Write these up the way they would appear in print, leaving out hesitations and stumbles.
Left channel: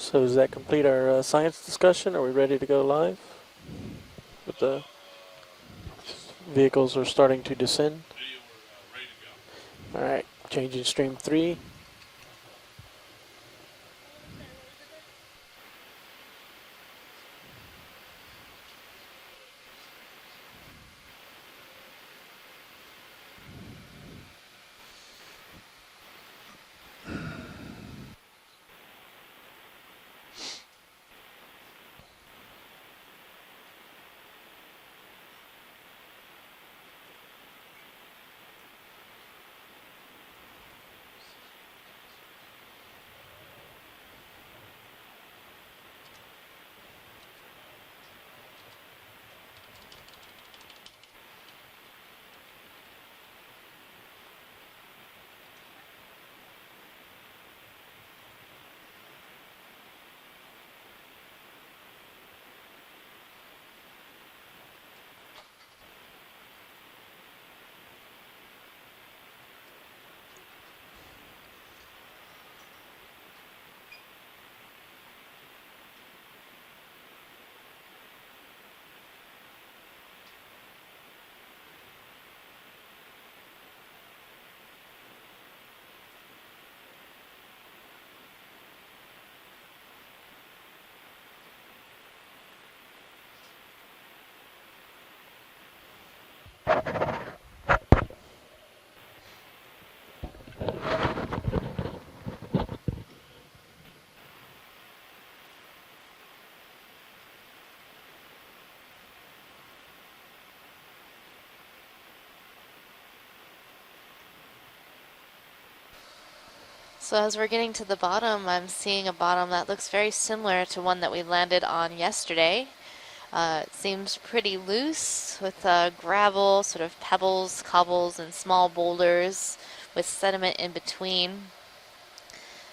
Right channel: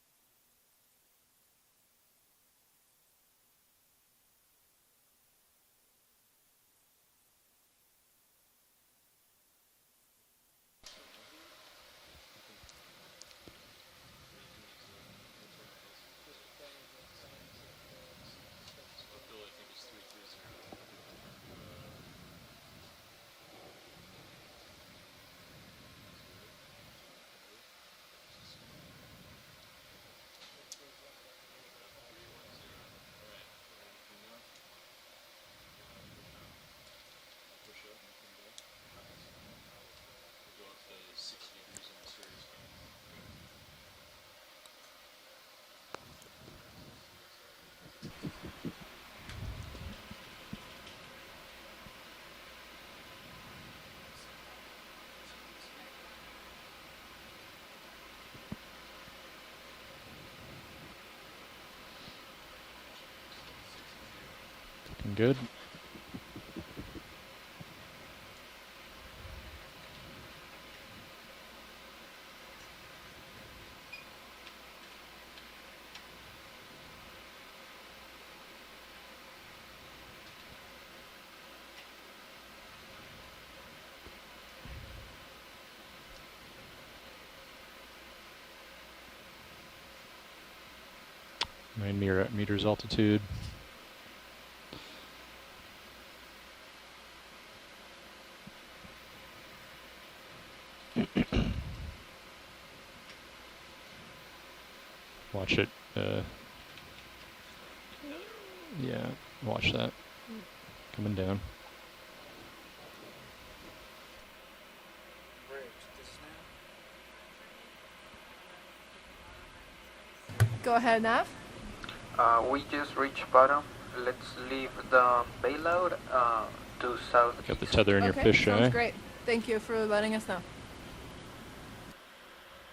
So does that complete our science discussion? Are we ready to go live? With the vehicles are starting to descend. All right, changing stream 3. Good. My near at meters altitude. Watch it. Yeah, watch that. Coming down. So as we're getting to the bottom, I'm seeing a bottom that looks very similar to one that we landed on yesterday. It seems pretty loose with gravel, sort of pebbles, cobbles, and small boulders with sediment in between.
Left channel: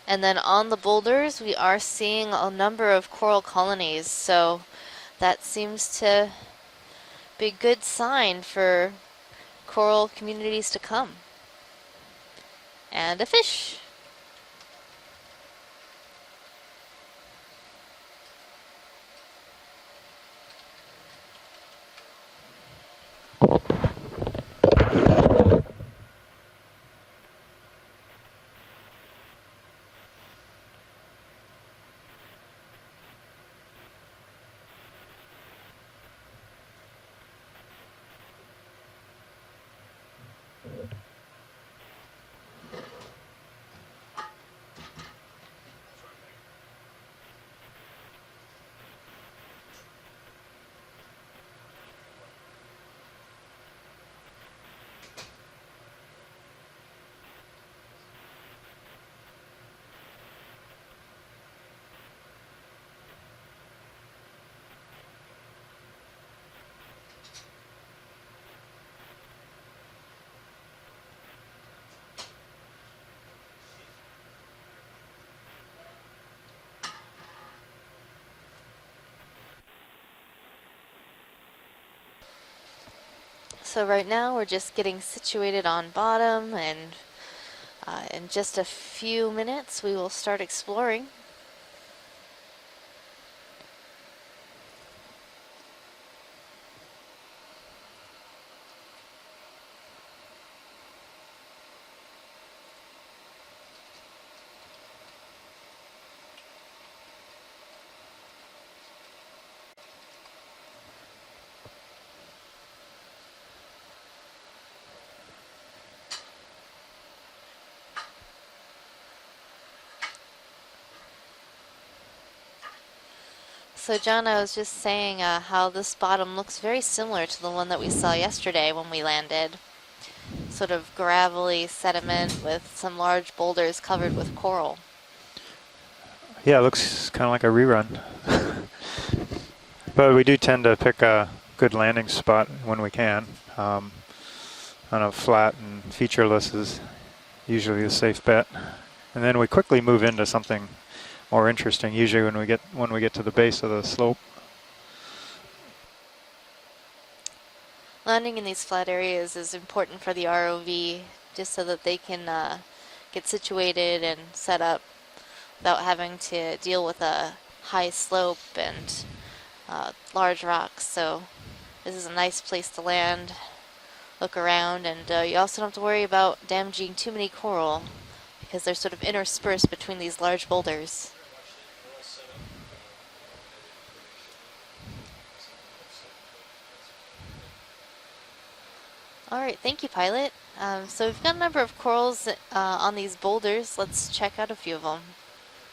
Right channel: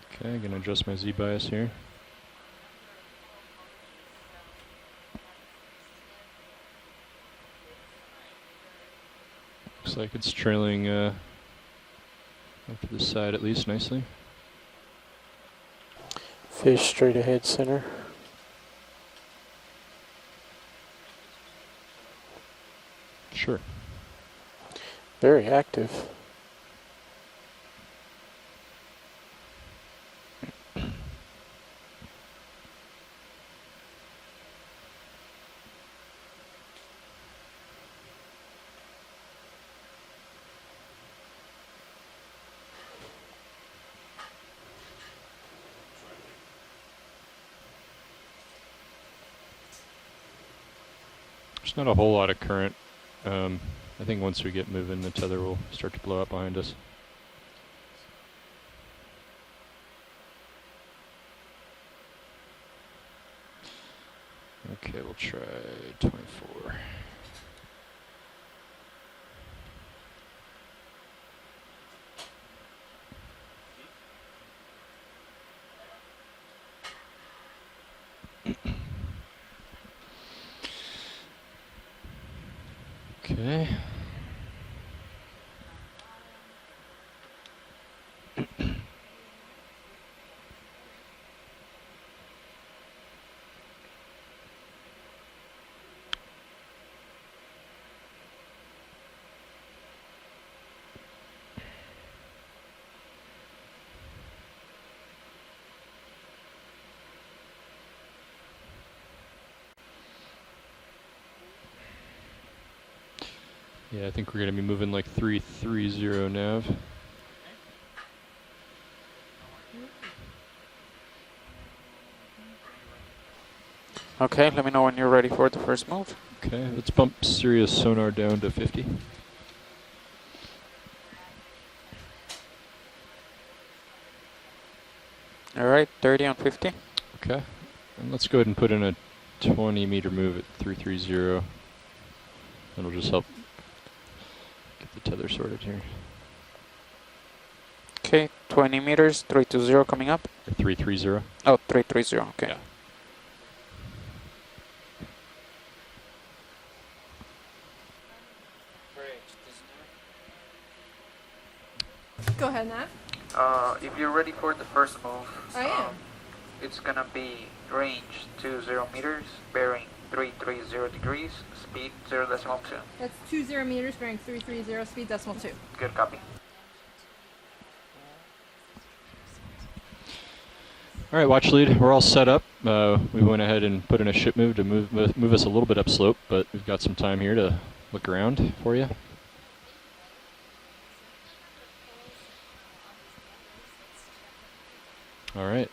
And then on the boulders, we are seeing a number of coral colonies, so that seems to be a good sign for coral communities to come. And a fish. Nicely. Fish straight ahead center. Very active. There's not a whole lot of current. I think once we get moving, the tether will start to blow up behind us. Okay, we'll try 24. Okay. So right now we're just getting situated on bottom, and in just a few minutes we will start exploring. Yeah, I think we're going to be moving like 330 nav. So John, I was just saying how this bottom looks very similar to the one that we saw yesterday when we landed. Sort of gravelly sediment with some large boulders covered with coral. All right, 30 on 50. Yeah, it looks kind of like a rerun. Let's go ahead and put in a 20 meter. But we do tend to pick a good landing spot when we can. Kind of flat, featureless is usually the safe bet. 20 meters. And then we quickly move into something 330. more interesting. Usually okay. when we get to the base of the slope. Landing in these flat areas is important for the ROV, just so that they can get situated and set up. without having to deal with a high slope and large rocks. So this is a nice place to land, 20 meters, bearing look 330, around, speed and you also decimal don't have to worry about damaging too many coral because they're sort of interspersed between these large boulders. All right, watch lead. We're all set up. We went ahead and put in a ship move to move us a little bit upslope, but we've got some time here to look around for you. All right, thank you, pilot. So we've got a number of corals on these boulders. Let's check out a few of them. All right.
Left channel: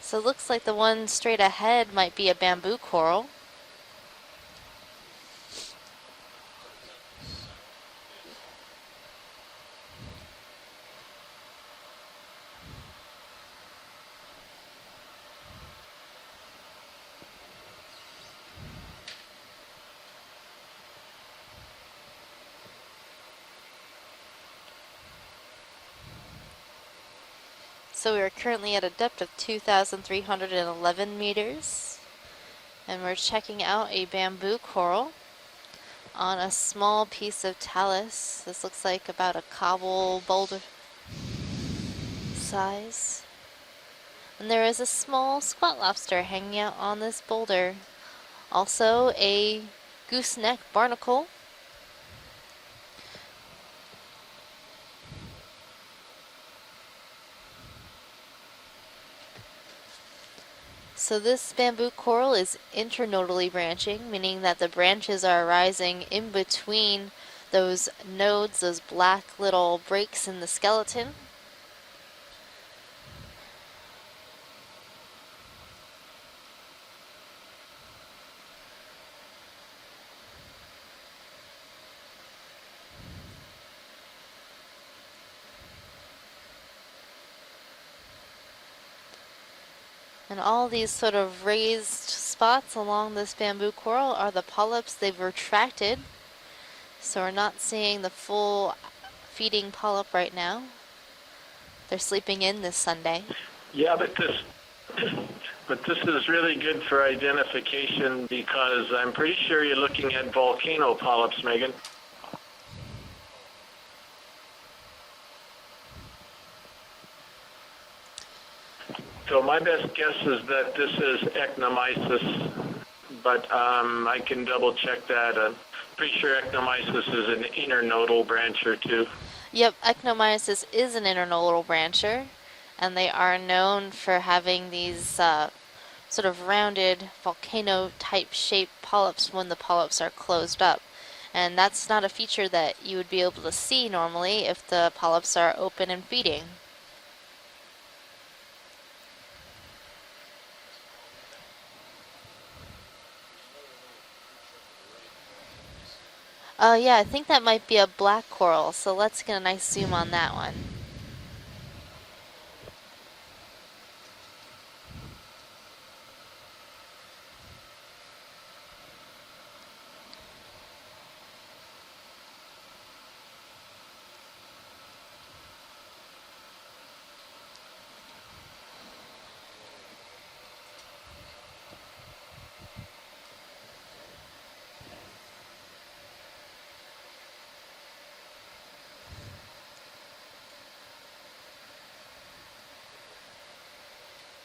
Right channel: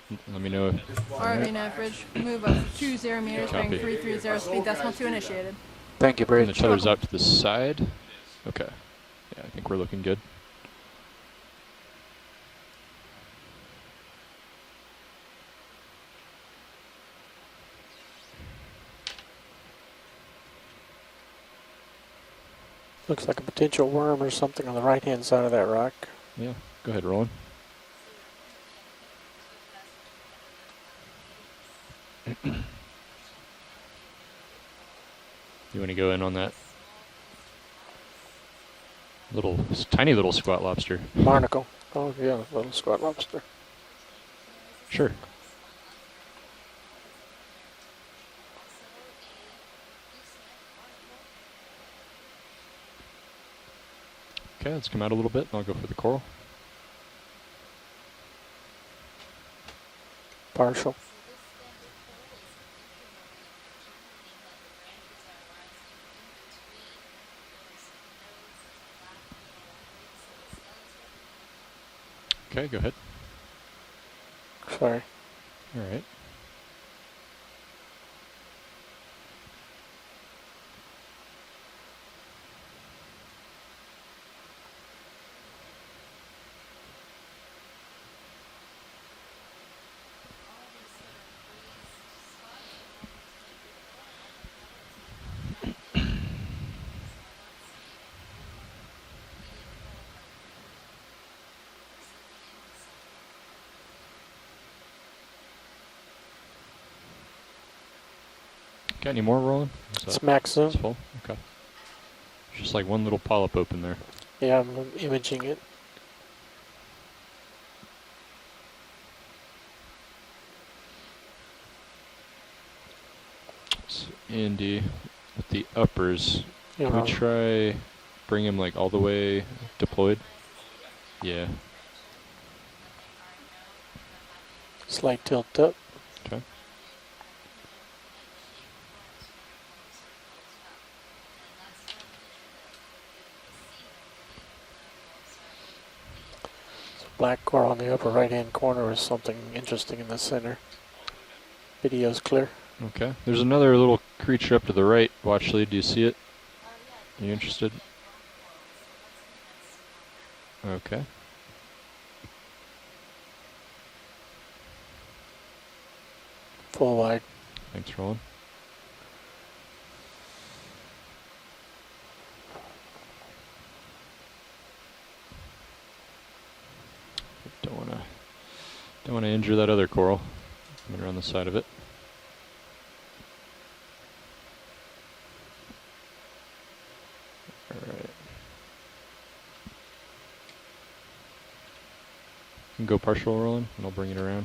So it looks like the one straight ahead might be a bamboo coral. 20 meters, bearing Copy. 330, speed decimal 2 initiated. Thank you, Bring Bridge. the shutters out to the side. Okay. Yeah, I think we're looking good. Looks like a potential worm or something on the right-hand side of that rock. Yeah, go ahead, Roland. So we are currently at a depth of 2,311 meters. And we're checking out a bamboo coral You want to go in on on a that small piece of talus. This looks like about little, a cobble tiny little boulder. squat lobster? Barnacle. Oh, yeah, little Size. squat lobster. And there is a Sure. small squat lobster hanging out on this boulder. Also a gooseneck barnacle. Okay, let's come out a little bit, and I'll go for the coral. Partial. So this bamboo coral is internodally branching, meaning that the branches are arising in between those nodes, those black little breaks in the skeleton. Okay, go ahead. Sorry. All right. And all these sort of raised spots along this bamboo coral are the polyps. They've retracted, so we're not seeing the full feeding polyp right now. They're sleeping in this Sunday. Yeah, but this is really good for identification because I'm Any pretty more, sure Ron? you're looking at Smacks us. volcano polyps, Megan. Just like one little polyp open there. Yeah, I'm imaging it. So my best guess is that this is ecnomyces, but I can Indeed. double check that. The Pretty uppers. sure ecnomyces We'll is an try internodal bring them brancher like all the too. way Yep, deployed. Ectomyces is an internodal brancher, and they are known for having these Slight tilt up. sort of rounded volcano-type shaped polyps when the polyps are closed up. And that's not a feature that you would be able to see normally if the polyps are open and feeding. Black coral on the upper right-hand corner is something interesting in the center. Video's clear. Okay. There's another little creature up to the right. Watch lead. Do you see it? Yeah, I think You that might interested? be a black coral, so let's get a nice zoom on that one. Okay. Full wide. Thanks, Roland. Don't want to injure that other coral. When you're on the side of it. All right. You can go partial, Roland, and I'll bring it around.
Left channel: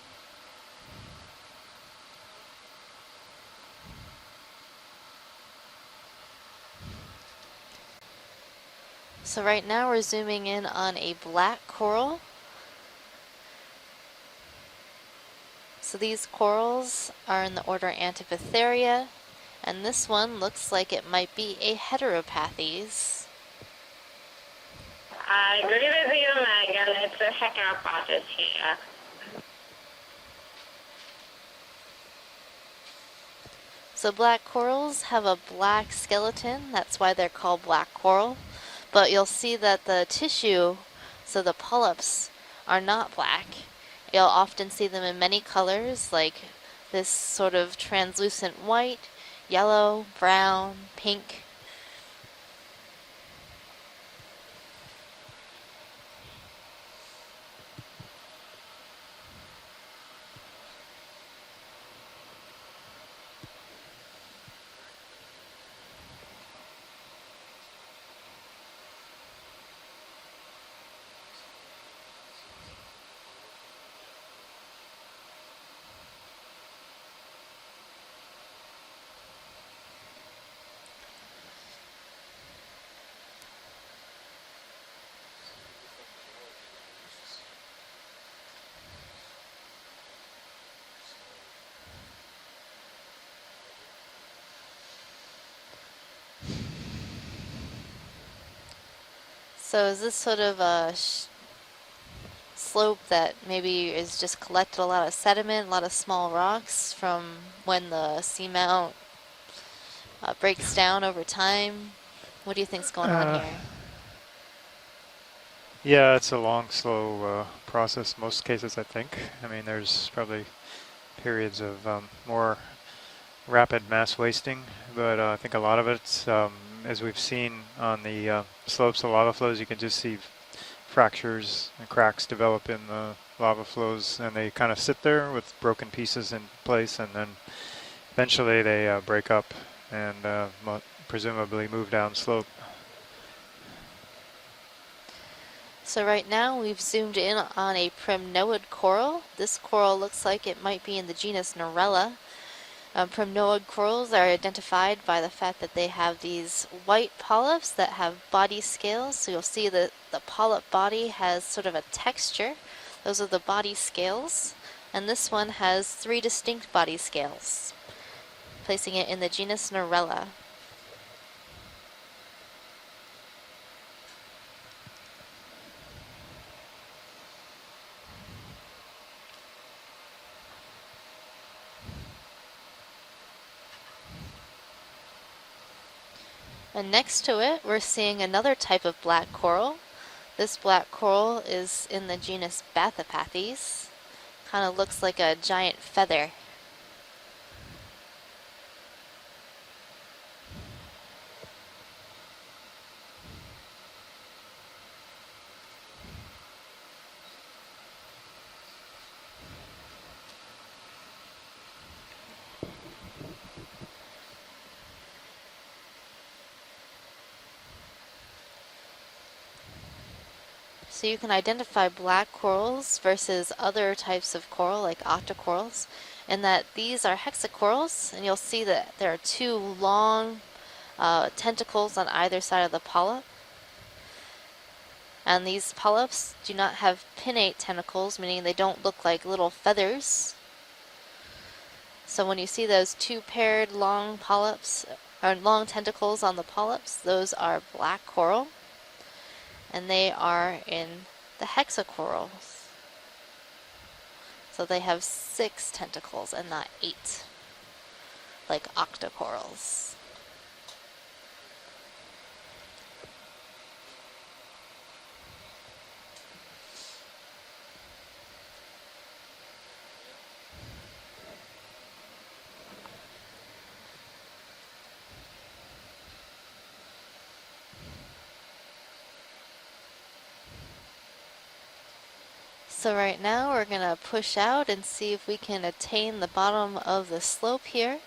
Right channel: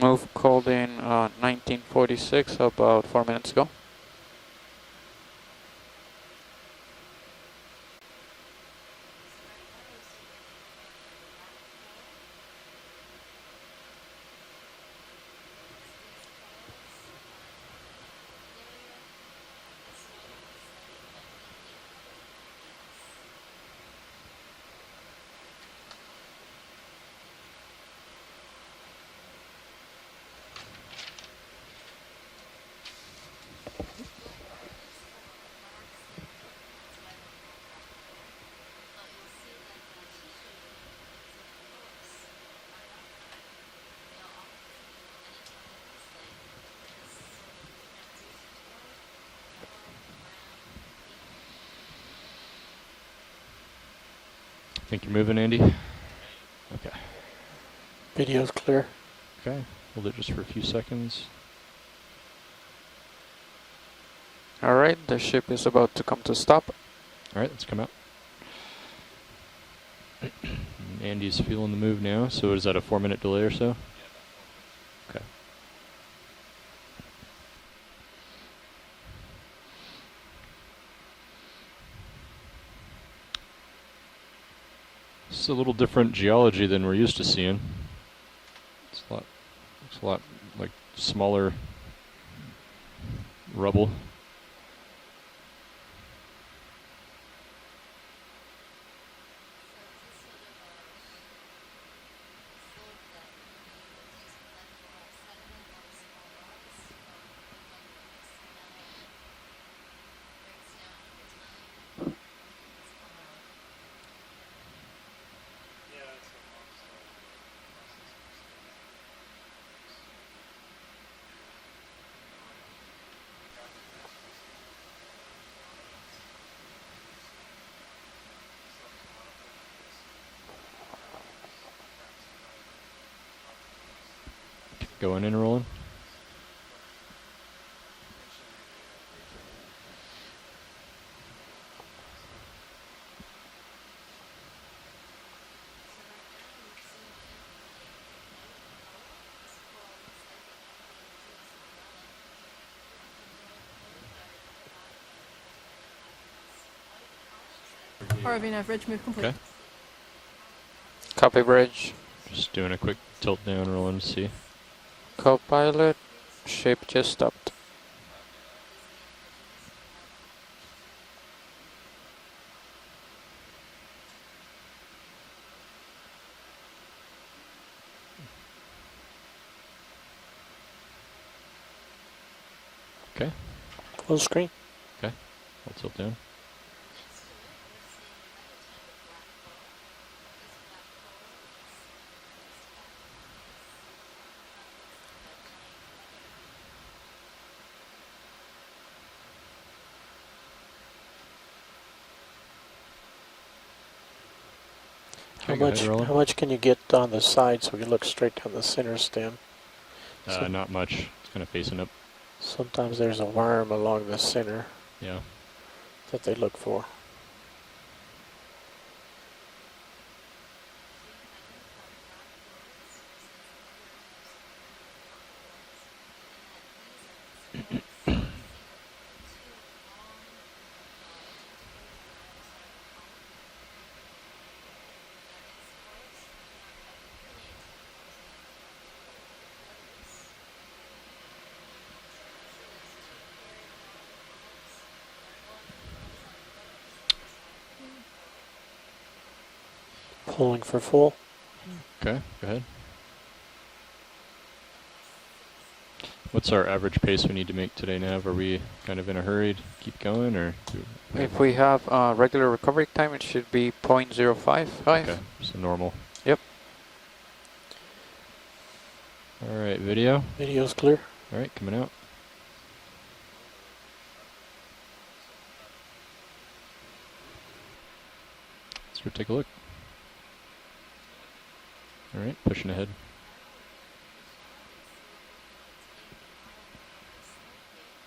Move called in 1946, about 4 minutes ago. So right now we're zooming in on a black coral. So these corals are in the order Antipatharia, and this one looks like it might be a Heteropathes. I agree with you, Megan. It's a Heteropathes here. So black corals have a black skeleton, that's why they're called black coral. But you'll see that the tissue, so the polyps, are not black. You'll often see them in many colors, like this sort of translucent white, yellow, brown, pink. Think you're moving, Andy? Okay. Video's clear. Okay. Hold it just for a few seconds. All right, the ship is about to come to stop. All right, let's come out. Andy's feeling the move now. So is that a 4-minute delay or so? Okay. It's a little different geology than we're used to seeing. It's a lot like smaller rubble. So is this sort of a slope that maybe is just collected a lot of sediment, a lot of small rocks from when the seamount breaks down over time? What do you think's going on here? Yeah, it's a long, slow process. Most cases, I think. I mean, there's probably periods of more rapid mass wasting, but I think a lot of it's, as we've seen on the slopes of lava flows, you can just see fractures and cracks develop in the lava flows, and they kind of sit there with broken pieces in place, and then eventually they break up and presumably move down slope. So right now we've zoomed in on a primnoid coral. This coral looks like it might be in the genus Narella. Primnoid corals are identified by the fact that they have these white polyps that have body scales. Okay. So you'll see that the polyp body has sort of a texture. Just doing a quick Those are the body scales. And this Co-pilot, one has 3 distinct body scales, stopped. placing it in the genus Narella. Okay. Full screen. Okay. I'll tilt down. And next to it, we're seeing another type of black coral. This black coral is in the genus Bathypathes. Kind of looks like a giant feather. How much can you get on the side so we look straight down the center stem? Not much. It's kind of facing up. Sometimes there's a worm along the center. Yeah. That they look for. So you can identify black corals versus other types of coral like octocorals, and that these are hexacorals, and you'll see that there are 2 long tentacles on either side of the polyp. And these polyps do not have pinnate tentacles, meaning they don't look like little feathers. So when you see those 2 paired long polyps, or long tentacles on the polyps, those are black coral. And they are in the hexacorals. Okay, go ahead. So they have 6 tentacles. What's our average pace we need to make today, Nav? Are we like kind of in a hurry to keep going, or? If we have regular recovery time, it should be 0.055. Okay, so normal. Yep. All right, video. Video's clear. All right, coming out. Let's go take a look. All right, pushing ahead. So right now we're going to push out and see if we can attain the bottom of the slope here.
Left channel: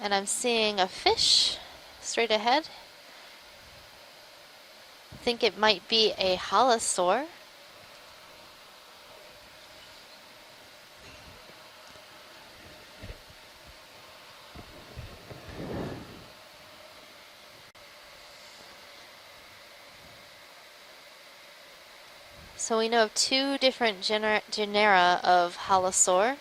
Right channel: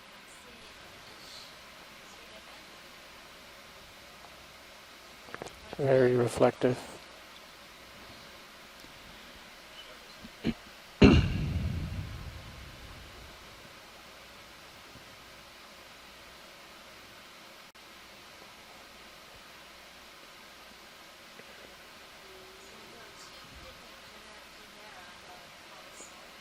And I'm seeing a fish straight ahead. I think it might be a halosaur. So we know of 2 different genera of halosaur,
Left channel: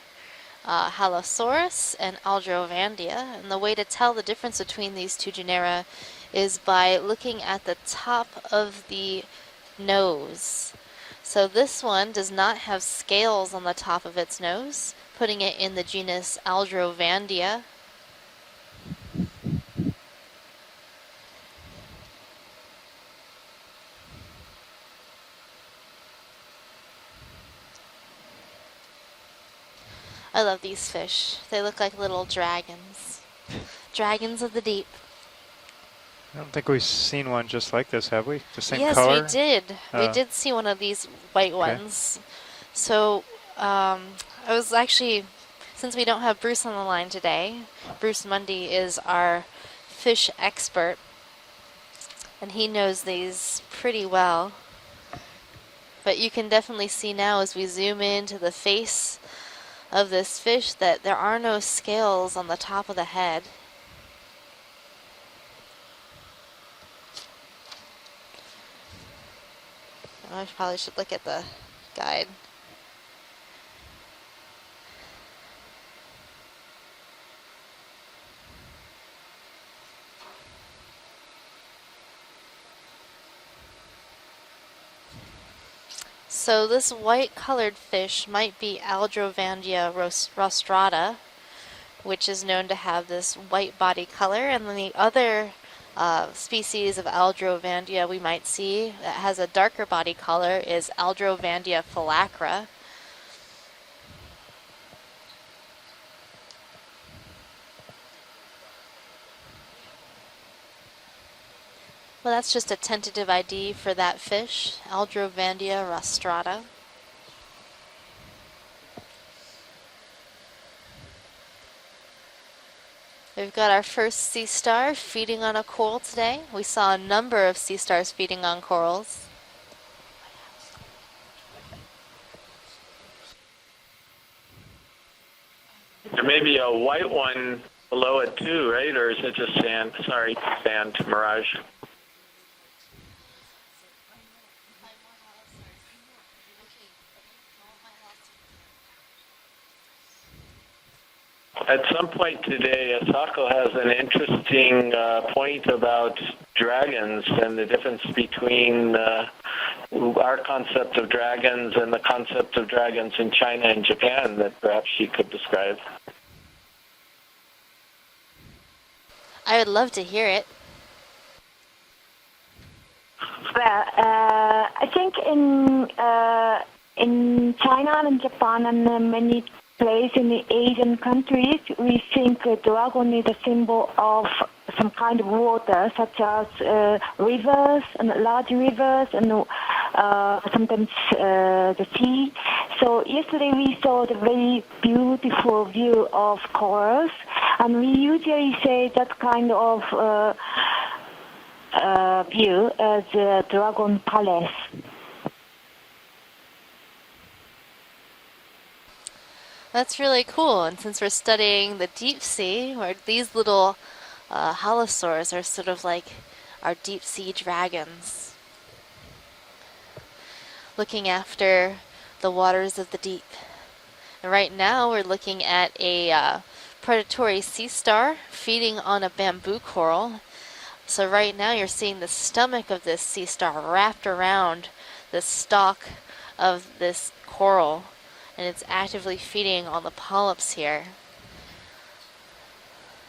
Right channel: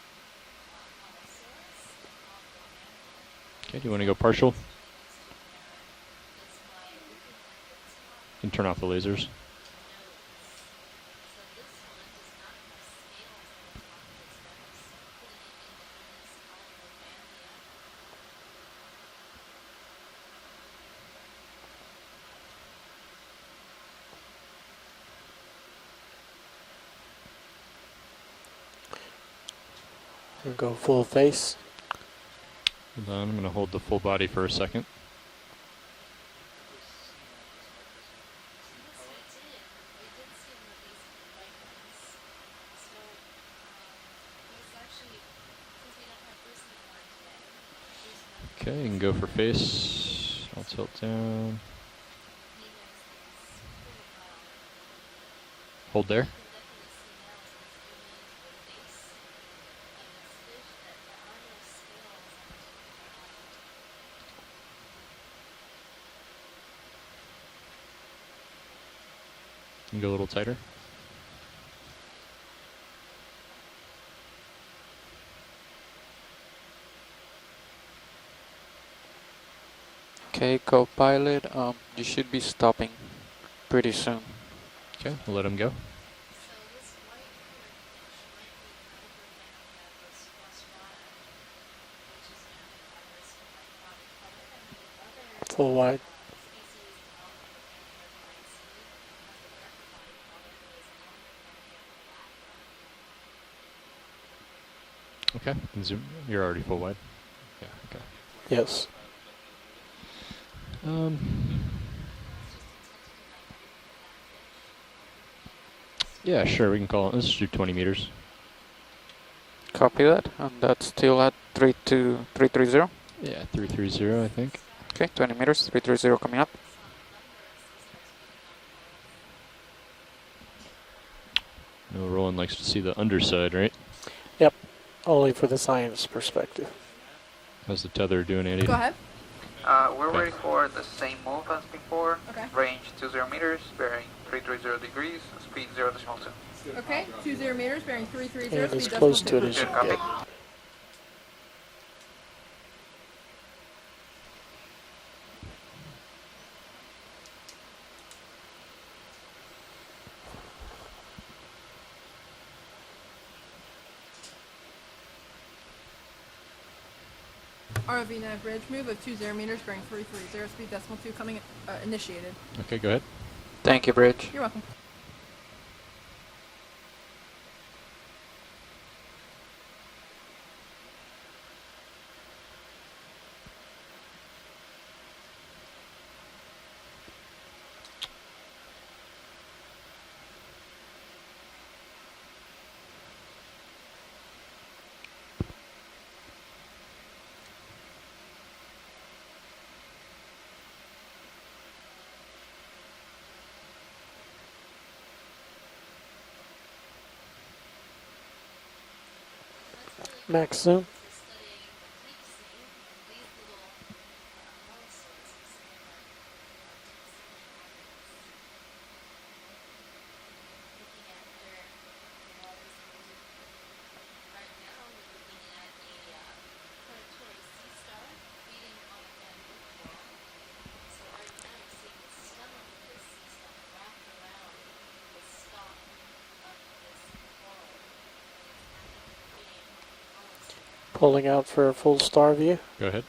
Halosaurus and Aldrovandia. And the way to tell the difference between these 2 genera is by looking at the top of the nose. So this one does not have scales on the top of its nose, putting it in the genus Aldrovandia. I love these fish. They look like little dragons. I'm going to hold the full body for a second. Deep. I don't think we've seen one just like this, have we? The same yes, color? Yes, we did. We did see one of these white ones. So I was actually Since we don't have Bruce on the line today, Bruce Mundy Okay, is and go for our face. fish Upside expert, down. and he knows these pretty well. Hold But there. you can definitely see now as we zoom into the face of this fish that there are no scales on the top of the head. And go a little I tighter. probably should look at the guide. Okay, co-pilot, you should be stopping pretty soon. Okay, we'll let him go. So this white colored fish might be Aldrovandia rostrata, which is known to have this white body color, and then the other Full wide. species of Aldrovandia we might see that has a darker body color is Aldrovandia phylacra. Okay, and zoom. You're already full wide. Yeah, okay. Yes. Well, that's just a tentative ID for that fish, Aldrovandia rostrata. Yeah, sure, we can call it. Let's do 20 meters. Copy that, and that's still at 330. Yeah, We've got our 330, first I sea think. star Okay, 20 feeding on a meters, coral 330 coming today. up. We saw a number of sea stars feeding on corals. Roland likes to see the underside, right? Only for the science. There may be a white one How's the below tether it doing too, here? right? Or is it just sand? Sorry, sand mirage. Okay. Range 20 meters, bearing 330 degrees, speed 0.2. Okay, 20 meters, bearing 330, And as speed close decimal to it as you Copy. get. At some point today, Asako has an interesting point about dragons and the difference between our concept of dragons and the concept of dragons in China and Japan that perhaps she could describe. ROV nav bridge move of 20 meters. I would bearing love to hear it. 330, speed decimal 2 coming initiated. Okay, go ahead. Thank you, Bridge. I think in China and Japan and many places in the Asian countries, we think a dragon is a symbol of some kind of water, such as rivers and large rivers and sometimes the sea. So yesterday we saw the very beautiful view of corals, and we usually say that kind of view as a dragon palace. That's really cool. And Maxim? since we're studying the deep sea, where these little halosaurs are sort of like our deep sea dragons, looking after the waters of the deep. And right now we're looking at a predatory sea star feeding on a bamboo coral. So right now you're seeing the stomach of this sea star wrapped around the stalk of this coral, and it's actively feeding on the polyps here. Pulling out for a full star view. Go ahead.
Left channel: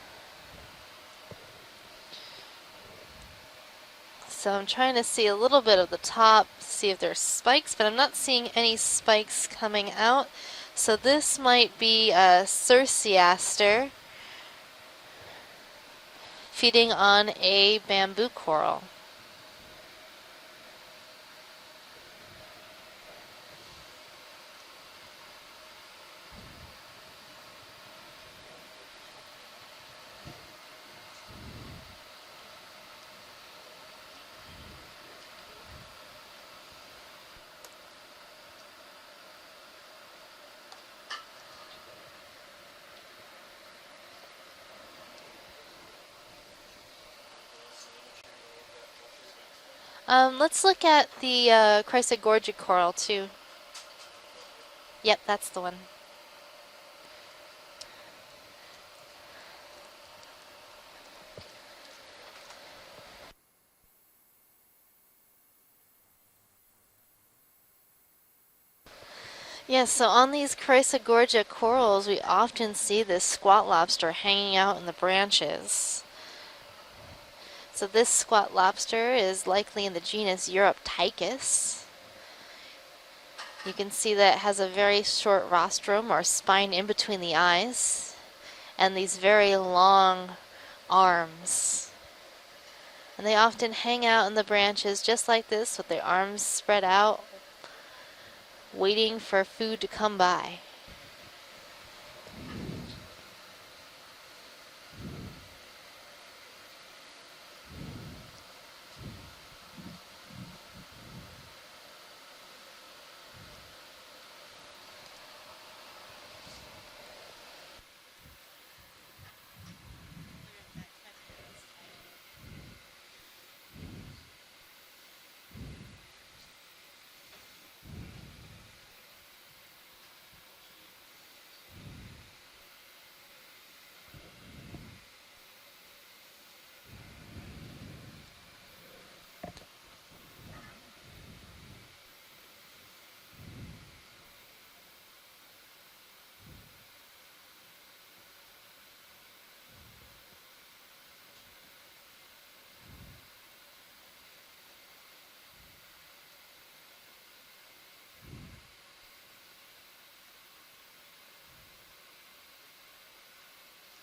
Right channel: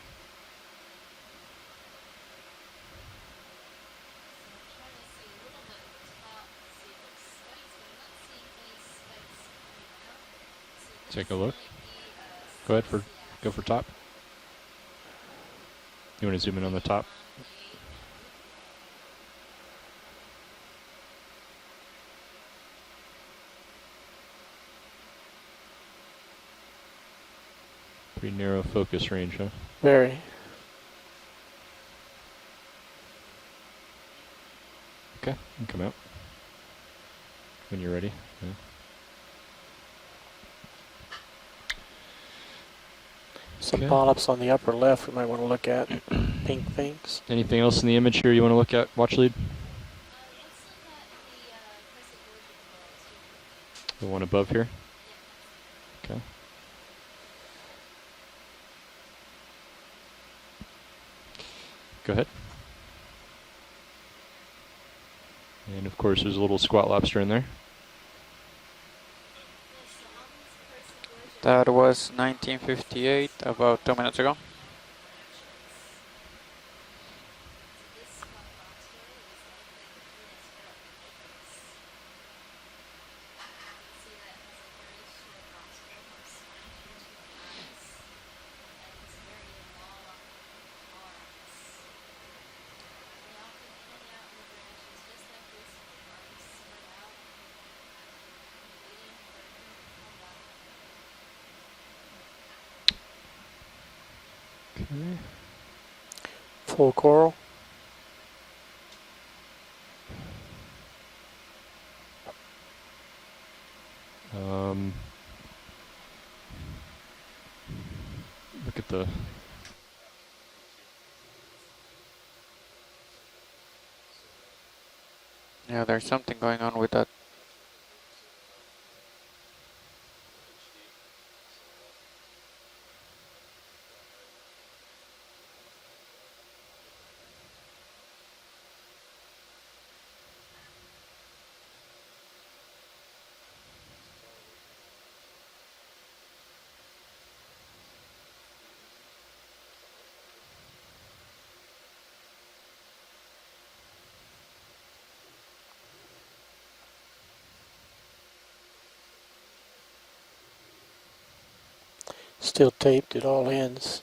So I'm trying to see a little bit of the top, see if there's spikes, but I'm not seeing any spikes coming out. So this look. might be a Go Circeaster top. You want to zoom in feeding on the top? on a bamboo coral. Pretty narrow focus range, huh? Very. Okay, you can come out when you're ready. Yeah. Some Okay. polyps on the upper left we might want to look at. Pink things. Anything else in the image here you want to look at? Watch lead. Let's look at the Chrysogorgia coral too. The one above here. Yep, that's the one. Okay. Go ahead. And of course, there's a little squat lobster in there. Yes, so on these Chrysogorgia That corals, was we often see the 1958, squat about 2 lobster minutes ago. hanging out in the branches. So this squat lobster is likely in the genus Europtychus. You can see that it has a very short rostrum or spine in between the eyes, and these very long arms. And they often hang out in the branches just like this with their arms spread out, waiting for food to come by. Full coral. Look at the. Yeah, there's something going on with that. Still taped at all ends.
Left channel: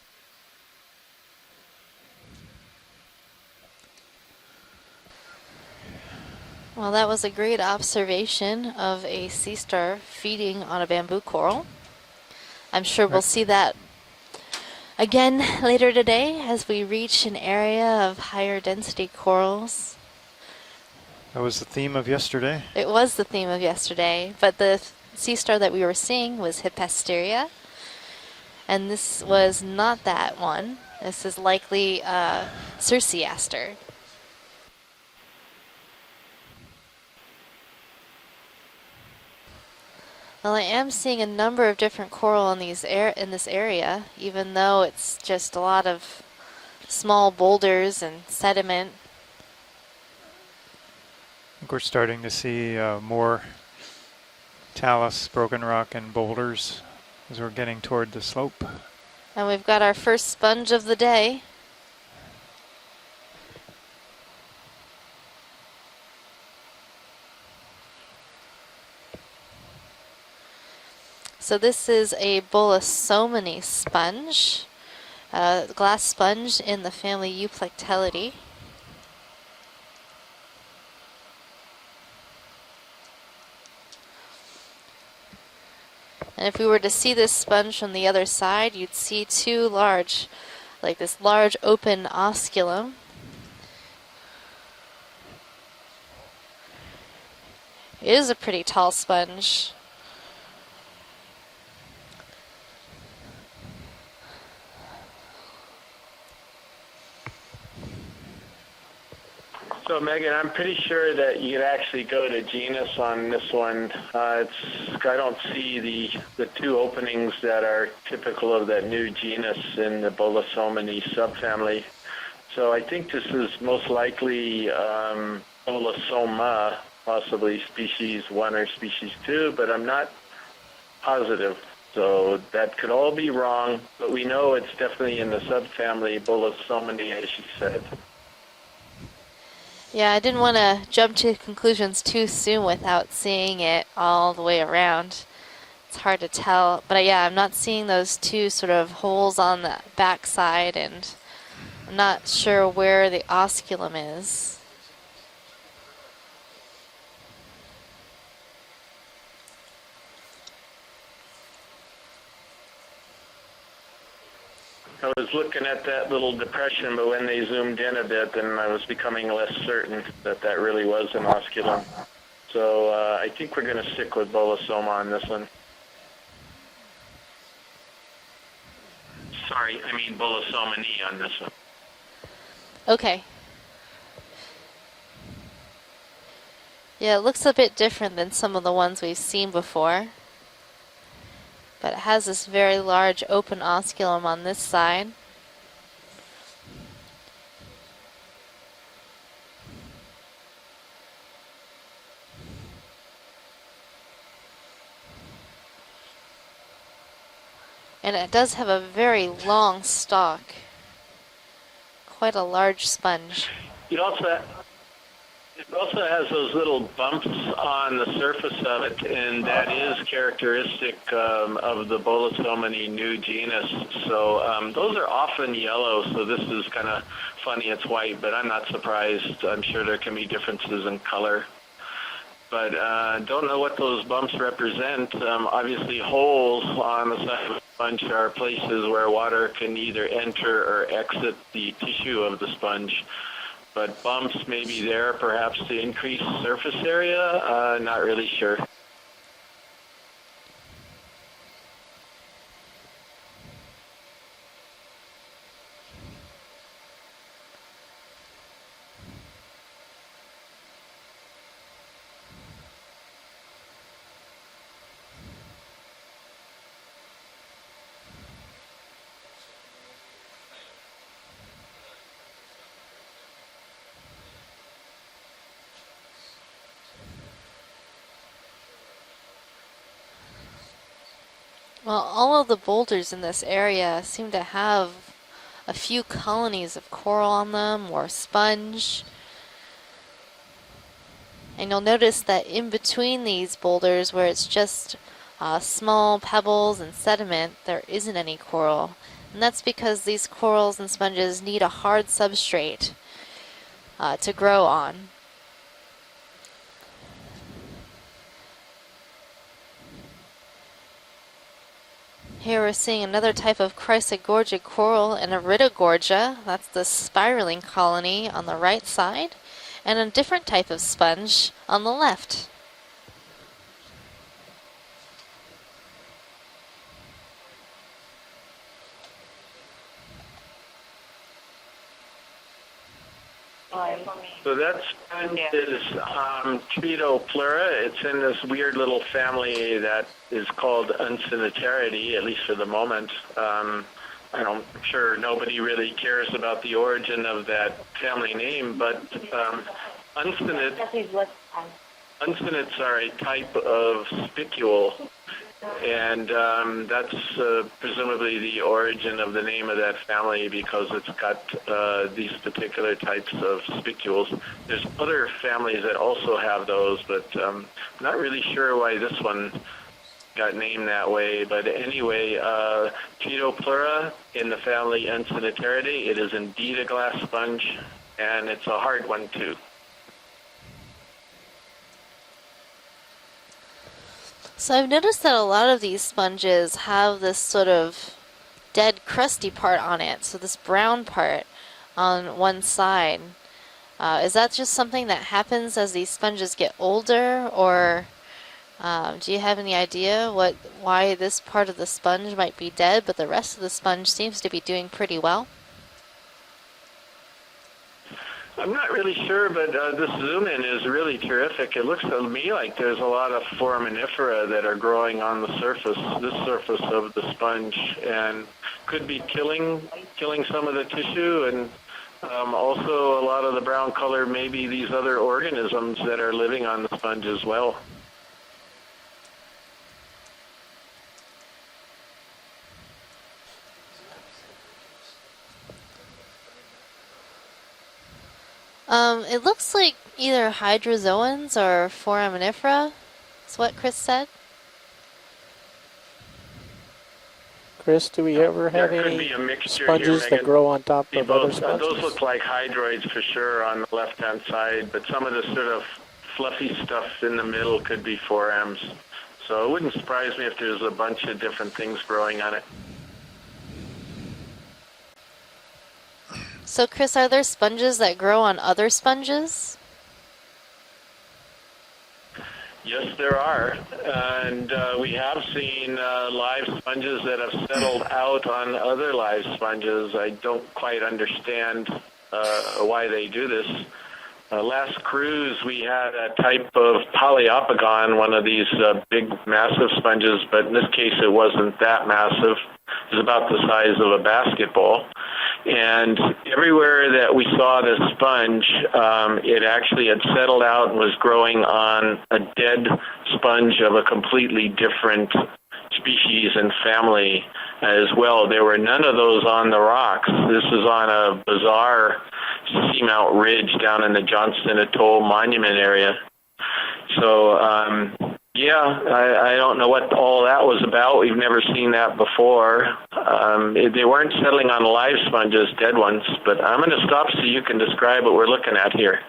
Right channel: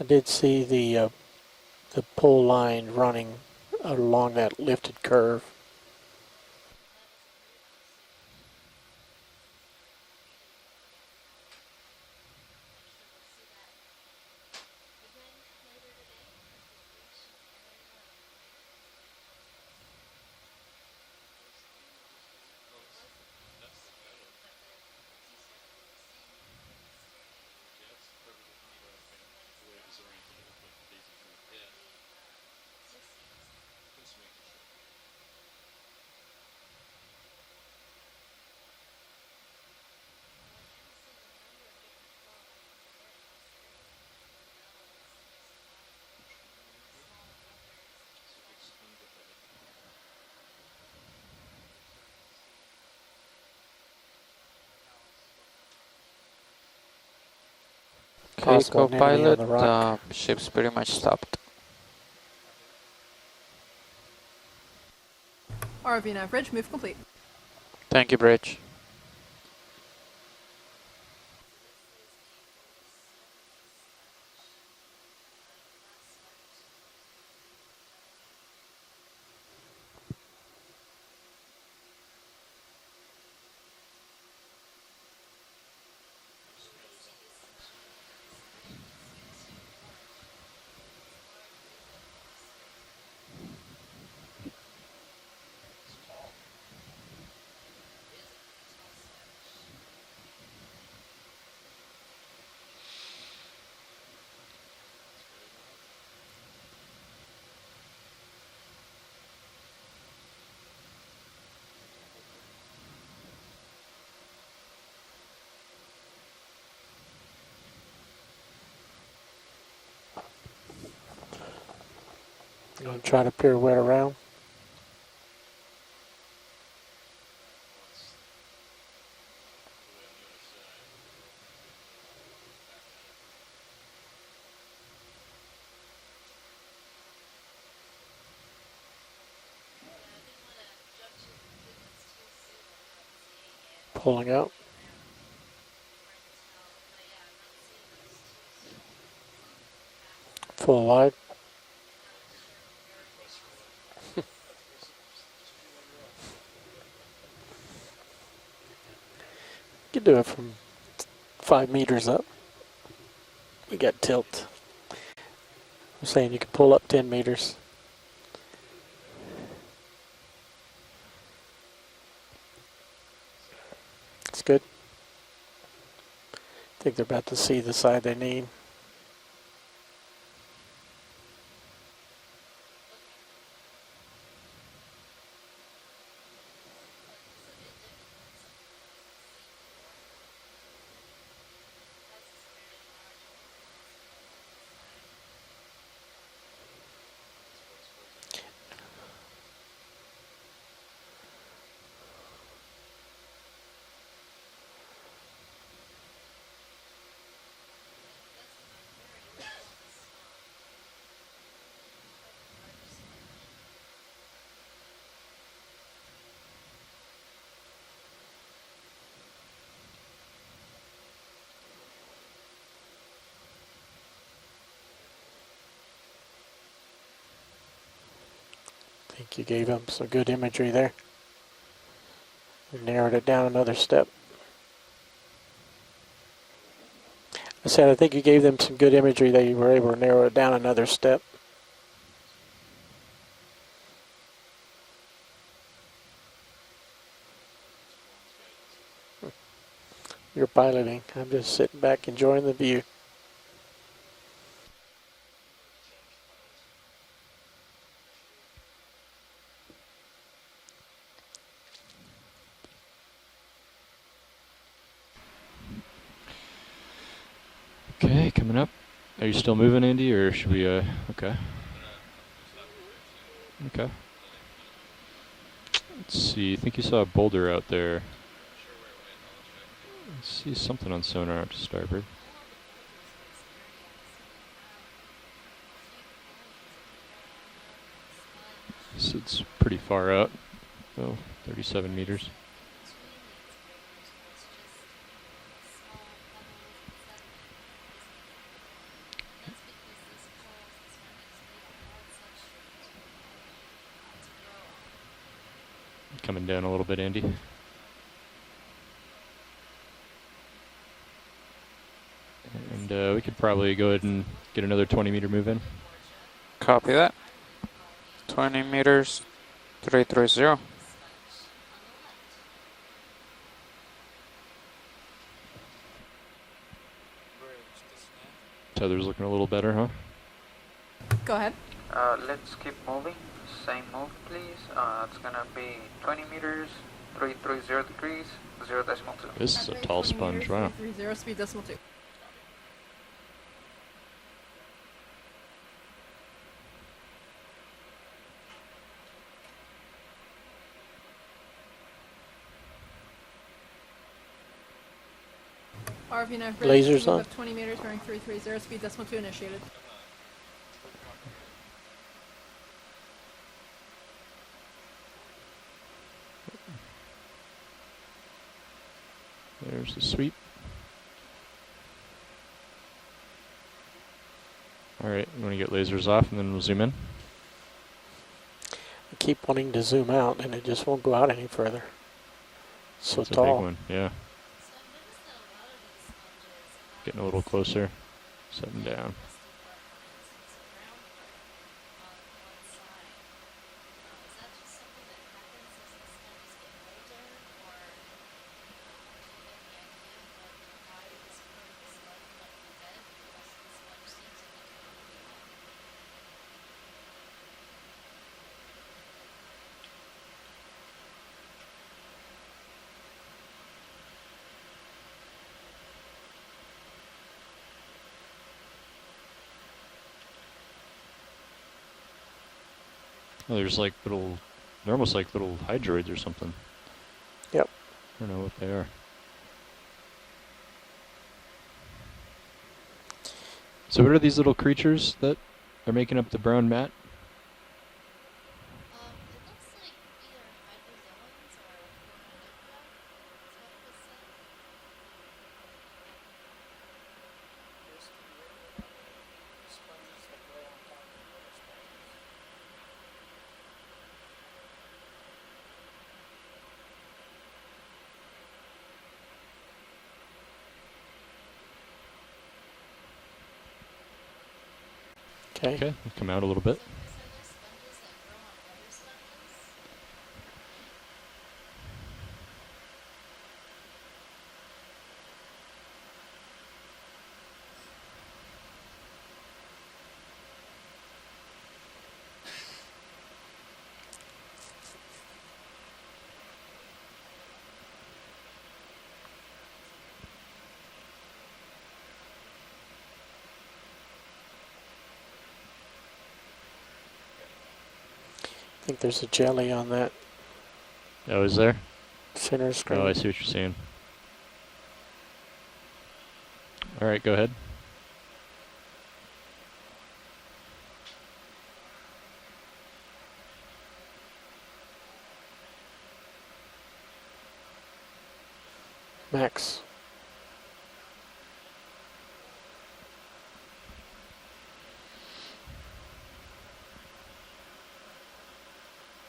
I did see the pole line running along that lifted curve. Well, that was a great observation of a sea star feeding on a bamboo coral. I'm sure we'll see that again later today as we reach an area of higher density corals. That was the theme of yesterday. It was the theme of yesterday, but the sea star that we were seeing was Hippasteria, and this was not that one. This is likely Circeaster. Well, I am seeing a number of different coral in these in this area, even though it's just a lot of small boulders and sediment. I think we're starting to see more talus, broken rock, and boulders as we're getting toward the slope. Telescope pilot. And we've got our first ship's sponge pretty of much the day. ROV nav bridge, move complete. Thank you, Bridge. So this is a Bolosomini sponge, glass sponge in the family Euplectellidae. And if we were to see this sponge from the other side, you'd see two large, like this large open osculum. It is a pretty tall sponge. So Megan, I'm pretty sure that you could actually go to genus on this one. I don't see the two openings that are typical of that new genus in the Bolosomini subfamily. So I think this is most likely Bolosoma, possibly species 1 or species 2, but I'm not positive. So that could all be wrong, but we know it's definitely in the subfamily Bolosomini, as you said. Yeah, I didn't want to jump to conclusions too soon without seeing it all the way around. It's hard to tell, but yeah, I'm not seeing those two sort of holes on the backside, and I'm not sure where the osculum is. You can do it from 5 meters up. You got tilt. I was looking at that little depression, but when they zoomed in a bit, then I was becoming less certain that that really was an osculum. So I think we're going to stick with Bolosoma on this one. I think they're about to see the side they need. Sorry, I mean Bolosomini on this one. Okay. Yeah, it looks a bit different than some of the ones we've seen before. But it has this very large open osculum on this side. And it does have a very long stalk. Quite a large sponge. You also It also has those little bumps on the surface of it, and that is characteristic of the Bolosomini new genus. So those are often yellow, so this is kind of funny it's white, but I'm not surprised. I'm sure there can be differences in color. But I don't know what those bumps represent. Obviously holes on the side of the So I think you gave them places some good where imagery that water you can were able to either narrow it down enter another or step. exit the tissue of the sponge. But bumps may be there perhaps to increase surface area. Not really sure. You're piloting. I'm just sitting back enjoying the view. Okay, coming up. Are you still moving, Andy, or should we, okay. Okay. Let's see, I think you saw a boulder out there. Let's see something on sonar to start Well, with. all of the boulders in this area seem to have a few colonies of coral on them or sponge. So it's pretty far out. Oh, And you'll notice that in between these boulders where it's just small pebbles and sediment, there isn't any coral. And that's because these corals and sponges need a hard substrate to grow on. Coming down a little bit, Andy. Here we're seeing we another could type of probably go ahead and Chrysogorgia get another coral 20 and meter move in. Iridogorgia. That's Copy the that. spiraling colony on the 20 right meters, side. And a different 330. type of sponge on the left. Tether's looking a little better, huh? Go ahead. Let's keep moving. Same move, please. So that is Tritopleura. It's in this weird little family that is called Uncinetaridae, at least for the moment. I'm sure nobody really cares about the origin of that family name, but uncinets are a type of spicule, and that's presumably the origin of the name of that family because it's got these particular types of spicules. There's other families that also have those, but I'm not really sure why this one got named that way. But anyway, Tritopleura in the family Uncinetaridae is indeed a glass sponge, and it's a hard one Keep too. wanting to zoom out, and it just won't go out any further. So That's tall. a big one, yeah. So I've noticed that a lot of these sponges have Getting a this little sort closer. of Setting dead down. crusty part on it. So this brown part on one side. Is that just something that happens as these sponges get older, or do you have any idea why this part of the sponge might be dead, but the rest of the sponge seems to be doing pretty well? I'm not really sure, but this zoom-in is really terrific. It looks to me like there's a lot of foraminifera that are growing on the surface, this surface of the sponge, and could be killing some of the tissue, and also a lot of the There's brown like color, little- maybe these almost other like little organisms hydroids or that are something. living on the sponge as well. I don't know what they are. So what are these little creatures that are making up the brown mat? It looks like either hydrozoans or foraminifera, is what Chris said. Chris, do we ever have There could any be a mixture sponges here, that Megan. grow on top of other Those sponges? look like hydroids for sure on the left-hand side, but some of the sort of fluffy stuff in the middle could be forams. So it wouldn't surprise me if there's a bunch of different things growing on it. Okay, come out a little bit. So Chris, are there sponges that grow on other sponges? Yes, there are, and we have seen live sponges that have settled out on other live sponges. I don't quite understand why they do this. Last cruise, we had a type of Poliopogon, one of these big, massive sponges, but in this case, it wasn't that massive. It was about the size of a basketball. And everywhere that we saw this sponge, it actually had settled out and was growing on a dead sponge of a completely different species and family as well. There were none of those on the rocks. This is on a bizarre Seamount Ridge down in the Johnston Atoll Monument area. So, yeah, I don't know what all that was about. We've never seen that before. They weren't settling on live sponges, dead ones, but I'm going to stop so you can describe what we're looking at here.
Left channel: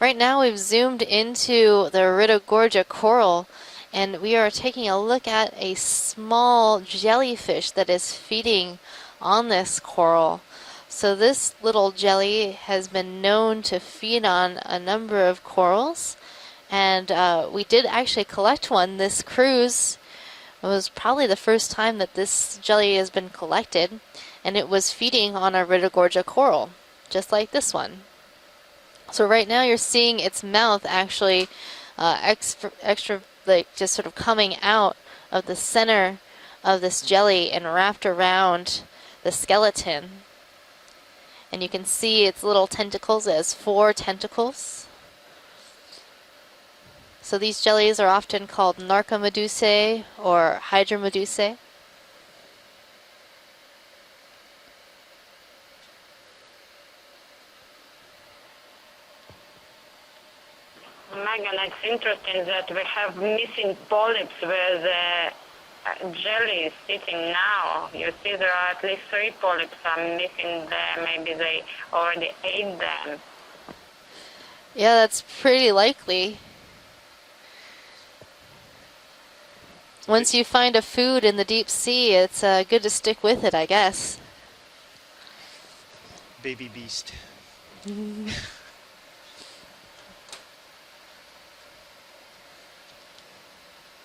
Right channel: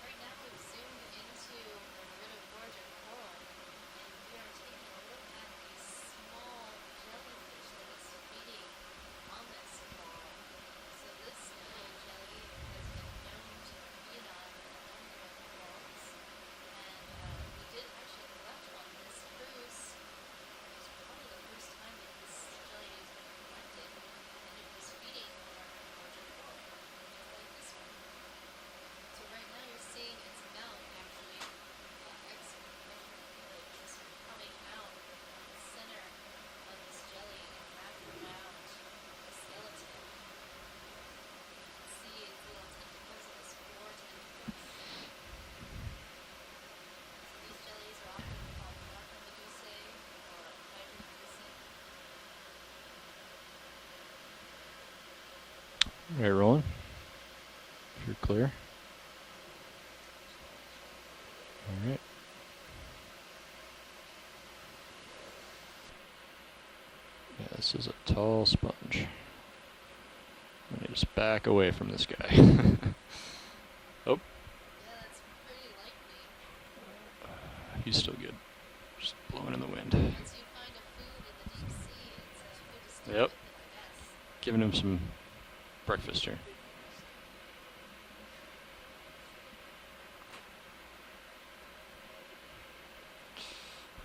Right now we've zoomed into the Iridogorgia coral, and we are taking a look at a small jellyfish that is feeding on this coral. So this little jelly has been known to feed on a number of corals, and we did actually collect one this cruise. It was probably the first time that this jelly has been collected, and it was feeding on a Iridogorgia coral, just like this one. So right now you're seeing its mouth actually extra like just sort of coming out of the center of this jelly and wrapped around the skeleton. And you can see its little tentacles. It has 4 tentacles. So these jellies are often called Narcomedusae or Hydromedusae. All right, rolling. If you're clear. Megan, it's interesting that we have missing polyps where the jelly is sitting now. You see there are at least 3 polyps are missing there. Maybe they already ate them. Oh. Yeah, that's pretty likely. He's still good. Just blowing in the wind. Once you find a food in the deep sea, it's good to stick with it, I guess. Giving him some breakfast here. Baby beast.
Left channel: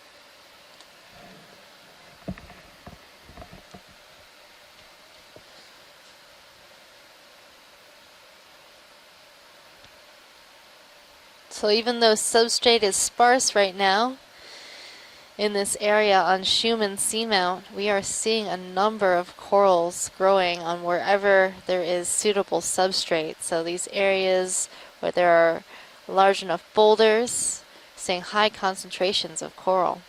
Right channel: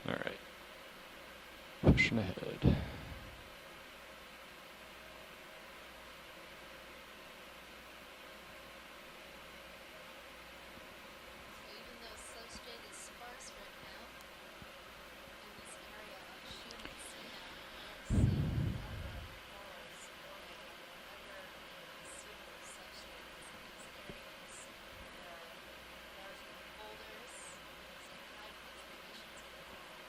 All right. Pushing ahead. So even though substrate is sparse right now in this area on Schumann Seamount, we are seeing a number of corals growing on wherever there is suitable substrate. So these areas where there are large enough boulders, seeing high concentrations of coral.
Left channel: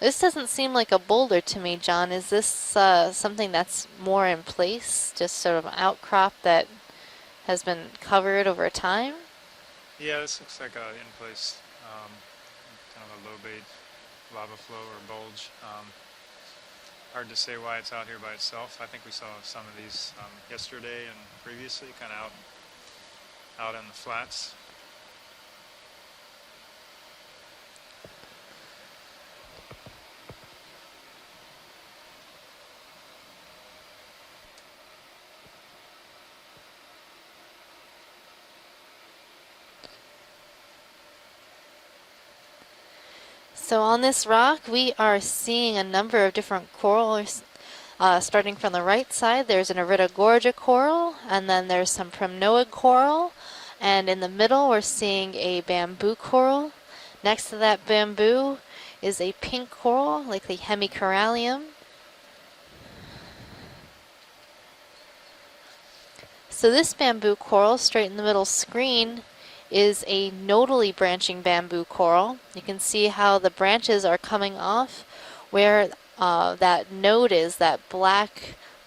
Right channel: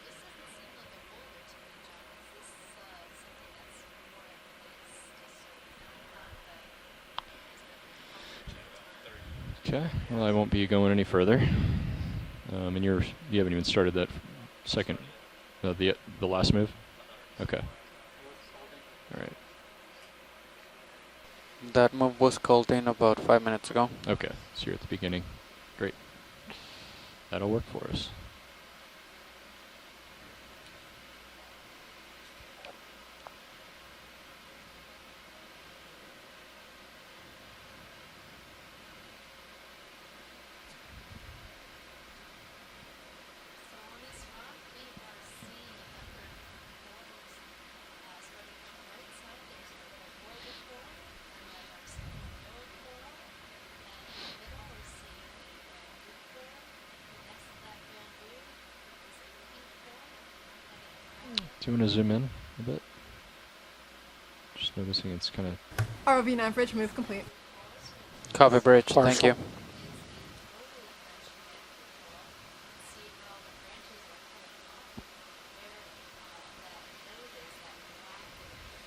This doesn't seem like a boulder to me, John. Is this something that's more in place, just sort of an outcrop that has been covered over time? Okay. Yeah, well, I won't be going any further. And you haven't even started that second, the last move. Hard to say why it's out here by itself. I think we saw some of these yesterday and previously. That move was called in about 5 minutes ago. Okay, so you're at the beginning. Great. That'll work for us. So on this rock, we are seeing a number of different corals. Starting from the right side, there's an Iridogorgia coral, and then there's some Primnoid coral, and in the middle, we're seeing a bamboo coral. Next to that bamboo is a pink coral, like the Hemicorallium. Do you want to zoom in a bit? Just noticing it's kind of... So this bamboo coral, straight in the middle of the screen, is a nodally branching bamboo coral. You can see how the branches are coming off where that node is, that black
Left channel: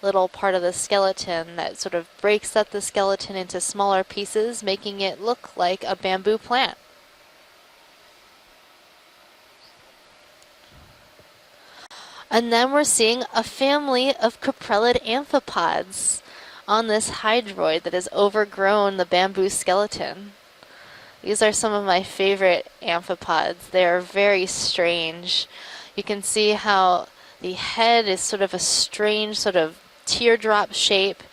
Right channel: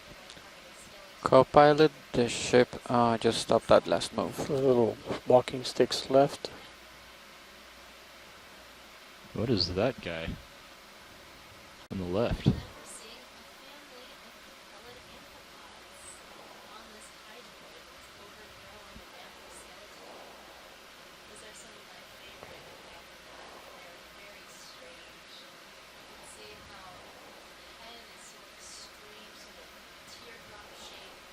little part of the skeleton that sort of breaks up the skeleton into smaller pieces, making it look like a bamboo plant. What is that guy? On the left. And then we're seeing a family of coprellid amphipods on this hydroid that has overgrown the bamboo skeleton. These are some of my favorite amphipods. They are very strange. You can see how the head is sort of a strange sort of teardrop shape,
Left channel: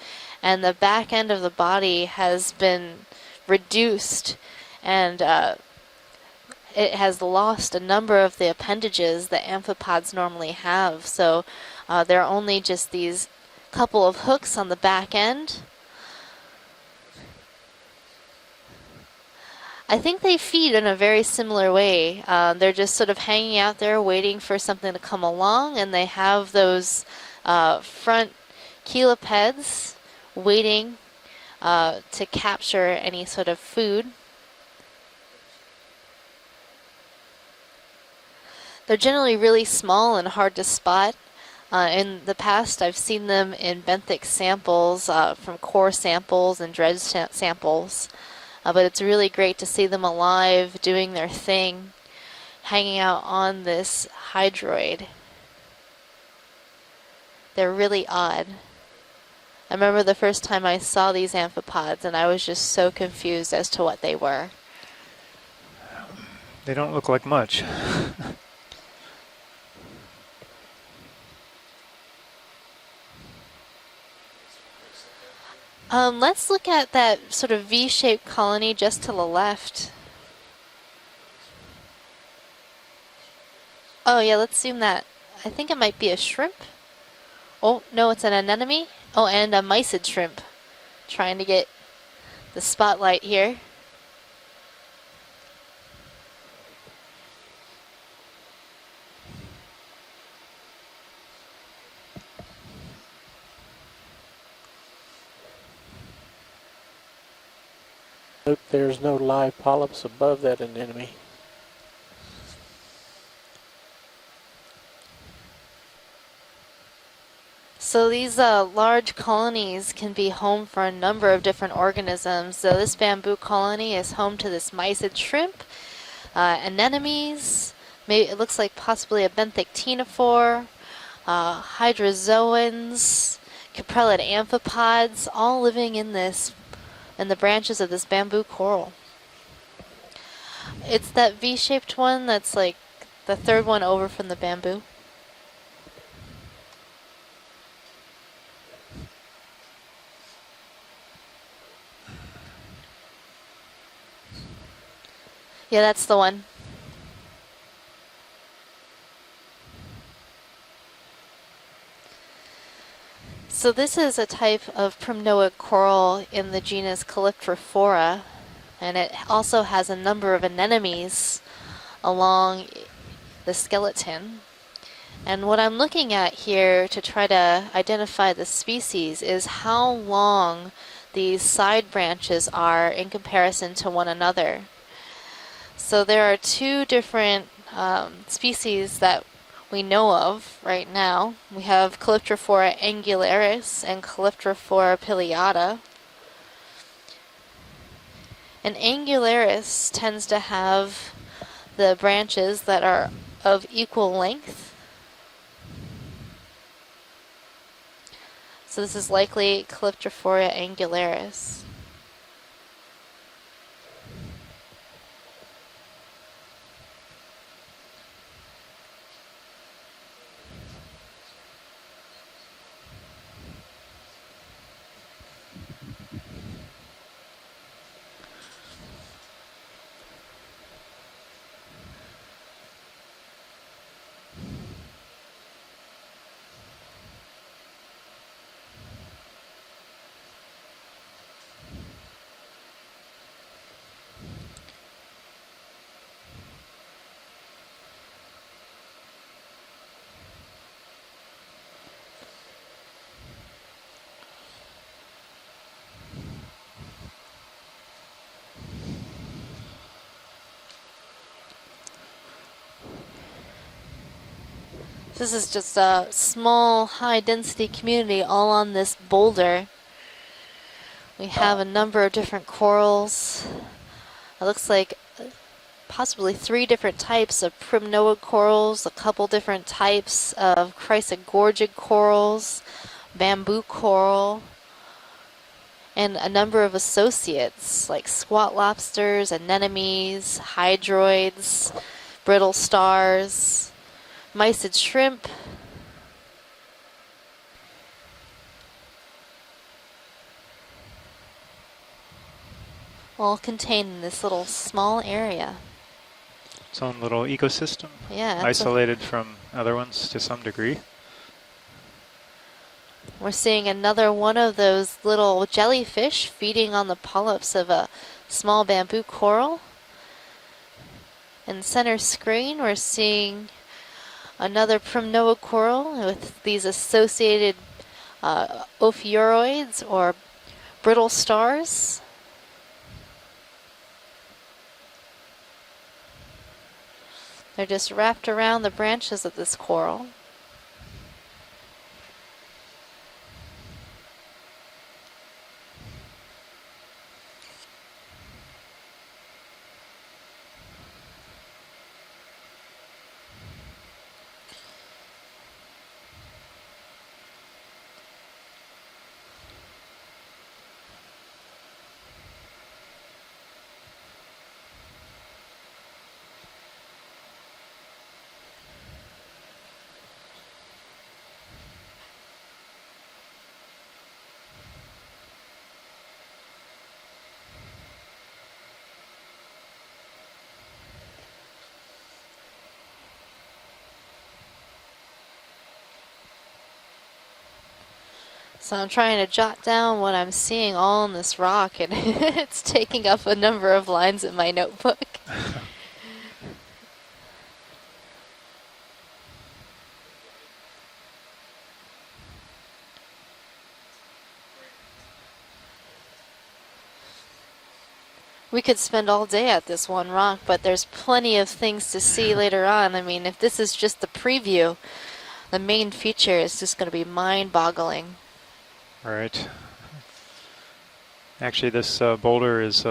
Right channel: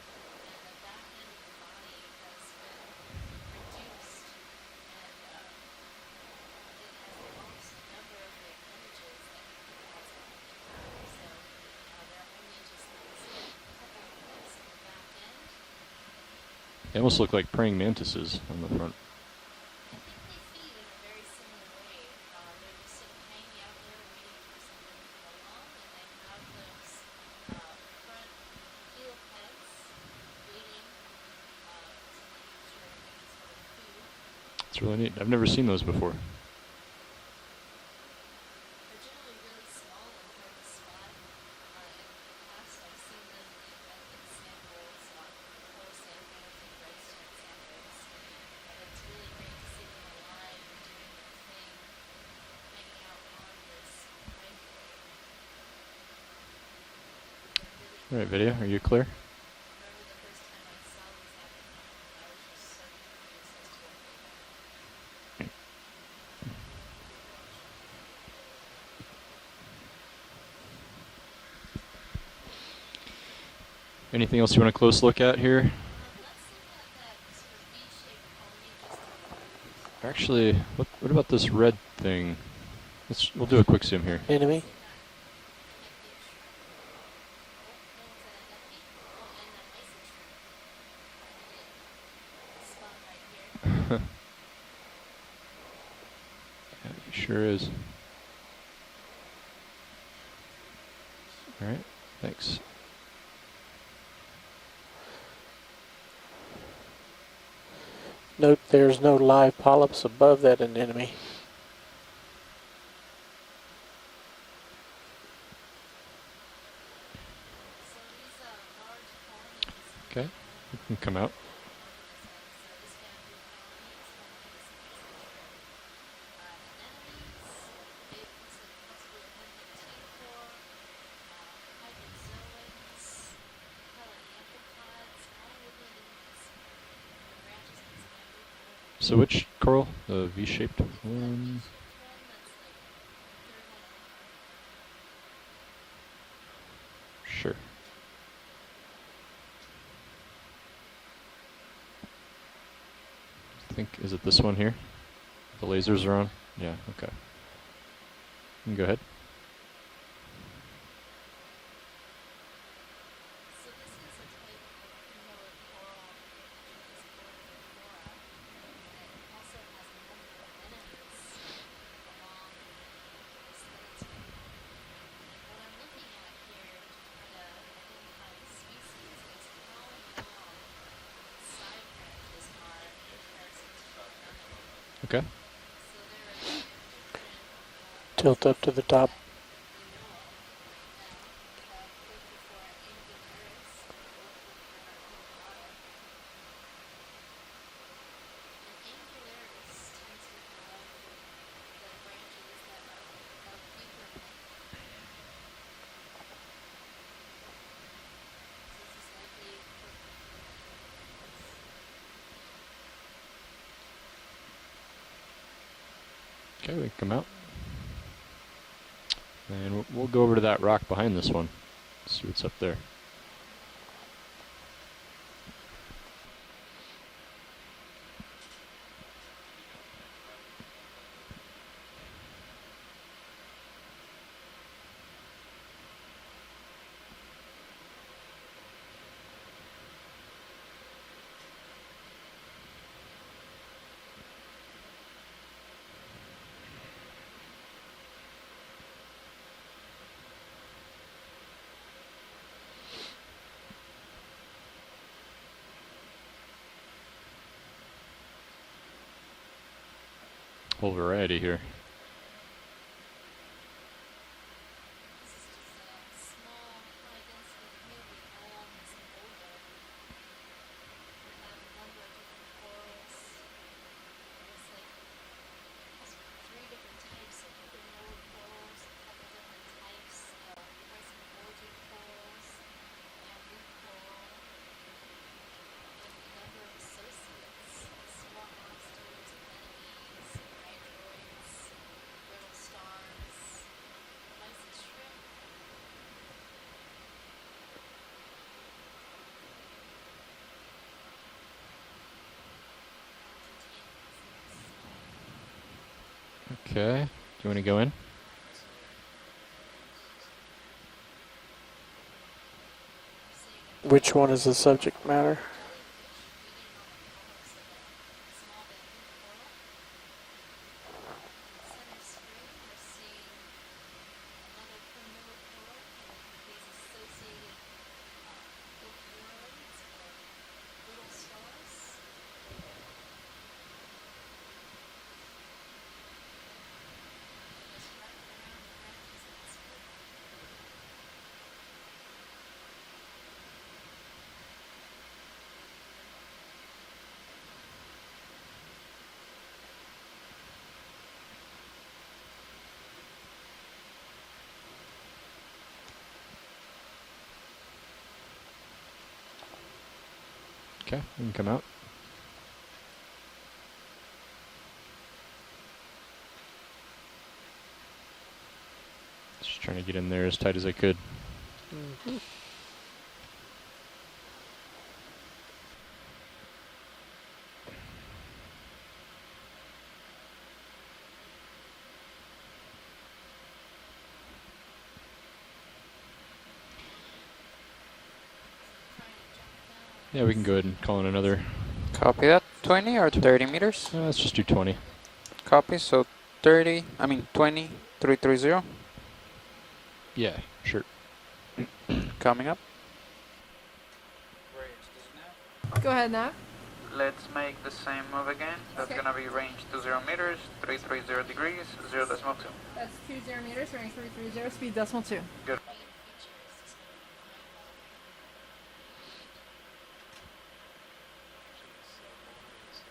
and the back end of the body has been reduced, and it has lost a number of the appendages that amphipods normally have. So there are only just these couple of hooks on the back end. They almost look like praying mantises on the front. I think they feed in a very similar way. They're just sort of hanging out there waiting for something to come along, and they have those front chelipeds waiting to capture any sort of food. It's really neat. I've never seen those before. They're generally really small and hard to spot. In the past, I've seen them in benthic samples from core samples and dredge samples. But it's really great to see them alive, doing their thing, hanging out on this hydroid. They're really odd. Are you clear? I remember the first time I saw these amphipods, and I was just so confused as to what they were. They don't look like much. Anything else you want a close look at here? Let's look at that sort of V-shaped colony just to the left. Actually, what about this red thing? We'll do a quick zoom here. Oh yeah, let's zoom that. I think it might be a shrimp. Oh, no, it's an anemone. Oh, and a mysid shrimp. Trying to get the spotlight here. Sure is. All right, thanks. Note there's no live polyps above that anemone. So these large colonies can be home for a number of different organisms. So this bamboo colony is home to this mysid shrimp, anemones, maybe it looks like possibly a benthic ctenophore, hydrozoans, caprellid amphipods, all living in the branches of this bamboo coral. So which coral? The V-shaped? It's that V-shaped one that's like the third one over from the bamboo. Sure. I think, is it this one here? Yeah, that's the one. Yeah, okay. You can go ahead. So this is a type of primnoid coral in the genus Calyptrophora, and it also has a number of anemones along the skeleton. And what I'm looking at here to try to identify the species is how long these side branches are in comparison to one another. Okay. So there are two different species that we know of right now. We have Calyptrophora angularis and Calyptrophora pileata. And angularis tends to have the branches that are of equal length. So this is likely Calyptrophora angularis. Okay, we can come out. And we'll go over to that rock behind this one. See what's up there. Whole variety here. This is just a small, high-density community all on this boulder. We have a number of different corals. It looks like possibly 3 different types of primnoid corals, a couple different types of chrysogorgid corals, bamboo coral, and a number of associates like squat lobsters, anemones, hydroids, brittle stars, mysid shrimp, all contained in this little small area. Its own little ecosystem, Yeah, isolated from other ones to some degree. We're seeing another one of those little jellyfish feeding on the polyps of a small bamboo coral. In center screen, we're seeing Another primnoa coral with these associated ophiuroids or brittle stars. They're just wrapped around the branches of this coral. Okay, you can come out. Just trying to get in there as tight as I could. So I'm trying to jot down what Yeah, I'm we can go ahead seeing and all call on it this another- rock, and Copy that. it's 20 taking or up a 30 number meters? of lines Let's in just my do 20. notebook. Copy, so 30, I mean 20, 330, Yeah, sure. coming up. Go ahead, Nav. Let's make the same move again. We could So it's spend gonna all be day range at this 20 one meters, rock, but there's 330 plenty of degrees, things to 0 see later on. I mean, if this is just the preview, Decimal 2. the main feature is just going to be mind-boggling. All right. Actually, this boulder is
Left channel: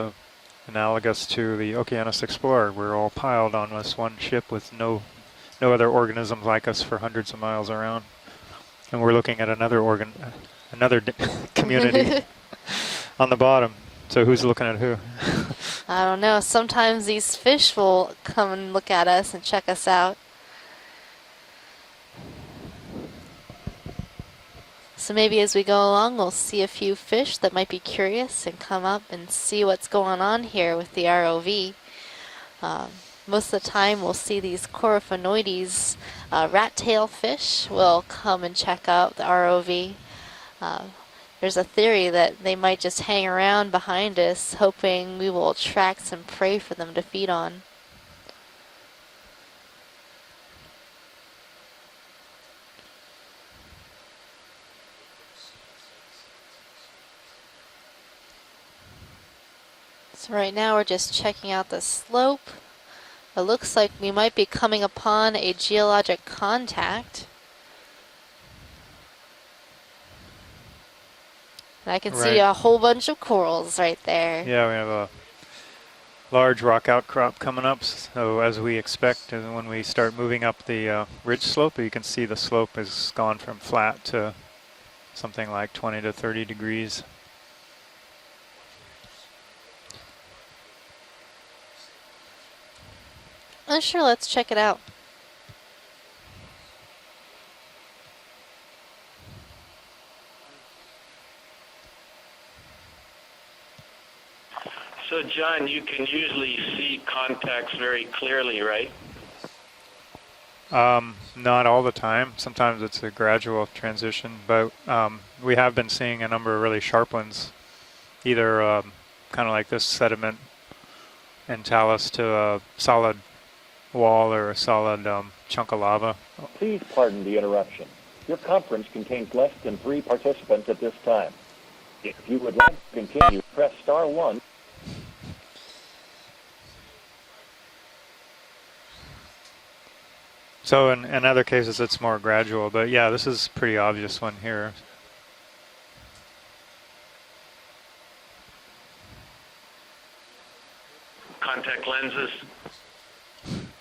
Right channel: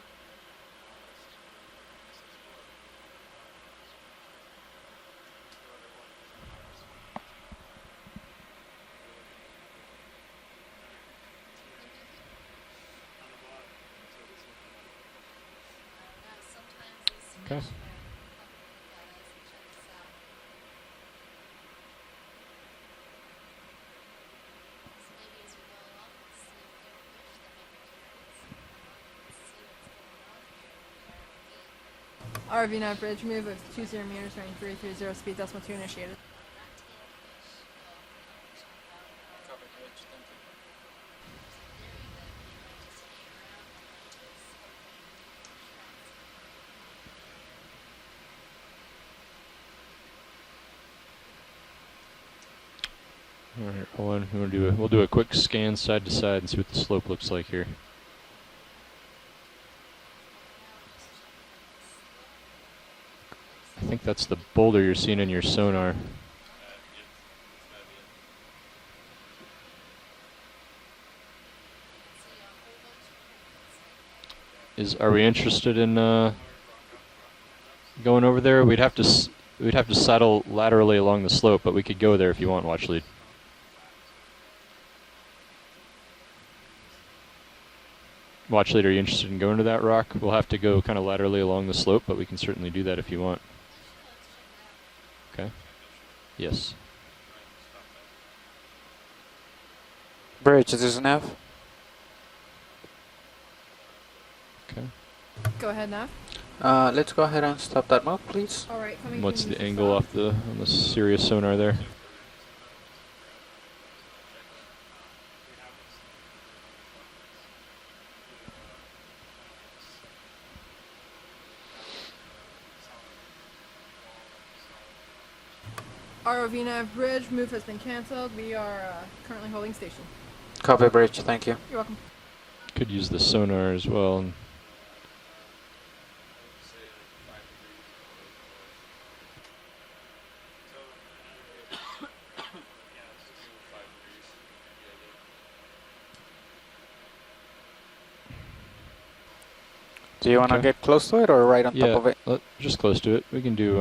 analogous to the Okeanos Explorer. We're all piled on this one ship with no other organisms like us for hundreds of miles around, and we're looking at another community on the bottom. So who's looking at who? I don't know. Sometimes these fish will come and look at us and check us out. So maybe as we go along, we'll see a few fish that might be curious and come up and see what's going on here with the ROV. Most of the time, we'll see these coryphonoides, rat tail fish will come and check out the ROV. There's a theory that they might just hang around behind us, hoping we will attract some prey for them to feed on. All right, hold on. We'll do a quick scan side to side and see what the slope looks like here. So right now we're just checking out the slope. It looks like think we that's might the be coming boulder you're seeing in upon your a sonar. geologic contact. And I can see Right. a whole bunch of corals right there. Yeah, we have Are we interested in large rock outcrop coming up. going over as there? we We'd have to expect, and when we'd we have to start saddle moving up laterally along the ridge slope, but we you could can go see there the if you want, slope Watch Lead. has gone from flat to something like 20 to 30 degrees. Watch Lead, are you interested in going to that rock? We'll have to go kind of laterally along the slope, but we can certainly do that if you want. Sure, let's check it out. Okay. Yes. Bridge, is this enough? So, John, Go you ahead, can Matt. usually see Let's go ahead and contacts stop very that move, clearly, please. right? What's the angle off the on the Sirius sonar? Not there? all the time. Sometimes it's a gradual transition, but we have been seeing a number of really sharp ones, either kind of like this sediment and talus to a solid wall or a solid chunk of lava. ROV nav Pardon bridge the move has been interruption. canceled. Your We conference are, contains currently less holding than 3 station. participants. Copy, at this Bridge, time. thank you. You're welcome. If you would like Could to use the continue, sonar press as star well. 1. So in other cases, it's more gradual, but yeah, this is a pretty obvious one here. Do you want to Okay. get close to it or right on top of it? Yeah, just close to it. We can do.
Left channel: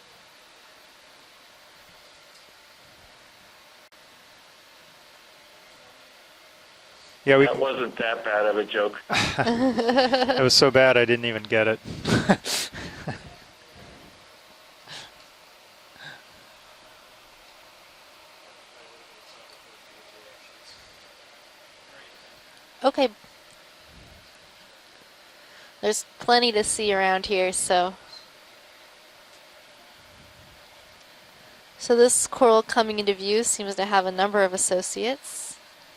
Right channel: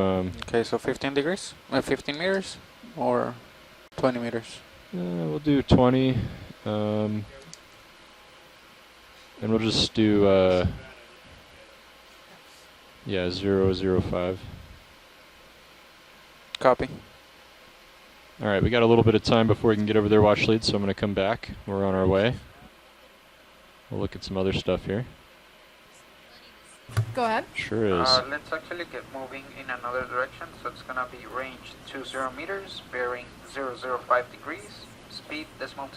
Okay, so 15 degrees? 15 meters? Or 20 meters? We'll do 20. Yeah, we. That wasn't that bad of a joke. We'll just do. It was so bad I didn't even get it. Yeah, 005. Copy. All right, we got a little bit of time before we can get over there, Watch Lead, so I'm going to come back. We're on our way. Okay, We'll look at some other stuff here. there's plenty to see around Go ahead. here. So, Sure is. Let's actually get moving in another direction, so it's gonna be range. so this 20 coral meters, coming into bearing view seems to have a 005 number of degrees, associates. Speed decimal 2.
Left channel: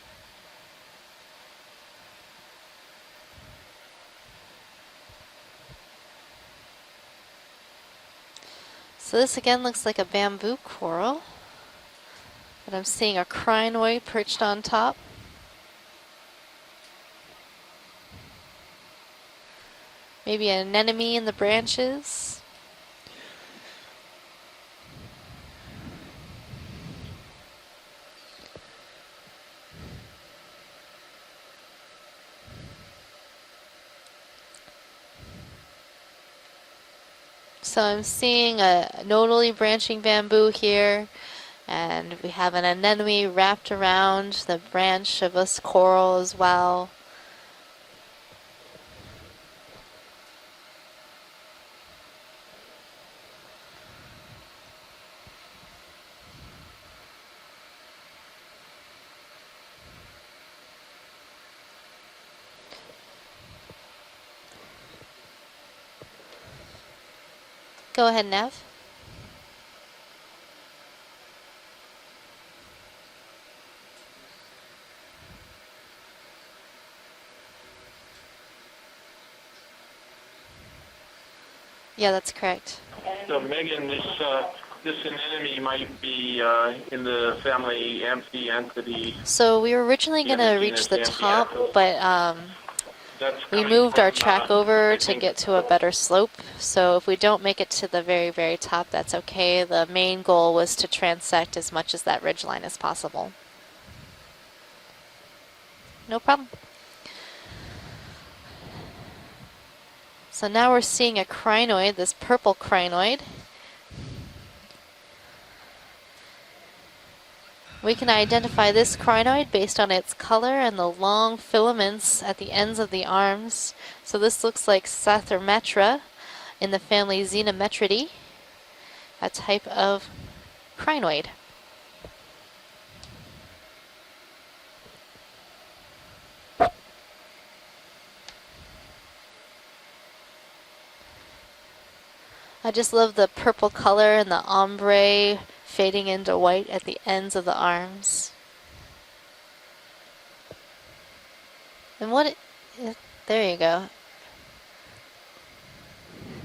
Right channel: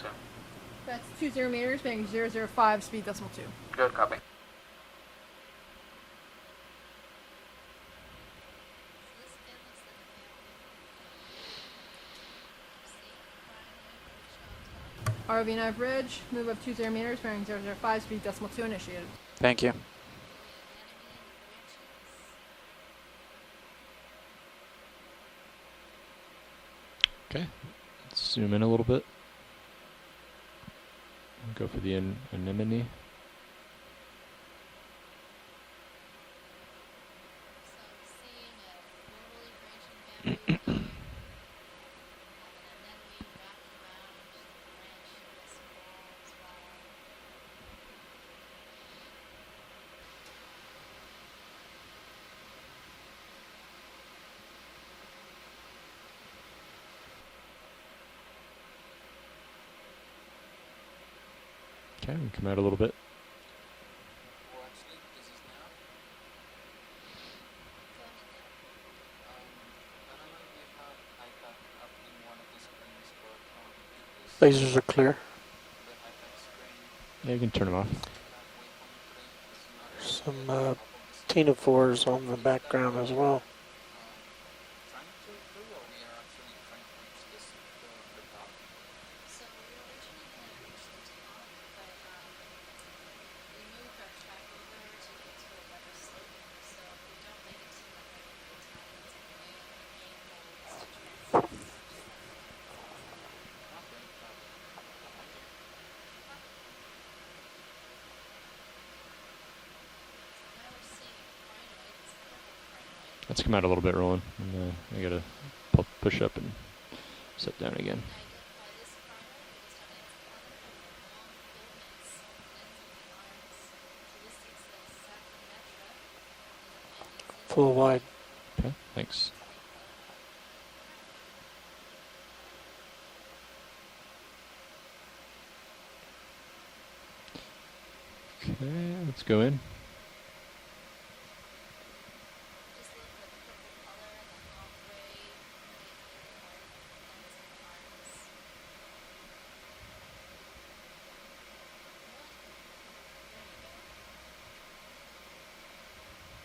That's 20 meters, being 005, speed decimal 2. Good copy. So this again looks like a bamboo coral. And I'm seeing a crinoid perched on top. ROV9 bridge, move up 20 meters, bearing 005, speed decimal 2 initiated. Thank you. Maybe an anemone in the branches. Okay, let's zoom in a little bit. Go for the anemone. So I'm seeing a nodally branching bamboo here, and we have an anemone wrapped around the branch of this coral as well. Okay, we come out a little bit. Go ahead, Nev. Lasers are clear. Yeah, you can turn them off. Some ctenophores Yeah, on that's the correct. background as well. Megan, this anemone might be in the family Amphianthidae. So we were originally going to reach the top, but we moved our track over to get to a better slope. So if we don't make it to the very, very top, that's okay. The main goal was to transect as much as that ridgeline as possible. No problem. So now we're seeing a crinoid, this purple crinoid. Let's come out a little bit, Roland. And, I gotta push up and sit down again. We can identify this crinoid based on its color and the long filaments at the ends of the arms. So this looks like Sathermetra in the family Xenometridae, Okay, thanks. a type of crinoid. Okay, let's go in. I just love the purple color and the ombre fading into white at the ends of the arms. And there you go.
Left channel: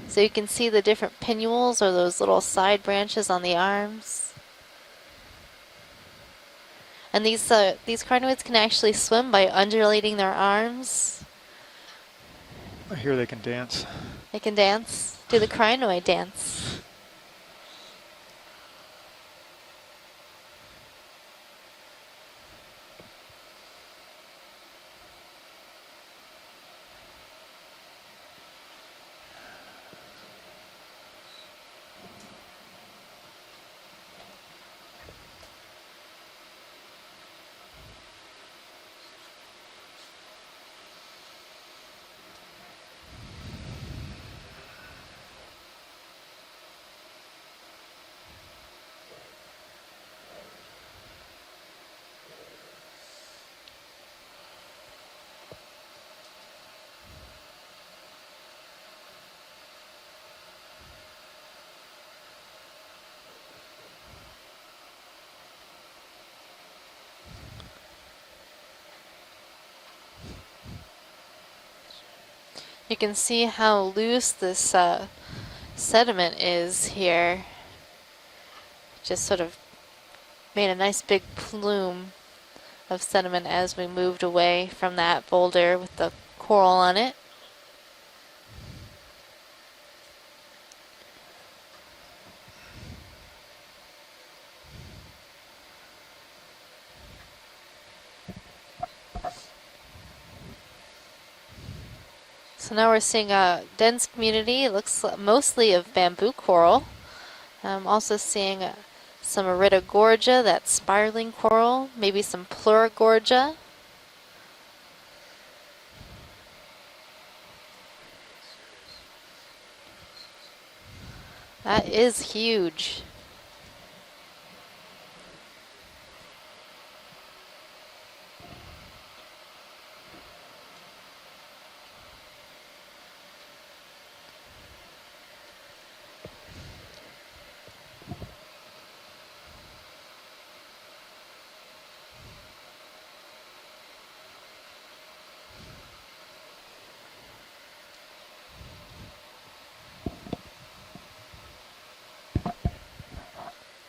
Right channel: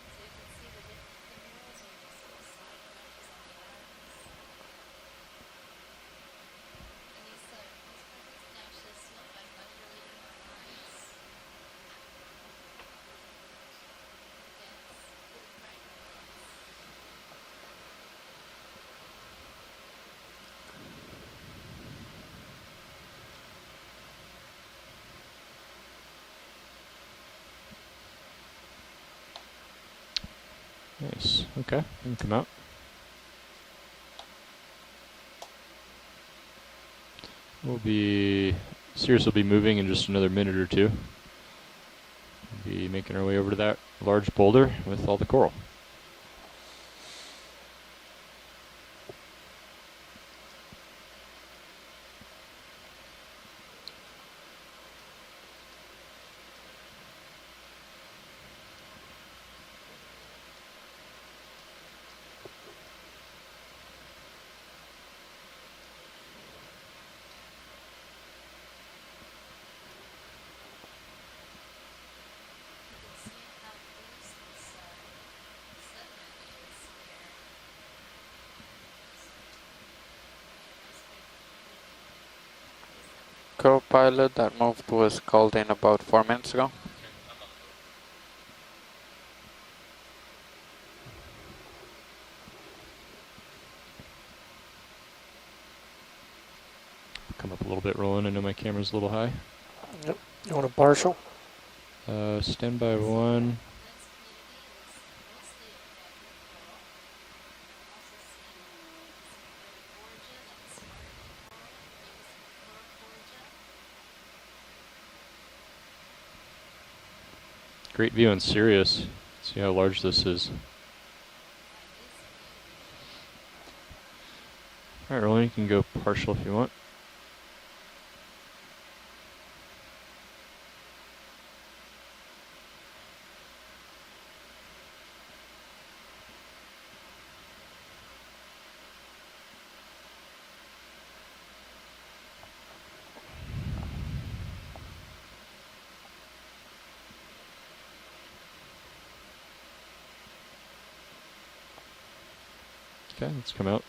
So you can see the different pinnules or those little side branches on the arms. And these crinoids can actually swim by undulating their arms. I hear they can dance. They can dance. Do the crinoid dance. Nice. Okay, you can come out. Sirius will be moving in just another minute or two. We'll be making our way over to that large boulder with all the coral. You can see how loose this sediment is here. Just sort of made a nice big plume of sediment as we moved away from that boulder with the coral on it. Come up a little bit, Roland. I know my camera's a little high. Yep. You want a partial? So now we're seeing a dense community. It looks mostly of bamboo coral. I'm also seeing some Iridogorgia, that spiraling coral, maybe some Pleurogorgia. Great view on Sirius. See how large this is. That is huge. All right, Roland, you can go partial if you want. Okay, let's come out.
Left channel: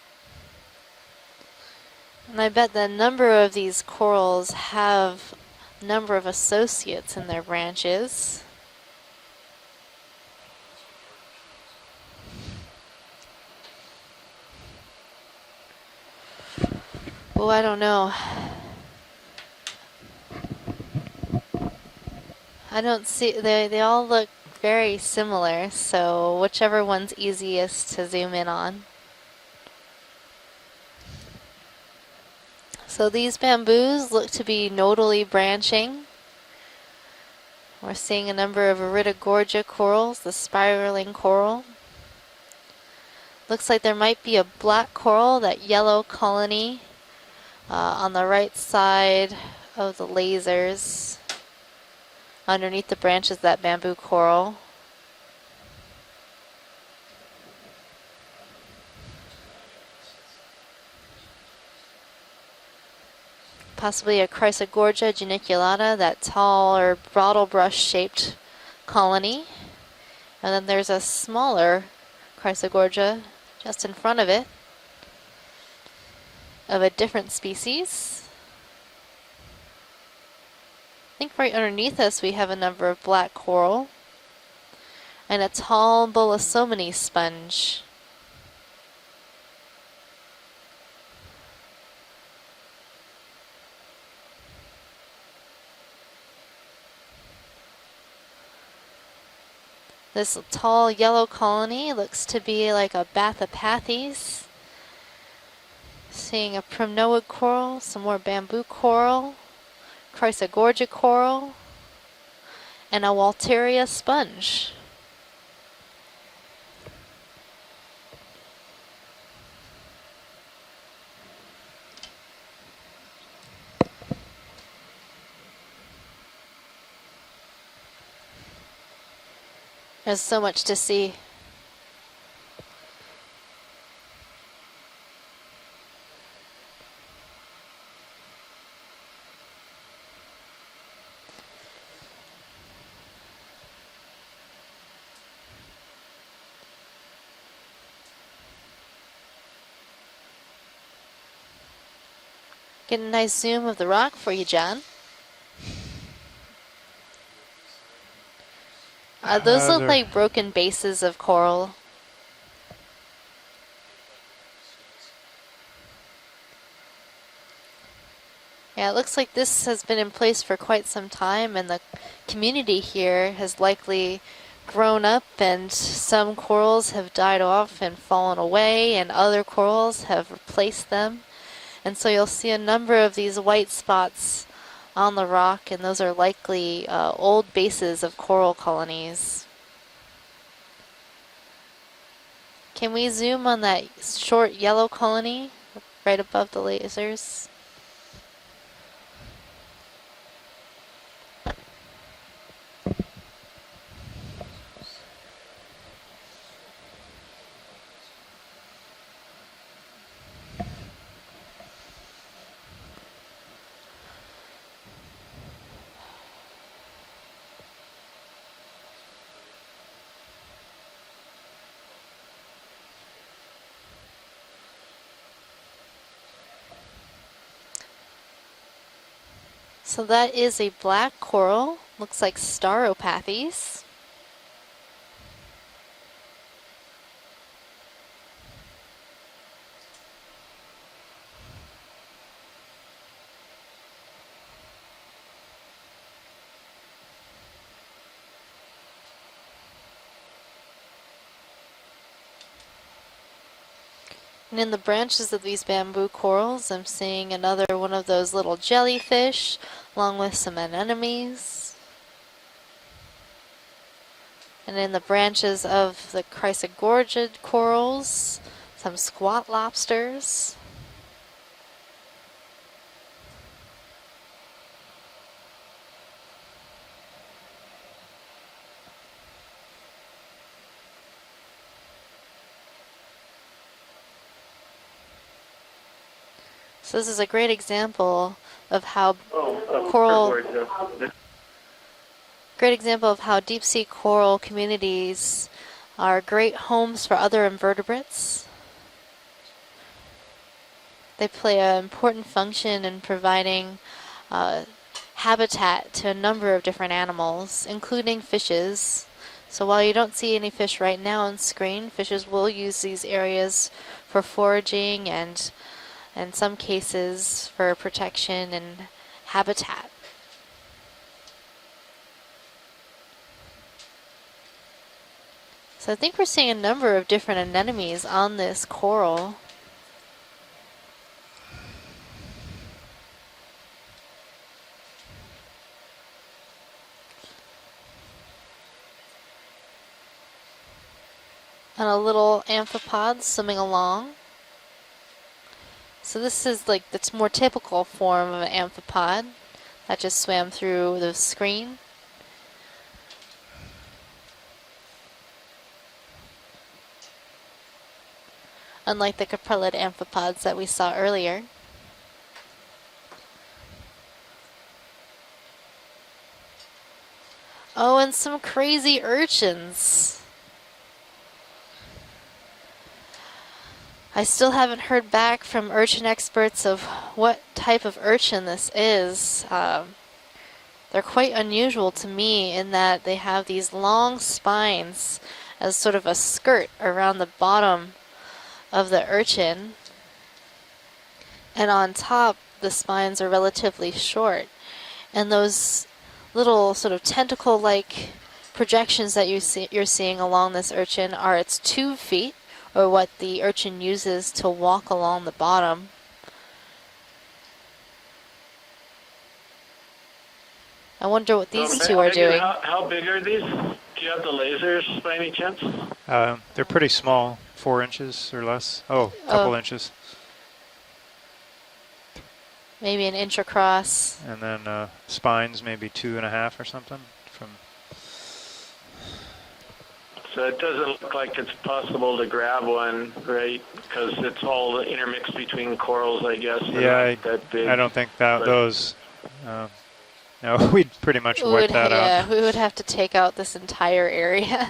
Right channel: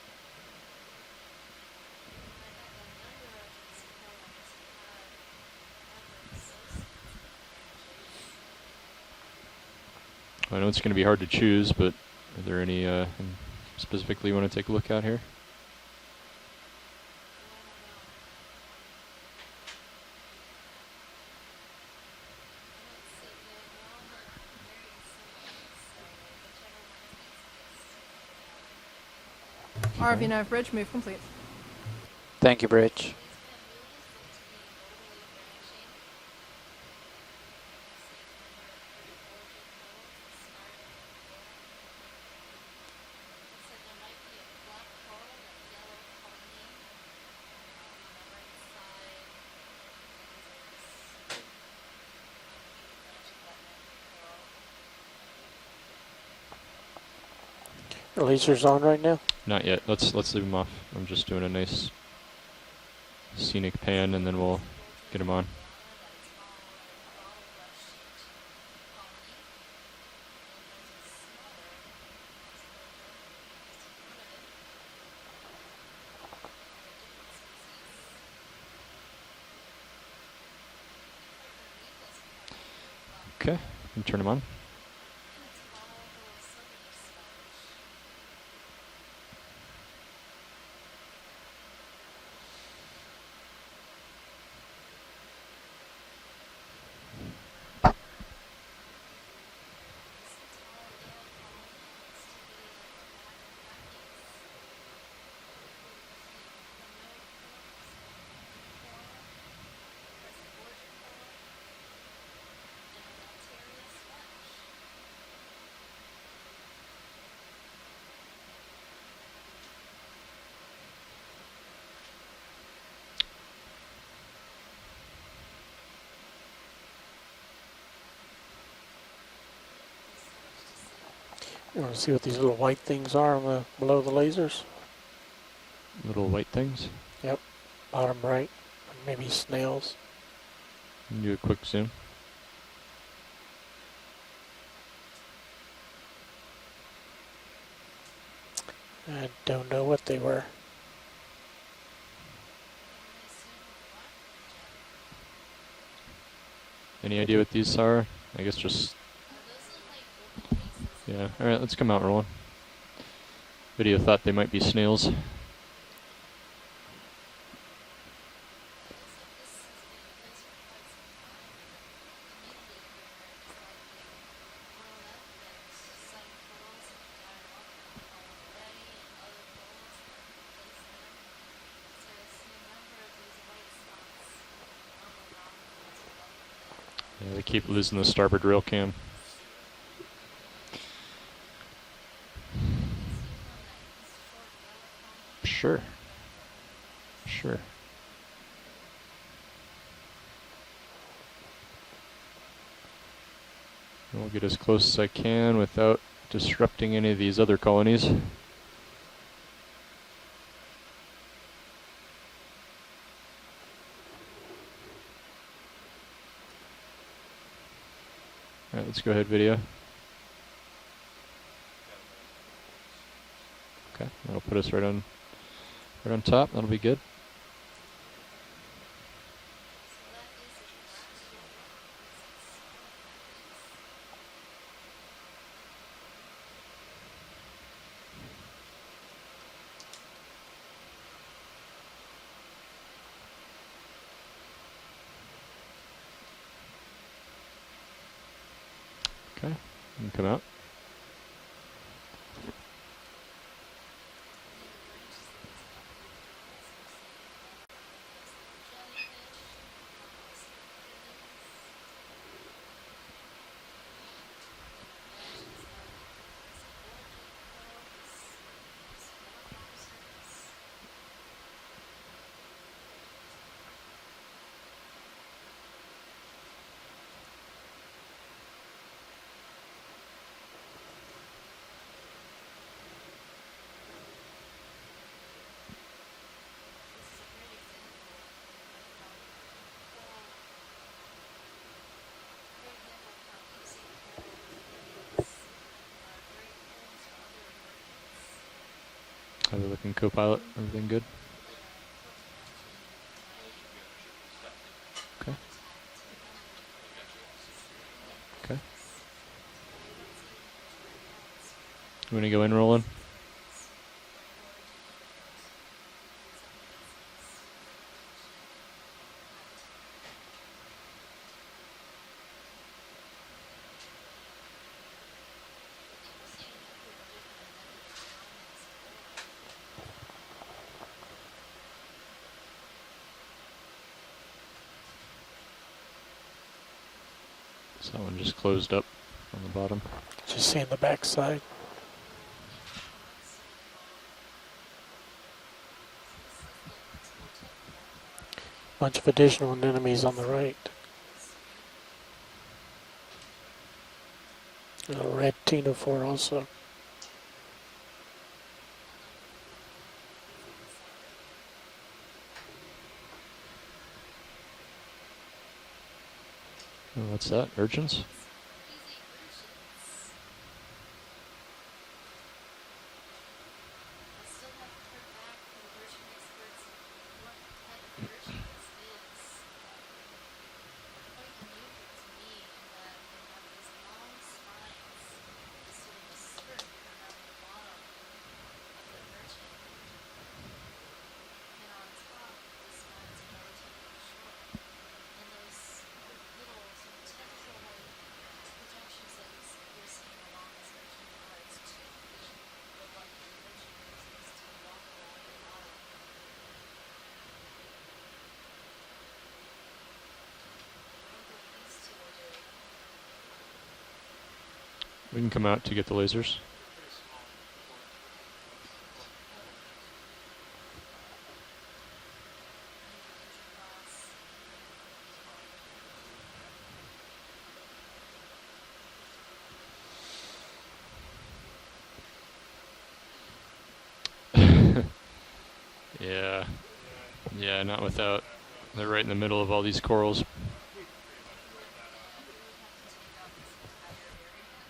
And I bet the number of these corals have a number of associates in their branches. I know it's going to be hard to choose, but is there any specifically you want to take a look at here? Oh, I don't know. I don't see, they all look very similar, so whichever one's easiest to zoom in on. ROV nav bridge, move complete. Thank you, Bridge. So these bamboos look to be nodally branching. We're seeing a number of Iridogorgia corals, the spiraling coral. Looks like there might be a black coral, that yellow colony, on the right side of the lasers, underneath the branches of that bamboo coral. The laser's on right now? Not yet. Let's leave them off. I'm just doing a nice scenic Possibly pan, a and then we'll Chrysogorgia get 'em on. geniculata, that tall or bottle brush shaped colony. And then there's a smaller Chrysogorgia just in front of it, of a different species. I think right underneath us we have a number of black Okay. coral Can you turn them on? and a tall Bolosomini sponge. This tall yellow colony looks to be like a Bathypathes. Seeing a primnoid coral, some more bamboo coral, Chrysogorgia coral, and a Walteria sponge. There's so much to see. You want to see what these little white things are on the, below the lasers? Little white things. Yep, bottom right. Maybe snails. Do a quick zoom. I don't know what they were. Get a nice zoom of the rock for you, John. Any idea what these are? I guess just Those look they're- like broken bases of yeah. coral. Alright, let's come out rolling. Video thought they might be snails. Yeah, it looks like this has been in place for quite some time, and the community here has likely grown up, and some corals have died off and fallen away, and other corals have replaced them. And so you'll see a number of these white spots on the rock, and those are likely old keep losing bases the of starboard coral rail cam. colonies. Can we zoom on that short yellow colony Sure, right above the lasers? sure. I'll get as close as I can without disrupting any of these other colonies. Alright, let's go ahead, video. Okay, that'll put us right on top. That'll be good. So that is a black coral. Looks like Staropathes. Okay, you can come out. And in the branches of these bamboo corals, I'm seeing another one of those little jellyfish, along with some anemones. And in the branches of the Chrysogorgia corals, some squat lobsters. So this is a great example of how deep sea coral communities are great homes for other invertebrates. How we looking, co-pilot? Everything good? They play an important function in providing habitat to a number of different animals, including fishes. So while you don't see any fish right now on screen, fishes Wanna go will in, use Roland? these areas for foraging and in some cases for protection and habitat. So I think we're seeing a number of different anemones on this coral. So that one just closed up on the bottom. Just seeing the backside. And a little amphipod swimming along. So this is like the more typical form of an Bunch of amphipod. additional anemones I just on the swam right. through the screen. A red ctenophore also. Unlike the caprellid amphipods that we saw earlier. Oh, what's that? Urchins? Oh, and some crazy urchins. I still haven't heard back from urchin experts of what type of urchin this is. They're quite unusual to me in that they have these long spines as sort of a skirt around the bottom of the urchin. And on top, the spines are relatively short. And those little sort of tentacle-like projections that you're seeing along this urchin are its tube feet, or what the urchin uses to walk along the bottom. I wonder what these two are doing. How big are these? Do you have the lasers by any You can come out chance? to get the lasers. They're pretty small, 4 inches or less. Oh, a couple Oh. inches. Maybe an inch across. And then spines maybe 2.5 or something. From So it doesn't look like it's possible to grab one, right? Because it's all intermixed between corals, I guess. They're Yeah, not that yeah, big. I don't think that those. They're right in the middle of all these corals. No, we'd pretty much wipe that out. We would have to take out this entire area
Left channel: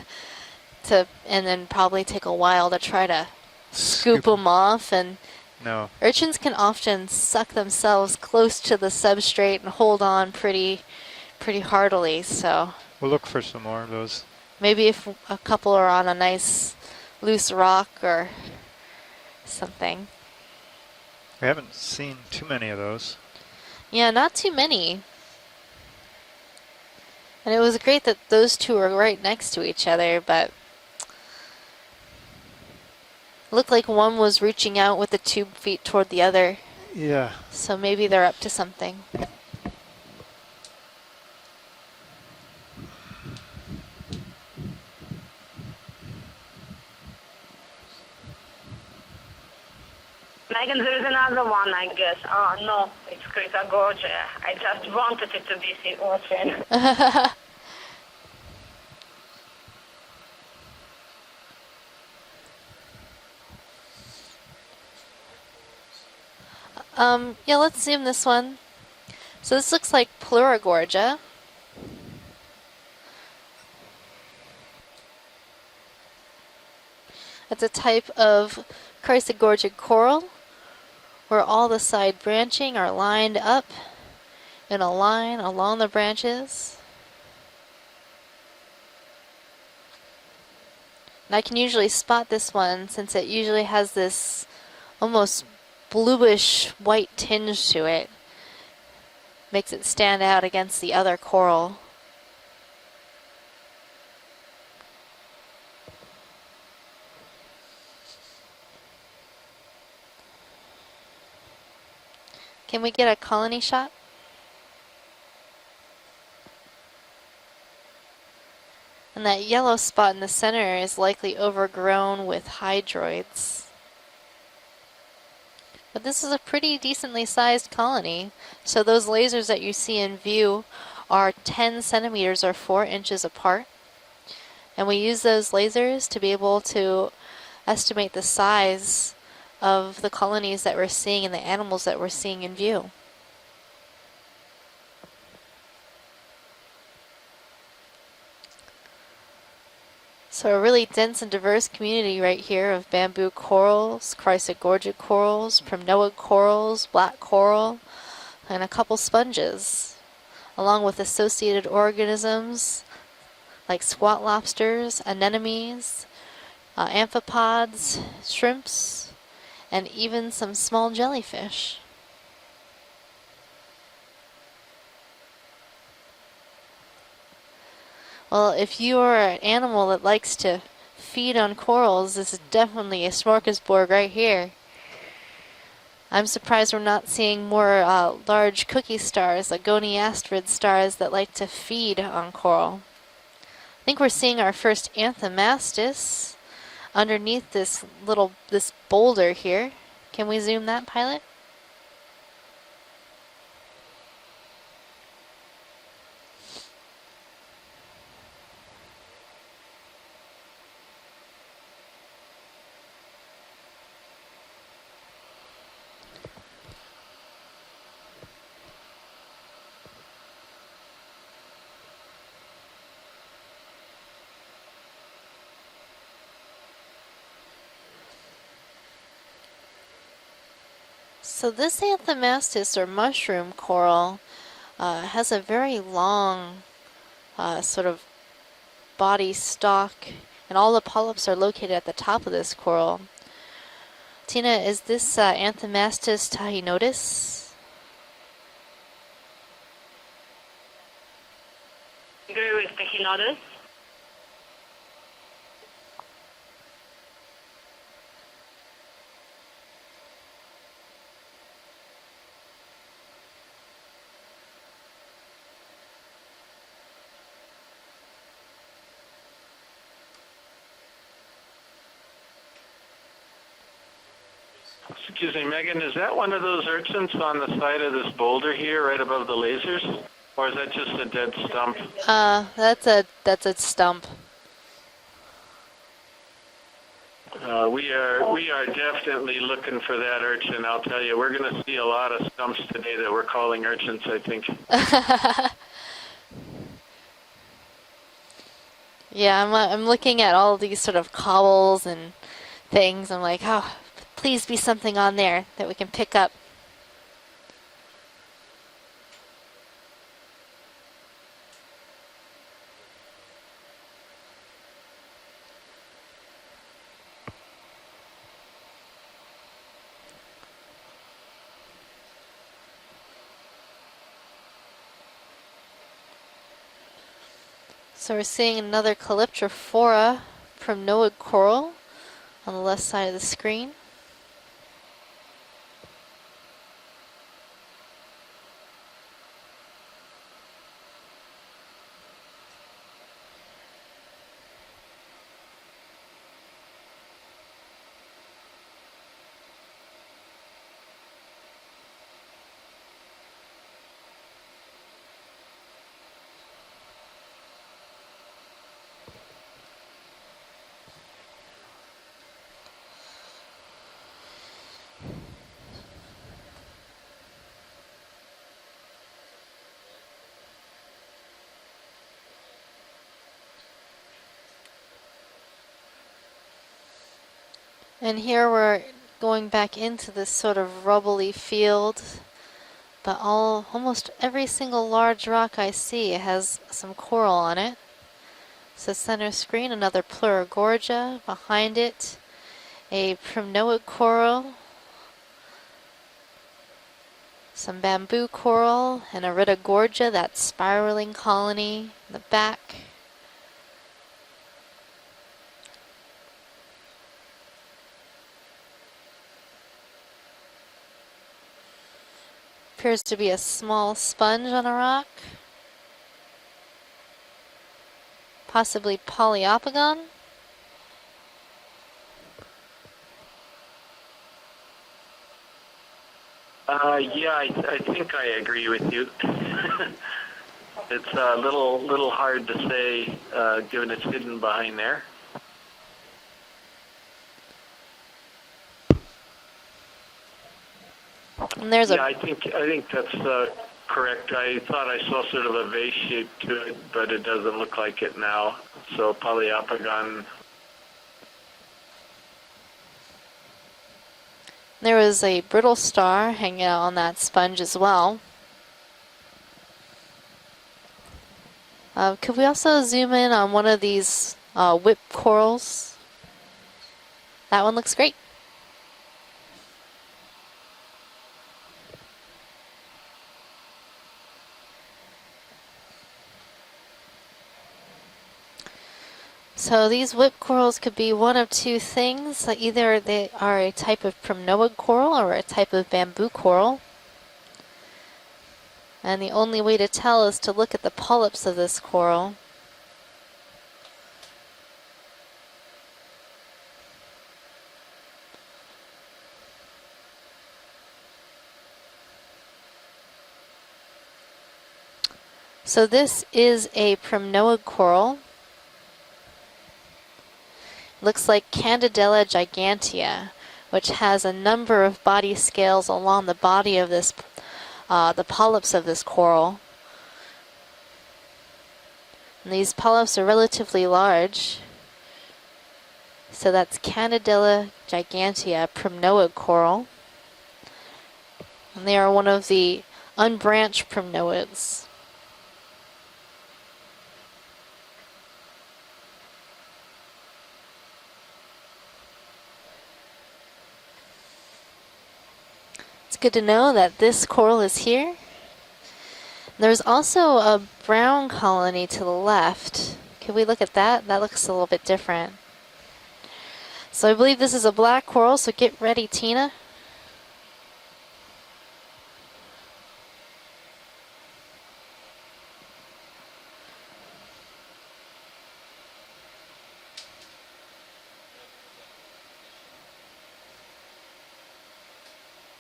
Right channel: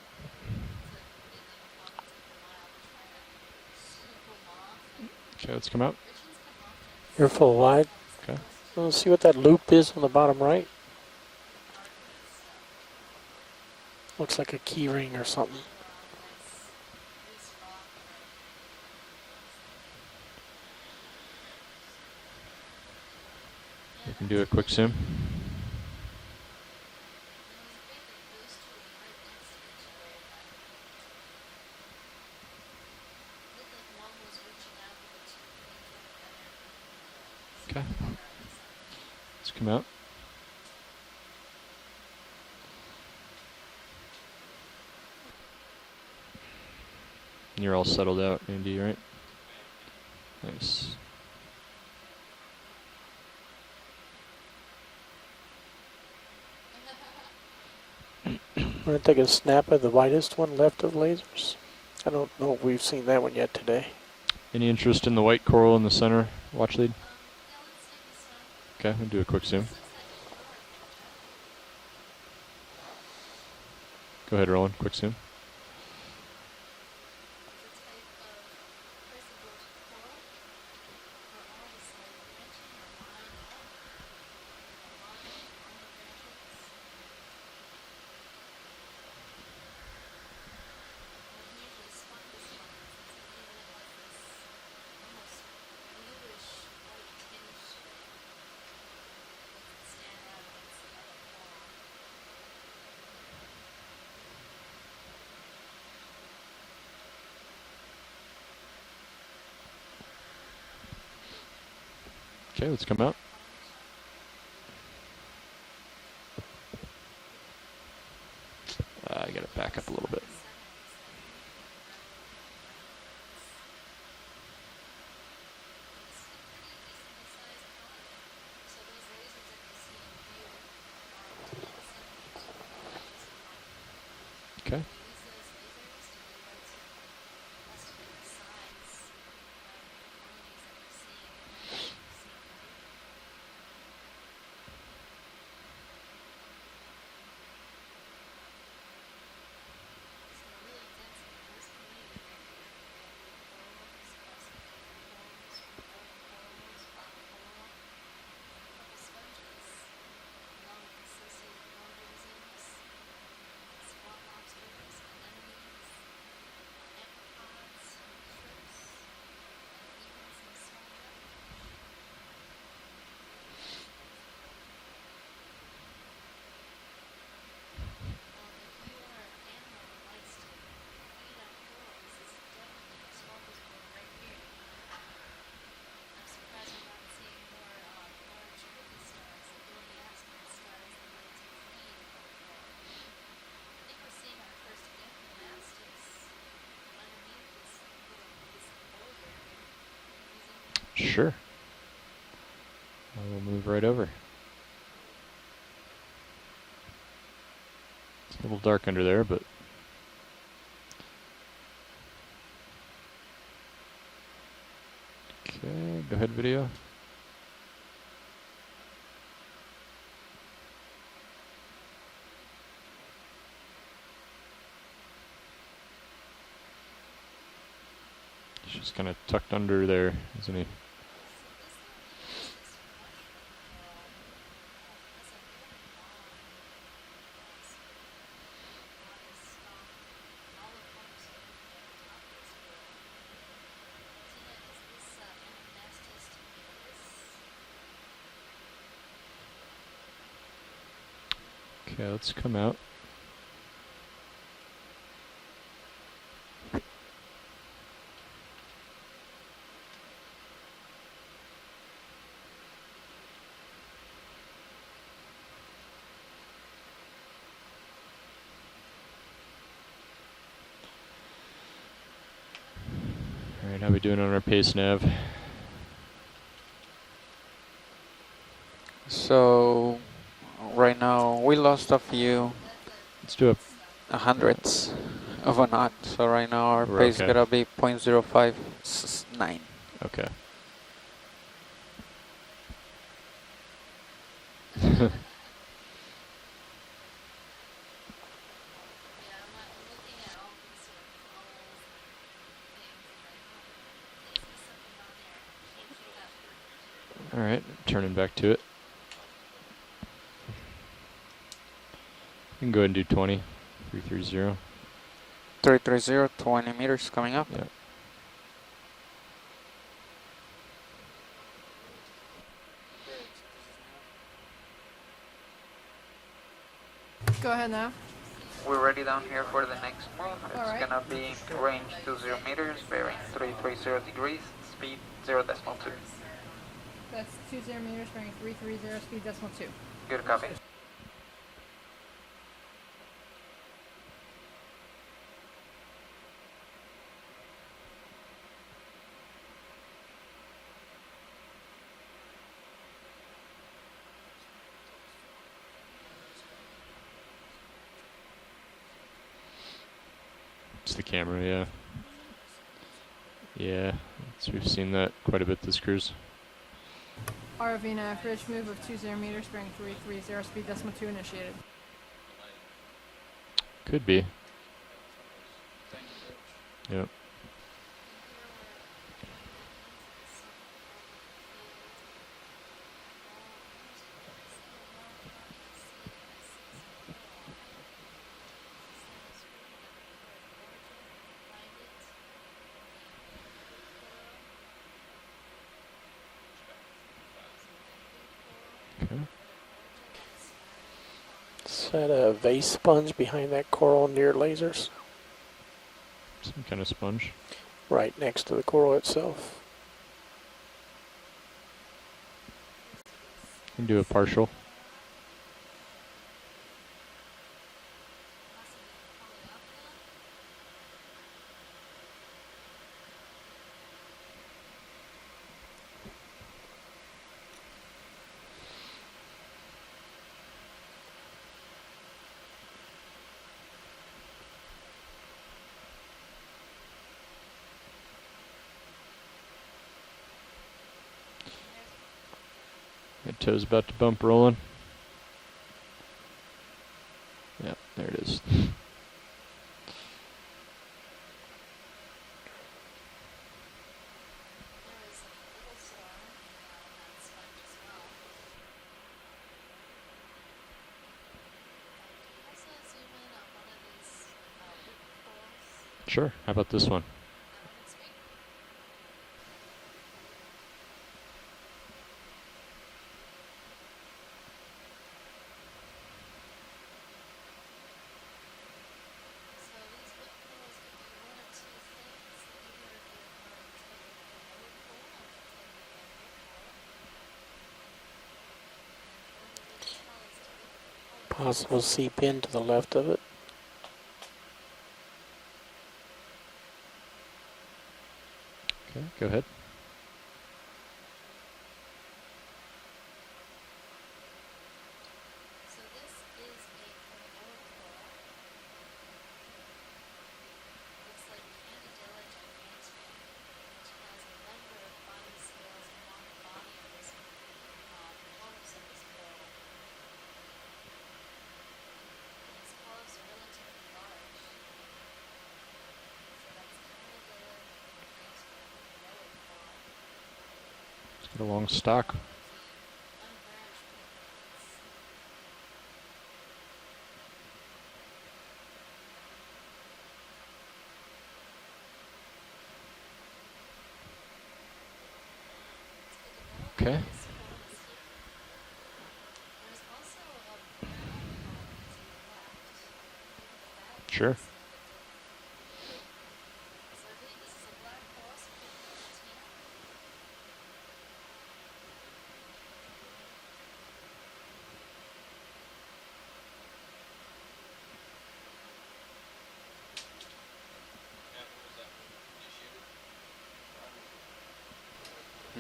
and then probably take a while to try to scoop them off. And Okay, let's No. come out. urchins can often They're suck full live. themselves close to the Let's see what that substrate loop and is hold on the on bottom right. pretty heartily. So We'll look for some more of those. Looks like a maybe key ring or if a something. couple are on a nice loose rock or something. We haven't seen too many of those. Yeah, not do a too quick many. zoom. And it was great that those two are right next to each other, but looked like one was reaching out with the tube feet toward the other. Yeah. So maybe they're up to something. Let's come out. And you're all settled out, Andy, right? Megan, there's another one, I guess. Oh, no, it's Chrysogorgia. I just wanted it to be the ocean. I'm going to take a snap of the widest one left of lasers. I don't know if we've seen that one yet today. Any interest in the white coral in the center watch lead? Yeah, let's zoom this one. Okay, we'll do a quick So zoom. this looks like Pleurogorgia. Go ahead, Roland. Quick zoom. It's a type of Chrysogorgic coral where all the side branching are lined up in a line along the branches. And I can usually spot this one since it usually has this almost bluish white tinge to it. Makes it stand out against the other coral. Okay, Can let's we come get a out. colony shot? And Get that it yellow back up a spot little in the bit. center is likely overgrown with hydroids. But this is a pretty decently sized colony. So those lasers that you see in view are 10 centimeters or 4 inches apart. Okay. And we use those lasers to be able to estimate the size of the colonies that we're seeing and the animals that we're seeing in view. So a really dense and diverse community right here of bamboo corals, chrysogorgic corals, primnoid corals, black coral, and a couple sponges, along with associated organisms like squat lobsters, anemones, amphipods, shrimps, and even some small jellyfish. Well, if you are an animal that likes to feed on corals, this is definitely a smorgasbord right here. I'm surprised we're not seeing more large cookie stars, like goniasterid stars that like to feed on coral. I think we're seeing our first anthomastus underneath this boulder here. Can we zoom that, pilot? Sure. We'll move right over. It's a little dark under there, but okay, go ahead, video. She's kind of tucked under there, isn't he? So this anthomastus, or mushroom coral, has a very long sort of body stalk, and all the polyps are located at the top of this coral. Tina, is this Anthomastus tahinotis? Okay, let's come out. How we doing on our pace nav? Excuse me, Megan, is that one of those urchins on the side of this boulder here, right above the So lasers? Or is that just right a now dead we stump? lost a few That's a stump. hundredths of a knot. So right now our We're pace okay. gotta be We 0.05. are definitely looking for that urchin, I'll tell you. We're going to see a lot of stumps today that we're calling urchins, I think. Yeah, I'm looking at all these sort of cobbles and things. I'm like, oh, please be something on there that we can pick up. All right, turning back to it. You can go ahead and do 20, 330. 330, 20 meters coming up. Yep. Go ahead now. So we're seeing another Calyptrophora primnoid coral on the left side of the screen. 330 degrees, speed 0.2. That's 20 meters, bearing 330, speed decimal 2. Good copy. It's the camera, yeah. Yeah, we've seen that quite a bit this cruise. ROV nav, ridge move of 20 meters, bearing 330, speed decimal 2 initiated. Could be. Yep. And here we're going back into this sort of rubbly field, but almost every single large rock I see has some coral on it. So center screen, another Pleurogorgia. Behind it, a primnoid coral, some bamboo coral, and a Ritogorgia, that spiraling colony. Is that a back. vase sponge behind that coral near lasers? Some kind of sponge. Right next to the coral itself. Appears to be a small Do a sponge partial. on a rock. Possibly Poliopogon. Yeah, I think I agree with you. It's a little hard to say, given it's hidden behind there. And there's I think that's Toes about to correct. bump rolling. I thought I saw sort of a vase shape to it, but it doesn't look like it now. So polyopagon. There was a brittle star hanging out on that sponge as well. Could we also zoom in on one of these whip corals? Sure. How about this one? That one looks great. So these whip corals could be one of two things. Like either they are a type of primnoid coral or a type of bamboo coral. And the only way to tell is to look at the polyps of this coral. Seep in to the left of it. Okay, go ahead. So this is a primnoid coral. Looks like Candidella gigantea, which has a number of body scales along the body of this, the polyps of this coral. And these polyps are relatively large. So that's Candidella gigantea, primnoid coral. A long And stalk. they are one of the unbranched primnoids. It's good to know that this coral is here. There's also a brown colony to the left. Can we look at that? That Sure. looks a little bit different. So I believe this is a black coral, so get ready, Tina.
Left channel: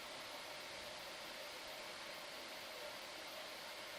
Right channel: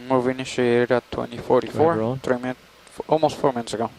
Move initiated at Go ahead, 2044, Roland. almost 4 minutes ago.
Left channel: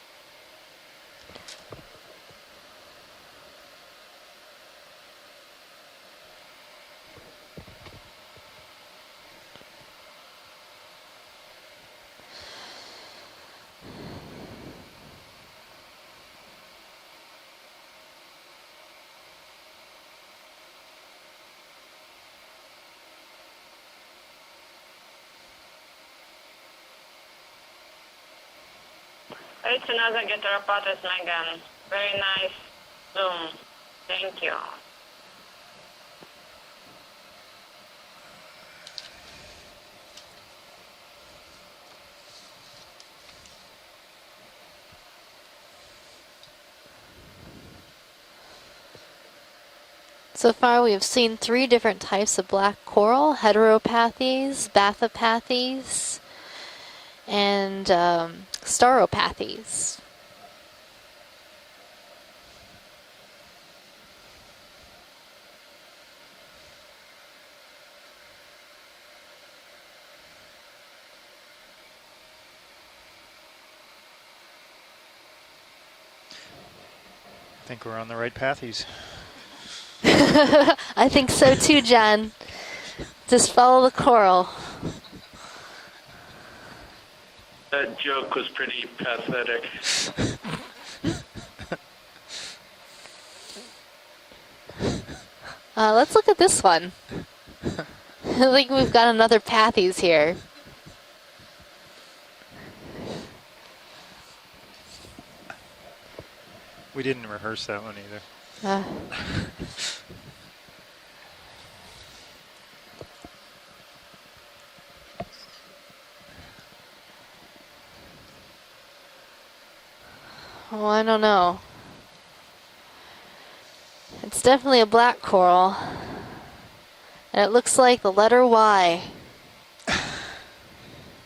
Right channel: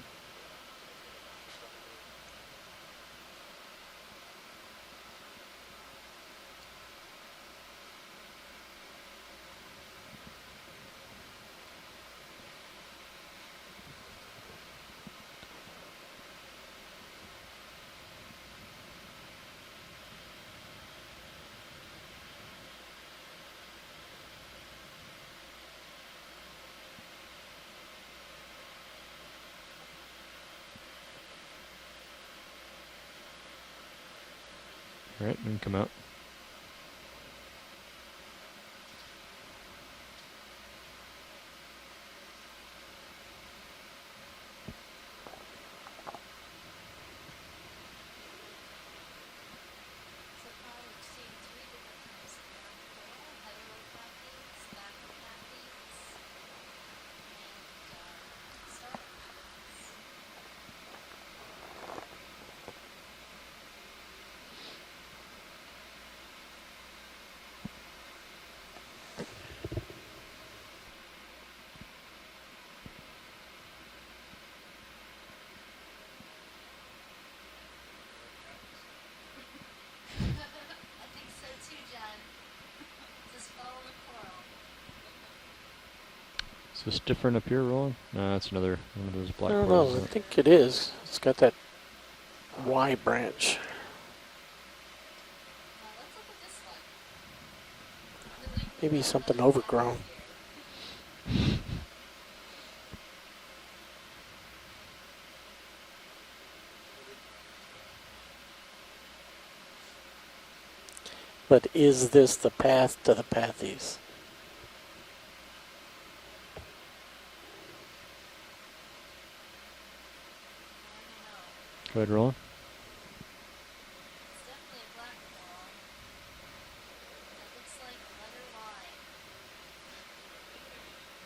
It's another Geteropatus Megan. Very nice zoom. Thank you. All right, then come out. So far we have seen 3 different types of black coral: heteropathes, bathopathes, and stauropathes. I think we're on the right pathies. I think so too, John. Just follow the coral. Is this different up here, Roland? That joke No, was it's another- pretty another I pathetic. don't know. I think it is. It's got that Y branch. Let's look at this one. I think we've got Something another overgrown. pathies here. We didn't rehearse that one either. Uh, But is this the path to the pathies? well, I don't know. Go ahead, Roland. It's definitely a black coral. And it looks like the letter Y.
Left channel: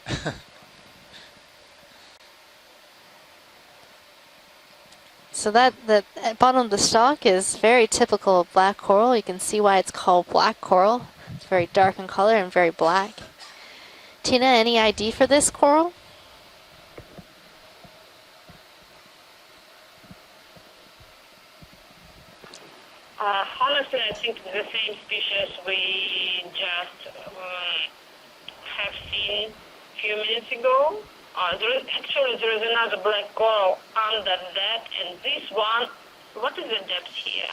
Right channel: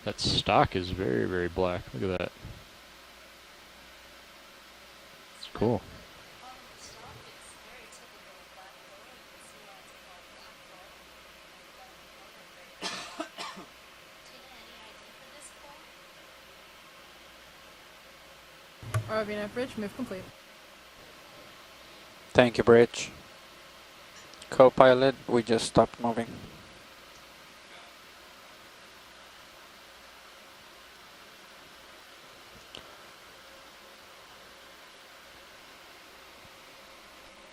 That stock is very, very black. Look at that. So that Cool. the bottom of the stalk is very typical of black coral. You can see why it's called black coral. It's very dark in color and very black. Tina, any ID for this coral? ROV nav bridge, move complete. Thank you, Bridge. Honestly, I think the Co-pilot, same we species just stopped we moving. just have seen few minutes ago. Actually, there is another black coral under that, and this one, what is the depth here?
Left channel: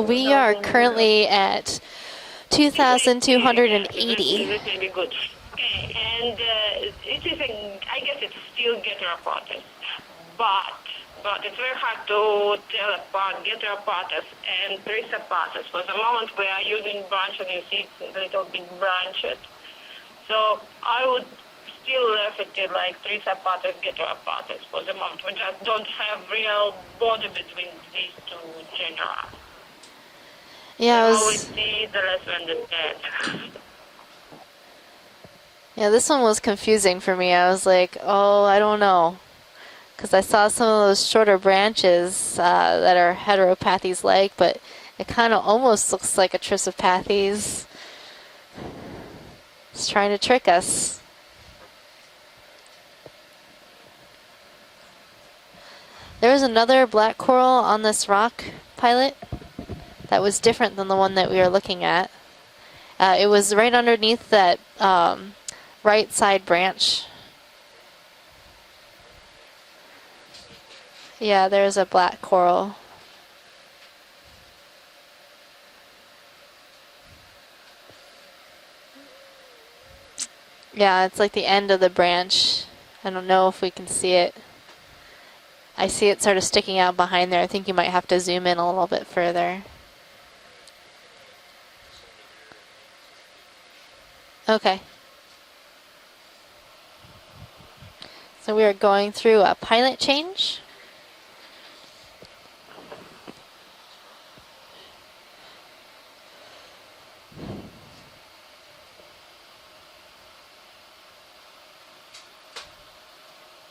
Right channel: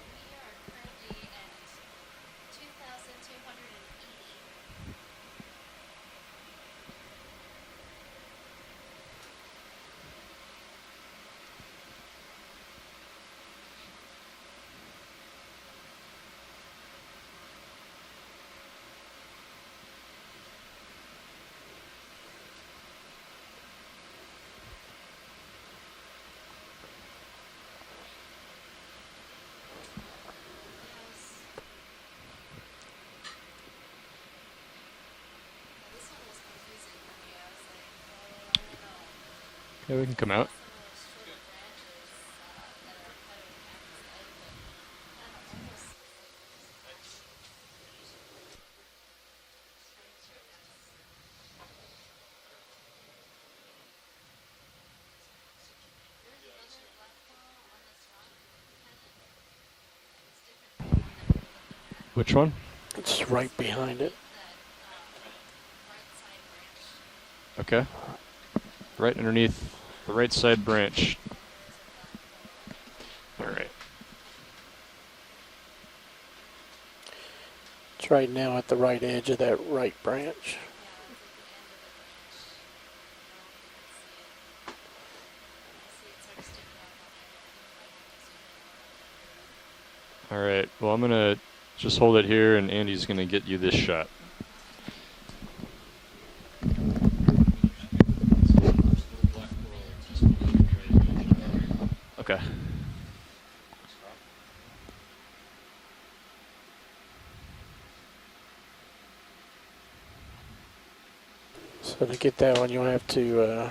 We are currently at 2,280. This will be good. Okay, and it is, I guess it's still Geteropotes, but it's very hard to tell apart Geteropotes and Thrysopotes. For the moment, we are using branches, you see it's a little bit branched. So I would still left it like Thrysopotes, Geteropotes for the moment. We just don't have real border between these two genera. Yeah, the more we see, the less we understand. Yeah, this one was confusing for me. I was like, oh, I don't know. Because I saw some of those shorter branches that are heteropathes-like, but it kind of almost looks like a Trissopathes. It's trying to trick us. There was another black coral on this rock, Pilot, that was different than the one that we were looking at. Which one? It was right underneath that right side branch. Okay. Right underneath the right side branch. Yeah, there's a black coral. All right. It's right now at the right edge of that right branch. Yeah, it's like the end of the branch. I don't know if we can see it. I see it sort of sticking out behind there. I think you might have to zoom in a little bit further. All right. Well, I'm going to just hold it here, and Andy's going to get you this shot. Okay. So we are going through a pilot change. Okay. So to get that one, you'll have to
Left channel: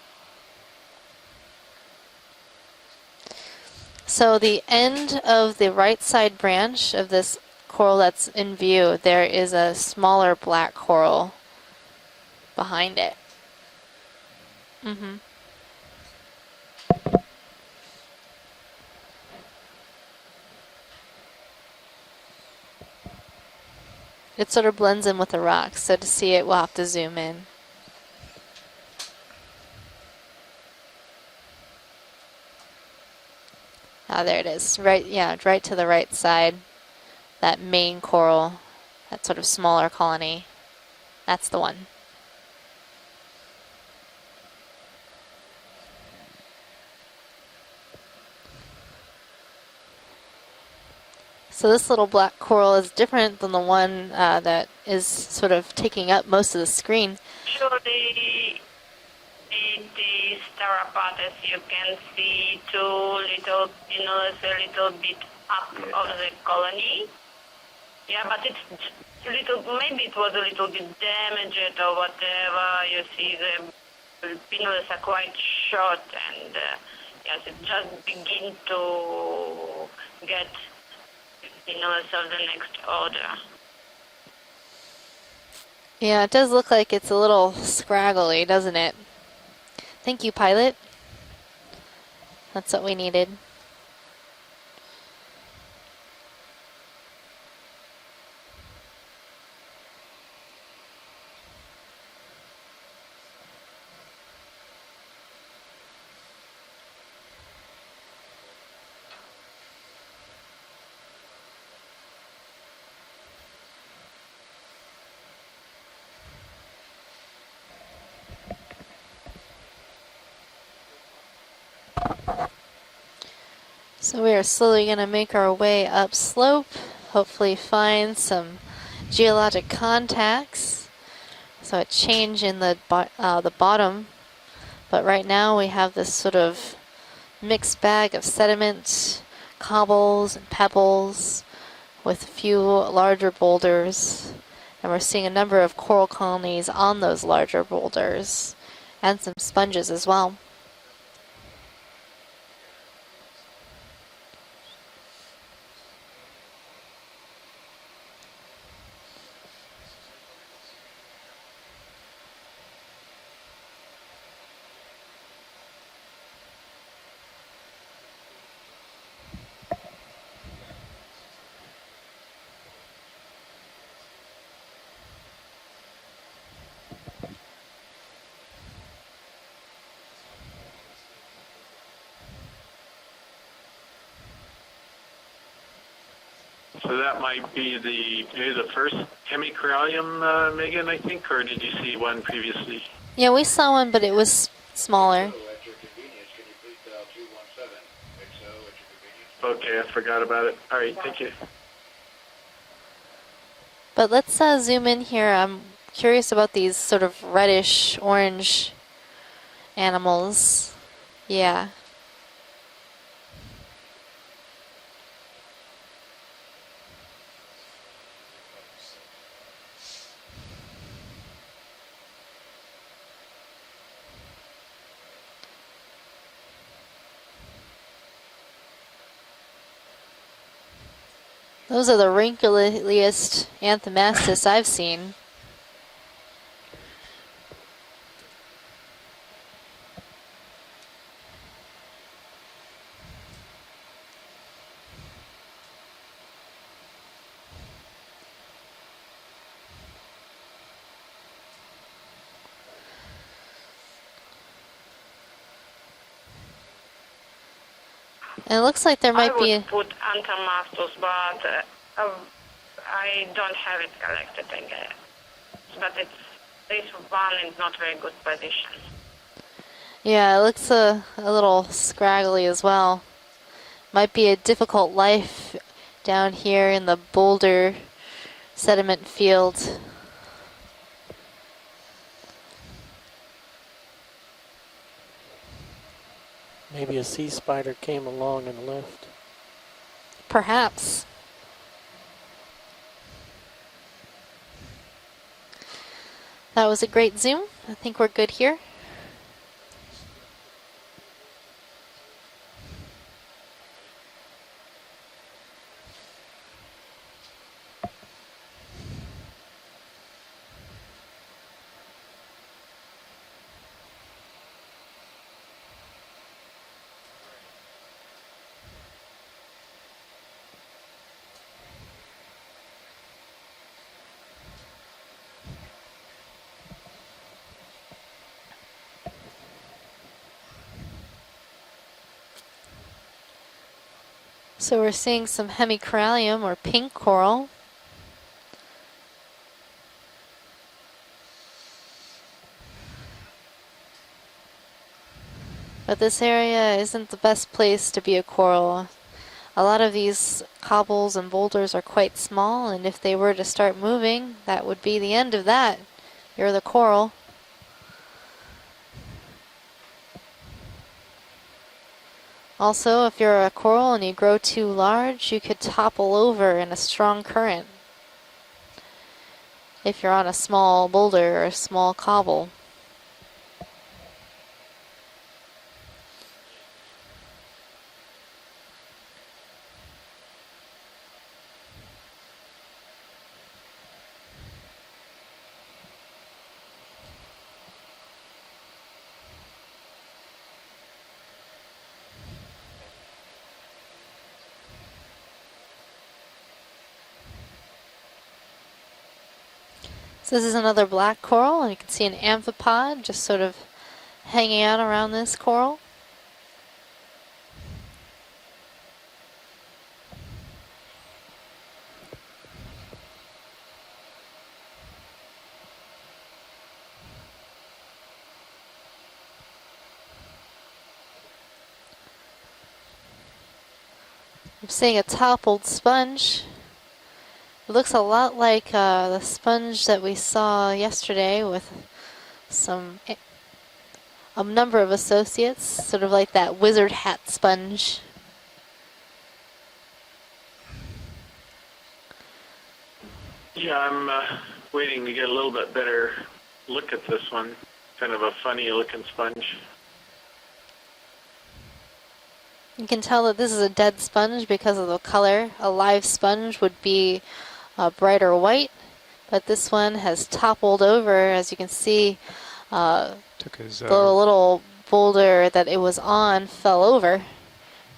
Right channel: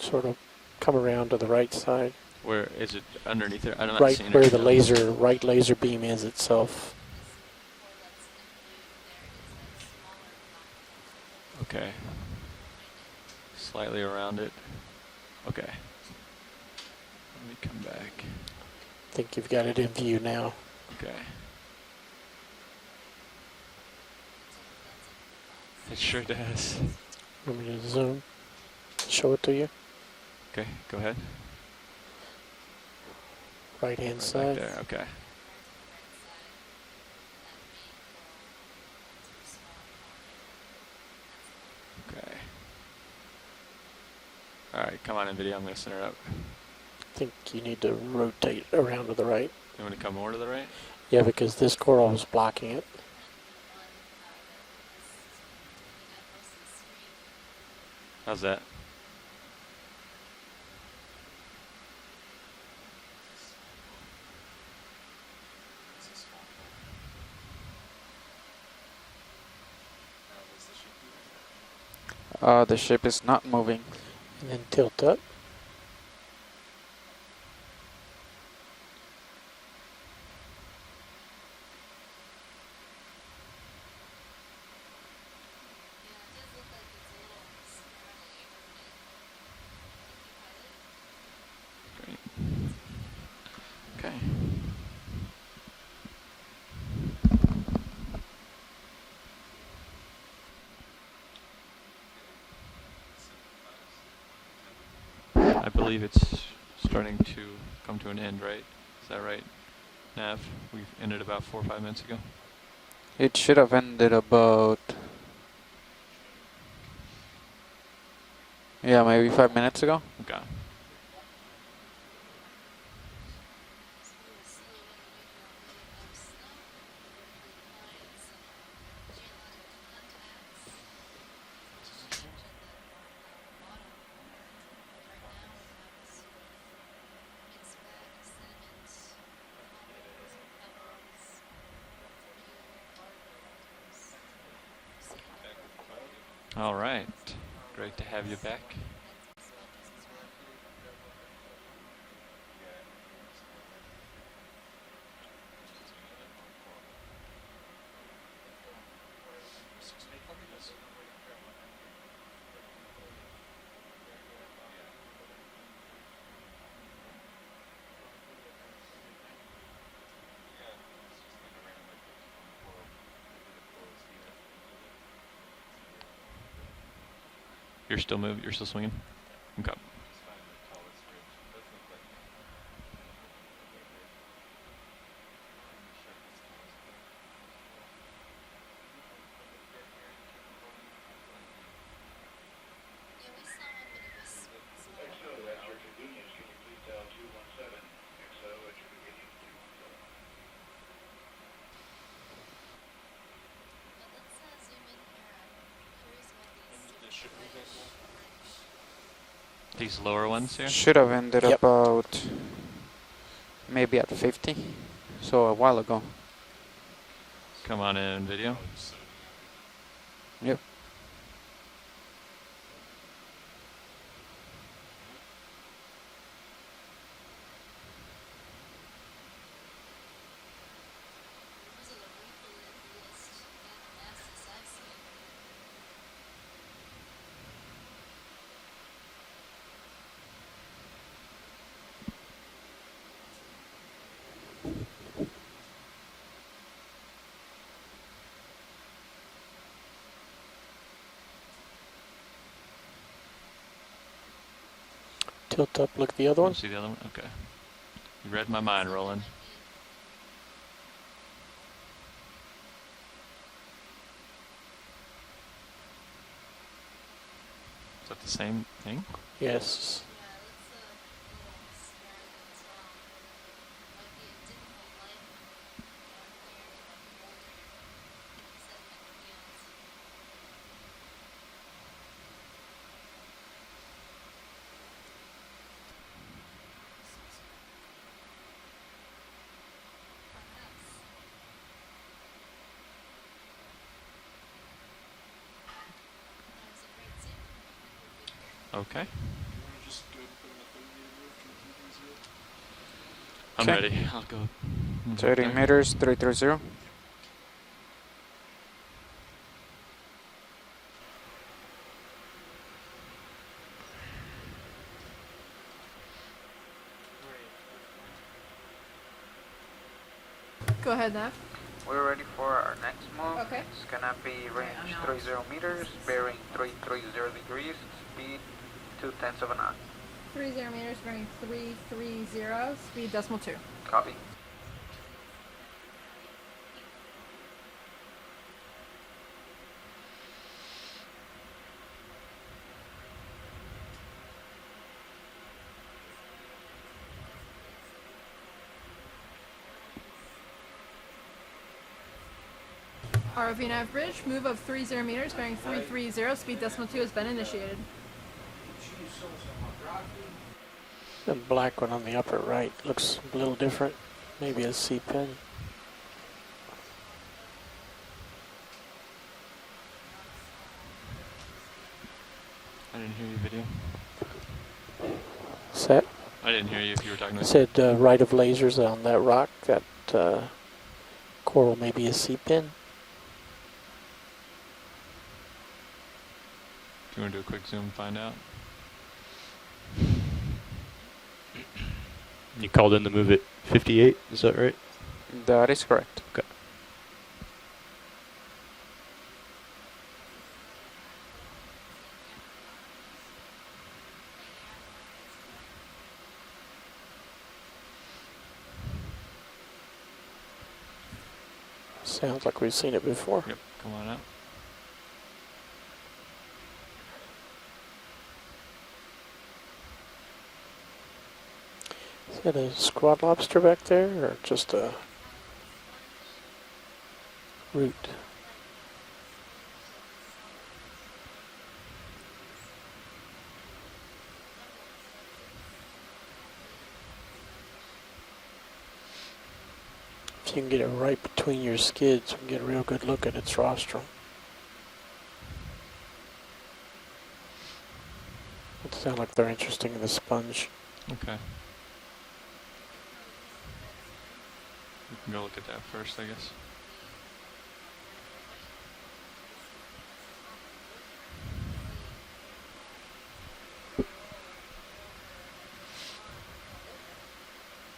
sort of come around to the right side. Where is it underneath there? I don't know. Right So where the laser, end right of laser the right beam is side itself. branch of this coral that's in view, there is a smaller black coral Okay. behind it. Slightly around it. Mm-hmm. Okay. Let me come back. I think you've got it in view now. Okay. It sort of blends in with the rocks, so to Sure see it, we'll does. have to zoom in. Want me to zoom? Show it to you. Okay, go ahead. Right hand Ah, there it side. is. Yeah, Right, okay. yeah, right to the right side. That main coral, that sort of smaller colony. That's the one. Okay. All right, come on in video. I'm going to center it up. I think you need to rotate around to the right. You want to come more to the right? Yeah, because So this this little coral black is blocking coral it. is different than the one that is sort of taking up most of the screen. How's that? The Starapates, you can see two little pinnacles a little bit up of the colony. Yeah, but it's little, maybe it was a little bit damaged or whatever. The ship You is see not the moving. pinnacles tilt are up. quite short, and yes, it just begin to get pinnacles of the next order. Yeah, it does look like it's a little scraggly, doesn't it? Thank you, Pilot. That's what we needed. Okay. I believe it's starting to come to an end, right? Is that right, Nav? We ended about 4 or 5 minutes ago. It should have ended about, yeah, maybe 5 minutes ago. Okay. So we are slowly going to make our way up slope, hopefully find some geologic contacts. So a change in the bottom, but right now we have this sort of mixed bag of sediment, cobbles and pebbles, with a few larger boulders, and we're seeing a number of coral colonies All on right. those larger Great to have you boulders, back. and some sponges as well. You're still moving. You're still swinging. Okay. So that might be maybe the first hemicorallium, Megan, I think, or did you see one previously? Yeah, we saw one, but it was smaller. Okay, I forgot about it. All right, thank you. But let's zoom in here. I'm curious about these sort of reddish orange animals. Should have ended Yeah. about maybe at 50, so a while ago. Come on in, video. Yep. Those are the wrinkliest Anthomastus I've seen. Tilt up, look at the other one. See the other one? Okay. You read And it my looks mind, like there Roland. might be I would put Anthomastus, but I don't have it collected, I guess. But this one is not very good Is that the position. same thing? Yes. Yeah, it looks a little scraggly as well. Might be a difficult life down here in the boulder sediment field. Maybe a sea spider came along and left. Perhaps. That was a great zoom. I think we're good here. Okay. I'm Okay. ready. I'll go. 30 meters, 330. Go ahead, Nav. We're ready for our next move. Okay. It's gonna be range 30 meters, bearing 330 degrees, speed 0.2 of a knot. 30 meters, bearing 330, speed decimal 2. Copy. So we're seeing some hemicorallium or pink coral. But this area isn't the best place to be a coral. A lot of these cobbles and boulders are quite small, and if they were to start moving, that would be the end of that. You're the coral. The black one on the upper right. Also, looks if you're a little coral different. and you grow Maybe too a sea large, pen. you could topple over in a strong current. If you're on a small boulder or a small cobble. I didn't hear you, video. Set. I didn't hear you if you were talking I about. said right of lasers on that rock. That coral may be a sea pin. Do you want to do a quick zoom and find out? You called in the move at 58, is that right? That is correct. Okay. So this is another black coral, and you can see an amphipod just sort of hanging out around this coral. Sounds like we've seen it before. Yep. Come on out. Is that a squat lobster back there, or just I'm seeing a toppled sponge. It looks a lot like the sponge that we saw yesterday with a number of associates, sort of like that wizard hat sponge. If you can get it right between your skids, we can get a real good look at its Yeah, roster. I'm waiting to get a little bit better look at this one. Kind of a funny looking Sounds like sponge. they're interesting in the sponge. Okay. You can tell that this is a dead sponge because of the color. A live sponge would be brighter white, but this one has toppled over. As you can see, Took his, the little boulder that it was on fell over,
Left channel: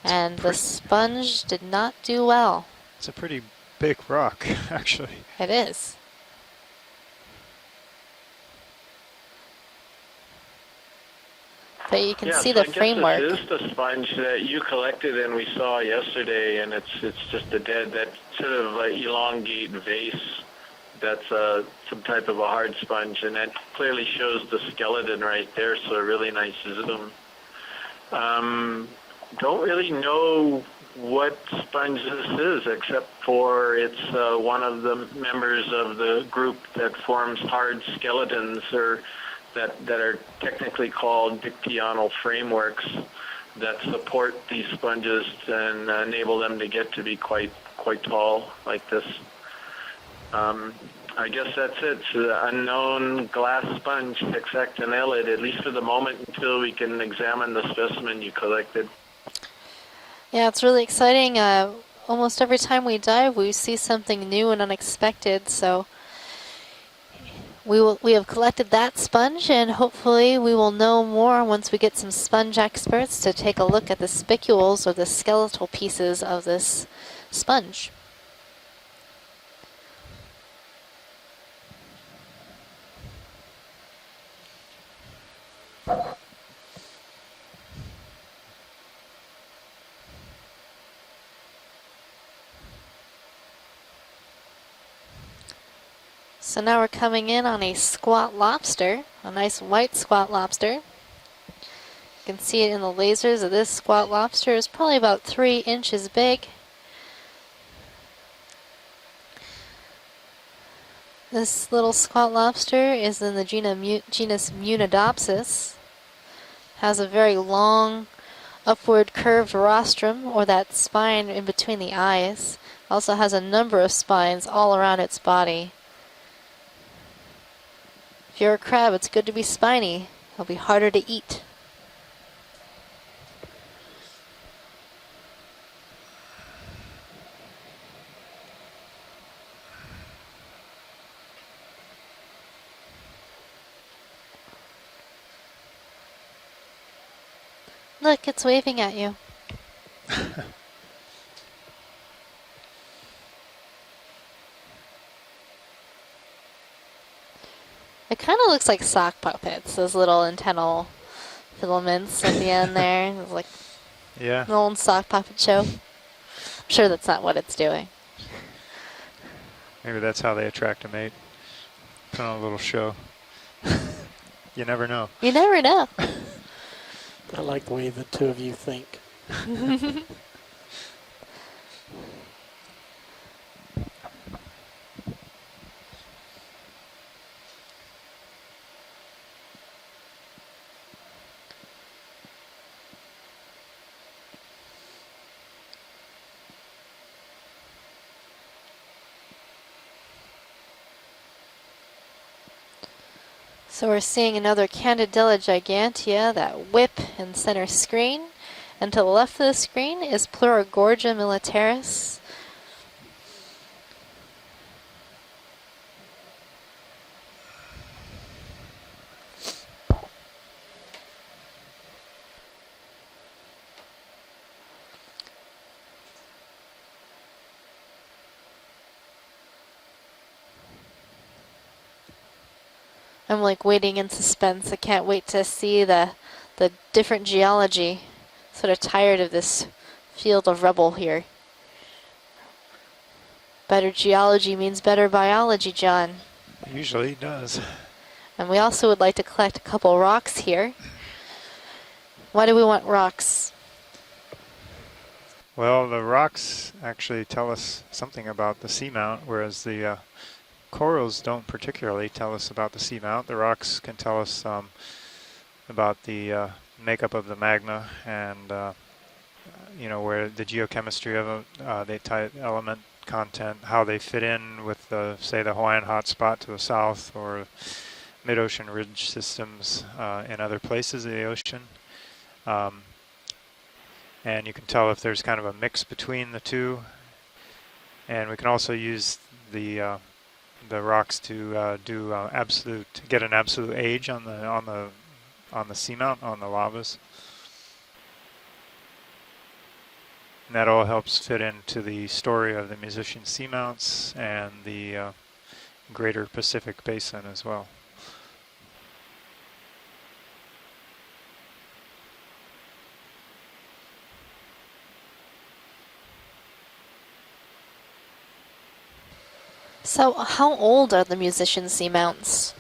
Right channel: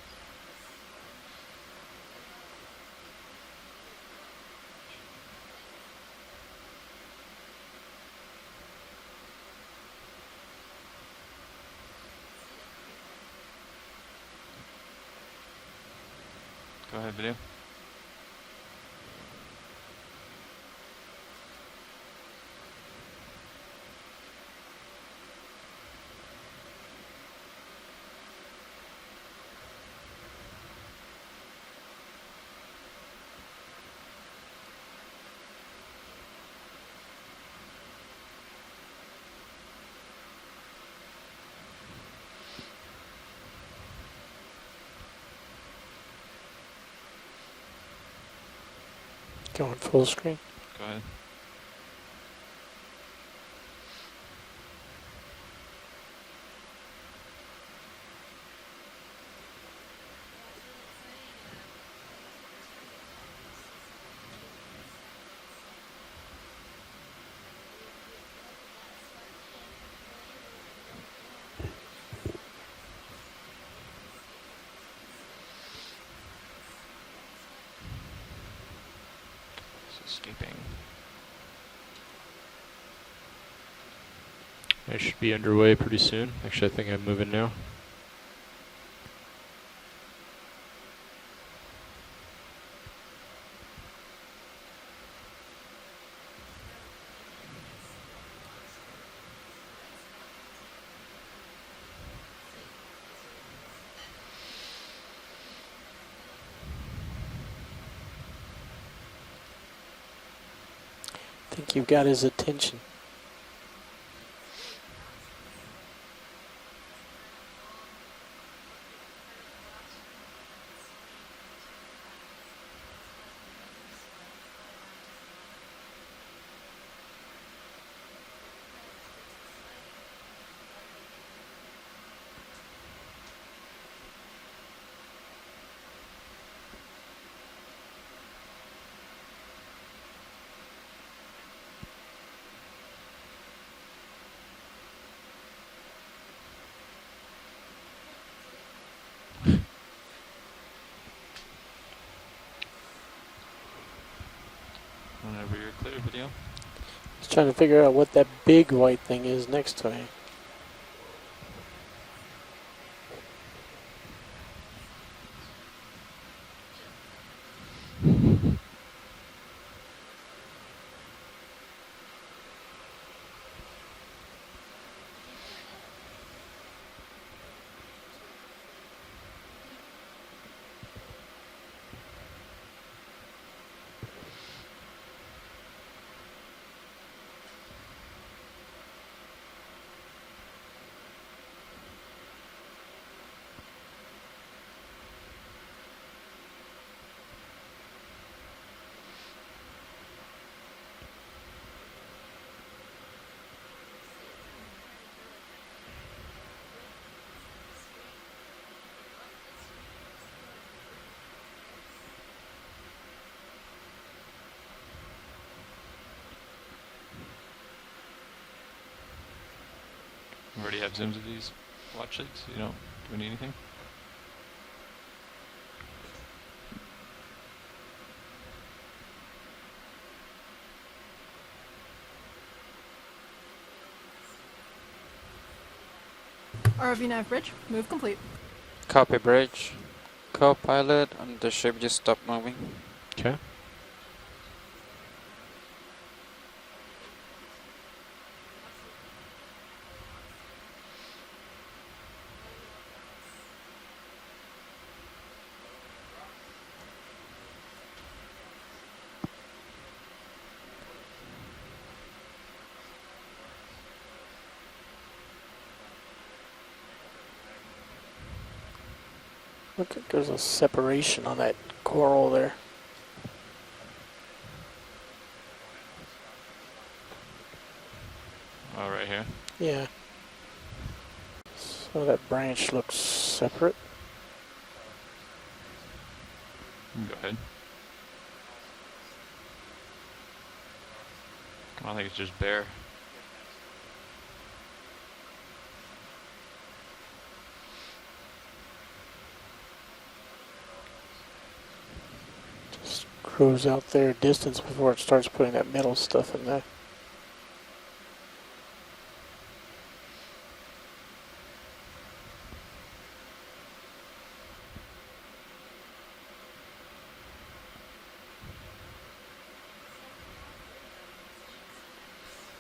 and the sponge did not do well. it's a pretty big rock, actually. It is. but you can see so the framework. This is the sponge that you collected and we saw yesterday, and it's just a that sort of elongate vase. That's some type of a hard sponge, and that clearly shows the skeleton right there, so a really nice zoom. Don't really know what sponge this is, except for it's one of the members of the group that forms hard skeletons, or that are technically called dictyonal frameworks that support these sponges and enable them to get to be quite tall like this. Going full screen. I guess that's it. It's an unknown glass sponge, hexactinellid, at least for the moment, until we can examine the specimen you collected. Yeah, it's really exciting. Almost every time we dive, we see something new and unexpected. So we have collected that sponge, and hopefully we will know more once we get some sponge experts to take a look at the spicules or the skeletal pieces of this sponge. I should be underway pretty soon. Actually, I think I'm moving now. So now we're coming in on a squat lobster, a nice white squat lobster. You can see it in the lasers of this squat lobster. Is probably about 3 inches big. This little spot lobster is in the genus Munidopsis. Has a very long, upward curved rostrum, or that spine in between the eyes. Also has a number of spines all around its body. If you're a crab, it's good to be spiny. It'll be harder to eat. Look, it's waving at you. Whenever you're clear, video. Just trying to figure out what that It kind of big looks like white sock thing is puppets. next Those to it. little antennal filaments at the end there. It's like Yeah. an old sock puppet show. I'm sure that's not what it's doing. Maybe that's how they attract a mate. Put on a little show. You never know. You never know. I like the way the two of you think. So we're seeing another Candidella gigantea, that whip in center screen. And to the left of the screen is Pleurogorgia militaris. You already have zooms of these watch lights? You don't, do we need anything? I'm like waiting in suspense. I can't wait to see the different geology. Sort of tired of this field of rubble here. And the ship just stopped moving. Okay. Better geology means better biology, John. It usually does. And we also would like to collect a couple rocks here. Why do we want rocks? Well, the rocks actually tell us something about the seamount, whereas the corals don't particularly tell us about the seamount. The rocks can tell us about the makeup of the magma and you know, where the geochemistry of them, the type element content, how they fit in with the, say, the Hawaiian hotspot to the south, or mid-ocean ridge systems in other places of the ocean. So that branch looks separate. And you can tell if there's kind of a mix between the two. Go ahead. And we can also use the rocks to get an absolute age on the seamount, on the lavas. And that all helps fit into the story of the musician seamounts out there distance before it starts putting that middle greater stuff in Pacific Basin as well. So how old are the musician seamounts?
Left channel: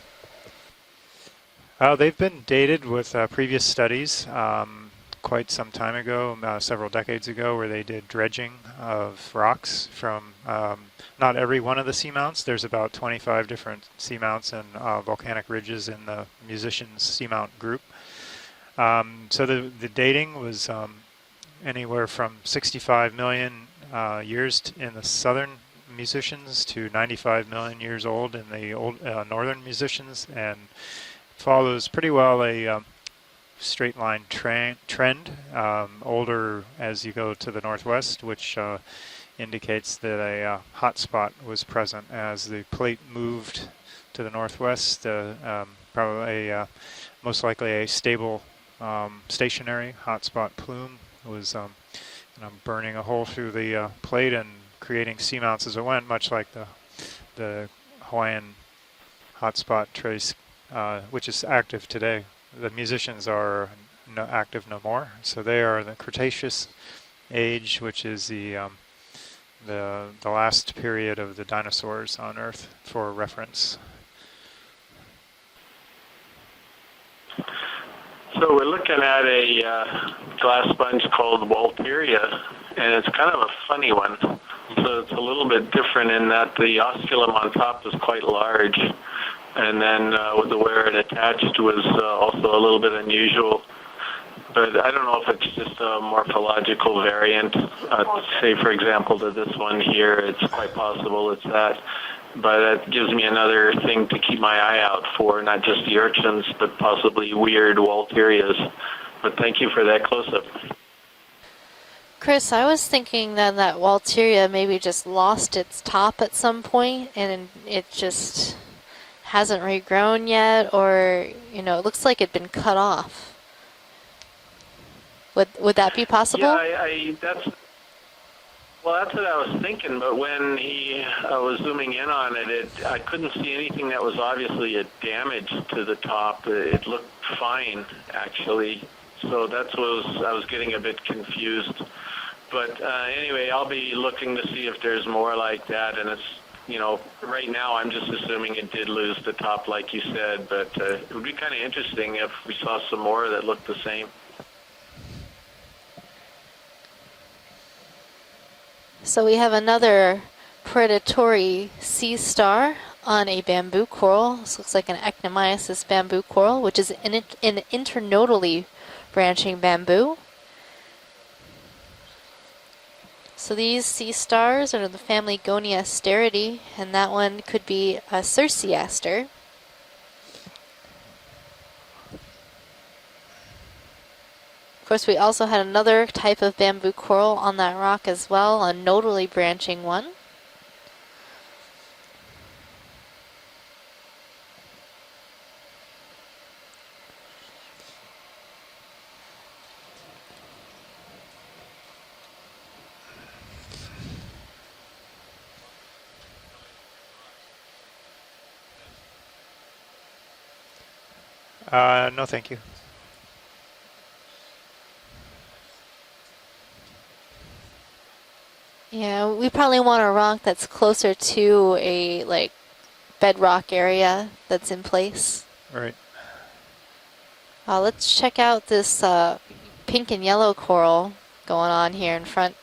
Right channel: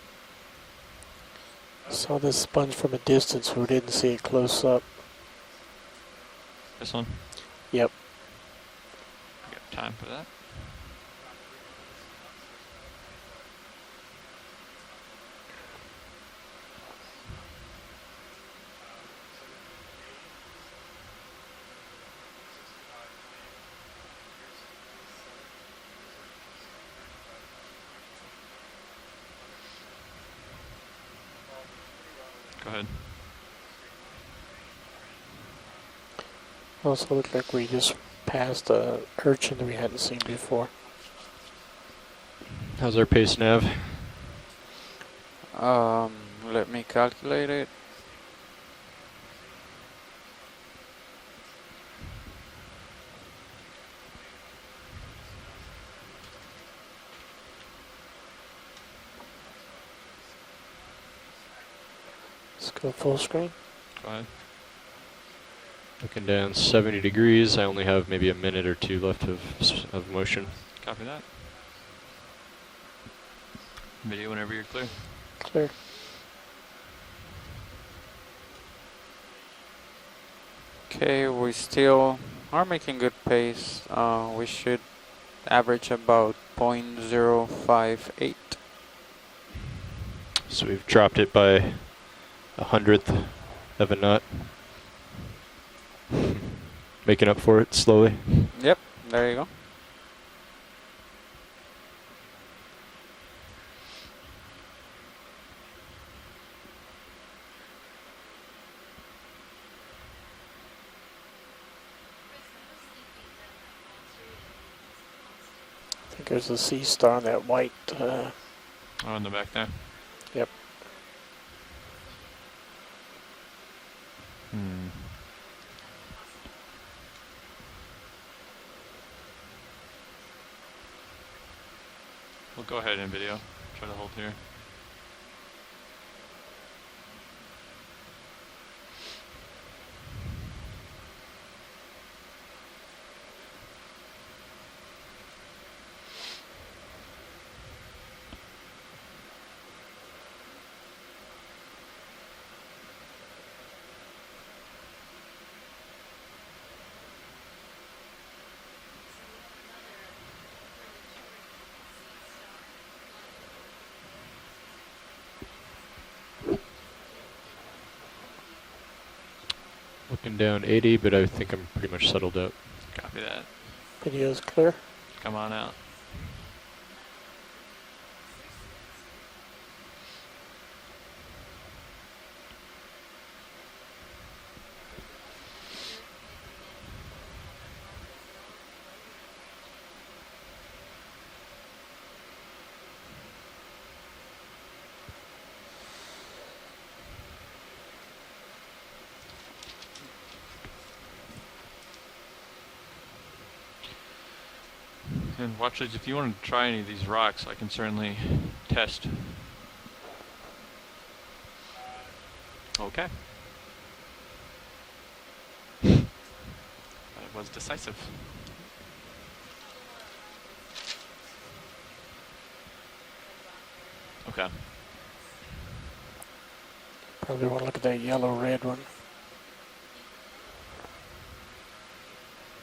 They've So been this one dated from a with distance, previous we did see studies it close up. quite some time ago, several This one? decades ago, where they Yep. did dredging of rocks Time for from not every one of the seamounts. There's about 25 different seamounts and volcanic ridges in the musicians seamount group. So the dating was anywhere from 65 million years in the southern musicians to 95 million years old in the old northern musicians, and follows pretty well a straight line trend, older as you Also go looks to like the we just northwest, which passed a urchin we indicates hadn't that seen a before. hot spot was present as the How's plate our pace, moved Nav? to the northwest. Probably Let me calculate most likely it. a stable, stationary hotspot plume was burning a hole through the plate and creating seamounts as it went, much like the Hawaiian hotspot trace, which is active today. The Let's go musicians full are active no more, so they are the Down Cretaceous 70 degrees. I age, only which have maybe is a minute or two left of the motion. last period of the dinosaurs on Earth, for reference. Video whenever you're clear. Clear. So we're looking at a glass sponge Okay, called we still Walteria, are making and good it's kind of a pace. funny one. We should So it's a little bit average different in about that the osculum on top is quite 0.058. large, and then with the So where it dropped it attached by was also a little bit 100th unusual. of a knot. But I don't know if it's just a morphological Make it up variant. for it slowly. Say, for Yep, example, there to you go. this one here, it's quite possible it's that. But that gives me another thing to keep my eye out for, not just the urchins, but possibly weird Walterias. But thank you for that close-up. Chris, I was thinking that Walteria maybe just lost its top at There's some a sea point, star and that might, it just Oh, on the hasn't right side. regrown yet, or it looks like it'd been cut off. Would that be possible? Yeah, that's what I was thinking. But when he was zooming in on it, Go I ahead and couldn't video. see anything that was obviously a damage to the top. It looked fine, actually. So that's what I was getting a bit confused. But anyway, I'll be looking to see if there's more like that. And it's, right now I'm just assuming it did lose the top, like you said. But it would be kind of interesting if we saw some more that looked the same. So we have another predatory sea star on a bamboo coral. This looks like an Ectomyces bamboo coral, which is an internodally branching bamboo. Up and down 80, but I think I'm pretty much settled out. Copy that. So these sea Video's stars clear. are the family Come on out. Goniasteridi, and that one could be a Circeaster. Of course, we also had another type of bamboo coral on that rock as well, a nodally branching one. And watchers, if you want to try any of these rocks, I can certainly test. No, thank you. Okay. That was decisive. Yeah, we probably want a rock that's closer to a bedrock area Okay. that's in place. Right. Probably want to look at that Let's yellow check out red one. this pink and yellow coral going on here in front.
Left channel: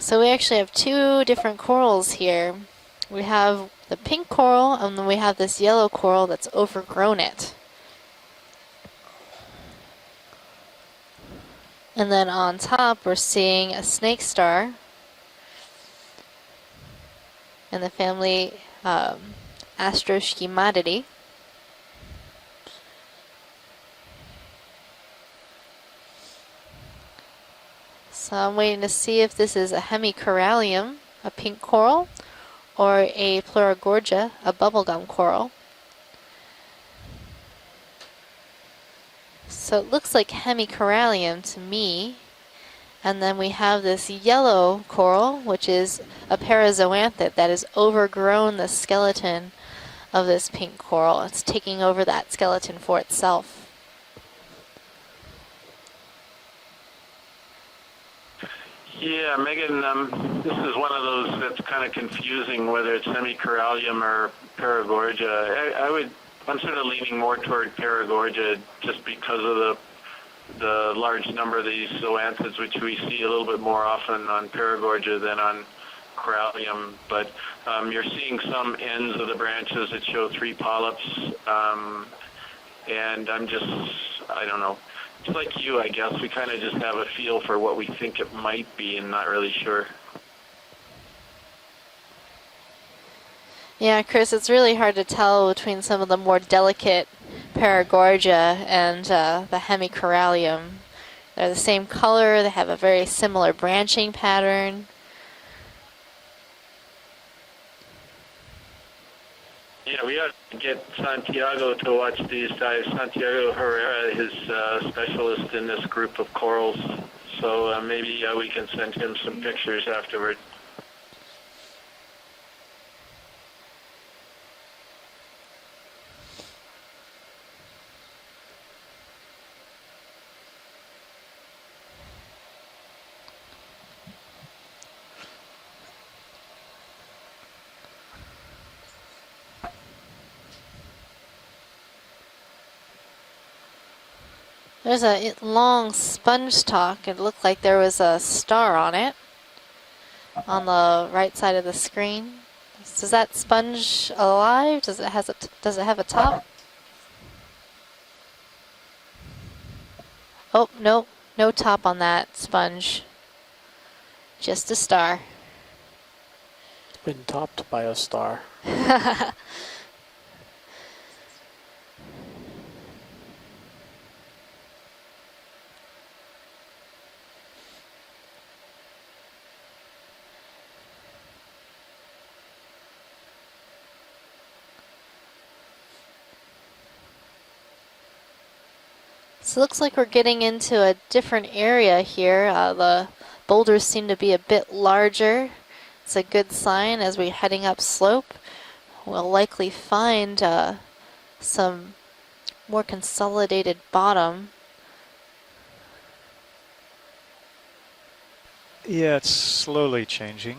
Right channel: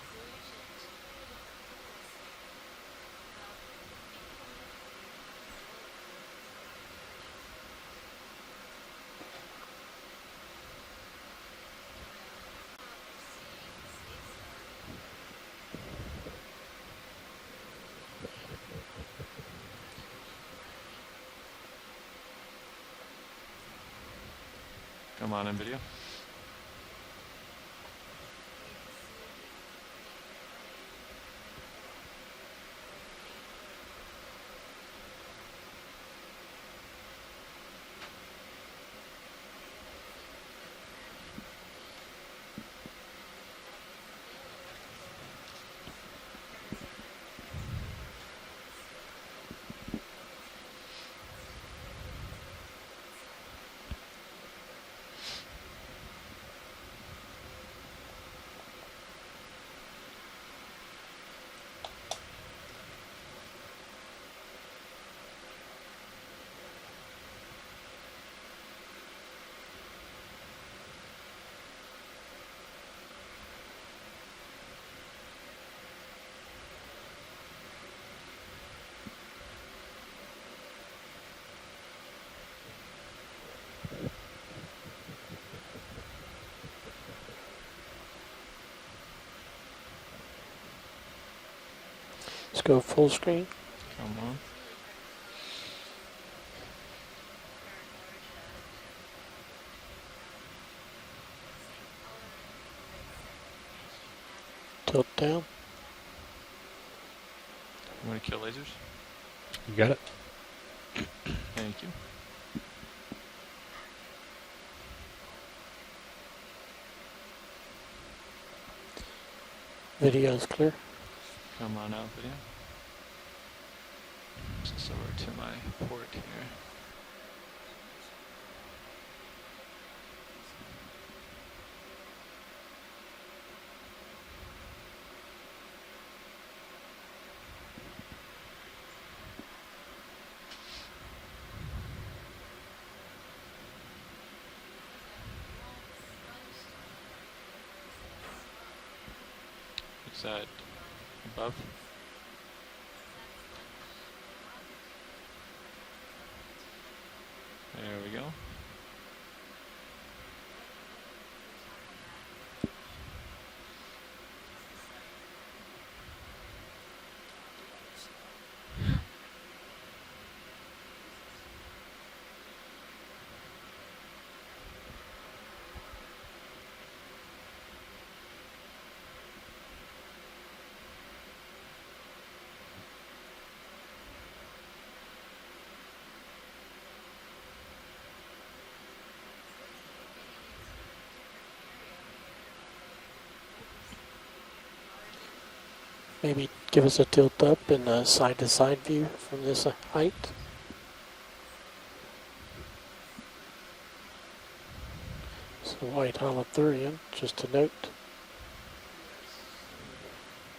So we actually have two different corals here. We have the pink coral, and then we have this yellow coral that's overgrown it. And then on top, we're seeing a snake star in the family Astroschematidae. Come on in video. So I'm waiting to see if this is a hemicorallium, a pink coral, or a Pleurogorgia, a bubblegum coral. So it looks like hemicorallium to me. And then we have this yellow coral, which is a parazoanthid that has overgrown the skeleton of this pink coral. It's taking over that skeleton for itself. Yeah, Megan, this is one of those that's kind of confusing, whether it's hemicorallium or Paragorgia. I'm sort of leaning more toward Paragorgia just because of the large number of these zoanthids, which we see a little bit more often on Paragorgia than on corallium. But you're seeing some ends of the branches that show 3 polyps, and I don't know. It's like you, I guess. We kind of just have a feel for what we think it might be and not really sure. Let's go full screen. Yeah, Chris, it's really hard to tell between some of the more delicate Paragorgia and the hemicorallium. They're the same color, they have a very similar branching pattern. Tilt down. You want to kill lasers? You got it? Yeah, we ought to get Santiago to watch these dives. Santiago Herrera is specialist in this group of corals. So maybe we can send him some pictures Video afterwards. is clear. Come on out, video. Just over to my port here. There's a long sponge stalk. It looked like there was a star on it. On the right side of the screen. Is that sponge alive? Does it have a top? There we go. Oh, no. No top on that sponge. Just a star. It's been topped by a star. So it looks like we're getting into a different area here. The boulders seem to be a bit larger. It's a good sign as we're heading up slope. Side-to-side view. We'll likely find some more consolidated bottom. So white holothurium, just a note. Yeah, it's slowly changing.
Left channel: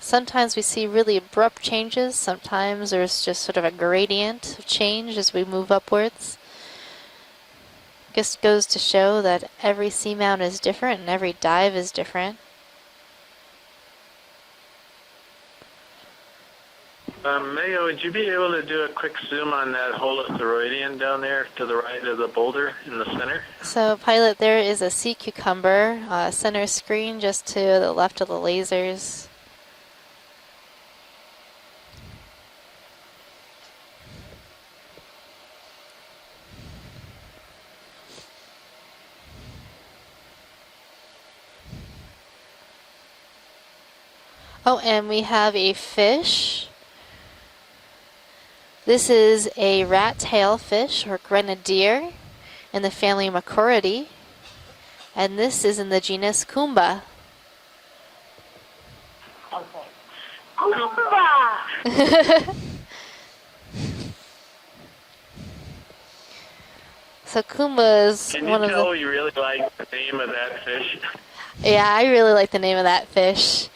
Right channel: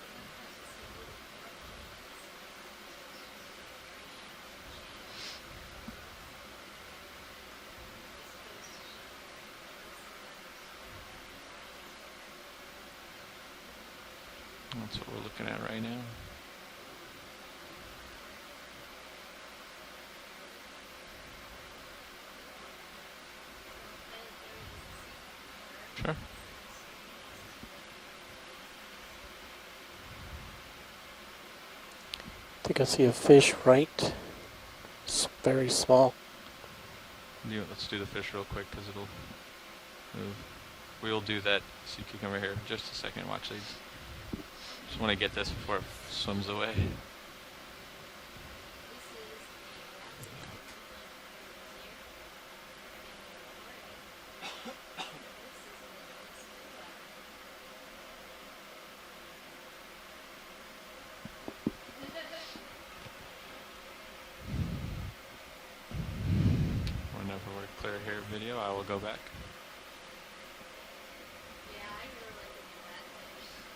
Sometimes we see really abrupt changes. Sometimes there's just sort of a gradient of change as we move upwards. Just goes to show that every seamount is different and every dive is different. That's what we're looking at right now. Mayo, would you be able to do a quick zoom on that holothuroidean down there to the right of the boulder in the center? So, pilot, there is a sea cucumber, center screen just to the left of the lasers. I think I see a fish right. It's very small. Let's do the fish real quick because we'll do that sea cucumber here in just a second. Watch these. Oh, and we have a fish. This is a rat tail fish or grenadier in the family Macroridae. And this is in the genus Kumba. Kumba! So Kumba is one of the... Can you tell you really like the name of that fish? Yeah, I really like the name of that fish.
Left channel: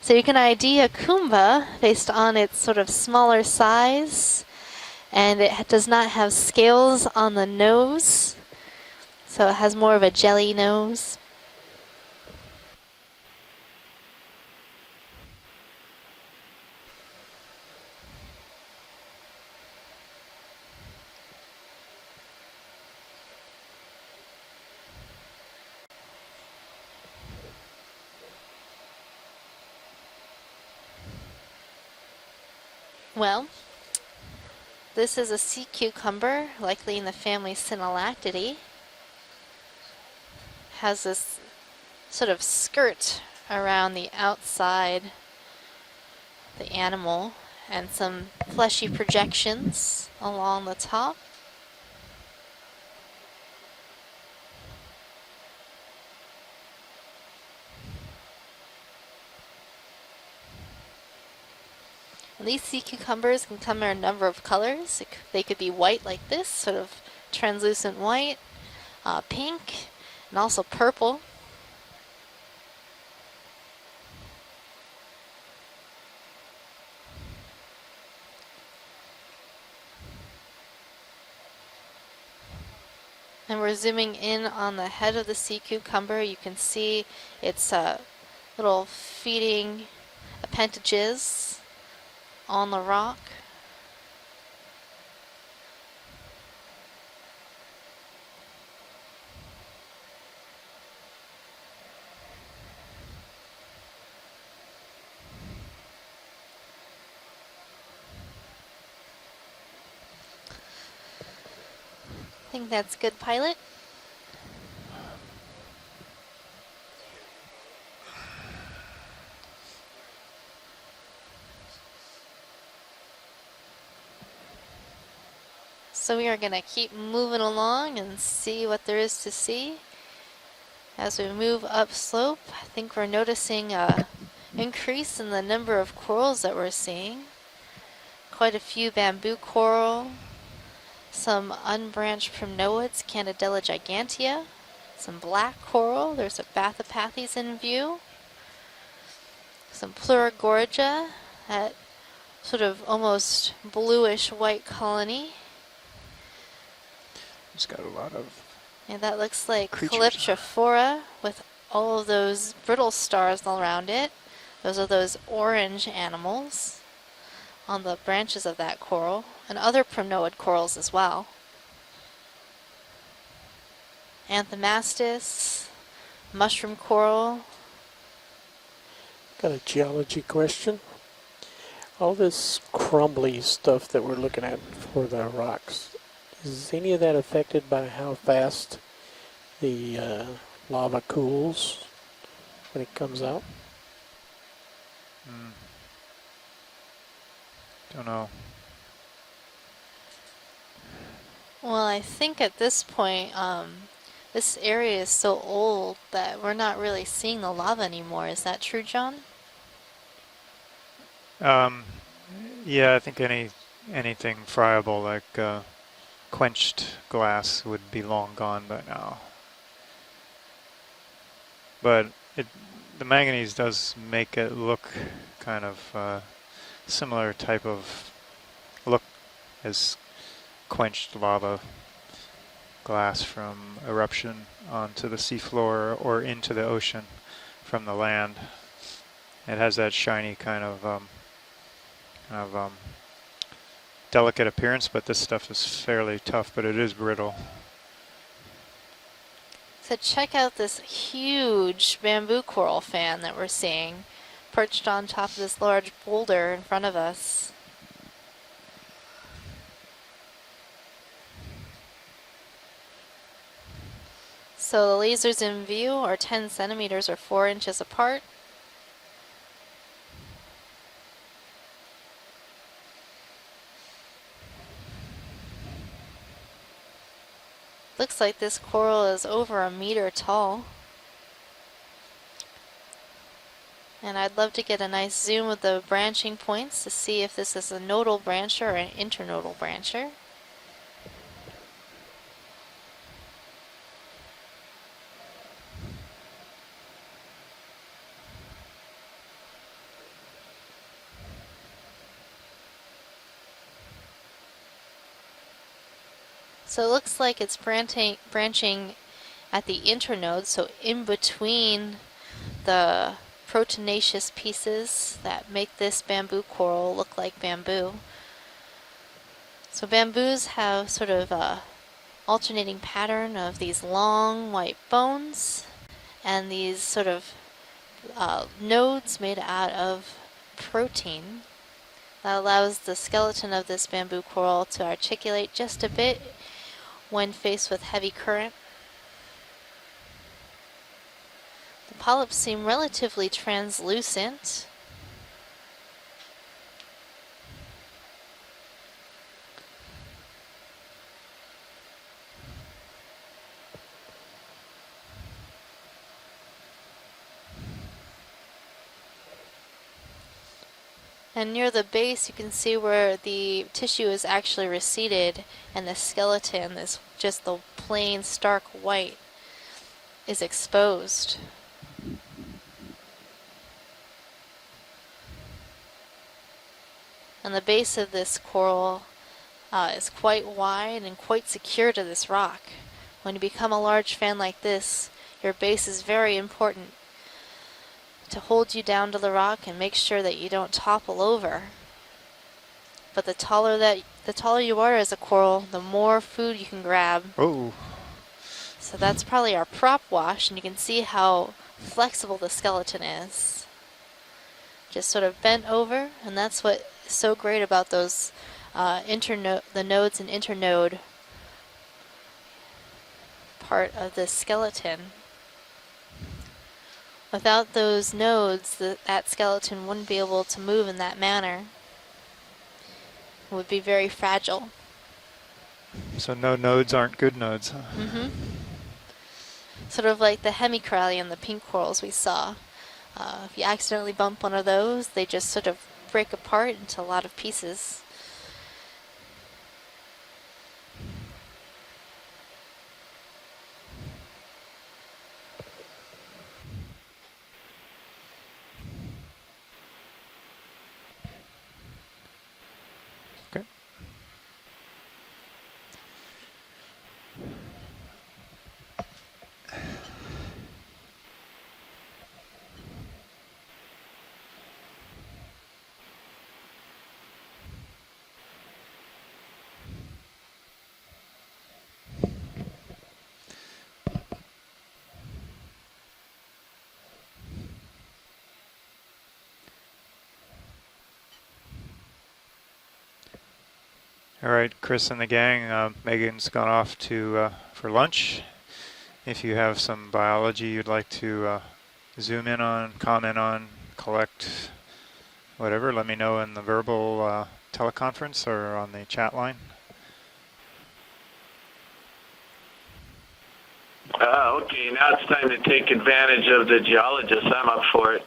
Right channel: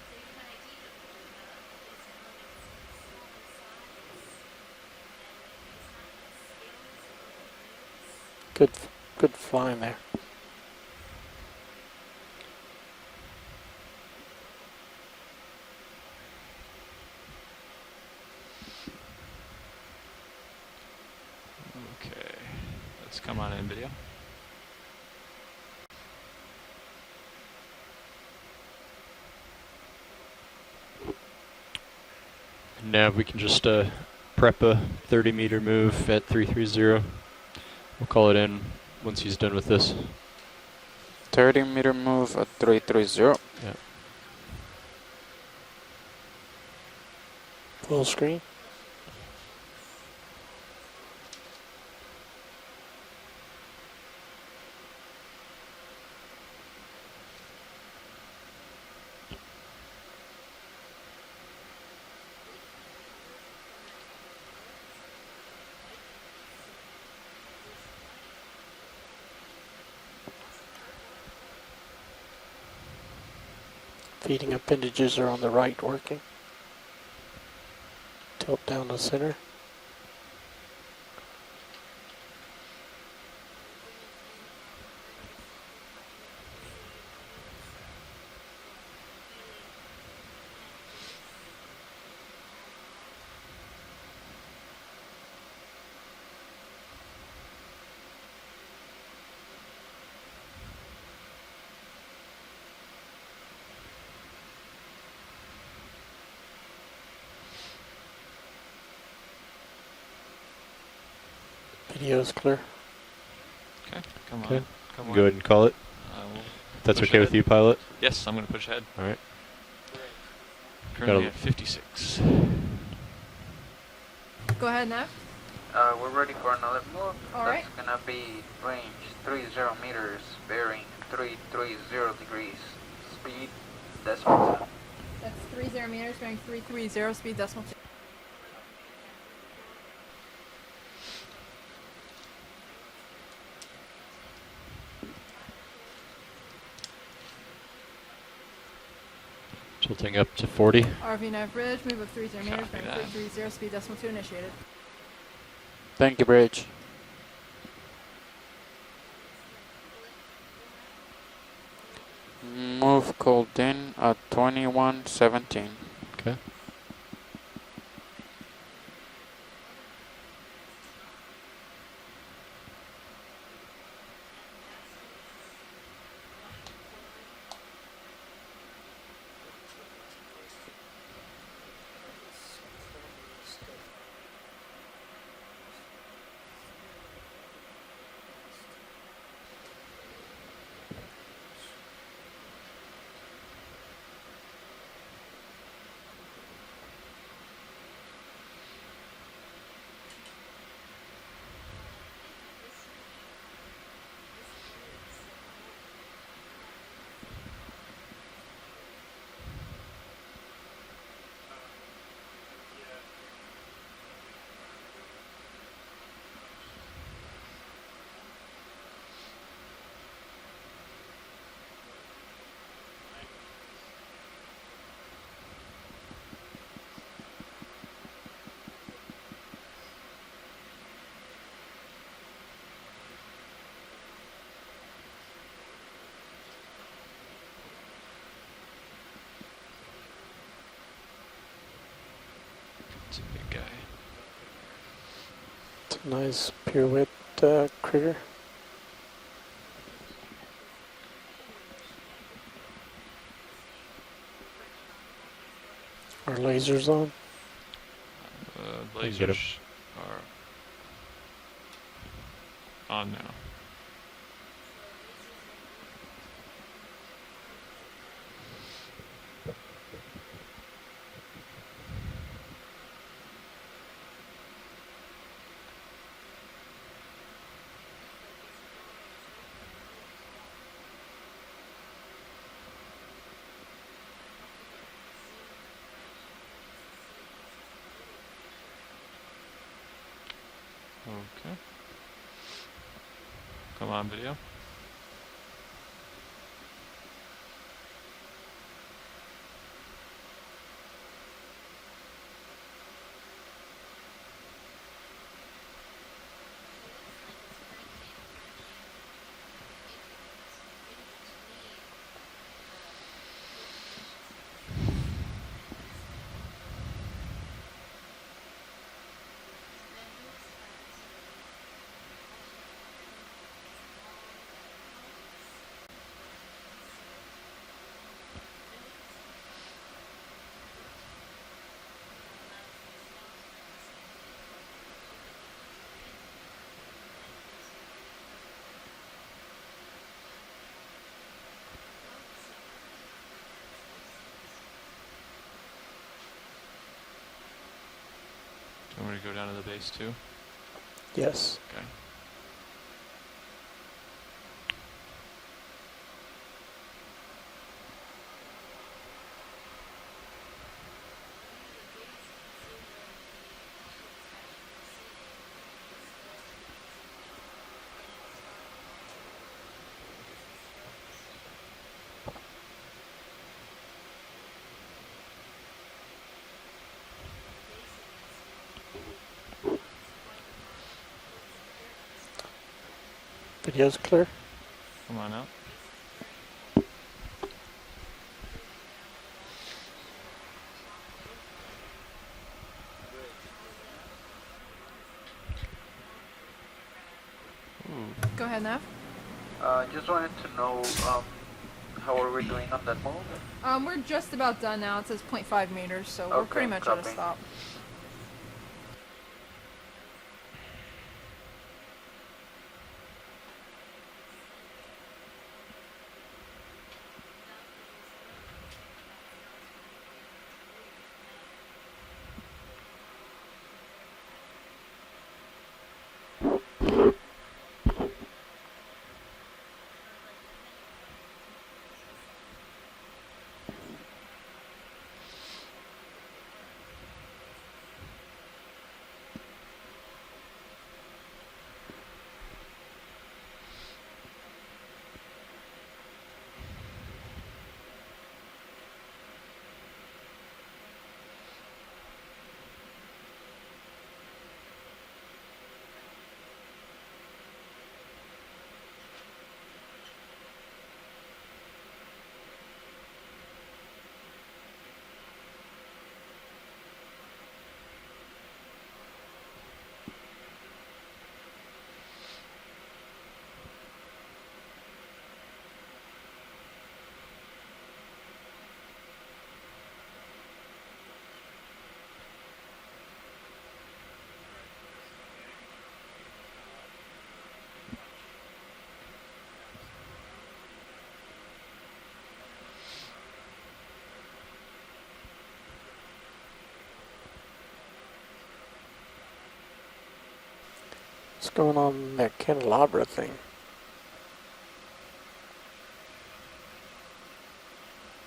So you can ID a Kumba based on its sort of smaller size, and it does not have scales on the nose. Good so it has find more there. of a jelly nose. Okay, let's come on in video. Now we Well, can just prep a This 30 is a meter sea move at cucumber, likely 330. in the family Synallactidae. Call it in once he's done with this. Has this 30 meter move sort of at skirt 330. around the outside the animal and Full some screen. fleshy projections along the top. And these sea cucumbers can come in a number of colors. They could be white like this, sort of translucent white, pink, and also purple. Feeding appendages are on the right working. Tilt down the center. And we're zooming in on the head of the sea cucumber. You can see its little feeding appendages on the rock. Video's I clear. think that's good, pilot. Okay, come Okay. on. Come on. Go ahead and call it. We'll That's push okay with ahead. you, pilot? Yes, I'm going to push ahead. All right. Currently at 56. Go ahead, Nav. So we are going to keep moving along and see what there is to see. As we move upslope, I think we're noticing an increase in the number of corals that we're seeing. Quite a few bamboo coral, some unbranched primnoids, Candidella gigantea, some black coral. There's a Bathypathes in view. Some Something up to 40. Plurigorgia, sort of almost bluish white colony. Thank you, Bridge. It's got a lot of And that looks like creatures. Calyptrophora with all of those brittle Move stars cold around in it. at Those are those 21:17. orange animals on the branches of that coral, and other primnoid corals as well. Anthomastus, mushroom coral. Got a geology question. All this crumbly stuff that we're looking at for the rocks, is any of that affected by how fast the lava cools when it comes out? Don't know. Well, I think at this point, this area is so old that we're not really seeing the lava anymore. Is that true, John? Yeah, I think anything friable like quenched glass would be long gone by now. But the manganese does make it look kind of similar type of look as quenched lava glass from eruption onto the seafloor or into the ocean from the land. It has that shiny kind of It's a big guy. delicate appearance, but this stuff is fairly Nice tough, but it is pirouette, brittle. Critter. So check out this huge bamboo coral fan that we're seeing perched on top of this large boulder in front of lasers on? us. Get Lasers him. are on now. So the lasers in view are 10 centimeters or 4 inches apart. Looks like this coral is over 1 meter tall. And I'd love to get a nice zoom of the branching points to see if this is a nodal brancher or an internodal brancher. Okay. Come on, video. So it looks like it's branching at the internode, so in between the proteinaceous pieces that make this bamboo coral look like bamboo. So bamboos have sort of a alternating pattern of these long white bones and these sort of nodes made out of protein that allows the skeleton of this bamboo coral to articulate just a bit when faced with heavy current. The polyps seem relatively translucent. Do you want me to go down to the base too? Yes. Okay. And near the base, you can see where the tissue is actually receded, and the skeleton is just the plain stark white is exposed. And the base of this coral is quite wide and quite secure to this rock. When you become a large fan like this, your base is very important to hold you down to the rock and make sure that you don't topple over. But the taller you are as a coral, the more food you can grab. Oh. Go ahead, Nev. So that's probably our prop wash, and you can see how flexible the skeleton is. We're just about done now. Just so sort of bent over, meters, so and that's what's so great about those the nodes and internode part of the skeleton. Without those nodes, that skeleton wouldn't be able to move in that manner. It would be very fragile. So no nodes aren't good nodes, huh? Mm-hmm. Sort of like the hemicorallium, the pink corals we saw. If you accidentally bump one of those, they just sort of break apart into a lot of pieces. All right, Chris and the gang, Megan's gone off to for lunch. If you have some biology you'd like to zoom in on, comment on, collect, whatever, let me know in the verbal teleconference or on the chat line. What's going on in that candelabra thing? Okay, now it's time to take advantage of the geologists. I'm up for it.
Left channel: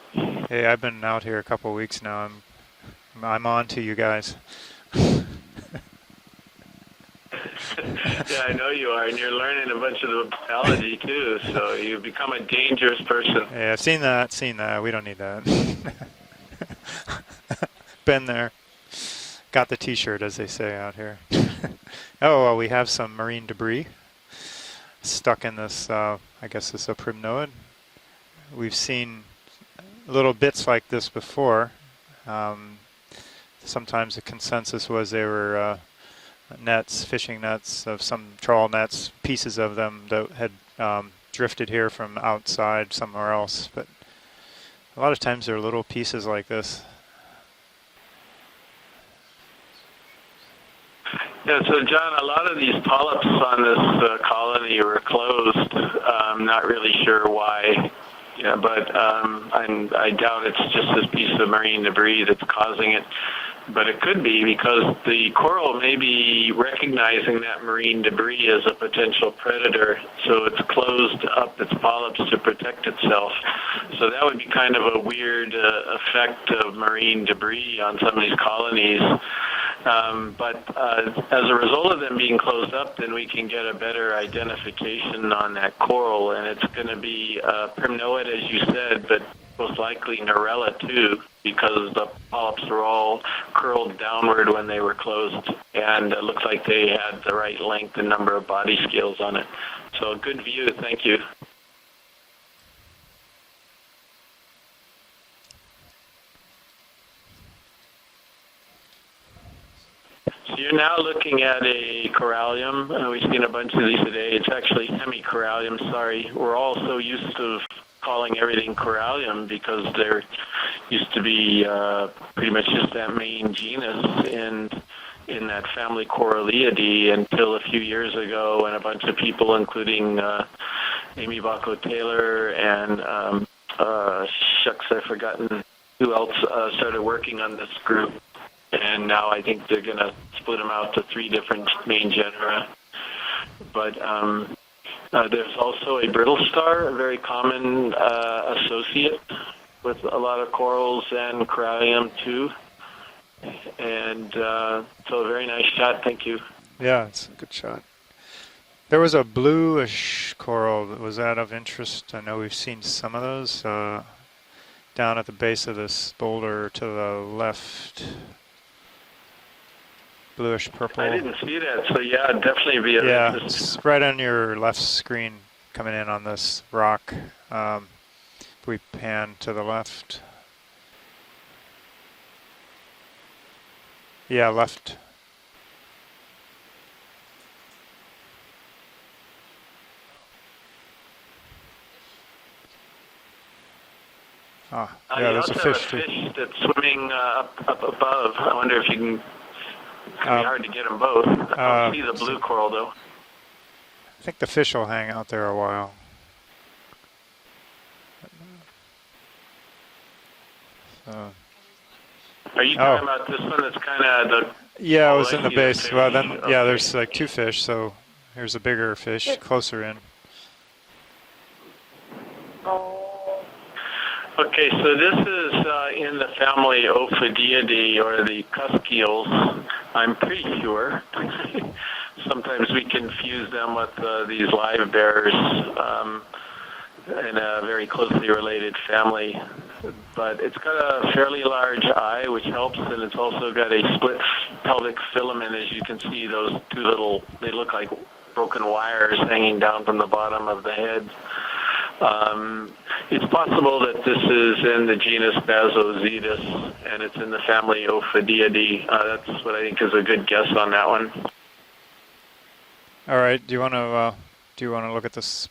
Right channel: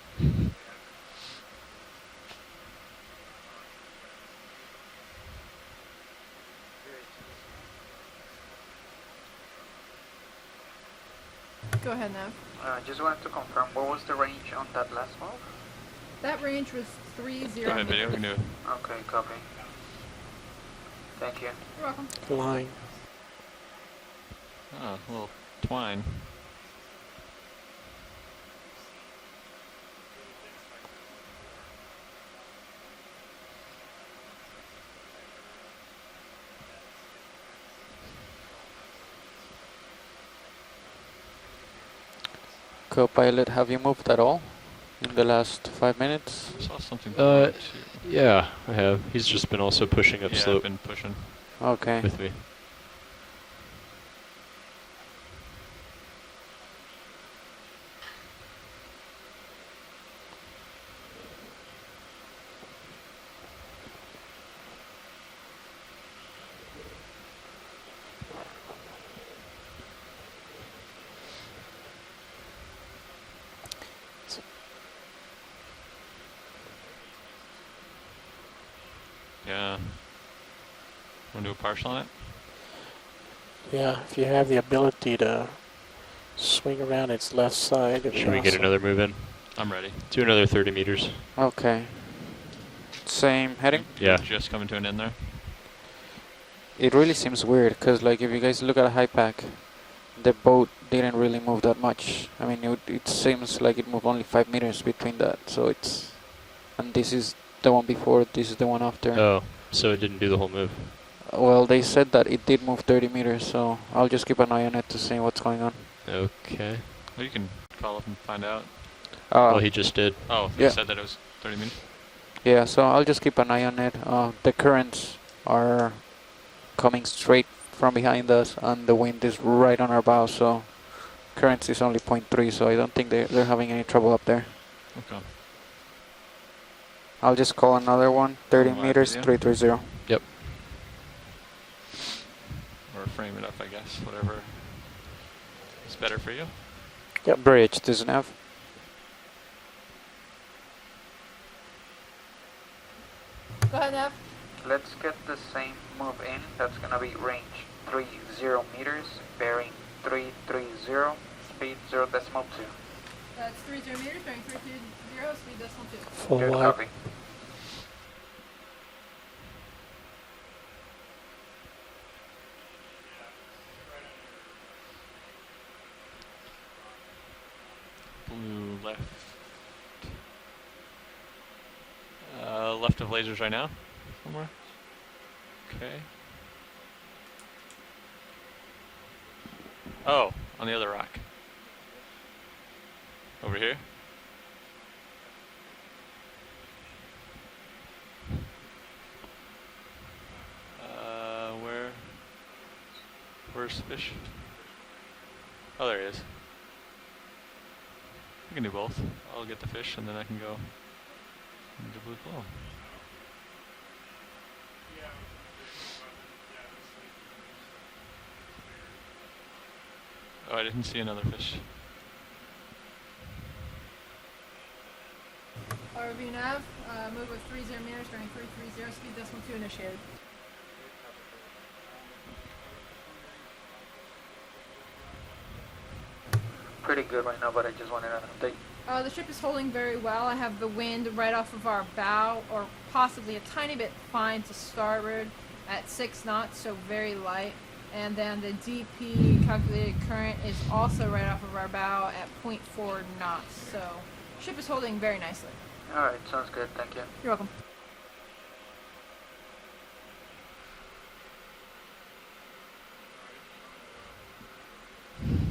Hey, I've been out here a couple of weeks now. I'm on to you guys. Yeah, I know you are, and you're learning a bunch of the biology too, so you've become a dangerous person. Yeah, I've seen that, We don't need that. That range was 30. Been there. Okay, copy. Got the t-shirt, as they say out here. Thank you. Oh, well, we have some marine debris stuck in this, I guess this is a primnoid. We've seen little bits like this before. Sometimes the consensus was they were nets, fishing nets, of some trawl nets, pieces of them that had drifted here from outside So somewhere pilot, else. have you moved at all? A lot of the times there are last little 5 pieces minutes? like this. Yeah, I have. He's just been also pushing up slope. Been pushing. Yeah, so John, a lot of these polyps on this colony were closed. I'm not really sure why. Yeah, but I doubt it's just this piece of marine debris that's causing it. But it could be because the coral may be recognizing that marine debris as a potential predator, so it's closed up its polyps to protect itself. So that would be kind of a weird effect of marine debris on some of these colonies. But as a result of them being closed up, then we can get a better identification on that coral, and it's going to be primnoid, as you said, but most likely corallic too, because the polyps are all curled downward when they were closed, and it looks like they It really have the seems right weird length because, and like, if number you of guys body look at scales high on pack, it. So the good boat view, thank didn't you. really move that much. I mean, it seems like it moved only 5 meters between that. So it's, and this is the one before, this is the one after. Oh, so it didn't do the whole move. You're now looking Well, at they a said that it did move corallium. 30 We've seen meters, a bunch so of these I'll just today. keep It's an eye on actually it to see what's going on. hemicorallium. Sorry, we're all so used to calling everything corallium Oh, he because just did. there used to be pretty much so I'll that just keep an eye on it. The currents in that are family Corallidae coming straight until a few from years behind us, ago, and a and the bunch of wind is people, right on our including bow, so Amy currents is only Taylor 0.3, so I don't think they're having any trouble up there. Shucks, I've forgotten who else started working I'll just on call this another group. one, 30 And meters, now I think 330. they're going to split them out to 3 different main genera. But there's also a brittle star, a very common associate with a lot of corals and corallium too. And so a very nice shot, thank you. Yeah, it's a good shot. There was a bluish coral. Was that of interest? I know we've seen some of those down at the base of this boulder to the left. Bluish purple. I didn't see that, so yeah, definitely be of yeah, interest. it's right on your left screen coming in on this rock. We pan to the left. Left of lasers right now? Yeah, left. Okay. Oh, on the other rock. Over here? Ah, yeah, there's a fish too. Fish that's swimming up above. I wonder if you can. It's gonna be hard to get them both. I see the blue coral though. Where's the fish? I think the fish will hang out there a while. Oh, there he is. I can do both. I'll get the fish and then I can go. Are you talking about this one that's kind of the... Yeah, it was in the base. Well, then, yeah, there's like two fish, so here's a bigger fish closer in. Oh, I didn't see another fish. Okay, so this is in the family Ophidiidae, or the Cusceals, I'm pretty sure. Sometimes we confuse them with these live bears. In a very closely related family, but it's got a fairly large eye, which helps, and it's also got a split pelvic filament. As you can see, those two little, they look like broken wires hanging down from the bottom of the head. It's possible that this is in the genus Basozetus, and it's in the family Ophidiidae. That's what I think is a good guess on that one. All right, do you want to look at this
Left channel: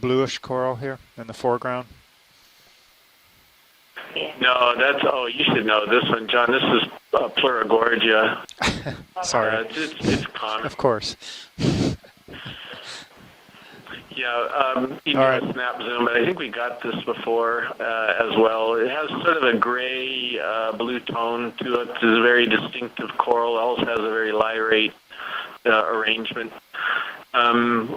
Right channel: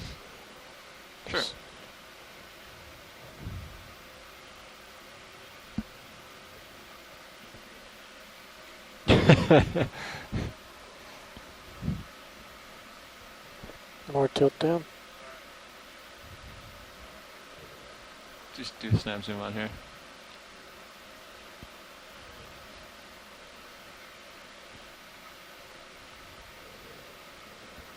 bluish coral here in the foreground? No, that's, oh, you should know this one, John. This is Pleurogorgia. Sorry. It's common. Of course. Yeah, you know, snap zoom, but I think we got this before as well. It has sort of a gray blue tone to it. It's a very distinctive coral. It also has a very lyrate arrangement.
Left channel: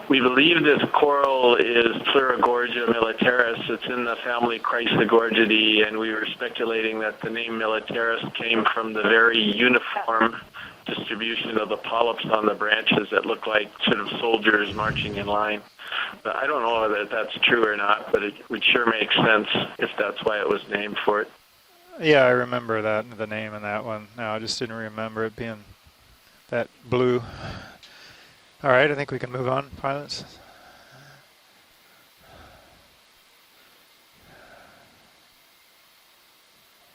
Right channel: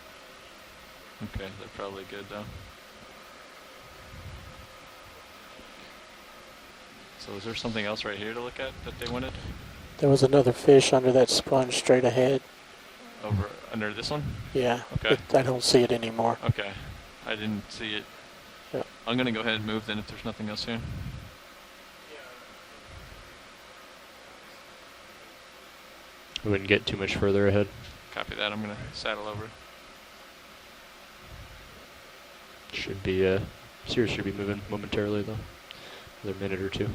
We believe this coral is Pleurogorgia militaris. It's in the family Chrysogorgidae, and we were speculating that the name militaris came from the very uniform There was another fish under that distribution of sponge the straight polyps ahead. on the branches that look like sort of soldiers marching in I line. don't see it anymore. I don't know whether that's true or not, but it would sure make sense if that's why it was named for it. Yeah, I remember that, the name in that one. No, I just didn't remember it being We wouldn't get too blue. much further ahead. Copy that. All right, I think we can move on, pilots. Should be, Sirius should be moving momentarily though. Another minute or two.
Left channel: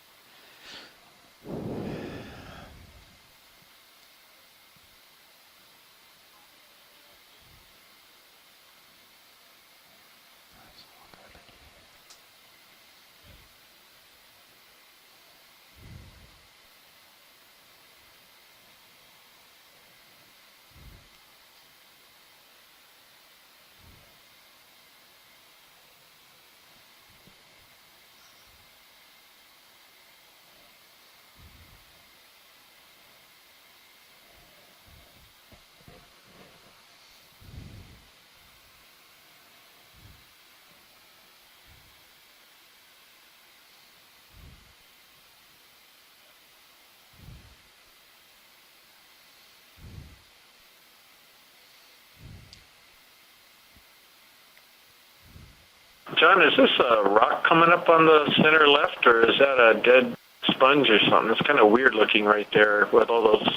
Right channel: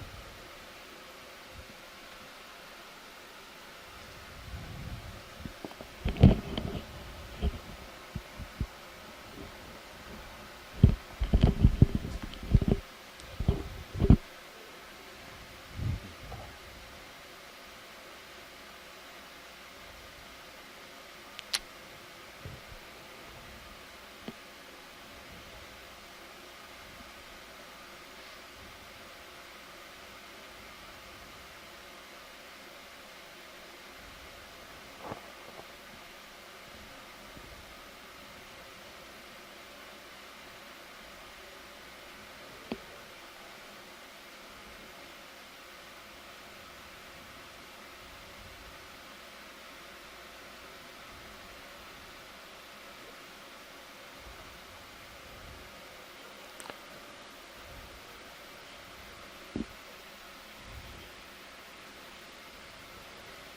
John, is this a rock coming up on the center left, or is that a dead sponge or something? It's kind of weird looking right there with all those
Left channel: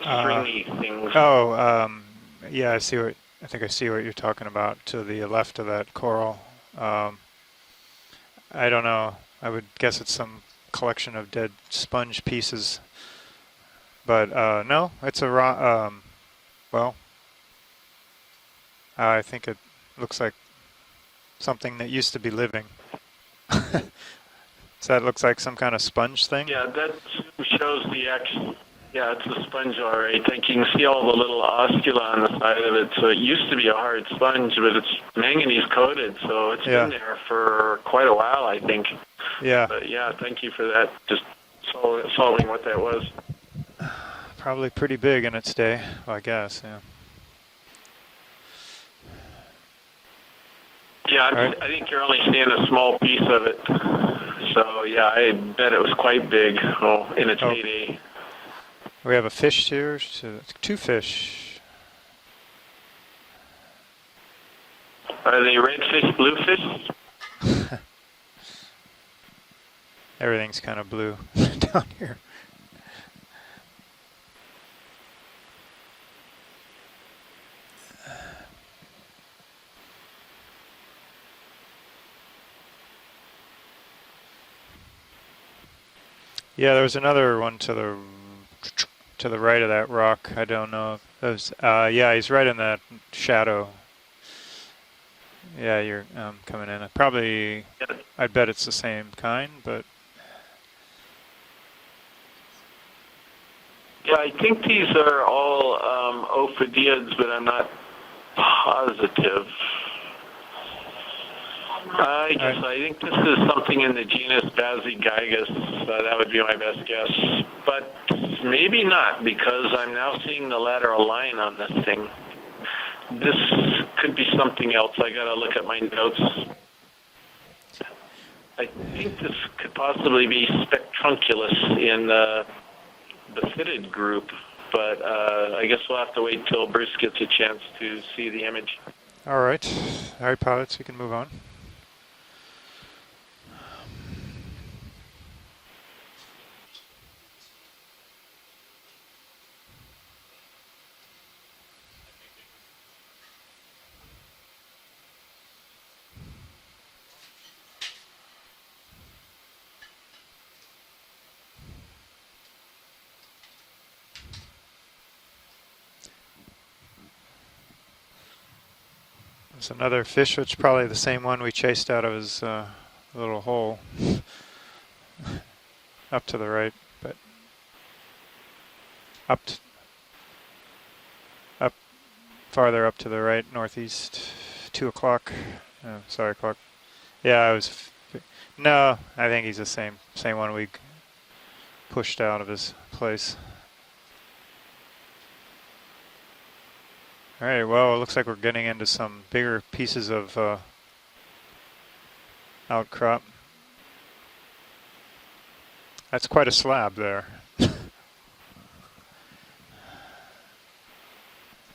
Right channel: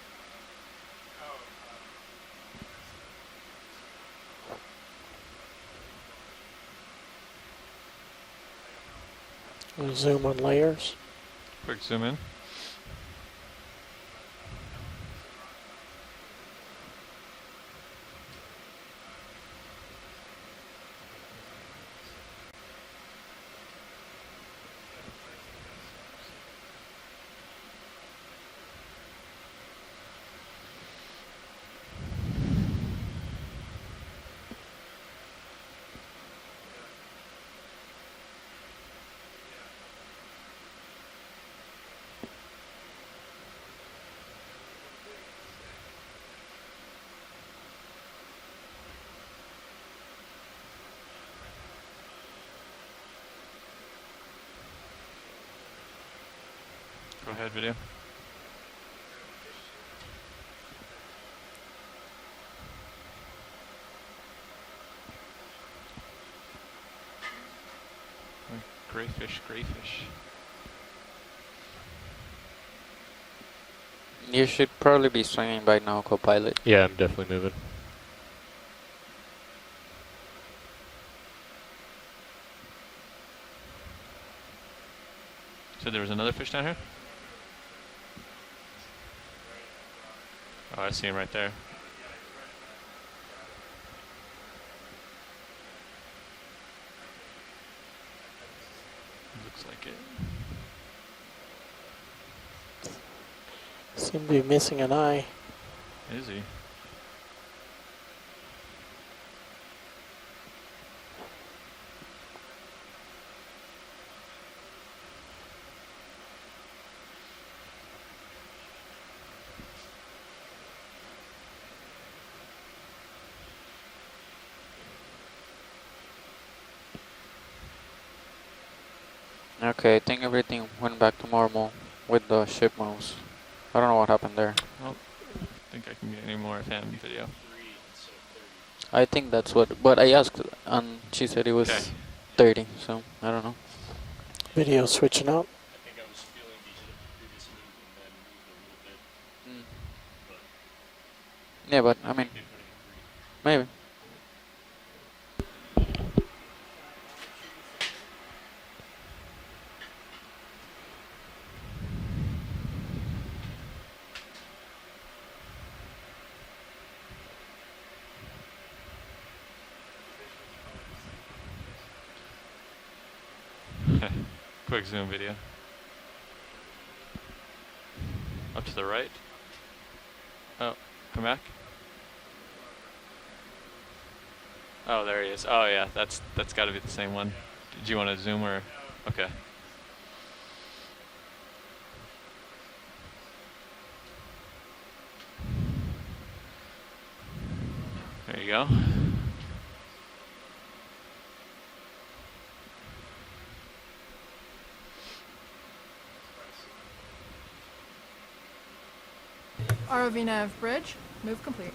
stringy things. Yeah, I think I see what you're talking about to the left of that coral. I don't know. I would guess it's some collection of dead sponge pieces. But no, it's a rock. Well, I think it looks like something that used to be living. So that looks like some kind of sponge thing? Yeah, that shows the actual, yeah, it's a sponge, all right. I think you can see all the little oscula on the side of it. So it used to be a hard sponge, but it's manganese coated, so it's been there for quite a while, I think. Yeah. But yeah, thank you for that, just solving what that was. Probably pretty big in its day, I guess, yeah. Yeah, I think you're only seeing a small piece of it. So yeah, I bet it was quite big in its heyday. We have a fish here, so 2 fish. Are they red fish, blue fish? Gray fish, gray fish. Everything's kind of blue down here. You should probably be swinging by now, co-pilot. Yeah, I'm definitely moving. So there was another fish down Yeah, here? there was another one to the right of that rock. I don't know. Oh, I see him right there. Yeah, he's right in that shadow. Yeah, you're coming in. I bet it's the same kind, but. Yeah, I think these are all ophidiids, but I'm not positive. I think this is something in the genus Bazygigas. That would be my best guess. But maybe not, because I'm now seeing the lateral line on this thing. This could be something else. I gotta look at my notes. I think this could possibly be Spectrunculus in the ship moves. the fitted I don't know what group, happened there. but I guess we'll have to wait until Bruce gets a chance to see the image. I think All that's right. what. But I asked, All right, pilots, you can move she on. said it was 30. So I don't know. Video switching out. Yeah, but I mean, maybe. There's another fish, which is probably the same one we chased out of his little hole. Quick zoom video. Up to the right, but Up to the right? Oh, come back? Up, farther up to the right, northeast, 2 Oh, o'clock. there he is. Oh, yeah, that's got to be the same one. Yeah, Do you want to zoom or? No, Okay. I think he's the same one we pushed out of his place. All right, well, it looks like we're There you getting go. into some bigger pieces of outcrop. That's quite a slab there. ROV nav bridge, move complete.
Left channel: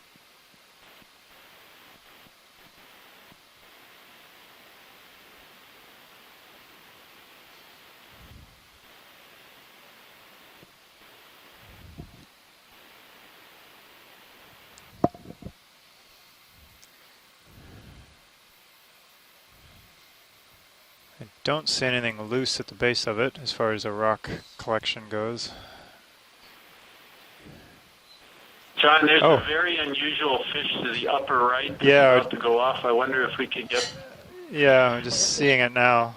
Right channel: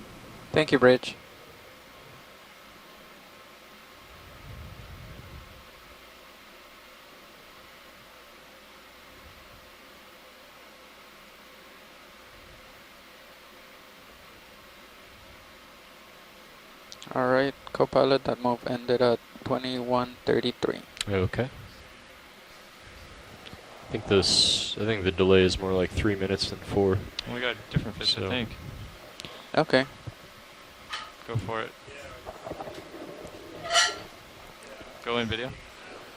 Thank you, Bridge. All right, co-pilot, that move ended at 21:33. Okay. Don't see anything loose at the base of it as far as a rock I collection think the goes. delay is more like 3 minutes than 4. We got different fish, I think. John, there's Oh, a very okay. unusual fish to the upper right that's Yeah. about to go off. I wonder if we could get... Yeah, I'm Go in just video. seeing it now.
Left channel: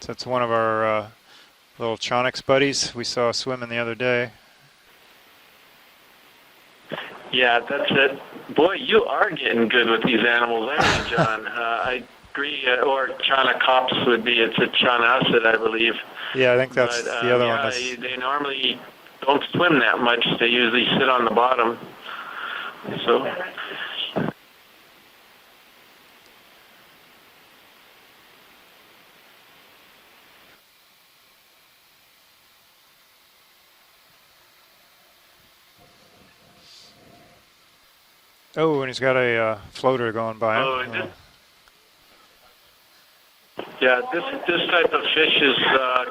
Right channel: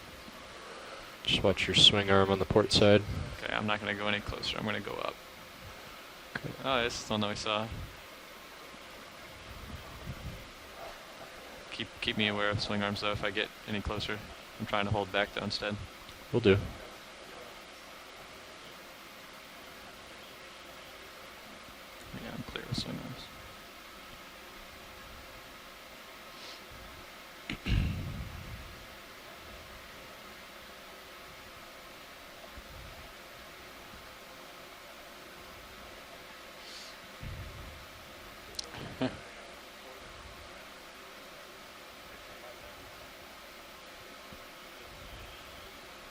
So it's one of our Just watch your little swing arm on Chonics the port buddies side. we saw swimming I'm the not other gonna go any day. closer. I'm going to go up. Oh, it's still no Yeah, signal. that's it. Boy, you are getting good with these animals, aren't you, John? I Keep me aware of agree, some of or them, so if I Chana Cops would be, it's a Chanacid, I believe. Yeah, I think that's But, the other yeah, one. That's, they normally don't swim that much. They usually sit on the bottom. So, oh, and he's got a floater going by him. oh, this type of fish is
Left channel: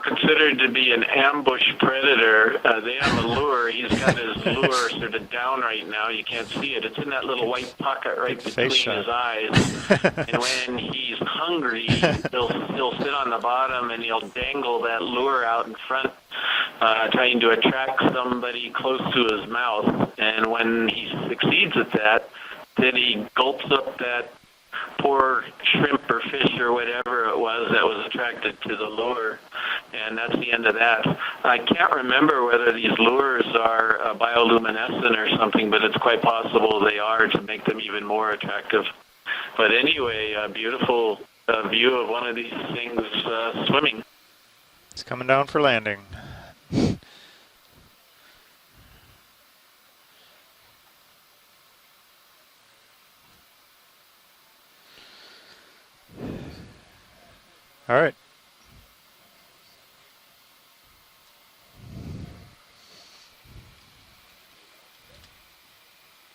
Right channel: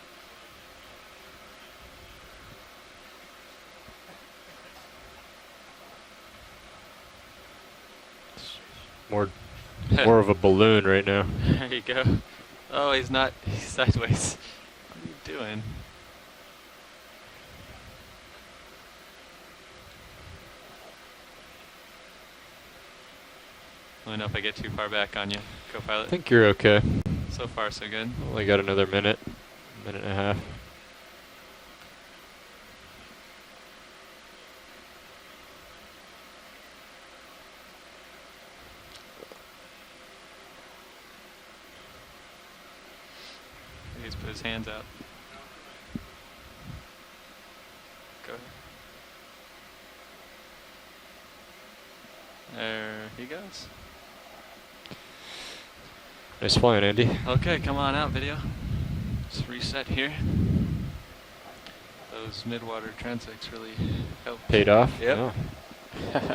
considered to be an ambush predator. They have a lure. He's got his lure sort of down right now. You can't see it. It's in that little white pocket right between his eyes. More of a And when balloon right he's now. hungry, he'll he's sit not on the bottom and he'll sideways. dangle that lure out in front, trying to attract somebody close to his mouth. And when he succeeds at that, then he gulps up I don't know that if I get too far back on poor you. shrimp or You're fish or okay. whatever it So was far, that so was good. attracted We got to another the minute. lure. Minute And and a that's half. the end of that. I can't remember whether these lures are bioluminescent or something, but it's quite possible they are to make them even more attractive. But anyway, a beautiful view of one of these things swimming. He's put his hands out. He's coming down for landing. Go ahead. There he goes. Nice flying, Andy. Okay, come on All out, right. video. Let's reset here. Those Those mid-water transects really helped. Paid off? Yep. Oh. Let's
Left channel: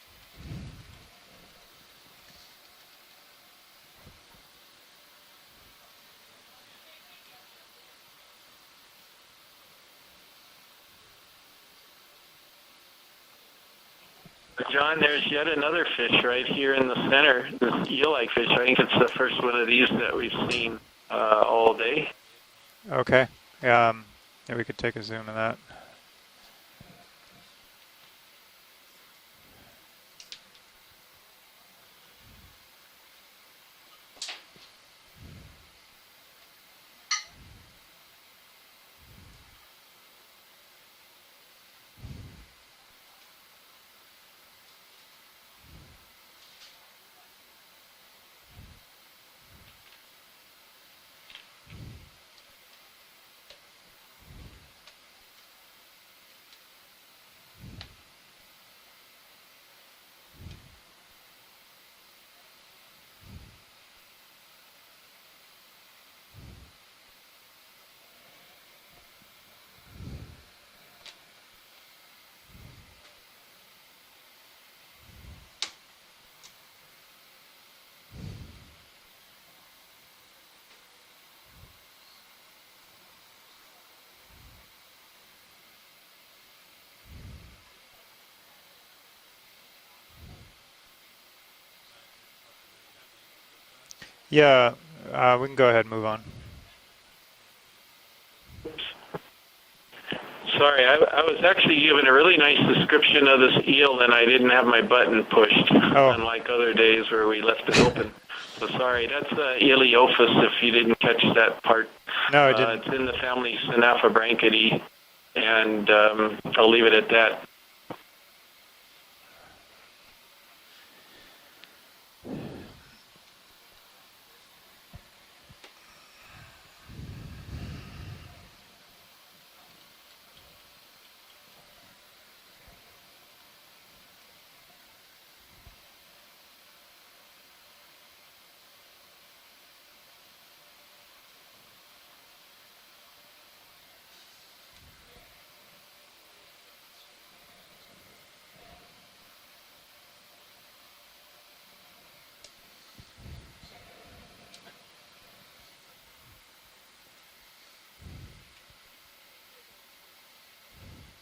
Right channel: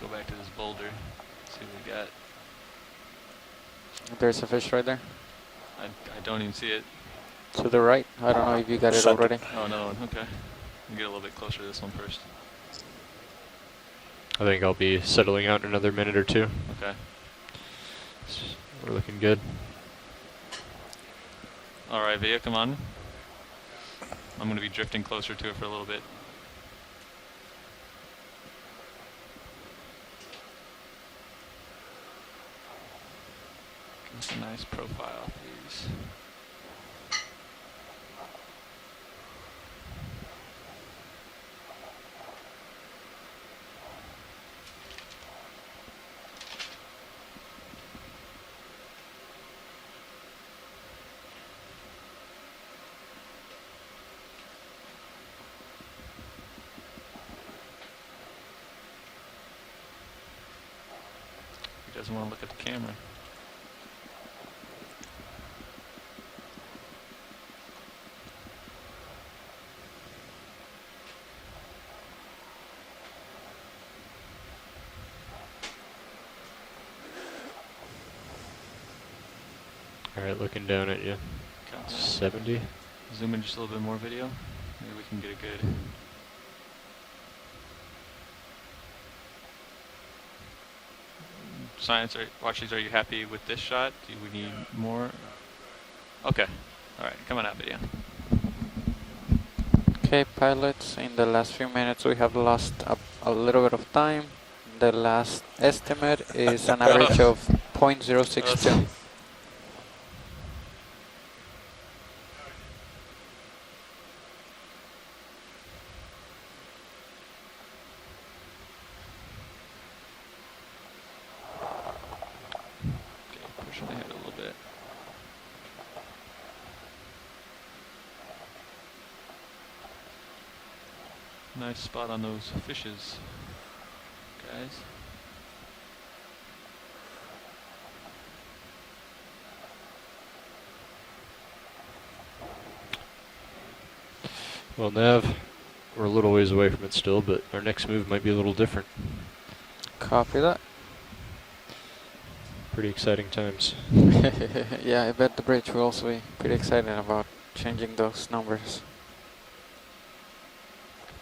go back to this boulder, see what we got. There's a fish right there. I don't even see it. To the right. I don't know if you got it already. Oh, no, okay. We'll get a little bit closer to this one first. I think I'll John, be there's settling yet out in another another fish minute or two. right here in the center. This eel-like fish. I think it's the first one of these that we've seen all day. All right, Via, come on. Okay. I'm going to we be could take drifting a zoom closer of to it that. for a little bit. That's a nice profile of these. He doesn't want to look at the camera. Alright, looking down at you. Copy. 70. Zoom in just a little bit more video. Maybe we can get a good. Science, Watchies, are you happy with this shot? Yeah, more. We can go ahead and move on. Okay. All right, coming out video. Okay, pilot. Sorry, I was actually given a really nice description of this eel, and I didn't have my button pushed. Unlike other days where we left it open. 0.062. Sorry, that's Iliophis, if you didn't catch that part. No, I didn't. It's in the family Synaphobranchidae, and I'll leave it at that. Okay, pushing ahead a little bit. Nice spot on those fishes, guys. Well, Nav, we're a little ways away from it still, but our next move might be a little different. Copy that. Pretty exciting times. Yeah, I bet the bridge will also be pretty excited about changing those numbers.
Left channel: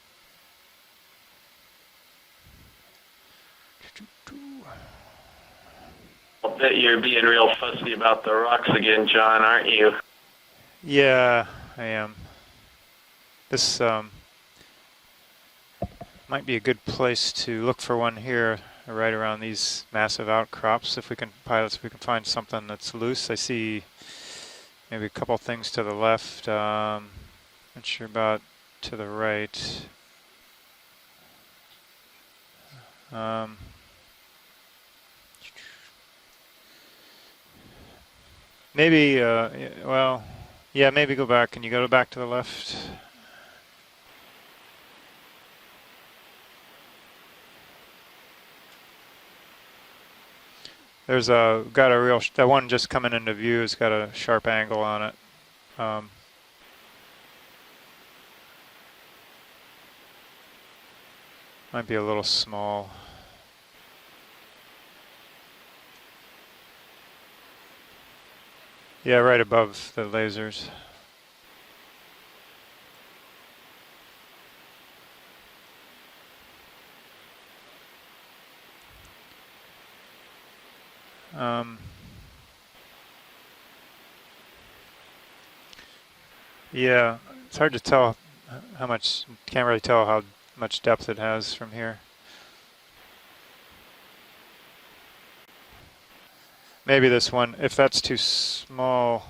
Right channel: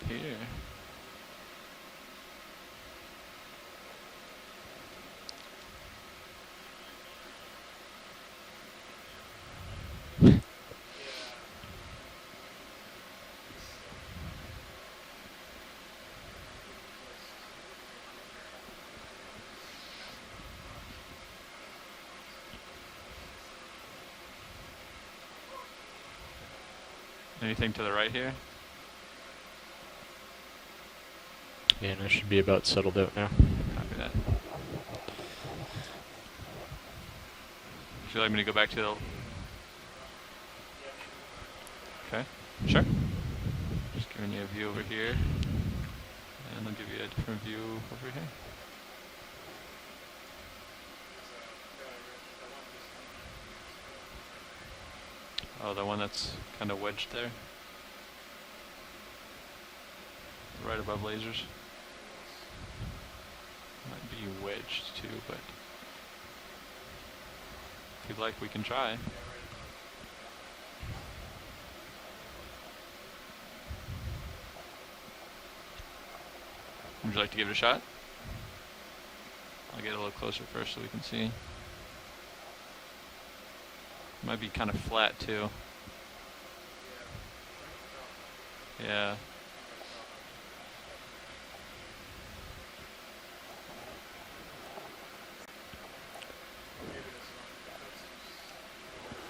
Here. I'll bet you're being real fussy about the rocks again, John, aren't you? Yeah, I am. This might be a good place to look for one here, right around these massive outcrops. If we can, pilots, if we can find something that's loose. I see maybe a couple things to the left. Anything to the right about to the right. Yeah, and I should be about settled out now. Copy that. Would you like me to go back to maybe, well, yeah, maybe go back. Can you go back to the left? Sure. Just giving you a view over here. And I'll give you a different view over here. There's got a real, that one just coming into view has got a sharp angle on it. Oh, the one that's kind of wedged there? Right above lasers? Might be a little small. Might be wedged too, but if you'd like, we can try. Yeah, right above the lasers. Would you like to give it a shot? I'll get a little closer first so we can see. Might be kind of flat too. Yeah, it's hard to tell how much, can't really tell how much depth it has from here. Maybe this one, if that's too small,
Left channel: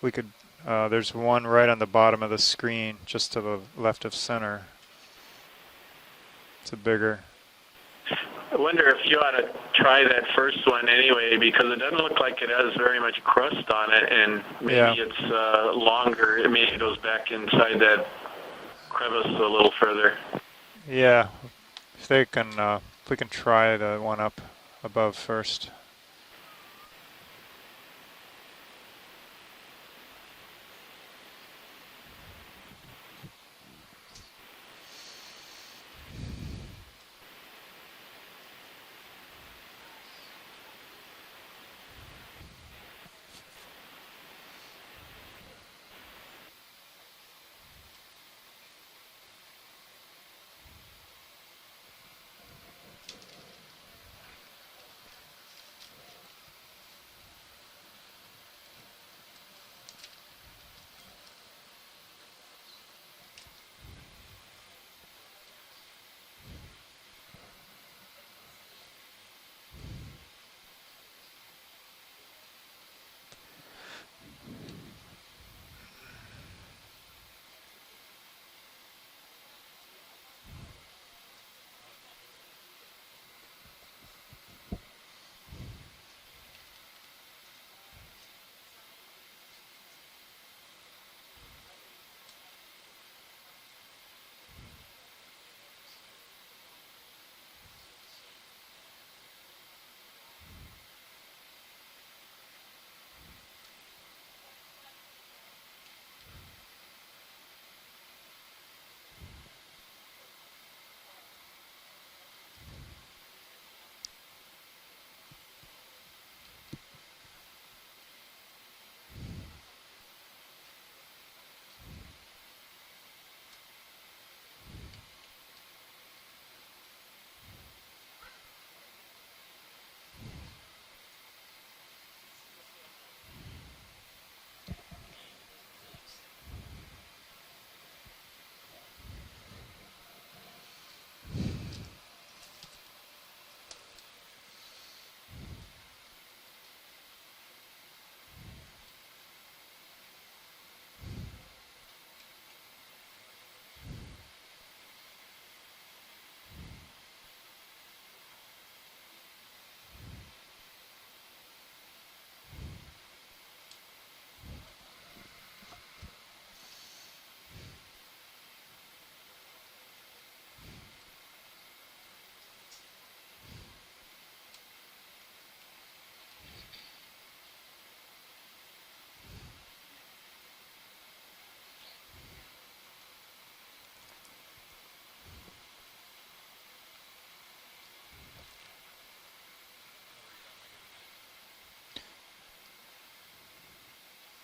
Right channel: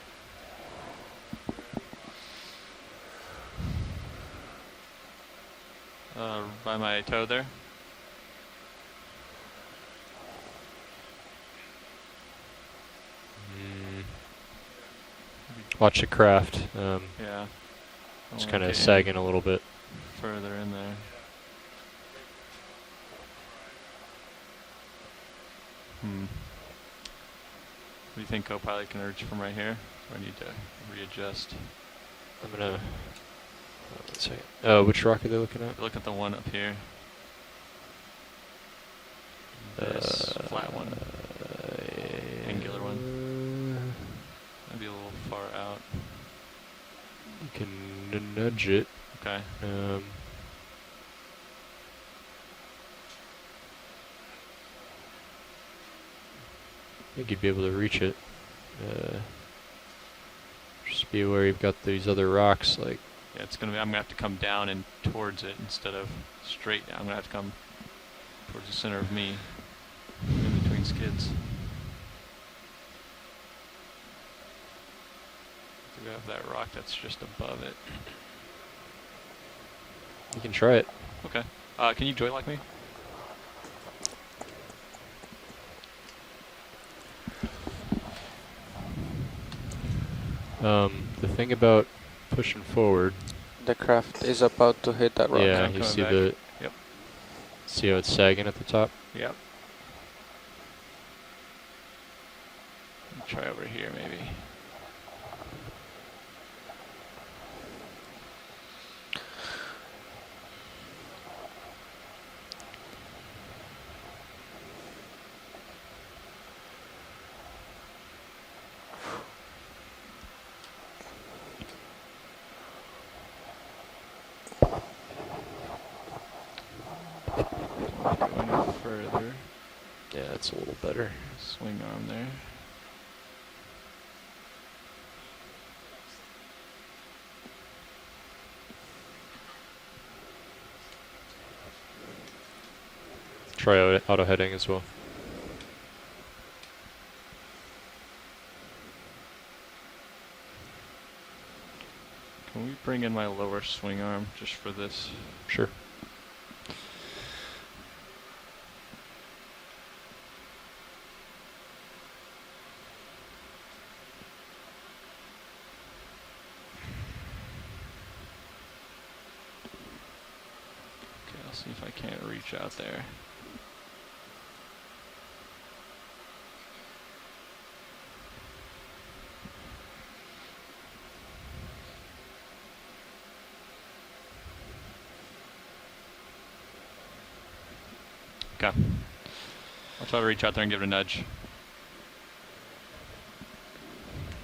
we could, there's one right on the bottom of the screen, just to the left of center. By my toe there? I wonder if you ought to try that first one anyway, because it doesn't look like it has very much crust on it, and maybe it's longer. Maybe it goes back inside that. It's kind of sagging a little further. in there. Yeah, if they can, if we can try the one up above first. We do you think Copilot can urge from right here? Or I need to readjust? I'm gonna. Let's see. Which rock are they looking at? Look at the one up here. This flat one. Angular one. Maybe a little far out. You can nudge it. Okay. I think you'd be able to reach it. Just be aware you've got these other rocks. Like, yeah, it's gonna be. I'm gonna have to come down and towards it instead of straight down. I'm gonna have to come towards the center of me, in between skids. Could have that rock that's just above it. you can try it. Okay. Can you joylock me? The thing about pushing forward. The craft is about to hit that rock. Yeah, I'm you coming see back. the. Yep. See how it's sagging at the top? Yep. Try over here, maybe. Go any further. Yeah, that's a little better. Swing arm there. Try auto heading as well. Can we bring in my lower swing arm just for this? Sure. Okay, I'll see if I can't reach out there. Okay. I'll try to reach out there and give it a nudge.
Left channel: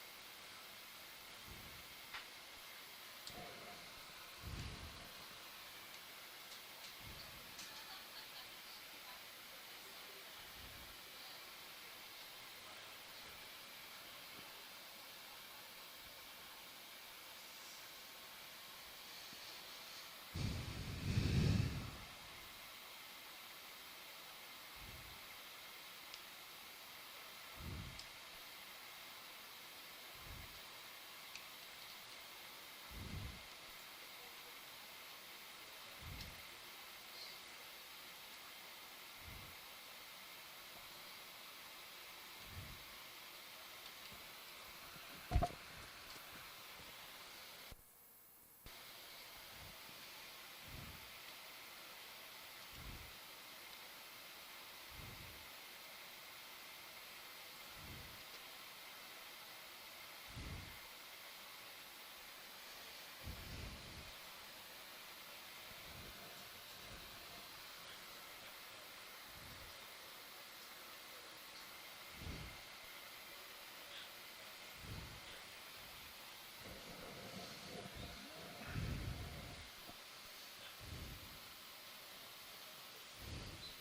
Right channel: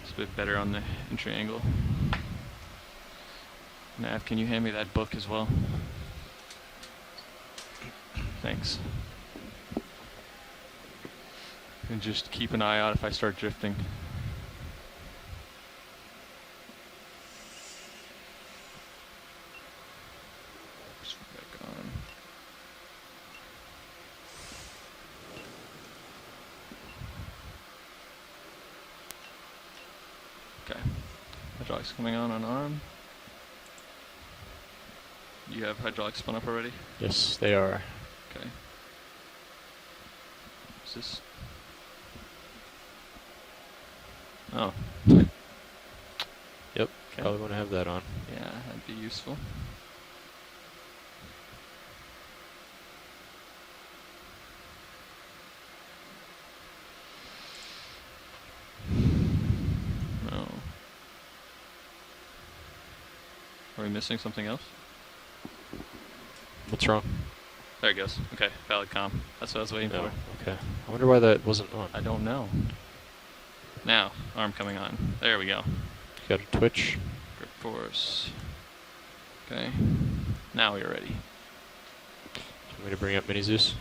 It's a bit better on the entry angle. Nav, can you hand me that book as well? Thanks. And just keep an eye out if I start drifting. Okay. Hydraulics coming on arm. You have hydraulics spun up already? Yes, they are. Okay. Is this? Oh. Yep. Okay. Probably want to have that on. Yeah, that'd be useful. No. Are we missing something else? What's wrong? There it goes. Okay, valid comm. That's what I was waiting No. for. Okay. I wonder why that wasn't on. I don't know. Now, arm coming on. There we go. Got a twitch. Grip force. Okay. Now we're ready. Do you want me to bring up Mini Zeus?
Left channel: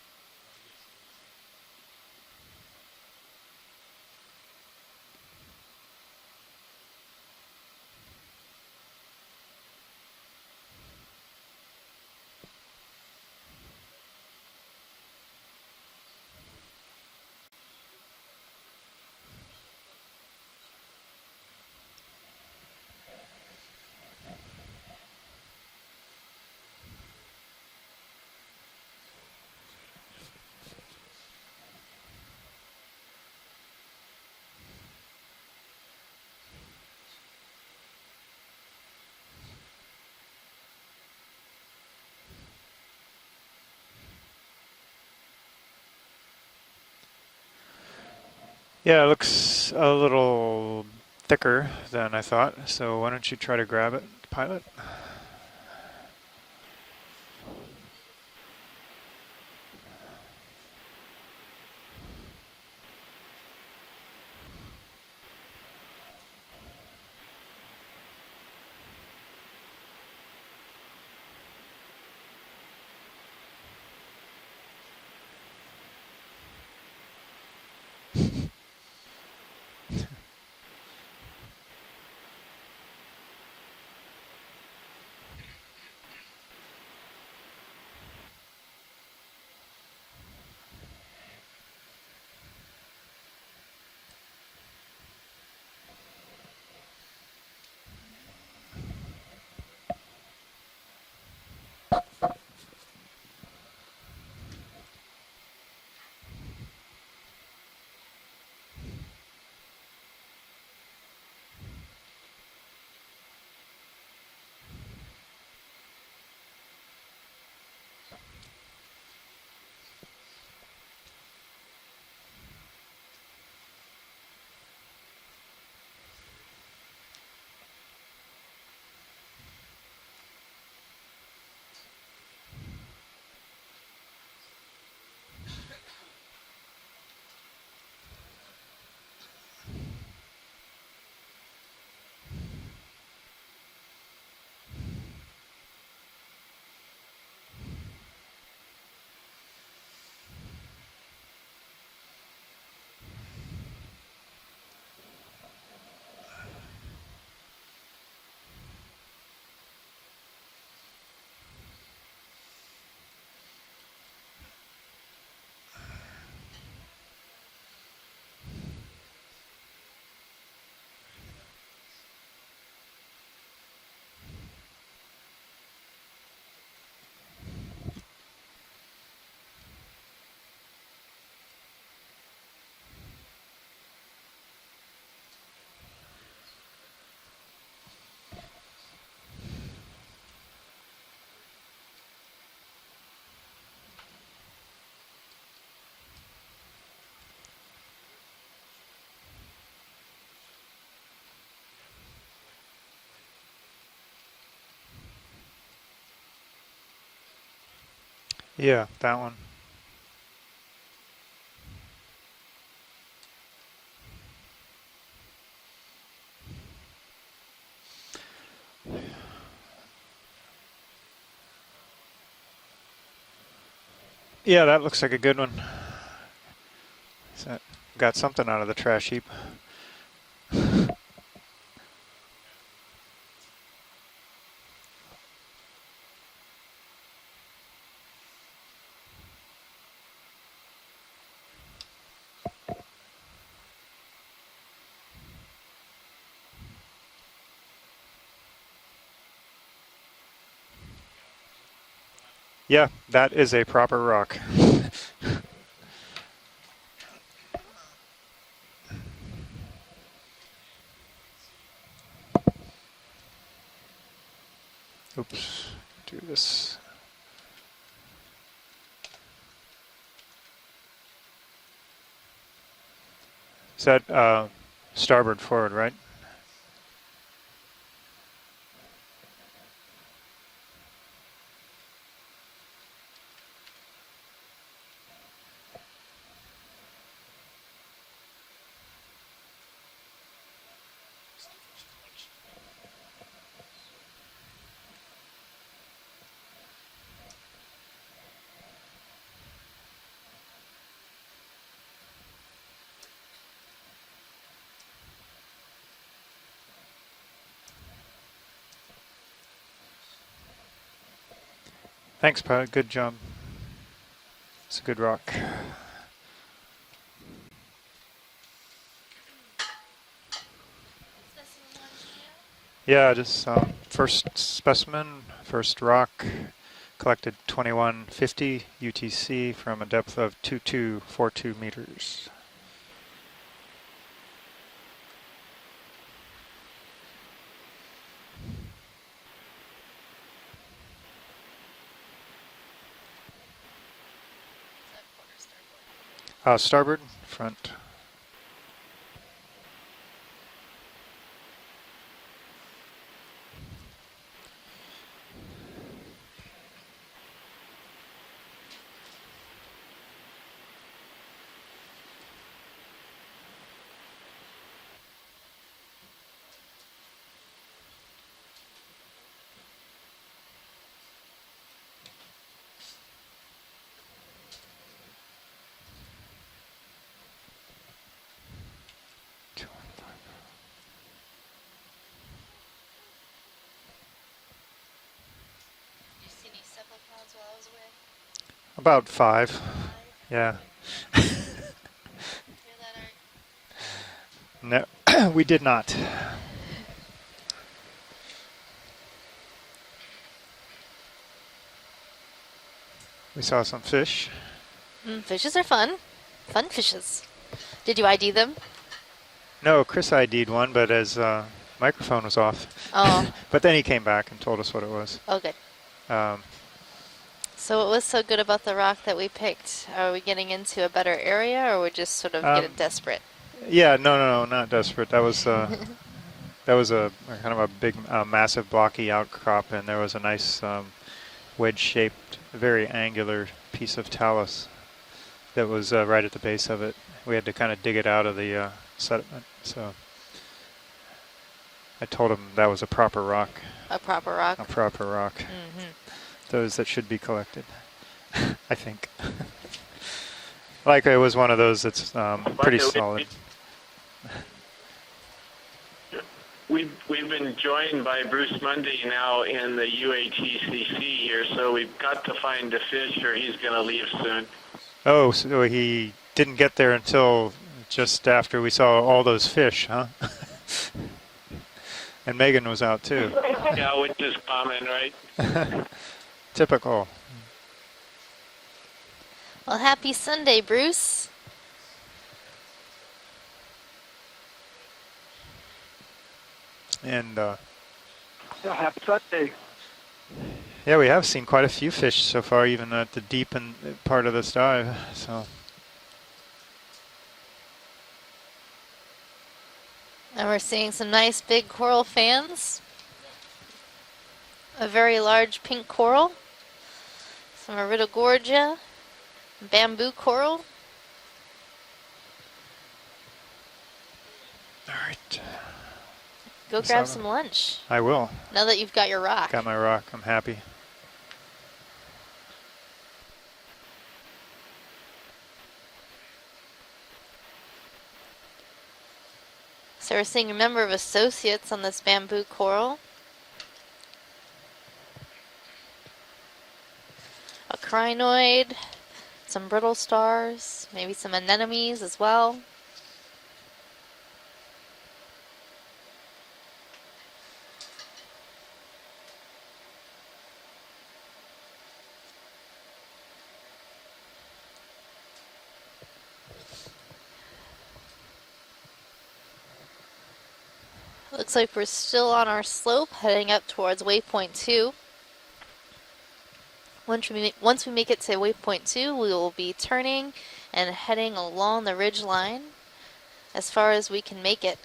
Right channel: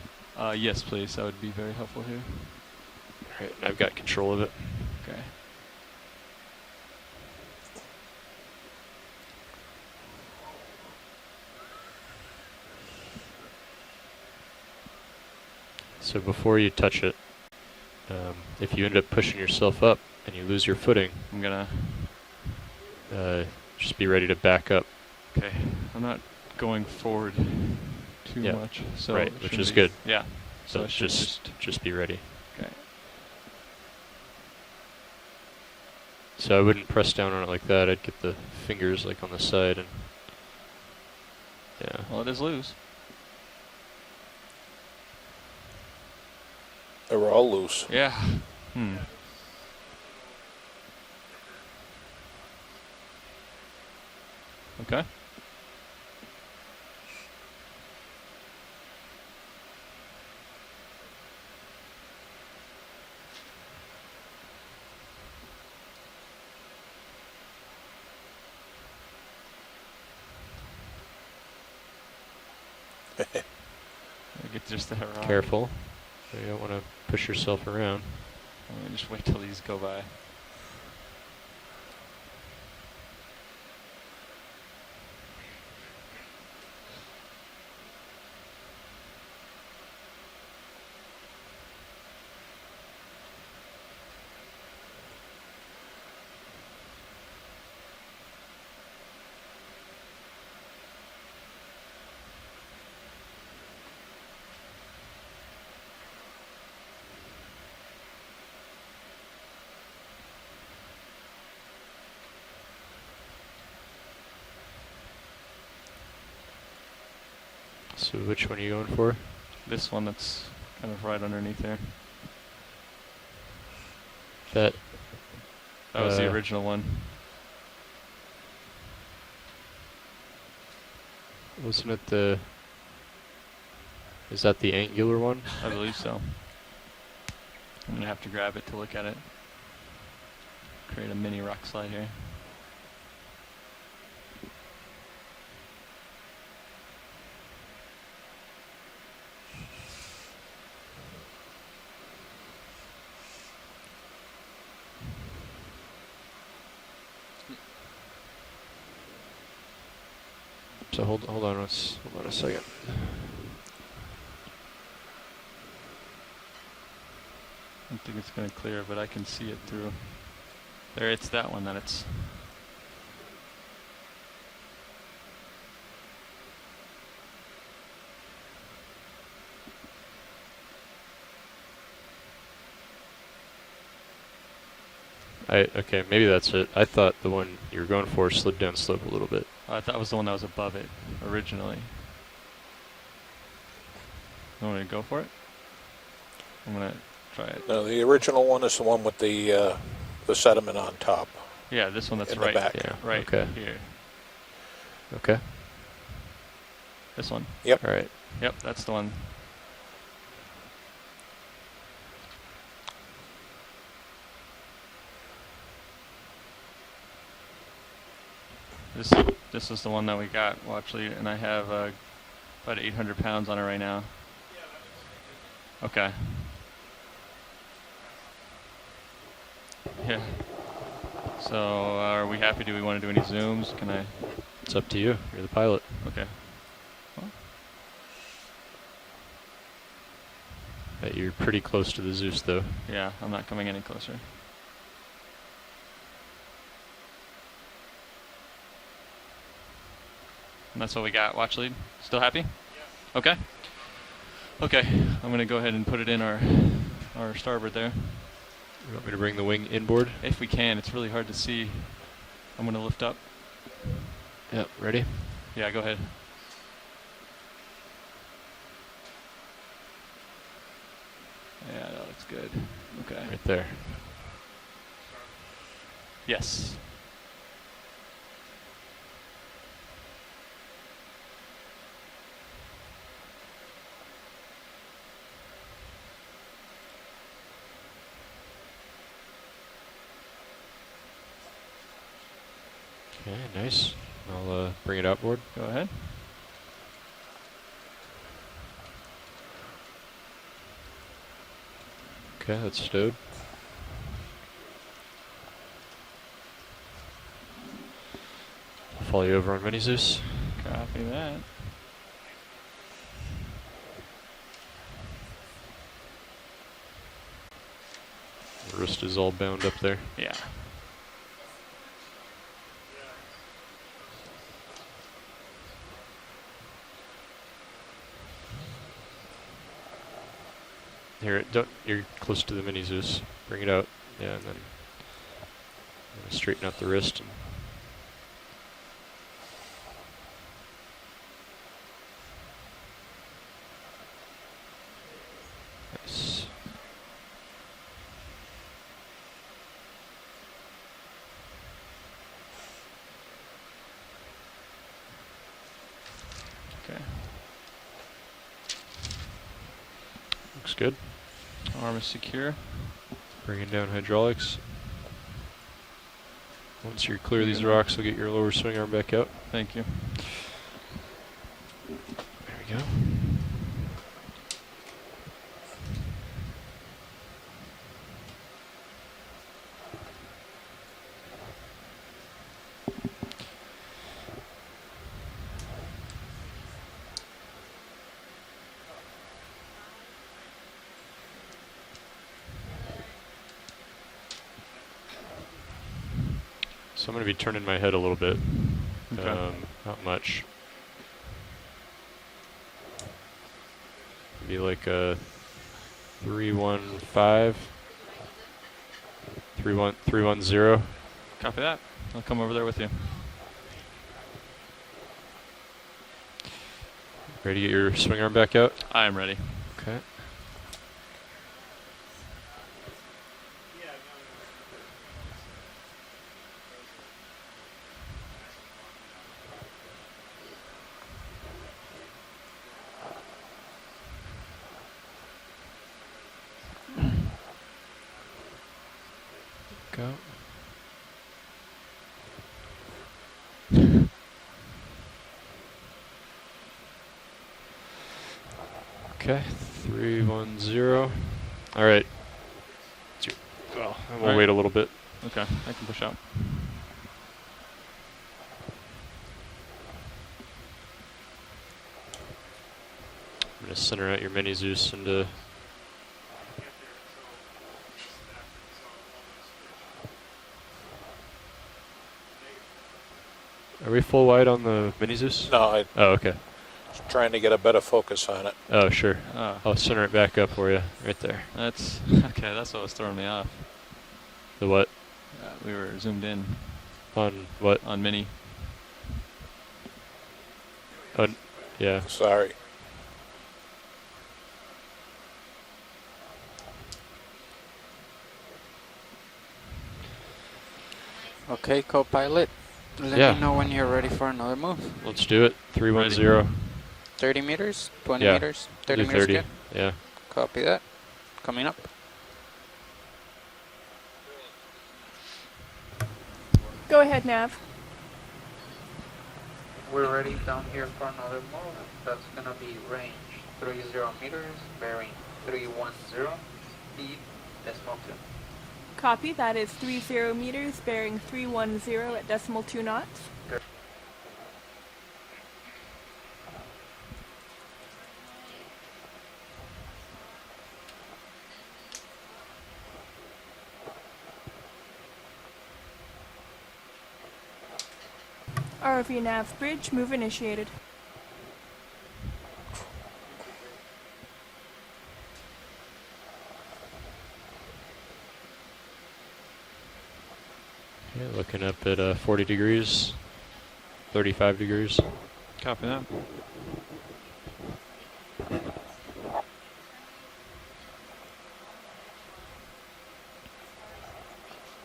Yes, please. That would be very helpful here. Alright, and I've got control of it. Okay. So before you touch it, if you end up pushing yourself up and you lose your footing, I'm gonna... just be ready to back up. Okay. I'm not going forward too Yeah. much. So Right, it which should is be- good. Yeah. So I should just be ready. Okay. So I wouldn't press down on it like that. I'd get the fingers like on the side and yeah. Well, it is loose. They were all loose. Yeah. Yeah, it looks a little thicker than I thought. So why don't you try to grab it, pilot? Okay. Get just that wrong. Careful. You don't want to push yourself around. Just wait till these go by. So which one are you going for? This one that's kind of right underneath there. That was the original one. Wasn't it the... Is that the angular one? I believe so. I'm going to have to grab it to look at it. Create a mini rock slide here. So hold on, hold on a second. I don't think it's going to clear, but I can see it through. There, it's that one that it's. Okay, maybe that's it. I thought the one you were going for slid down slope a little bit. I thought that was the one that was above it originally. You want me to go for it? I'm going to try it. No, the original one is the one with the sediment on top. Yeah, this one that's in the right, back. Yeah. right Okay. here. Okay. This one. Yep. All right. Yep, Yeah, that's the one. that one. This is the one that we got, well, actually, and I have about 800 pounds on it right now. Yeah, that looks like a good one. Okay. So got something out of the trash heap. Yeah. So are we happy? Do we want to do any zooms? Can I? It's up to you. You're the pilot. Okay. You're pretty close to the Zeus, though. Yeah, I'm not coming any closer. And that's what we got. Watch lead. Still happy? Yeah, that Okay. is a proper rock. Okay. I'm going to go ahead and put it in our starboard there. You want me to bring the wing inboard? If we can. It's really hard to see. I'm going to lift up. Yep. Ready? Oops. Yeah, go ahead. Do this. Yeah, that looks good. Okay. Right there. Is that starboard forward, right? Yes. Okay, nice. I'll bring it outboard. Go ahead. Okay, that's stowed. I'll follow you over on Mini Zeus. Copy that. Thanks, pilot. Good job. It's a good rock. The wrist is all bound up there. Yeah. Yeah, just first specimen, first rock, collected 2150 UTC from a depth of 2242 meters. You're close to the Mini Zeus. Bring it out. Yeah, and then straighten out the wrist. Starboard, front. good. Arm is secure. Bringing down hydraulics. Once you're clear of these rocks, we'll get your lower swing arm back out. Thank you. There we go. About 5. Yeah. No, we did not. So I'm going to be turning my head a little bit. Okay. Not much. We saw some fish. Be like a Fishes are fun. Fun fishes. 315. Did you ID them? No, Chris ID'd one, 310. but his Copy that. microphone was Come over off. there with you. Oh, But then he came back and told us what it was. okay. Ready to get So your what was swing so arm good back about out? the rock I'm that ready. we picked? Okay. Are we getting into a better area, or we're just sort of getting desperate? Yeah, no, not desperate. That was a kind of a big, massive, blocky outcrop, and there was a nice wedge-shaped, very angular piece of talus that was right at the base of it. We had to kind of dig it out of the sediment. So I told him that was a proper rock. A proper rock? A proper rock. Mm-hmm. Those that should be collected, I think. Okay, 310. Like it was one of those All that's pretty solid. Well, we'll wait a little bit. Okay, I can push out. We've been joined by Bruce Mundy now in the UATCC here, so we've got to find a fish or he's going to leave soon. Mini Zeus and Oh, so he didn't get there until just after we saw all those fish, huh? And Megan was out too. Yeah, Are we which full is wide on common, the right? Mini Zeus? No, Oh, okay. Typical. trying to get a better focus on it. Oh, sure. Oh, I'll Well, center happy it back Sunday, up for Bruce. you. Right there. that's okay. That's what was throwing me off. The what? We were zoomed in And on what? on mini. Happy Sunday. yeah, we have But- seen quite a few yeah. fish so Sorry. far, even at the deep and part of this dive. So And we're seeing some nice big Okay, coral co-pilot. fans. Let Yeah. me know when you're ready for another move. A very Let's do large it. pink 310. coral. 30 meters. From Arita 20 Gorgia. meters. 30 Do meters 30. good. Bamboo coral. Copy that. Coming up. all right, Go Go grab ahead, some Nav. lunch. I will. Now that you've got your rock. Got my rock. We're I'm ready happy. down here for another move. That's gonna be range 30 meters, bearing 310, speed decimal 2. Copy. That is 30 So we're seeing a meters, number of bearing associates on this 310 bamboo decimal 2 coral. knots. A crinoid, some brittle stars, maybe some anemones as well. ROV nav bridge, move initiated. Yeah, Looks looking like we're up at, still 40 on our degrees, slope, heading up towards 35 waypoint 2. degrees. Copy that. Once we make it to waypoint 2, we will be turning and heading along the ridge line as far as we can make it.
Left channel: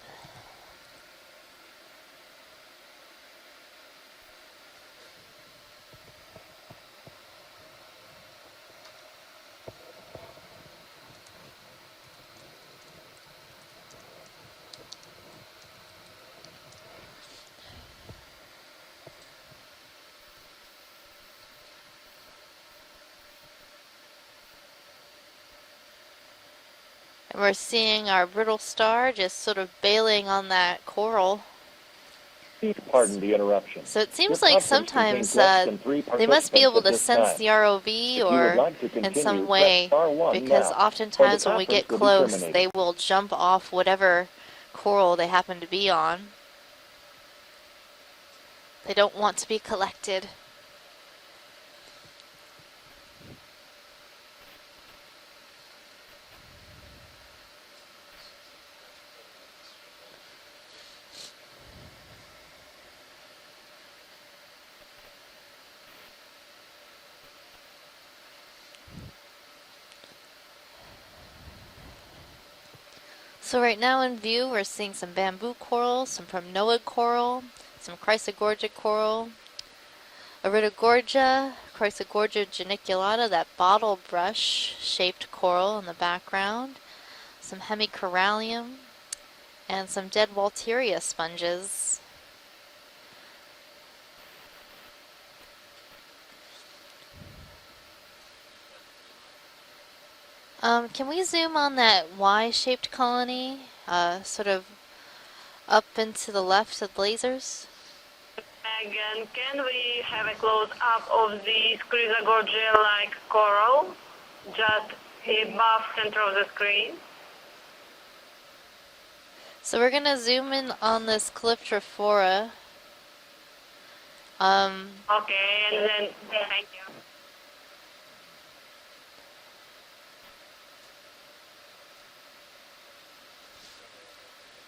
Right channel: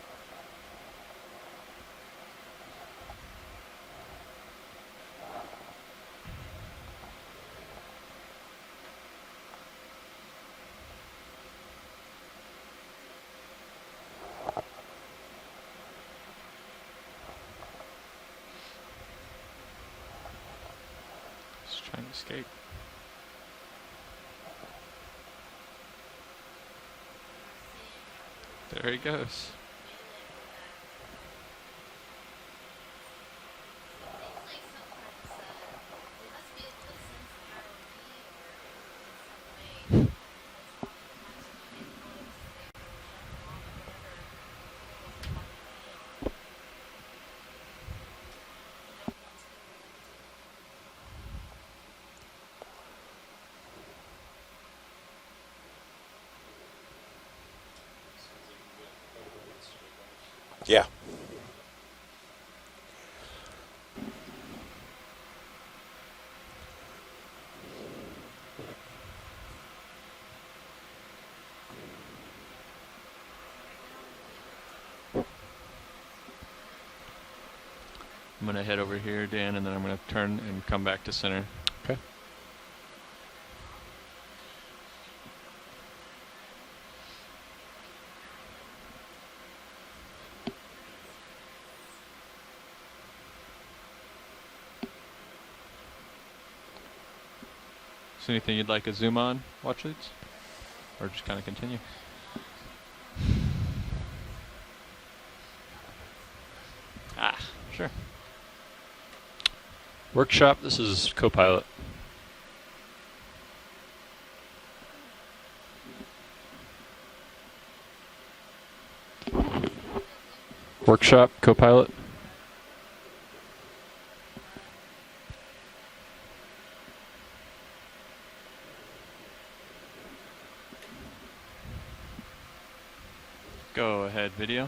Just trying to escape. And we're seeing our brittle star goes. just sort of bailing on that coral. Pardon the interruption. So it seems This like conference sometimes contains less than 3 they must be participants able at to this sense time. the ROV If you or would like to in continue, some press way, star 1 because now, oftentimes or the when we get conference will be close, terminated. they will jump off whatever coral they happen to be on. They don't want to be collected. Yeah. So right now in view, we're seeing some bamboo coral, some primnoid coral, some I'm gonna Chrysogorgia head coral, over here, Dan, and then I'm gonna turn and come back to Iridogorgia, center. Chrysogorgia geniculata, that bottle brush shaped coral in the background, some hemicorallium, and some dead Walteria sponges. Is there anything you'd like a zoom on, watch leads? Can We're we just gonna zoom on continue. that Y-shaped colony, sort of up and to the left of the lasers? Sure. Again, can we have Workshop, a this close is up of Copilot. the Chrysogorgia-like coral just above center of the screen? So we're gonna zoom in on Workshop, this Copilot. Clyptrophora. Okay, and then thank you. Go ahead, video.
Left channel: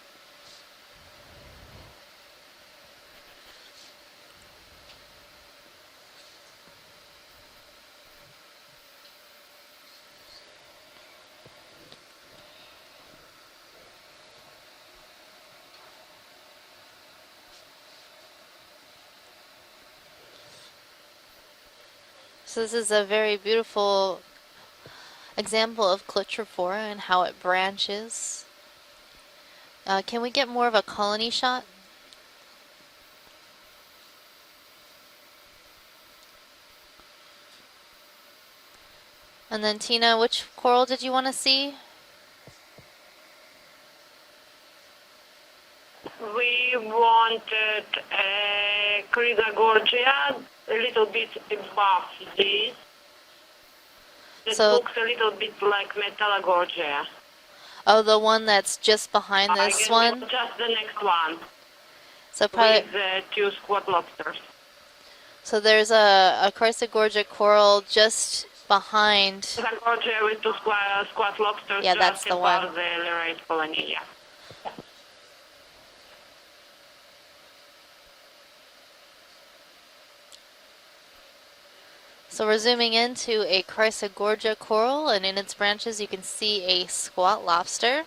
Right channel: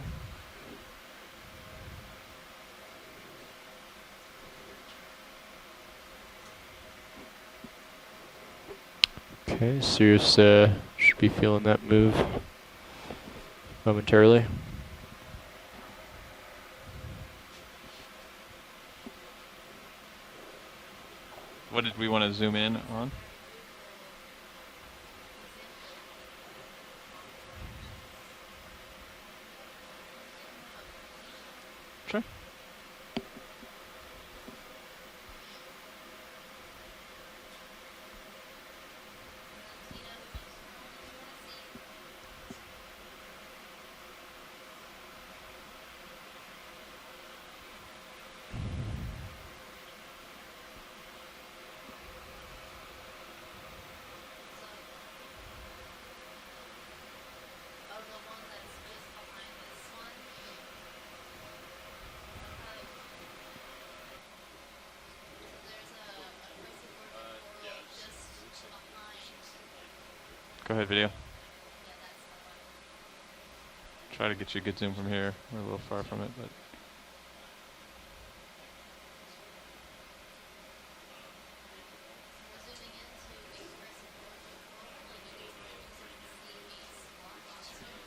Okay, Sirius should be feeling that move momentarily. What did we want to zoom So in this is a on? very beautiful example of Clyptrophora and how it branches. Can we get more of a colony shot? Sure. And then Tina, which coral did you want to see? We wanted a Chrysogorgia a little bit above this. It So- looks a little bit like Metallogorgia. Oh, the one that's just behind I this guess one? just the next one So probably, with two squat lobsters. so there's a Chrysogorgia coral just behind. Chrysogorgia with two video. squat lobsters Yeah, just that's the above one. the Lerate colony, yeah. Try to get you a good zoom from here. We're a little far from it, but So we're zooming into a Chrysogorgia coral, and in its branches you can see a squat lobster.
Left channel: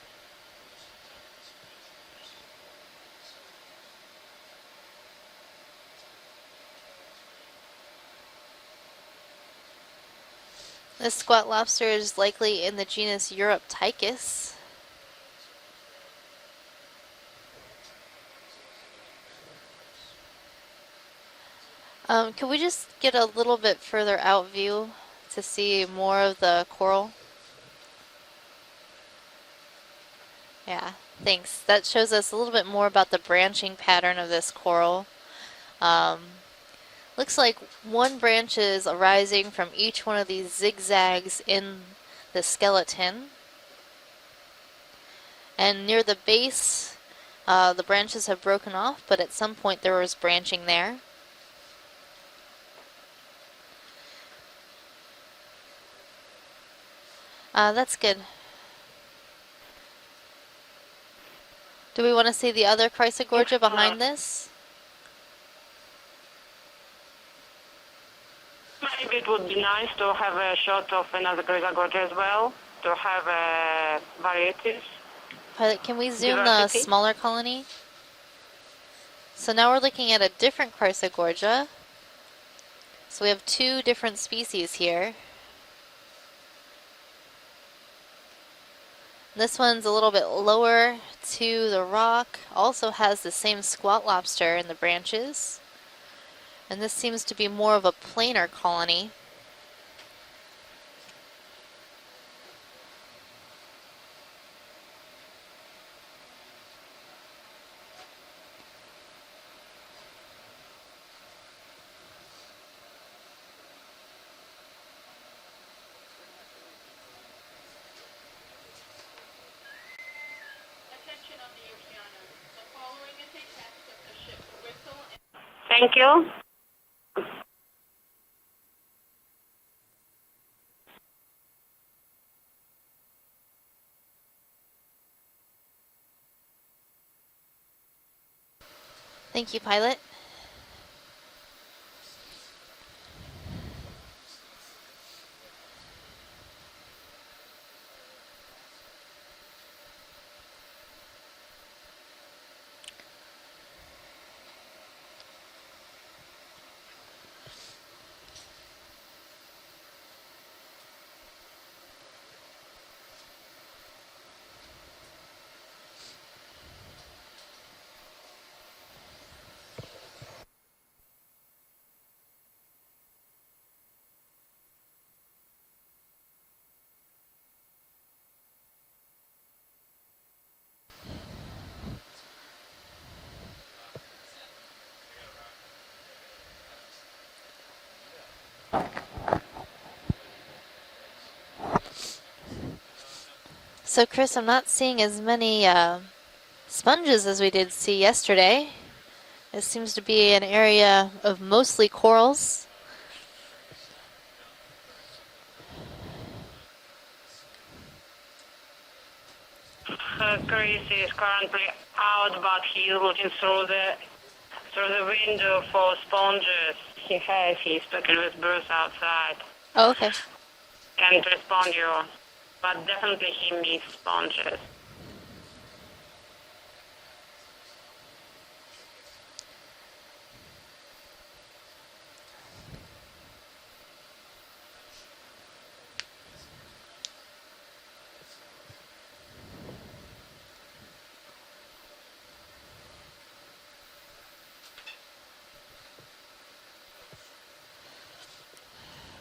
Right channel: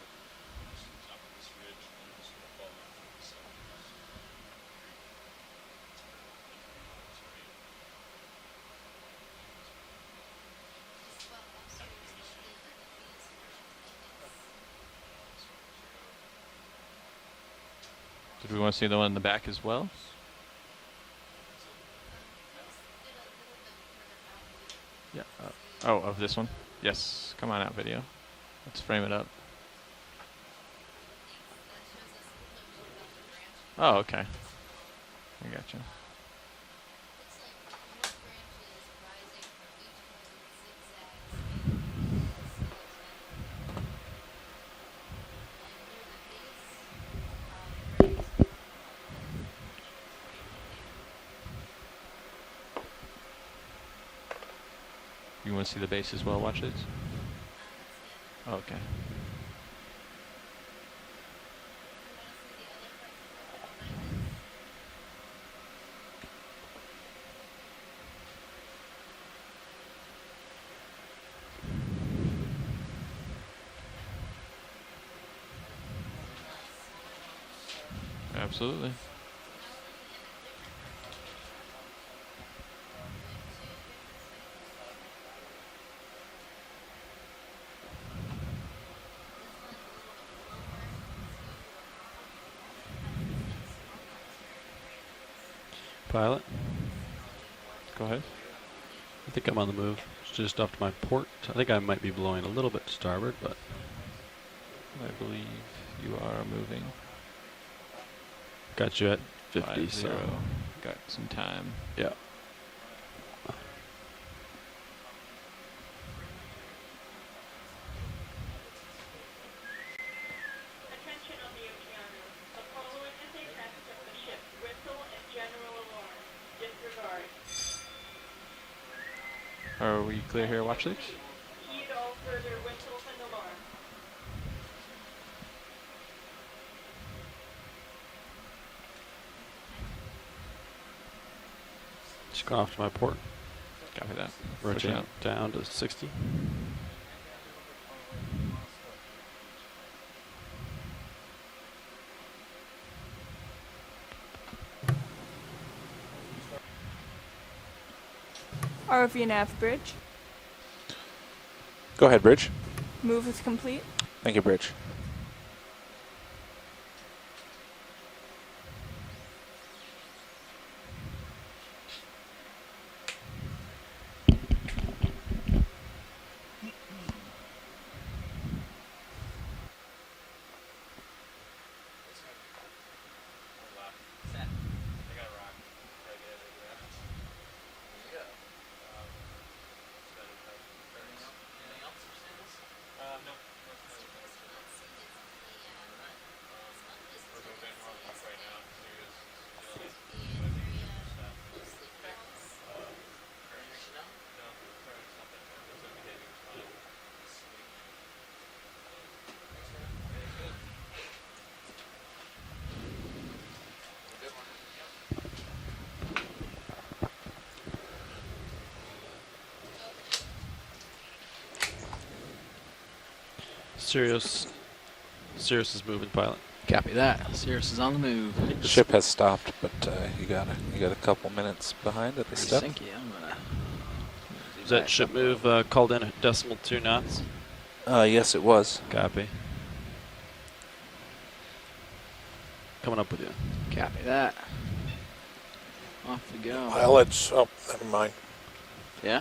This squat lobster is likely in the genus Europtychus. did we want to see the one in the back as well? Can we just get a little bit further out view Yeah. to see Oh, more this of one? the coral? Yes. Come on out, video. Let's frame it up. Yeah, thanks. That shows us a little bit more about the branching Oh, pattern okay. of this coral. I gotcha. Looks like one branch is arising from each one of these zigzags in the skeleton. And near the base, the branches have broken off, but at some point there was branching there. You want to see the base as well? Watch this. That's good. Okay. Do we want to see the other Chrysogorgia behind this? Maybe it would be nice to have a shot of another Chrysogorgia as well, to have varieties. Pilot, can we zoom the Diversity? smaller colony? Absolutely. So now we're looking at a different Chrysogorgia. So we have two different species here. This one's a little bit lower to the rock, also has the same squat lobster in the branches. Pilot, And this seems to be more of a Go ahead. planar colony. I think I'm on the move. It's just off to my port. I think I might be blowing a little bit to starboard, but I believe you are moving. got you at 50, 50, so got some time. yeah. Thank you. Are we clear here? Watch this. Thank you, pilot. Just gone off to my port. Copy that. Rotate Pushing out. down to 60. ROV nav bridge. Go ahead, Bridge. Move is complete. Thank you, Bridge. So Chris, I'm not seeing as many sponges as we did see yesterday. It seems to be an area of mostly corals. Chris is currently out, but he's looking through the window for sponges. He has his speaking with Bruce outside. Oh, okay. Can't respond you, but definitely he missed sponges. Cirrus is moving, pilot. Copy that. Cirrus is on the move. The ship has stopped, but you got a couple minutes behind at the step. Thank you. I'm gonna. Is that ship move called in at decimal 2 knots? Yes, it was. Copy. Coming up with you. Copy that. Off we go. Pilots. Oh, never mind. Yeah.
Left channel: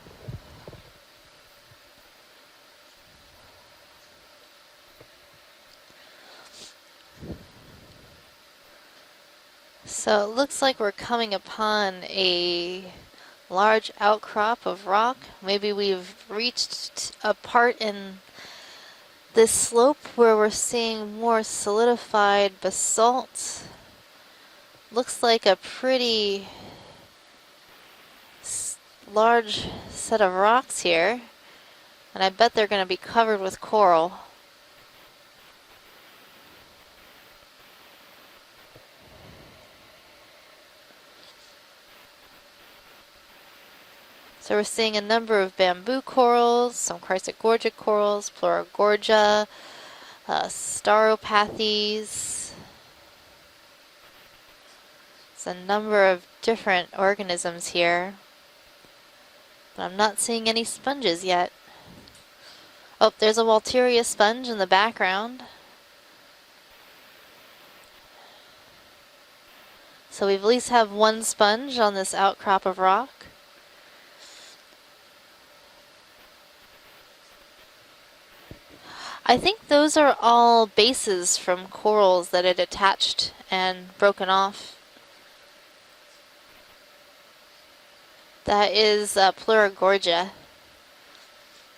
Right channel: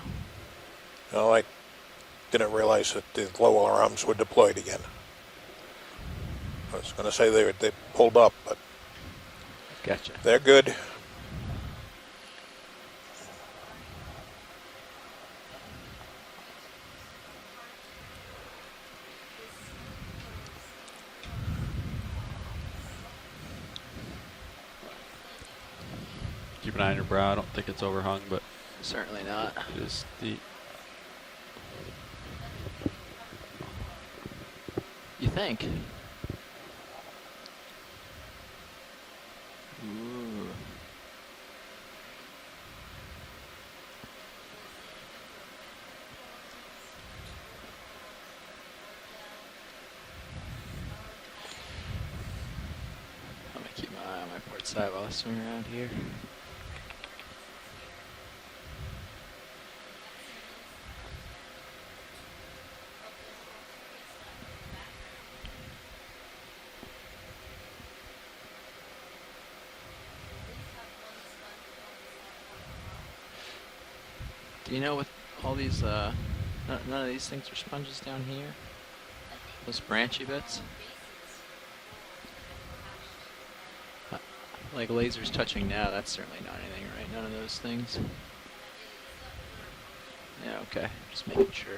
No, I didn't realize that the glow alarms were deployed again. I was going to say they pulled up, but So it they're looks good. like we're coming upon a large outcrop of rock. Maybe we've reached a part in this slope where we're seeing more solidified basalt. Looks like a pretty Keep an eye on your brow. I don't think it's overhung, but large set of rocks here. And I bet they're going to be covered with coral. You think? So we're seeing a number of bamboo corals, some chrysogorgic corals, Pleurogorgia, Staropathes. I'm gonna keep my eye on my port side while I swim There's a around number here. of different organisms here. But I'm not seeing any sponges yet. Oh, there's a Walteria sponge in the background. So we at least have one sponge on this outcrop of rock. Do you know what all these, none of these things are sponges down here? I think those are all bases from corals that had attached and broken off. Like lasers touching now, that's certainly not anything, right? None of those things? That is Pleurogorgia. Yeah, okay. Just making sure.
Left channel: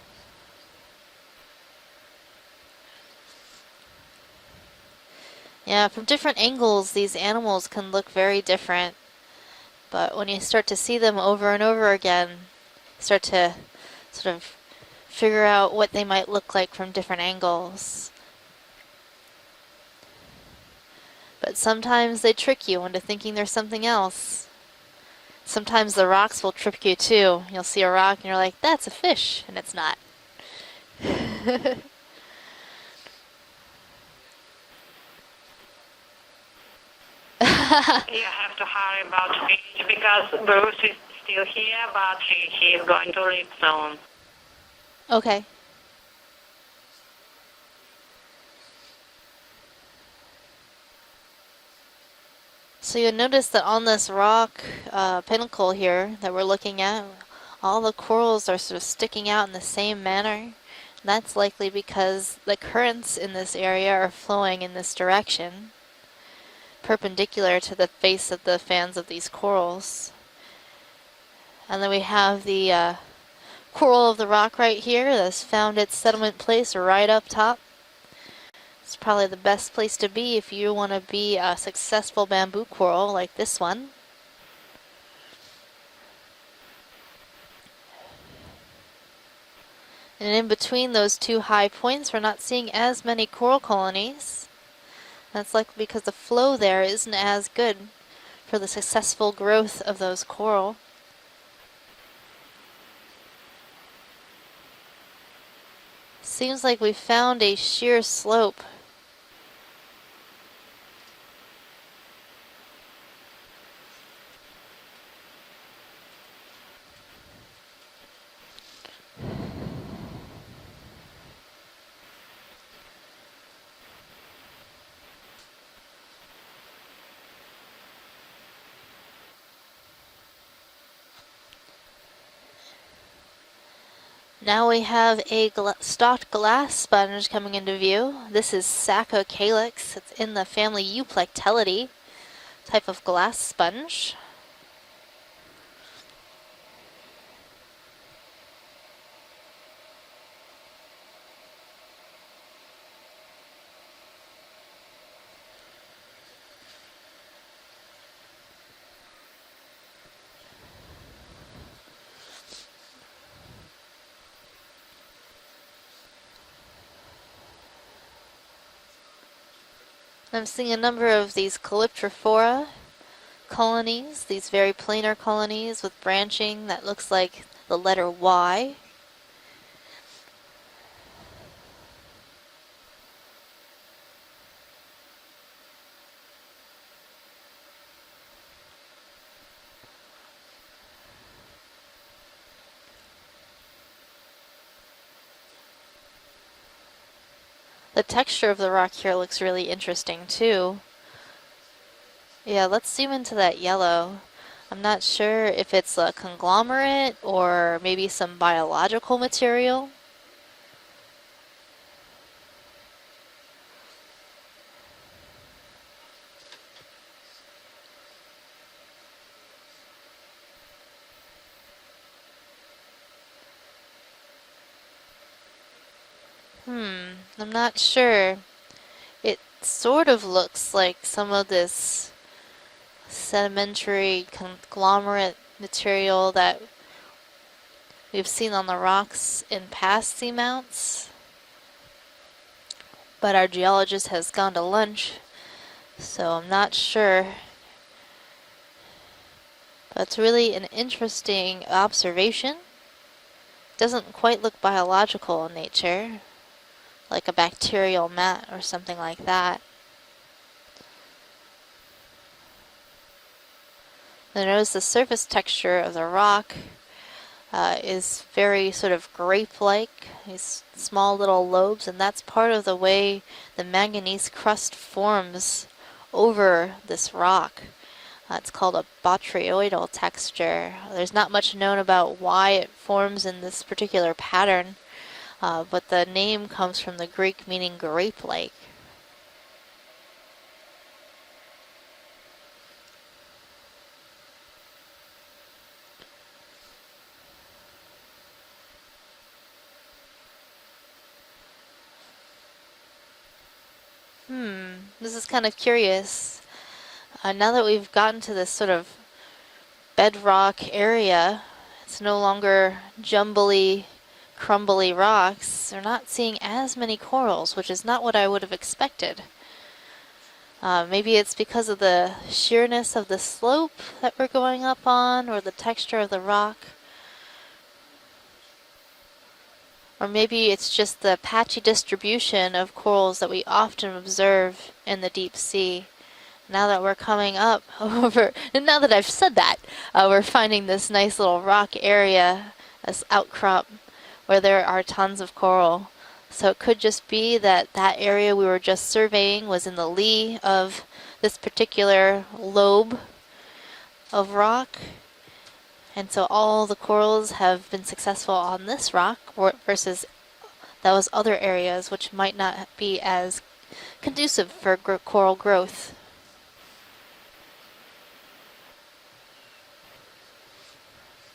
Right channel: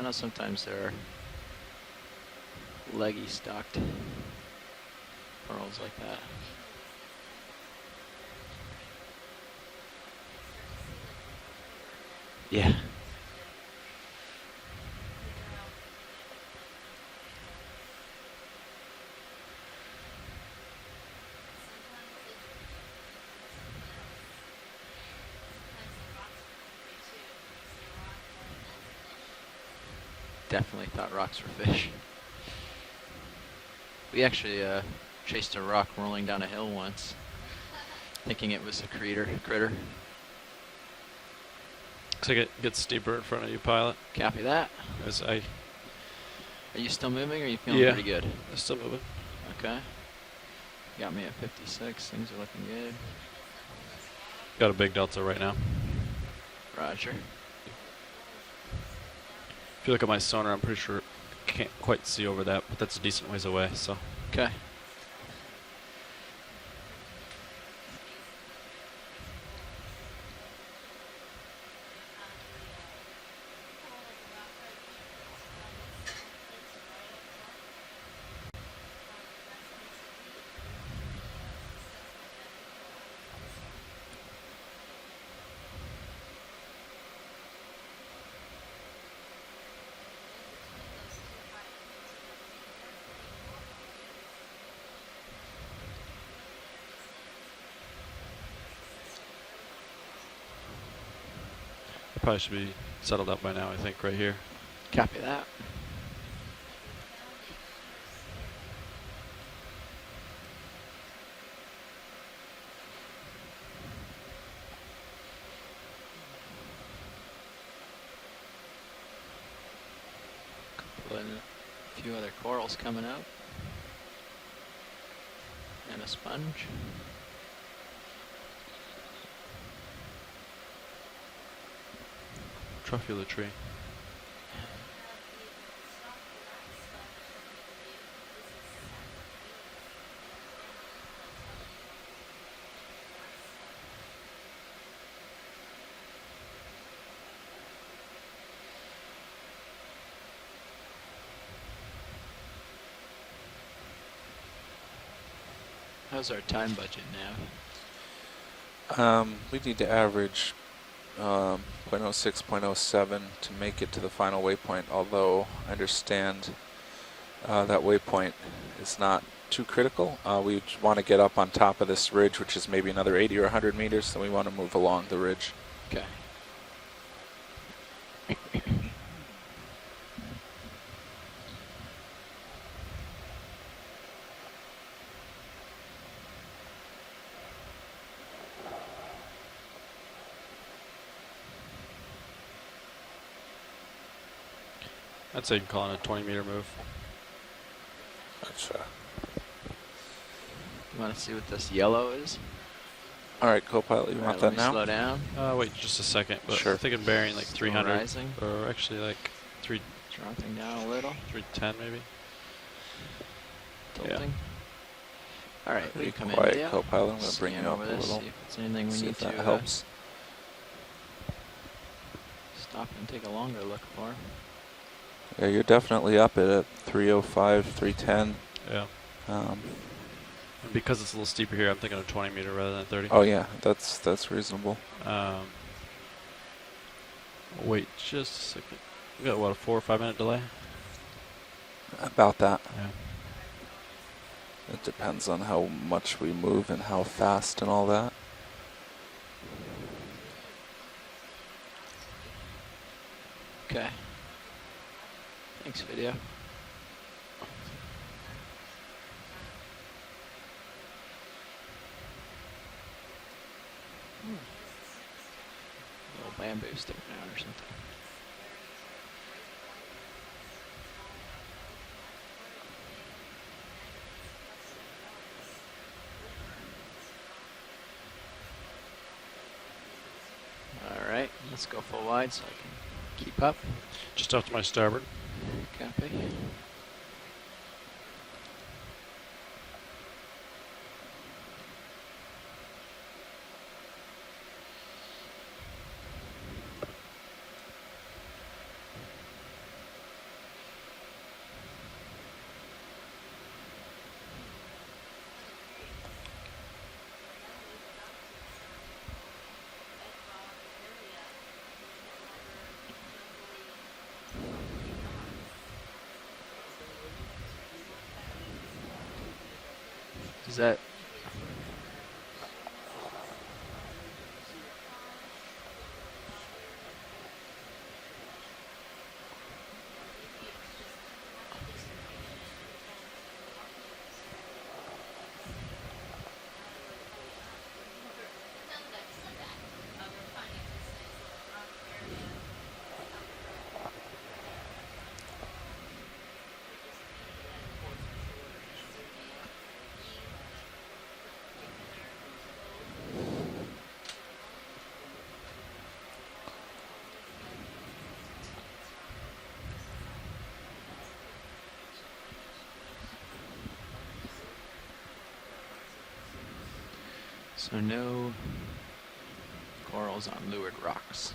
I know sometimes there are leggy stocked. Yeah, from different angles, these animals can look very different. But when you start to see them over and over again, start to sort of figure out what they might look like from different angles. But sometimes they trick you into thinking there's something else. Sometimes the rocks will trick you too. You'll see a rock and you're like, that's a fish, and it's not. Definitely thought rocks were fish. We actually chased a rock rolling down a hill once. Thinking it was a critter. Because Bruce is still here, but he's going to leave soon. Copy that. Okay. Are you still moving, or are you feeling pretty good? Still moving. Okay. Got me at 56. Things are looking good. So you'll notice that on this rock Got a big delta right pinnacle here that we're looking at, sure. all the corals are sort of sticking out in the same Look at my manner. sonar, I'm pretty sure That's likely can't quite because see over the that, but that's a currents decent in ways this away, area so- are flowing in this direction, perpendicular to the face of the fans of these corals. And then we have the coral of the rock right here that's found its settlement place right up top. It's probably the best place to be if you want to be a successful bamboo coral like this one. And in between those two high points, we're not seeing as many coral colonies. That's likely because the flow there isn't as good for the successful growth of those coral. Probably should be settled up by now, I think, right here. Copy that. Seems like we found a sheer slope. corals coming out. And a sponge. Truffula tree. Now we have a stalked glass sponge coming into view. This is Sacco calyx. It's in the family Euplectellidae type of glass sponge. How's our time budget now? We need to average 0.06, 0.07 to make it to the final waypoint, although I understand that waypoint is not too critical. I'm We seeing a want to number get of up on these top of this ridge, which Calyptrophora is maybe another 80 or 100 colonies, meters, and we these want to very move along the planar ridge. colonies with branching that looks like the letter Y. I'd say you can call it a 20-meter move. The texture of the rock here looks really interesting too. You want to see what this yellow is? Yeah, let's zoom into that Alright, yellow. co-pilot, you want that now? Not sure Oh, wait, if it's just a a second. conglomerate Sure. or maybe some biological material. Dropping down a little. 310 maybe. Tilting. Alright, will you come in, Quiet, Leo? co-pilot. I'm going to bring Scan you up over a this, little. see if it's anything we See need if that to helps. Stop and take a longer look for. Yeah, you're definitely up at it. 305, I'm not 310. sure. Yeah. It sort of looks Because like it's a some little of steeper here, I'm this thinking of 20 meter rather than 30. Oh, yeah, sedimentary that's reasonable. conglomerate material that Wait, you've seen on the rocks got, what, a in 4 or 5 past minute delay? seamounts. About that. Yeah. But our geologist has gone to lunch. Depends on how much So we I'm move not and sure. how fast and all that. That's really an interesting observation. It doesn't quite look biological in nature, like a bacterial mat or something like that. Notice the surface texture of the rock is very sort of grape-like, these small little lobes, and that's part of the way the manganese crust forms over this rock. It's called a botryoidal texture. There's not much known about why it forms in this particular pattern, but the name comes from the Greek meaning grape-like. This is kind of curious. Now that we've gotten to this sort of bedrock area, it's no longer jumbly, crumbly rocks. They're not seeing as many corals, which is not what I would have expected. Maybe it's because of the sheerness of the slope that we're going up on, or the texture of the rock. Or maybe it's just the patchy distribution of corals that we often observe in the deep sea. Now that we're coming up over, and now that I've said that, we're finding this nice little rock area, this outcrop, where there are tons of coral. So it could just be that that area we were just surveying was in the lee of this particular lobe of rock. And so all the corals have been successful on this rock versus those other areas which might not be as conducive for coral growth. So no corals on lured rocks.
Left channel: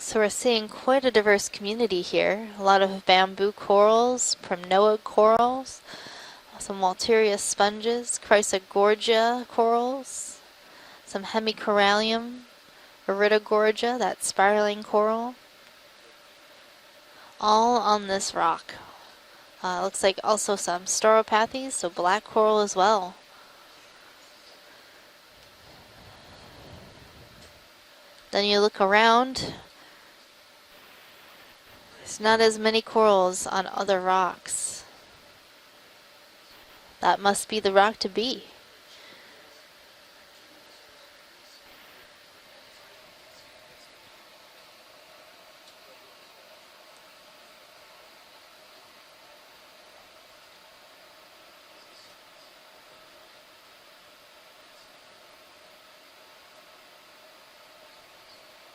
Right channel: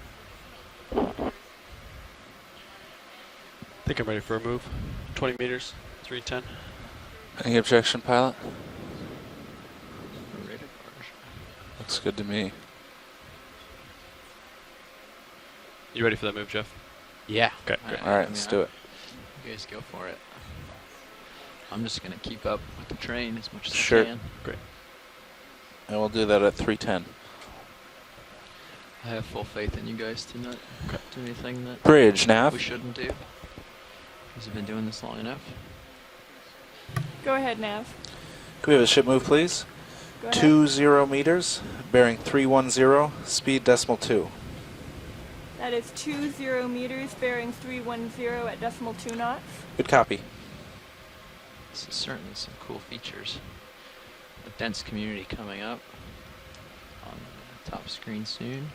So we're seeing quite a diverse community here. A lot of bamboo corals, Pronoa corals, 310. some Walteria sponges, Chrysogorgia corals, some Hemicorallium, Iridogorgia, that spiraling coral. You ready for that move, Jeff? Yeah. All on this rock. Looks like also some Stauropathes, so black coral as well. Sure. Great. And we'll do that at 310. Then you look around. I have full faith in you guys to not do anything that. Bridge not now. as many corals on other rocks. You've been doing this long enough. That must be the rock to be. Can we have a ship move, please? 20 meters, bearing 310, speed decimal 2. That is 20 meters, bearing 310 at decimal 2 knots. Good copy. This is certainly some cool features. A dense community coming up on the top screen soon.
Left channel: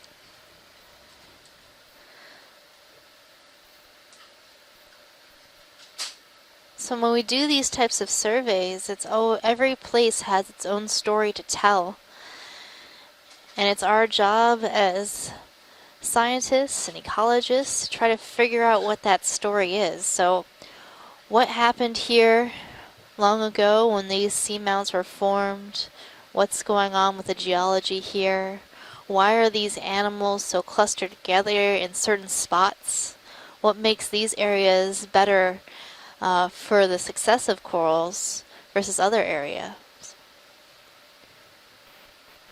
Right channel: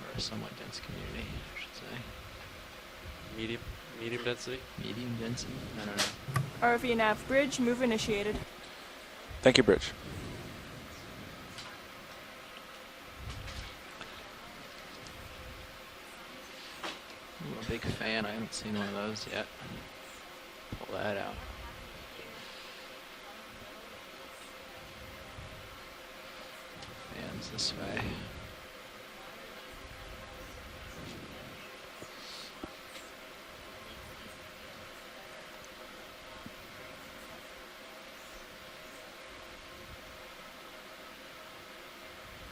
Or a somewhat dense community, I should say. Medium density? Medium density? I don't know. So when we do these types of surveys, it's every place has its own story to tell. And it's our job as scientists and ecologists to try to figure out what that story is. So what happened here long ago when these seamounts were formed? What's going on with the geology here? Why are these animals so clustered together in certain spots? What makes these areas better for the success of corals versus other areas?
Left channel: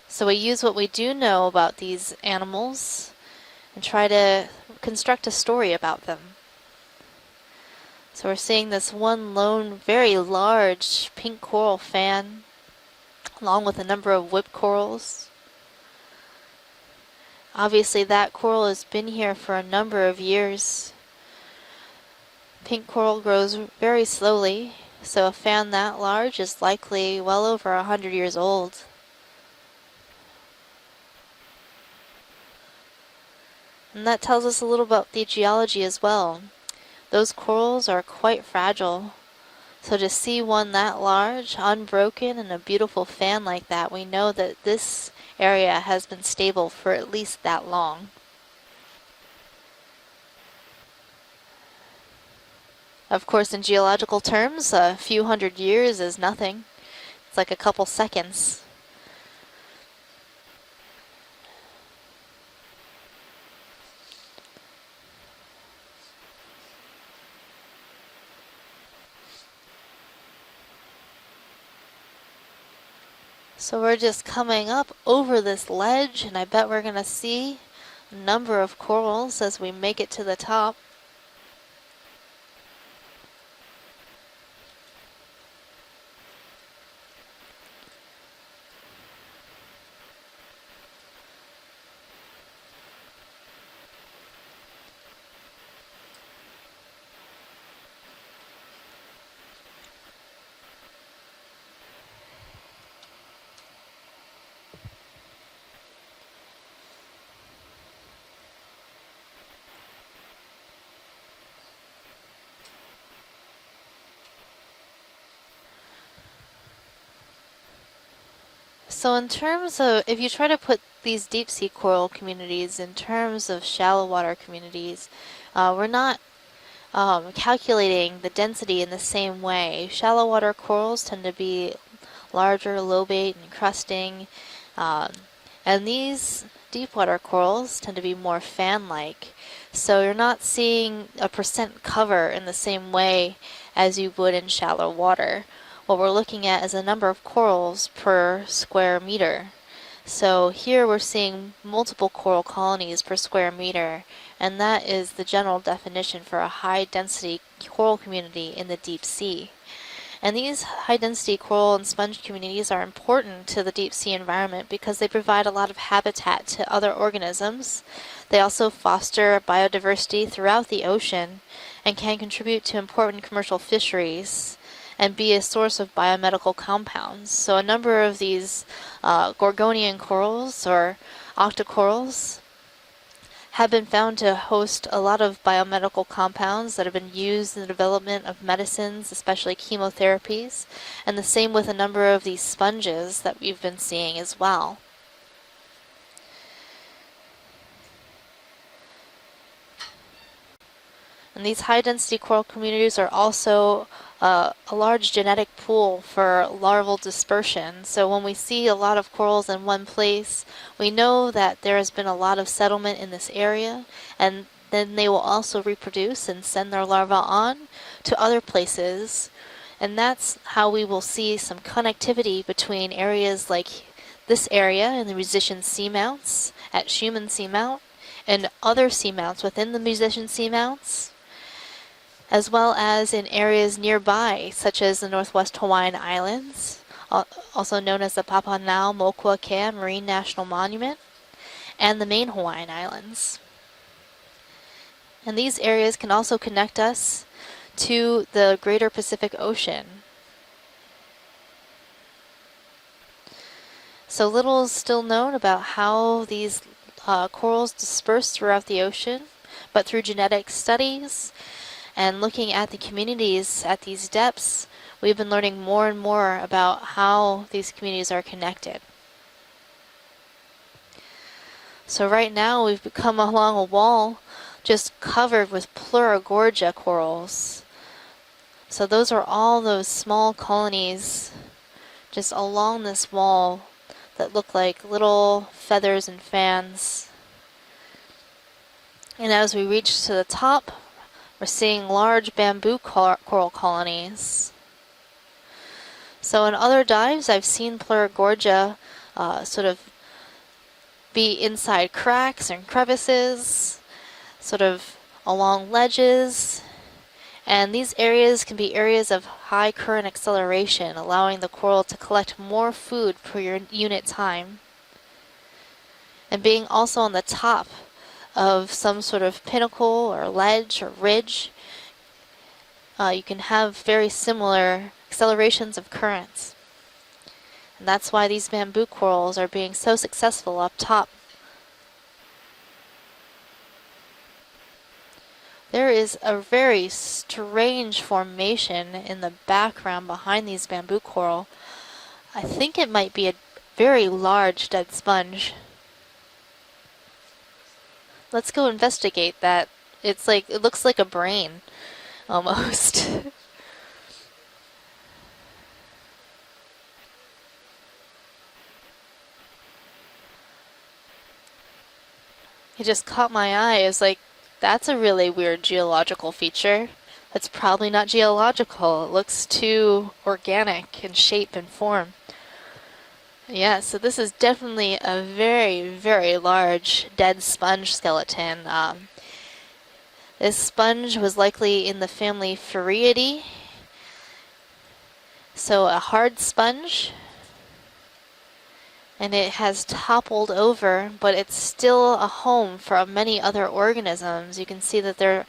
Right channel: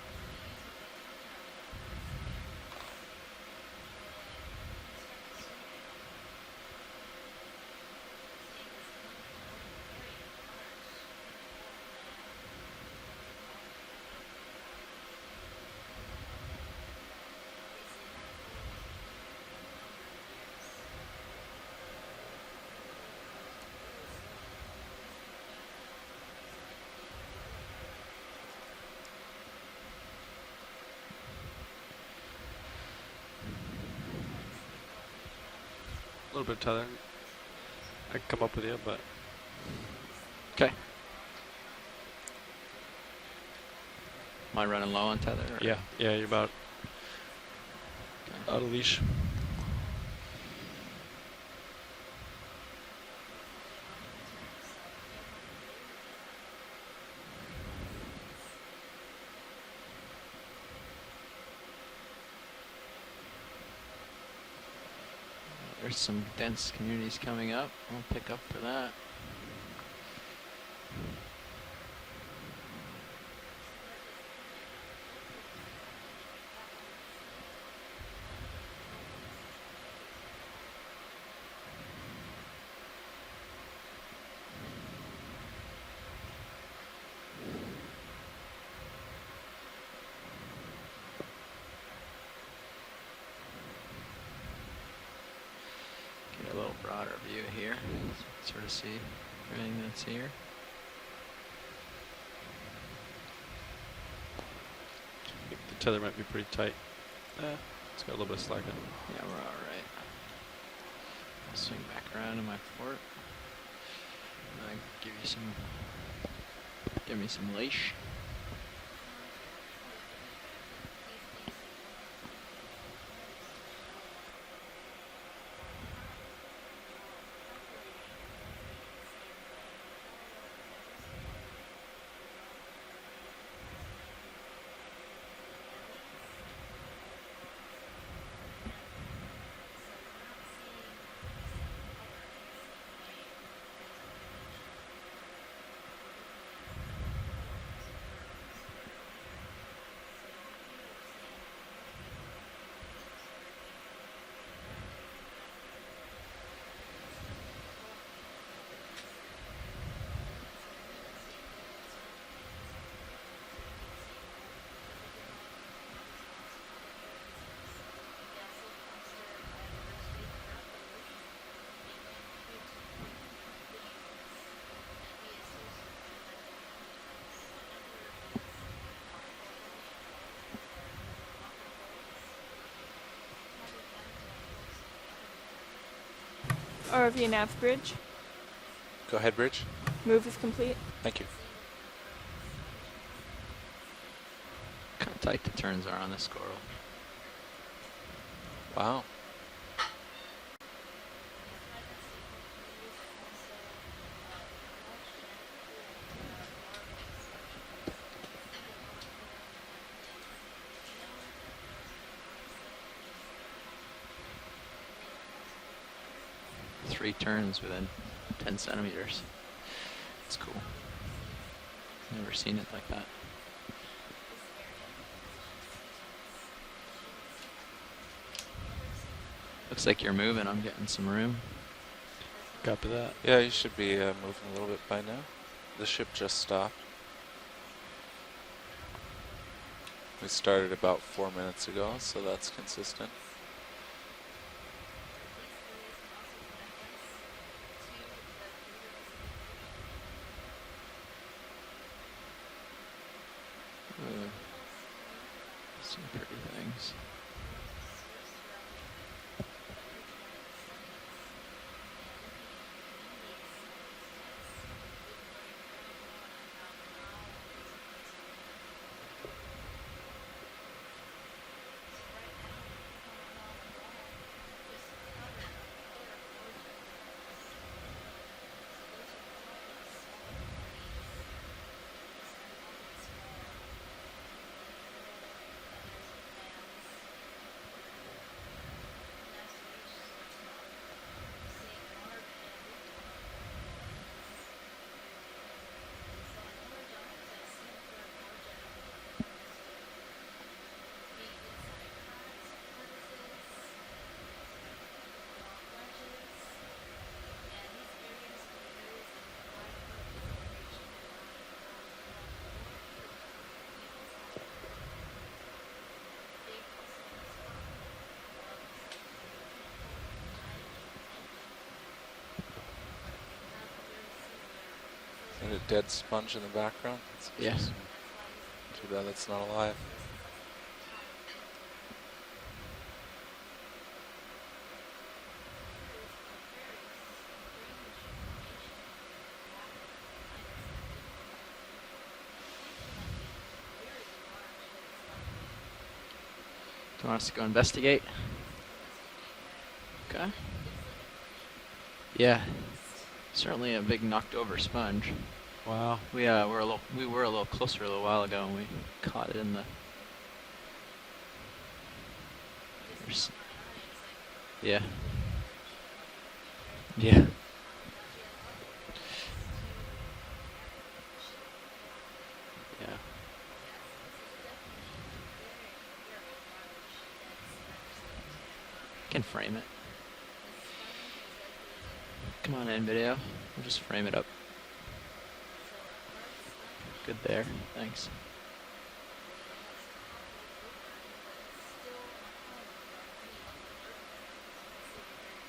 So we use what we do know about these animals and try to construct a story about them. So we're seeing this one lone, very large pink coral fan, along with a number of whip corals. Obviously that coral has been here for a number of years. Pink coral grows very slowly, so a fan that large is likely well over 100 years old. And that tells us a little about the geology as well. A little bit of Those corals are quite fragile. So to see one that large, unbroken, and a beautiful fan like that, we know that this area has been stable for at least that long. Out of leash. Of course, in geological terms, a few hundred years is nothing. It's like a couple seconds. There's some dense communities coming up. I'll pick up for that. So we're just coming up over this ledge, and I bet we're going to see a number of corals as we make it to the top. Get a little broader view here, sort of see everything that's here. The tether might be pretty tight. It's got a little bit of slack in it. Yeah, we're all right. I'll swing back around to my port. And give me some leash. So in terms of, if you try to put these deep sea coral communities in terms of shallow water communities, we're not calculating the density in the same way. Shallow water corals tend to be larger, lobate, and crusting, and these deep water corals tend to be more fan-like. So you're not seeing a percent cover in the same way as you would in shallow water. What we're looking at is a number of corals per square meter. So here we're seeing multiple coral colonies per square meter, and that is the general definition for a high-density coral community in the deep sea. And these high-density coral and sponge communities are important to the deep sea environment because they provide a lot of habitat to other organisms. They also foster biodiversity throughout the ocean and can contribute to important commercial fisheries and be a source of biomedical compounds. So a number of these Gorgonian corals or octocorals have been found to host a lot of biomedical compounds that have been used in the development of medicines, especially chemotherapies, and the same with a number of these sponges that we've been seeing as well. Kind of tight the turns are on this coral. Wow. And these high-density coral communities are also a large genetic pool for larval dispersion. So when we see a lot of corals in one place, we know that there has been a lot of settlement in this area, and then they will also reproduce and send their larvae on to other places. And that's how we will see some connectivity between areas like this area and the musician seamounts at Schumann Seamount and other seamounts within the musician seamounts, as well as in areas nearby, such as the Northwest Hawaiian Islands, also known as the Papahanao-Mokuakea Marine National Monument, about 4 minutes ago, and the so main that's Hawaiian consistent. Islands. And these areas can also connect us to the greater Pacific Ocean. So little is still known about how these corals disperse throughout the ocean, but through genetic studies and looking at the communities at these depths, we've been learning more and more about how these communities are connected. So right now we've come along a wall just covered with Pleurogorgia corals. So those are all those small colonies just along this wall that look like little feathers and fans. And as we reach to the top, we're seeing large bamboo coral colonies. So in other dives, I've seen Pleurogorgia sort of be inside cracks and crevices, sort of along ledges. And these areas can be areas of high current acceleration, allowing the coral to collect more food per unit time. And being also on the top of some sort of pinnacle or ledge or ridge, you can have very similar accelerations of currents. In the background. Yes. And that's why these bamboo corals are being so successful up top. There is a very strange formation in the background behind these bamboo coral. I think it might be a very large dead sponge. Do you want us to go investigate? Let's go investigate that. It's Okay. like, it looks like a brain. Yeah. Almost. Certainly a big knocked over sponge. Wow. We were a little closer a little while ago and we caught it in the. It just caught my eye. It's like, that's a really weird geological feature. Yeah. It's probably not geological. It looks too organic in shape and form. Yeah, so this is definitely a very, very large dead sponge skeleton. Can frame it. This sponge was likely in the family Come on in, Feriidae. Rio. Just frame it up. So a hard sponge. Good there. Thanks. And it has toppled over, but it's still a home for many other organisms. You can see that there are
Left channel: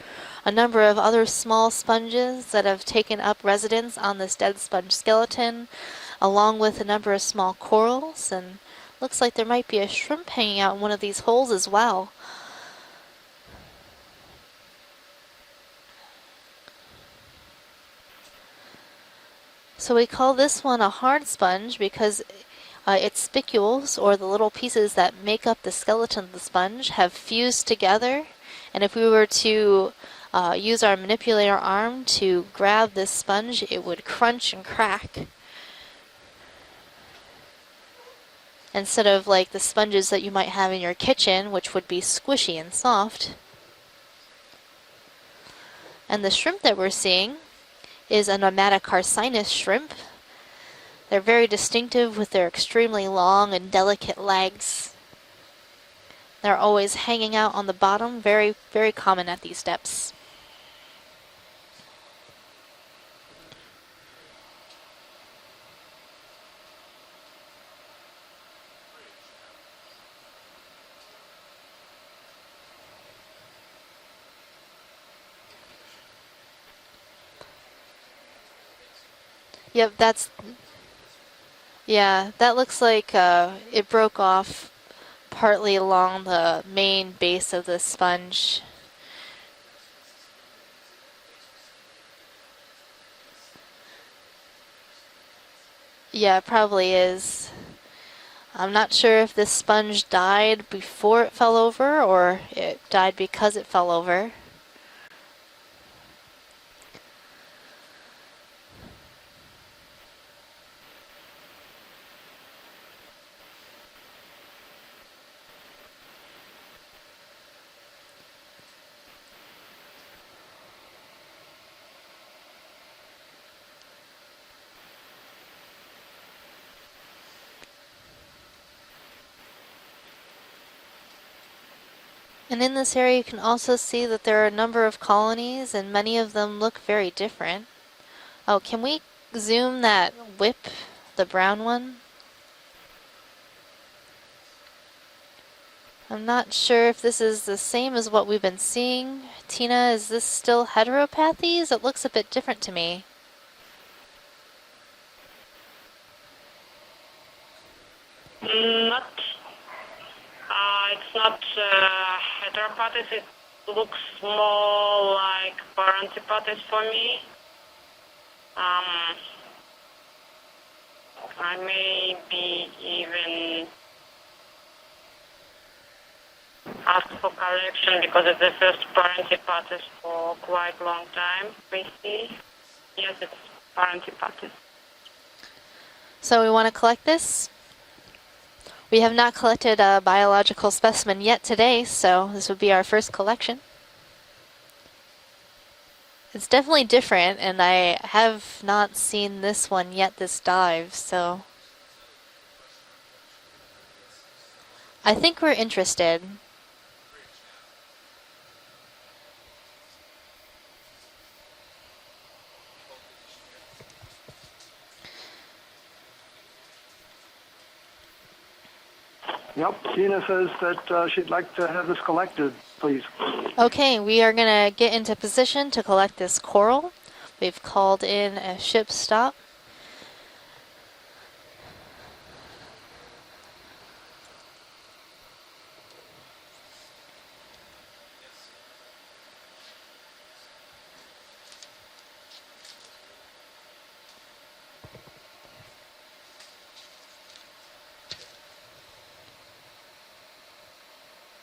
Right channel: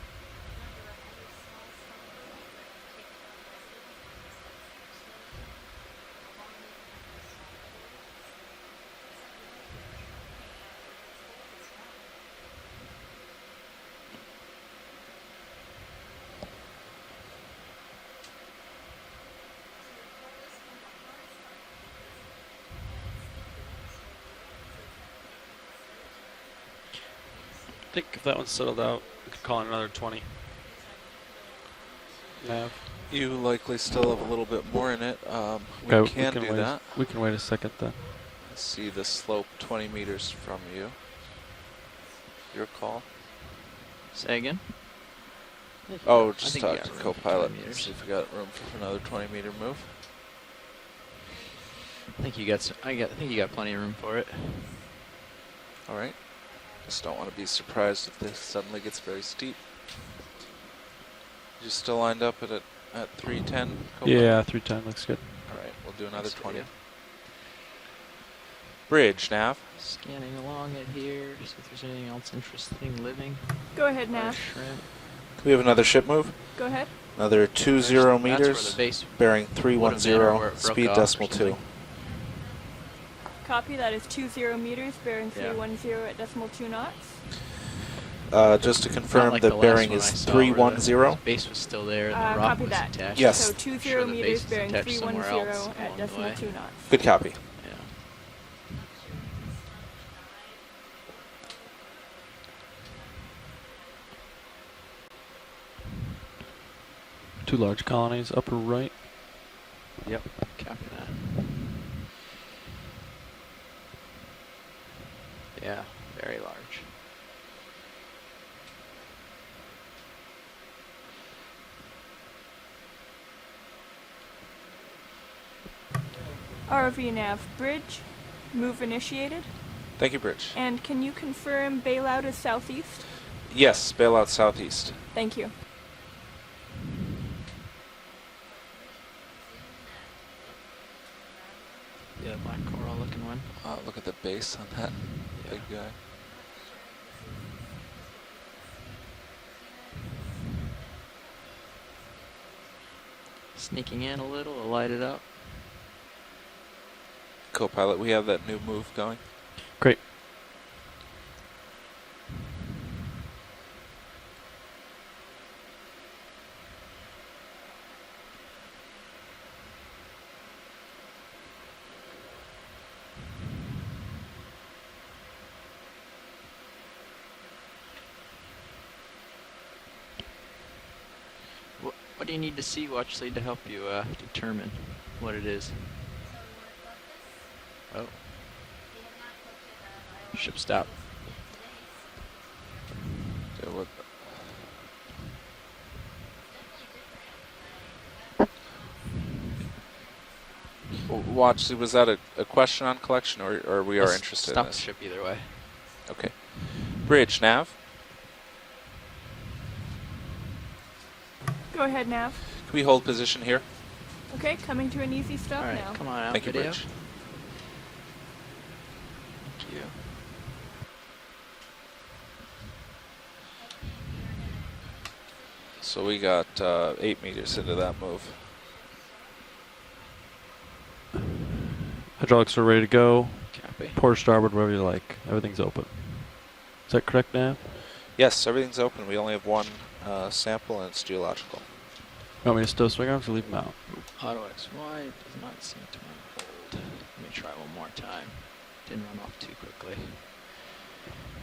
a number of other small sponges that have taken up residence on this dead sponge skeleton, along with a number of small corals, and looks like there might be a shrimp hanging out in one of these holes as well. So we call this one a hard sponge because its spicules, or the little pieces that make up the skeleton of the sponge, have fused together. And if we were to use our manipulator arm to grab this sponge, it would crunch and crack. We can do that. We can wait a second then. Instead of like the sponges that you might have in your kitchen, which would be squishy and soft. Say again? And the shrimp that we're seeing is a nomadic carcinus shrimp. They're very distinctive with their extremely long and delicate legs. All right. They're always hanging out on the bottom, very, very common at these depths. You still lined up at 310? Yeah, 310 looks good. All right, we'll do another 20. Bridge, Nav. Scanning along it here, see if there's anything else interesting living. Go ahead, Nav. Shrimp. We have another ship move. Go ahead. Another 20 meters, That's where the base bearing 310, broke speed off decimal or 2. something. Yeah, that looks like it broke off partly 20 along the meters, main base of the sponge. Just to confirm, like the the last bearing one is I saw, 310. where the base was still there and the rock copy was that. attached. Yes. So I'm 20 sure the base meters is bearing attached somewhere 310 else. at decimal Yeah, 2. probably Good is. copy. I'm not sure if this sponge died before it fell over or it died because it fell over. 2 large colonies, upper right. Yep. Copy that. Yeah, very large. ROV nav bridge, move initiated. Thank you, Bridge. And can you confirm bailout is southeast? And in this area you can also Yes, see bailout that there are a number southeast. of colonies and many of them look very different. Oh, can we zoom that whip The brown one? Yeah, black coral looking one. Look at the base on that big guy. I'm not sure if this is the same as what we've been seeing. Tina, is this still heteropathies? It looks a bit different to me. Sneaking in a little, light it up. Co-pilot, we have that new move going. Great. It's not heteropathies. It looks more like paranthropathies for me. I may be even ask for correction because it's the first paranthropathies for quite a long time. What do you need to see actually to help you determine what it is? So we want to collect this. Oh. We have not collected a biological specimen yet today, so this would be our first collection. It's definitely different, and I have not seen this one yet, this dive, so... Watch, was that a question on collection, or we are interested in this? I think we're interested. Okay. Bridge, Nav? Go ahead, Nav. Can we hold position here? Okay, coming to an easy stop All right, now. come on out, Thank you, video. Bridge. Yep, Tina says that she'd like to have this collected, please. Okay, we are going to get into position to collect we this got, coral. 8 meters We've into called that in a ship stop. Hydraulics are ready to go. Copy. Port starboard, wherever you like. Everything's open. Is that correct, Nav? Yes, everything's open. We only have one sample, and it's geological. You want me to still swing arms or leave them out? Auto XY does not seem to unfold. Let me try one more time. Didn't run off too quickly.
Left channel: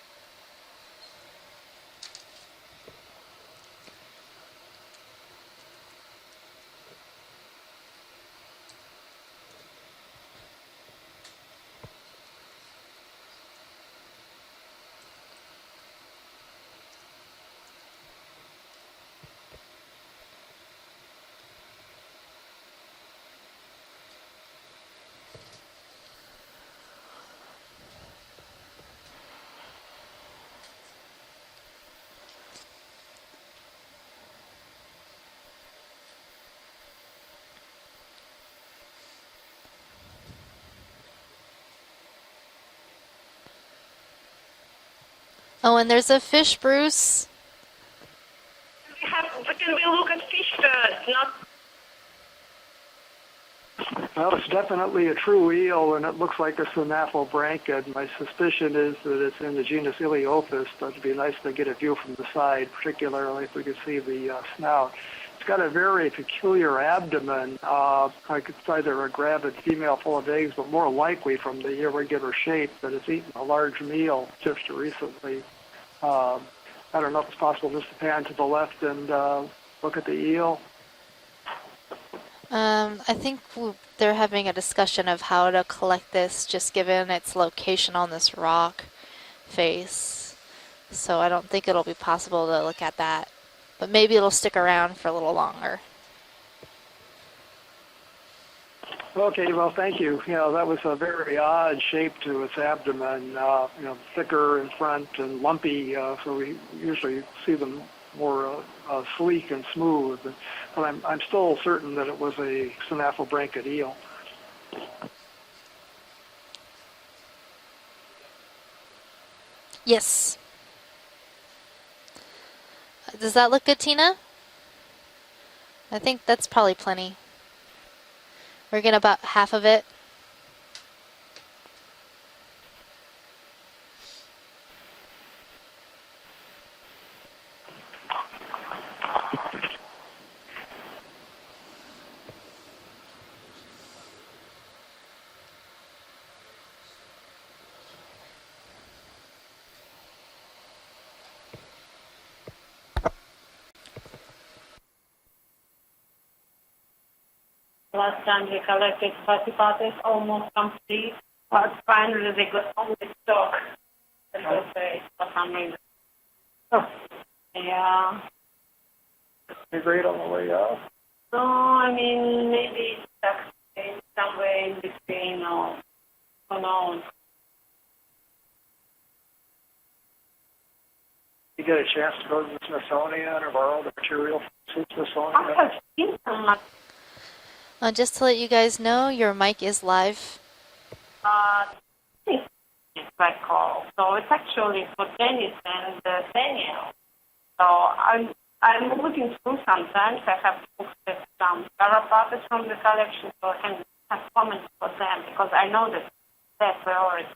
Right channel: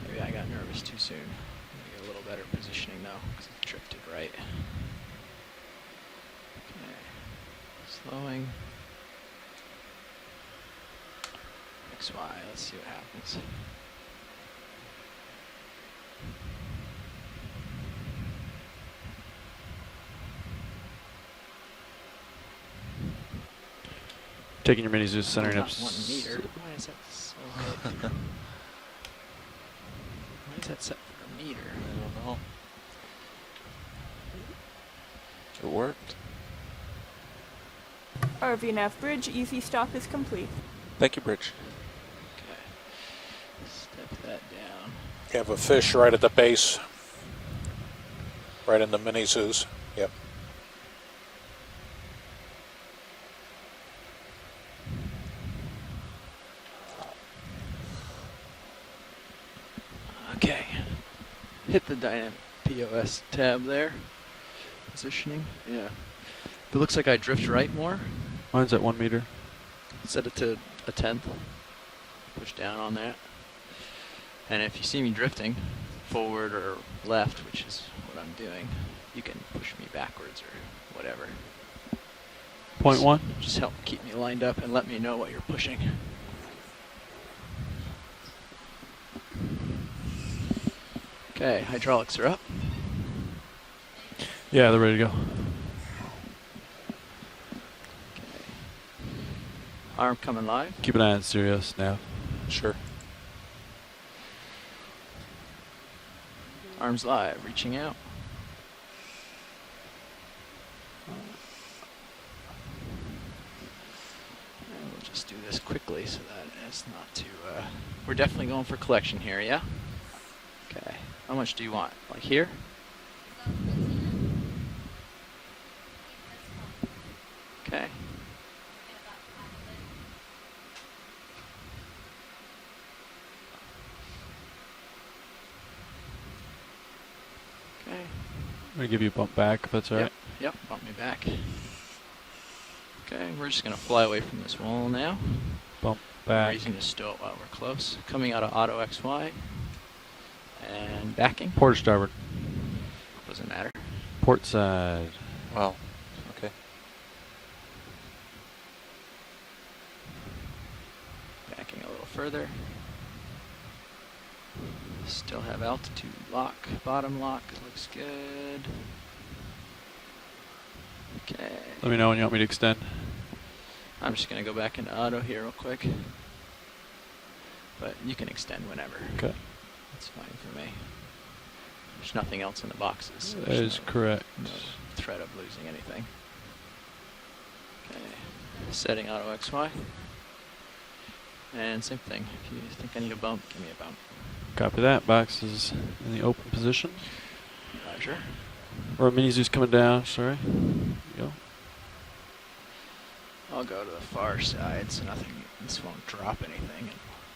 Maybe I got nervous too soon. Maybe a little better positioning though, because I drifted right. Okay. Slowing. XY, let's see what happens. Taking your minis, just centering up. 1 meter. Why is that so big? Why is that set for a meter? I don't know. It worked. RV Nav Bridge, easy stop is complete. Thank you, Bridge. Step that down. You have a fish Oh, and there's right a at the fish, base, Bruce. right in the mini-zoos. Can we look at fish first, not... Well, it's definitely a true eel, and it looks like a synaphobranchid. My suspicion is that it's in the genus Iliophis, but it'd be nice to get a view from the side, particularly if we can see the snout. It's got a very peculiar Looks abdomen. like I drift right more. I could Mine's say at 1 they're a meter. gravid female full of Set it eggs, to but more a 10. likely from the irregular shape down that it's there. eaten a large meal just And if you recently. see me drifting, forward or I don't know if left, it's possible which is just to pan to the left and push me look at the backwards eel. whatever. Point I one. think Just help keep they're it lined having a up and let me discussion know of what how we're to pushing. collect this, just given its location on this rock face. So I don't Okay, think it'll be hydraulics are possible to look at that. But maybe it'll stick Yeah, they're around ready to for a go. little longer. Okay, well, thank you. Arm You coming know, that line. was Keep a an eye on very Sirius, odd yeah. shape to its abdomen, you know, thicker in front and lumpy, so we Arms usually live, see reaching them out. more sleek and smooth. But I'm still certain that it was a synaphobranchid eel. I'll just do this quickly so that it's not too... we're definitely going for collection here, yeah? Yes. Okay. How much do you want? Like here? Does that look good, Tina? I think that's probably plenty. Okay. We're getting about half of it. I'm going to give you a bump back, if that's all right. Yep, bump me back. Okay, we're just going to fly away from this wall now. Bump No back. reason to stow it while we're close. Coming out of auto XY. And backing. Port starboard. Doesn't matter. Port side. Wow. Okay. Last time we collected participants almost complete, but finally they got only stock. Start at altitude lock, bottom lock. Looks Yeah. good. Be great on the way up. Let me know when you want me to extend. I'm just going to go back into auto here real quick. Unknown. But you can extend whenever. Okay. That's fine for me. You get a chance There's to go nothing to else in the box. Smithsonian or That borrow is the correct. material to I Smithsonian. have seen some Just to let you guys Setting know, up your X mic Y. is live. And same thing. If you think I need to bump. So it's actually that, Box tennis is and in open tennis. position. So I'm Or looking Mizu's through coming down, sometimes. sorry. I have booked some Carapatas from the collection, so I I'll can go to the have far comments side, for so them I because I know that drop anything. their priority.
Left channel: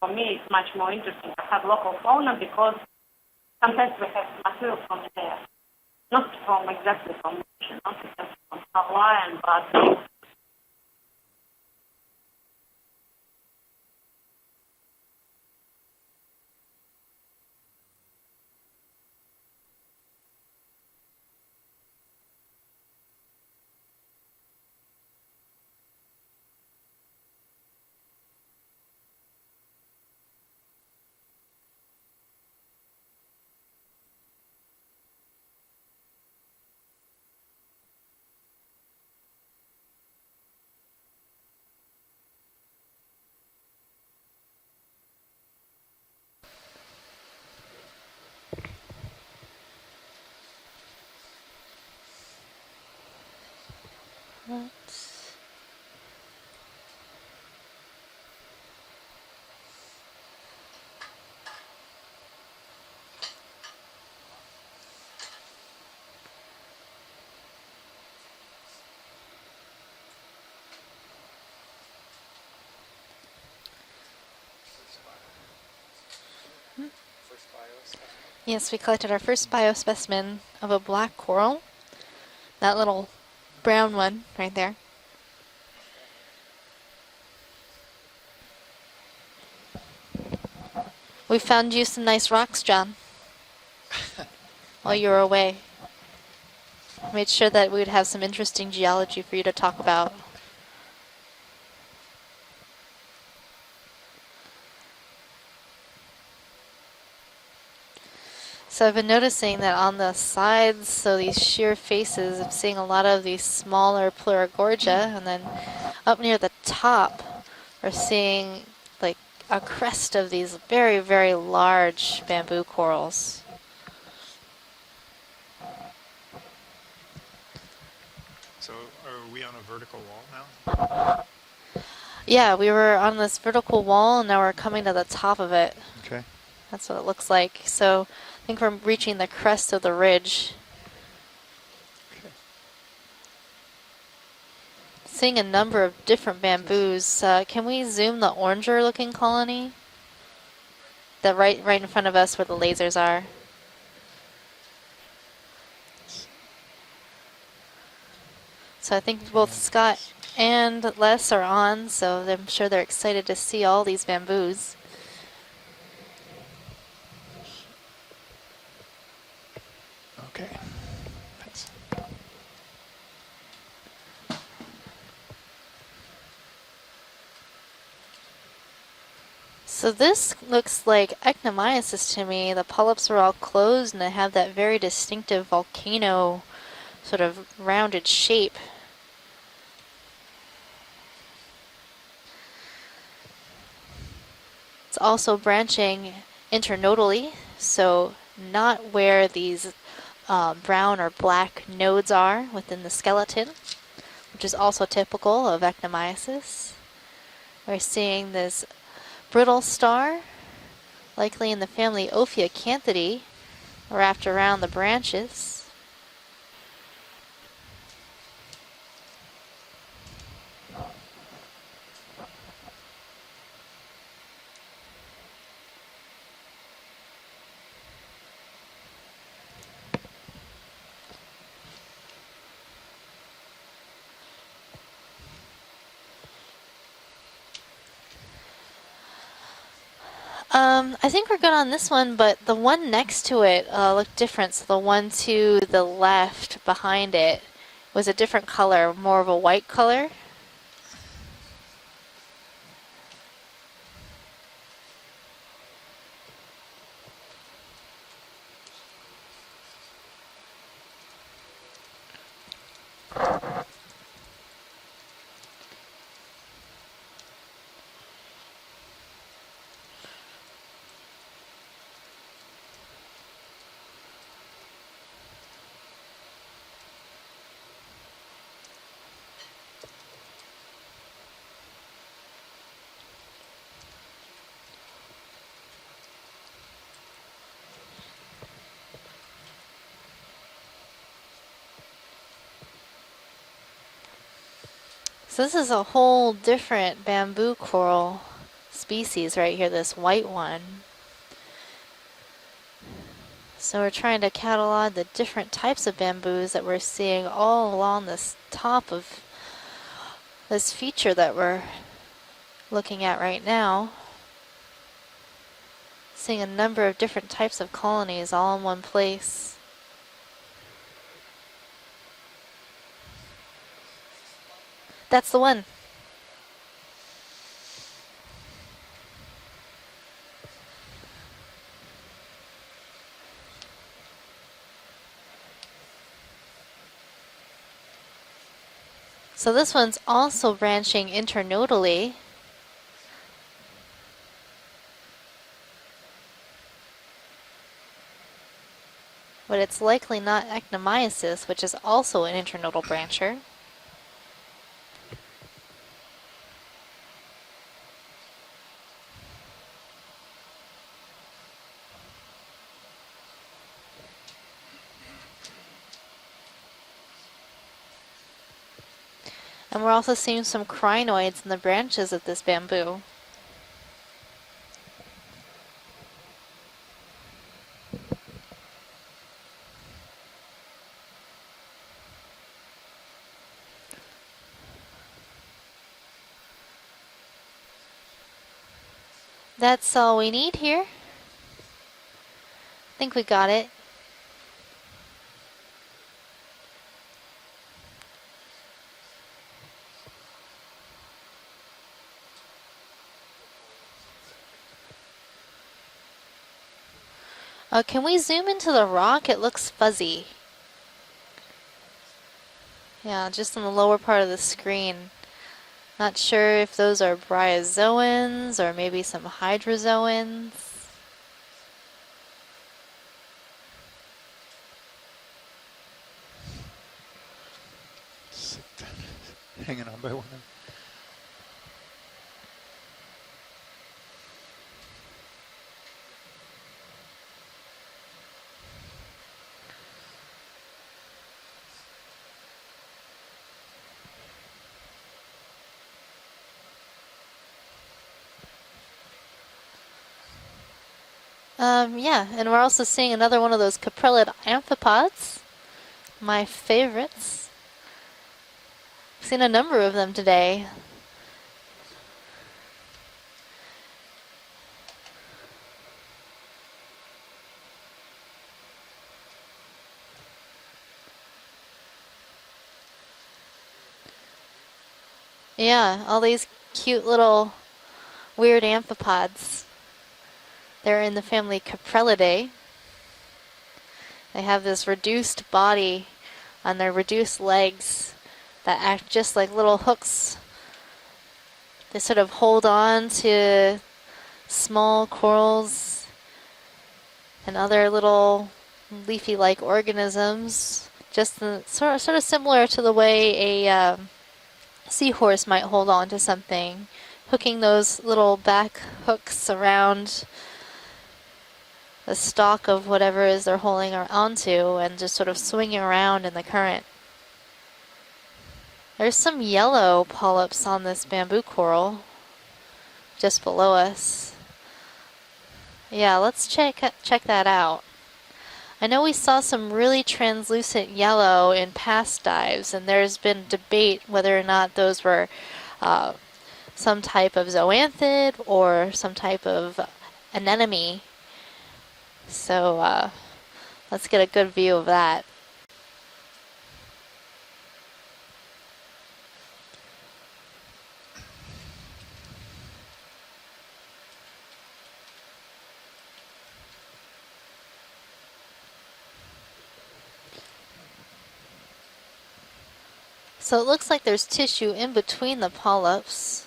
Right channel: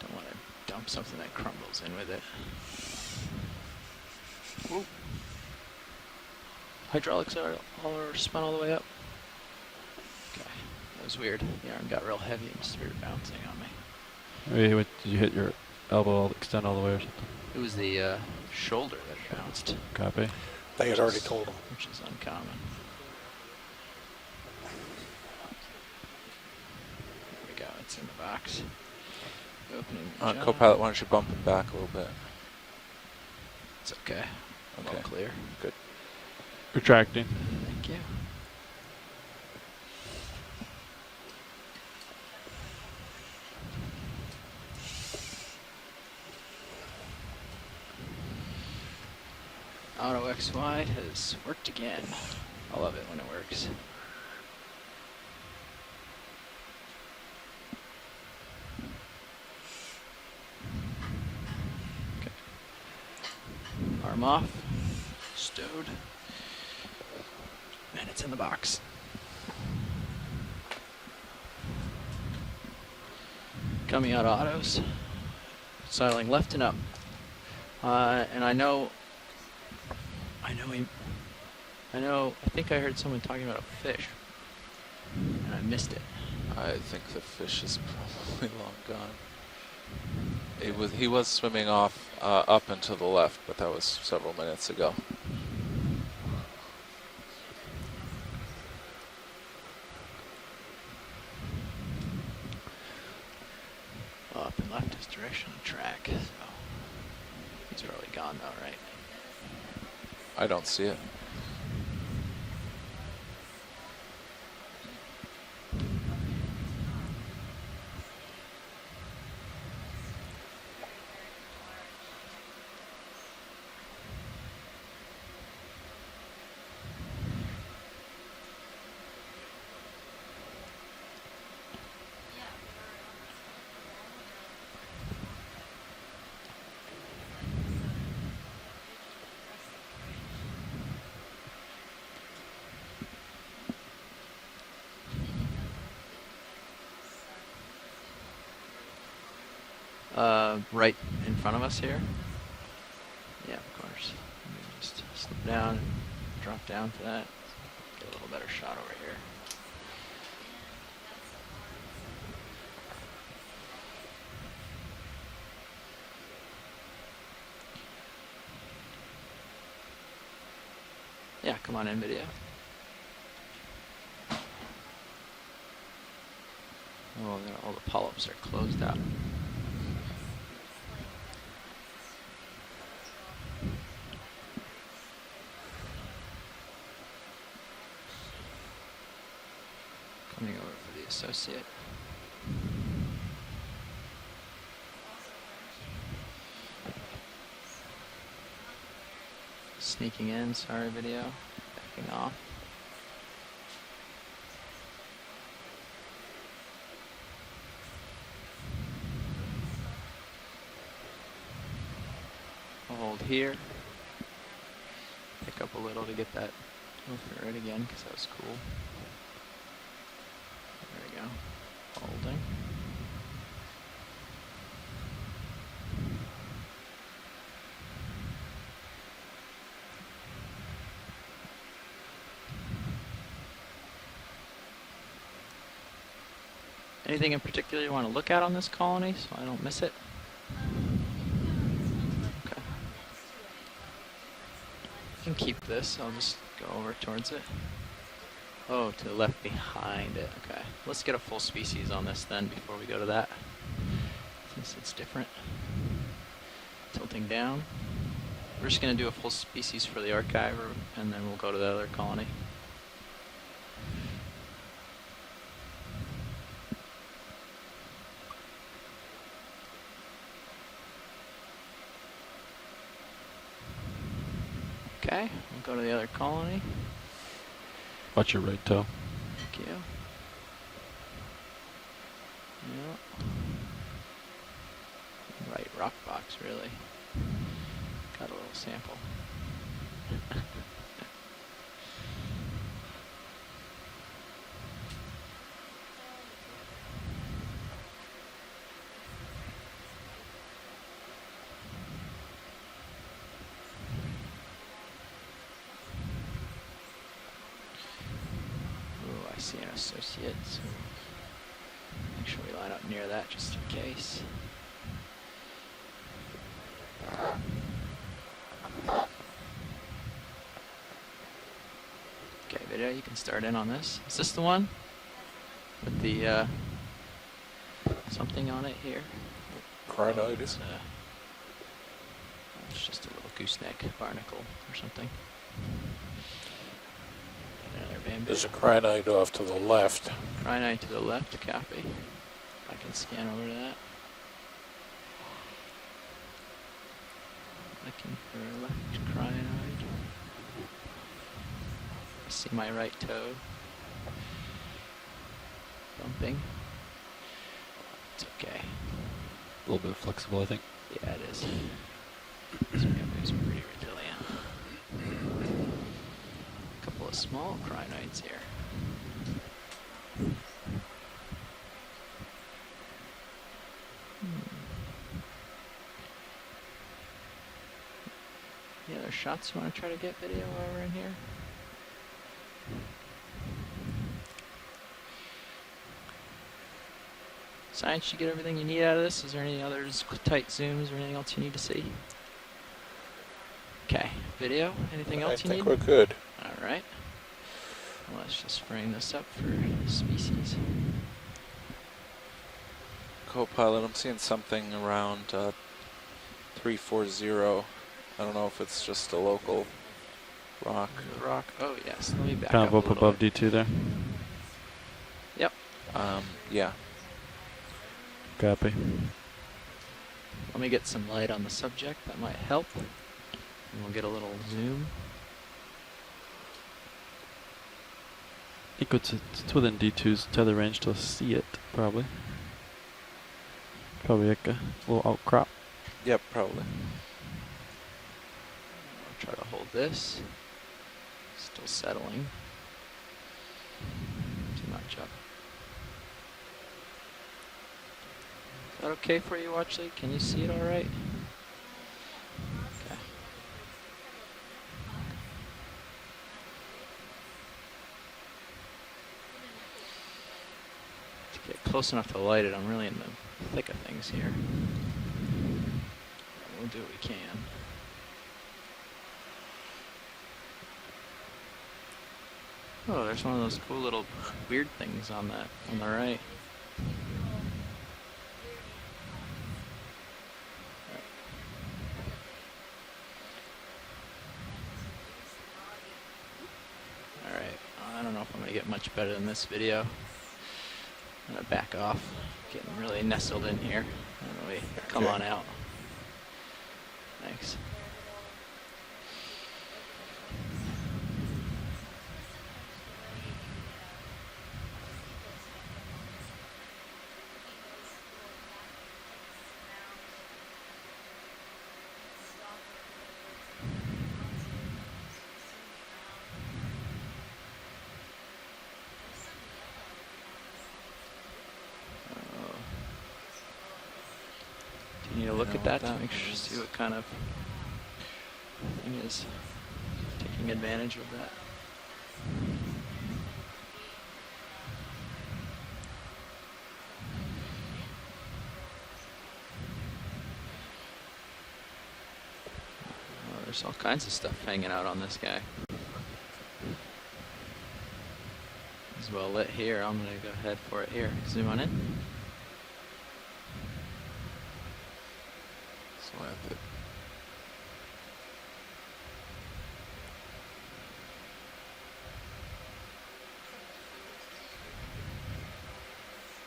For me, it's much more Something interesting that to have comes local with it. fauna because sometimes we have material from there, not from exactly Hydraulics from are spun all the way up. Hawaiian, but That was weird. The arm got real heavy and started bouncing on me. Wait, did you hit your elbow extend all the way or something? It was the shoulder that bounced. Copy. They had already told them. Which is uncommon. There we go. It's in the box. Opening the jump. Copilot, why don't you bump him back a little bit? It's okay. Okay. All clear. Good. Retracting. Thank you. Auto XY has worked again. I love it when it works. Okay. Arm off. Stowed. And it's in the box. Coming out autos. Sidling left and up. And I Yes, know we collected our first biospecimen of a black coral. I know. I think that I heard little someone talking about a brown fish, one right there. and I missed it. I think the fish is probably long gone. He was We swimming found you off, some nice up rocks, John. and to the left, but that was several minutes ago. While you were away. Made sure that we would have some interesting geology for you to talk about. Up and left is direction of track. So he's really gone though, right? So I've been noticing that on the sides, see it. so these sheer faces, I'm seeing a lot of these smaller Pleurogorgia, and then up near the top, we're seeing like a crest of these very, very large bamboo corals. So are we on a vertical wall now? Yeah, we were on this vertical wall, and now we're coming to the top of it. Okay. That's what it looks like. So I think we're reaching the crest of the ridge. Seeing a number of different bamboos. Can we zoom the oranger looking colony? Right. The right in in front of us where the lasers are. Yeah, of course. Let me just slip down and drop down to that. Get a little better shot. So I think both Scott and Les are on, so I'm sure they're excited to see all these bamboos. Okay. Yeah, come on in, video. Oh, all the polyps are closed out. So this looks like ectomyosis to me. The polyps are all closed and they have that very distinctive volcano sort of rounded shape. Coming over for the associate. It's also branching internodally, so not where these Sneaking in some brown or video. black nodes are within the skeleton, which is also typical of ectomyosis. We're seeing this brittle star, likely in the family Ophiacanthidae, Hold here. wrapped around the branches. Pick up a little to get that right again, because that was cool. There we go. Holding. Anything in particular you want to look at on this colony so I don't miss it? I think we're good on this one, but the one next to it looked different. So the one to the left behind it was a different color, Oh, more of a left white color. behind it. Okay, let's get a full species on this then before we go to that. Since it's different. Tilting down. We're just going to do a full species for the archive, and then we'll go to the other colony. Okay, we'll go to the other colony. Watch your right toe. Thank you. Yep. Right rock box, really. Got a little sample. So this is a whole different bamboo coral species right here, this white one. So we're trying to catalog the different types of bamboos that we're seeing all along this top of this feature that we're looking at right now. Seeing a number of different types of colonies all in one place. Okay, video, you can start in on this. Is this the one? That's the one. With the something on it here. Crinoides. It's just a little gooseneck barnacle or something. There's a crinoid off to the So left. this one's also branching internodally. I can scan over to that. Looking for crinoid. But it's likely not actinomyces, which is also an This is my internodal right brancher. toe. Bumping. It's okay. A little bit flexible, I think. Yeah, it is. This bamboo's pretty resilient. A couple of small crinoids here. And we're also seeing some crinoids in the branches of this bamboo. Any other shots you want to try to get video while we're in here? Science, you get everything you need out of this? Is there any That's others all with we tight need zooms here. Or anything else you need to see? I think we got it. Okay, video, anything else you need? I think we're good. All right. Let's just frame this up for the species. Co-pilot, I'm seeing something around 340. Can we I don't zoom know if into it's the just a rock? It local looks fuzzy. rock. Rock. Oh yes. Let me back Kind up of a up little. above Yeah, D2 just there. in the lower part of the screen. Yep. Not sure yeah. if those are bryozoans Copy. or maybe some hydrozoans. Let me get some light on the subject. That might help. And we'll get a little zoom. It's within D2's tether range to see it, probably. Probably like a little outcrop. Yep, probably. I'll try to hold this. Still settling. Too much up. Is that okay for you, Watchley? Can you see it all right? Yeah, and we're also seeing another one of those caprellid amphipods. My favorites. Seen a number of them today. To get close enough to light it, I'm really in the thick of things here. We'll do what we can. Oh, there's one of those cool little weird things on that. Yeah, Right. all these cute little weird amphipods. They're in the family Caprellidae. They have this reduced body on their reduced I legs don't know if I'm gonna get that much better act than just this like little video. hooks. I'm gonna back off. They sort of hold on nestled in to here. Really small come on out. corals Nice. and other little leafy-like organisms. Just sort of similar to the way a seahorse might hold on to something, hooking those little back hooks around the stalk of whatever it is they're holding onto and just sort of swinging around in the current. There's some yellow polyps on this bamboo coral just below us. Do you need to look at that? Yeah, let's check that out. I know we saw some really translucent yellow in past dives, and there's been debate whether or not those were some type of zoanthid or some type of anemone. So there's all kinds let's of get a stuff good hanging view out of on that. this guy. It's well lit here. I'm gonna go ahead for it here. Zoom on in. So I have to So it looks like there's tissue in between the polyps,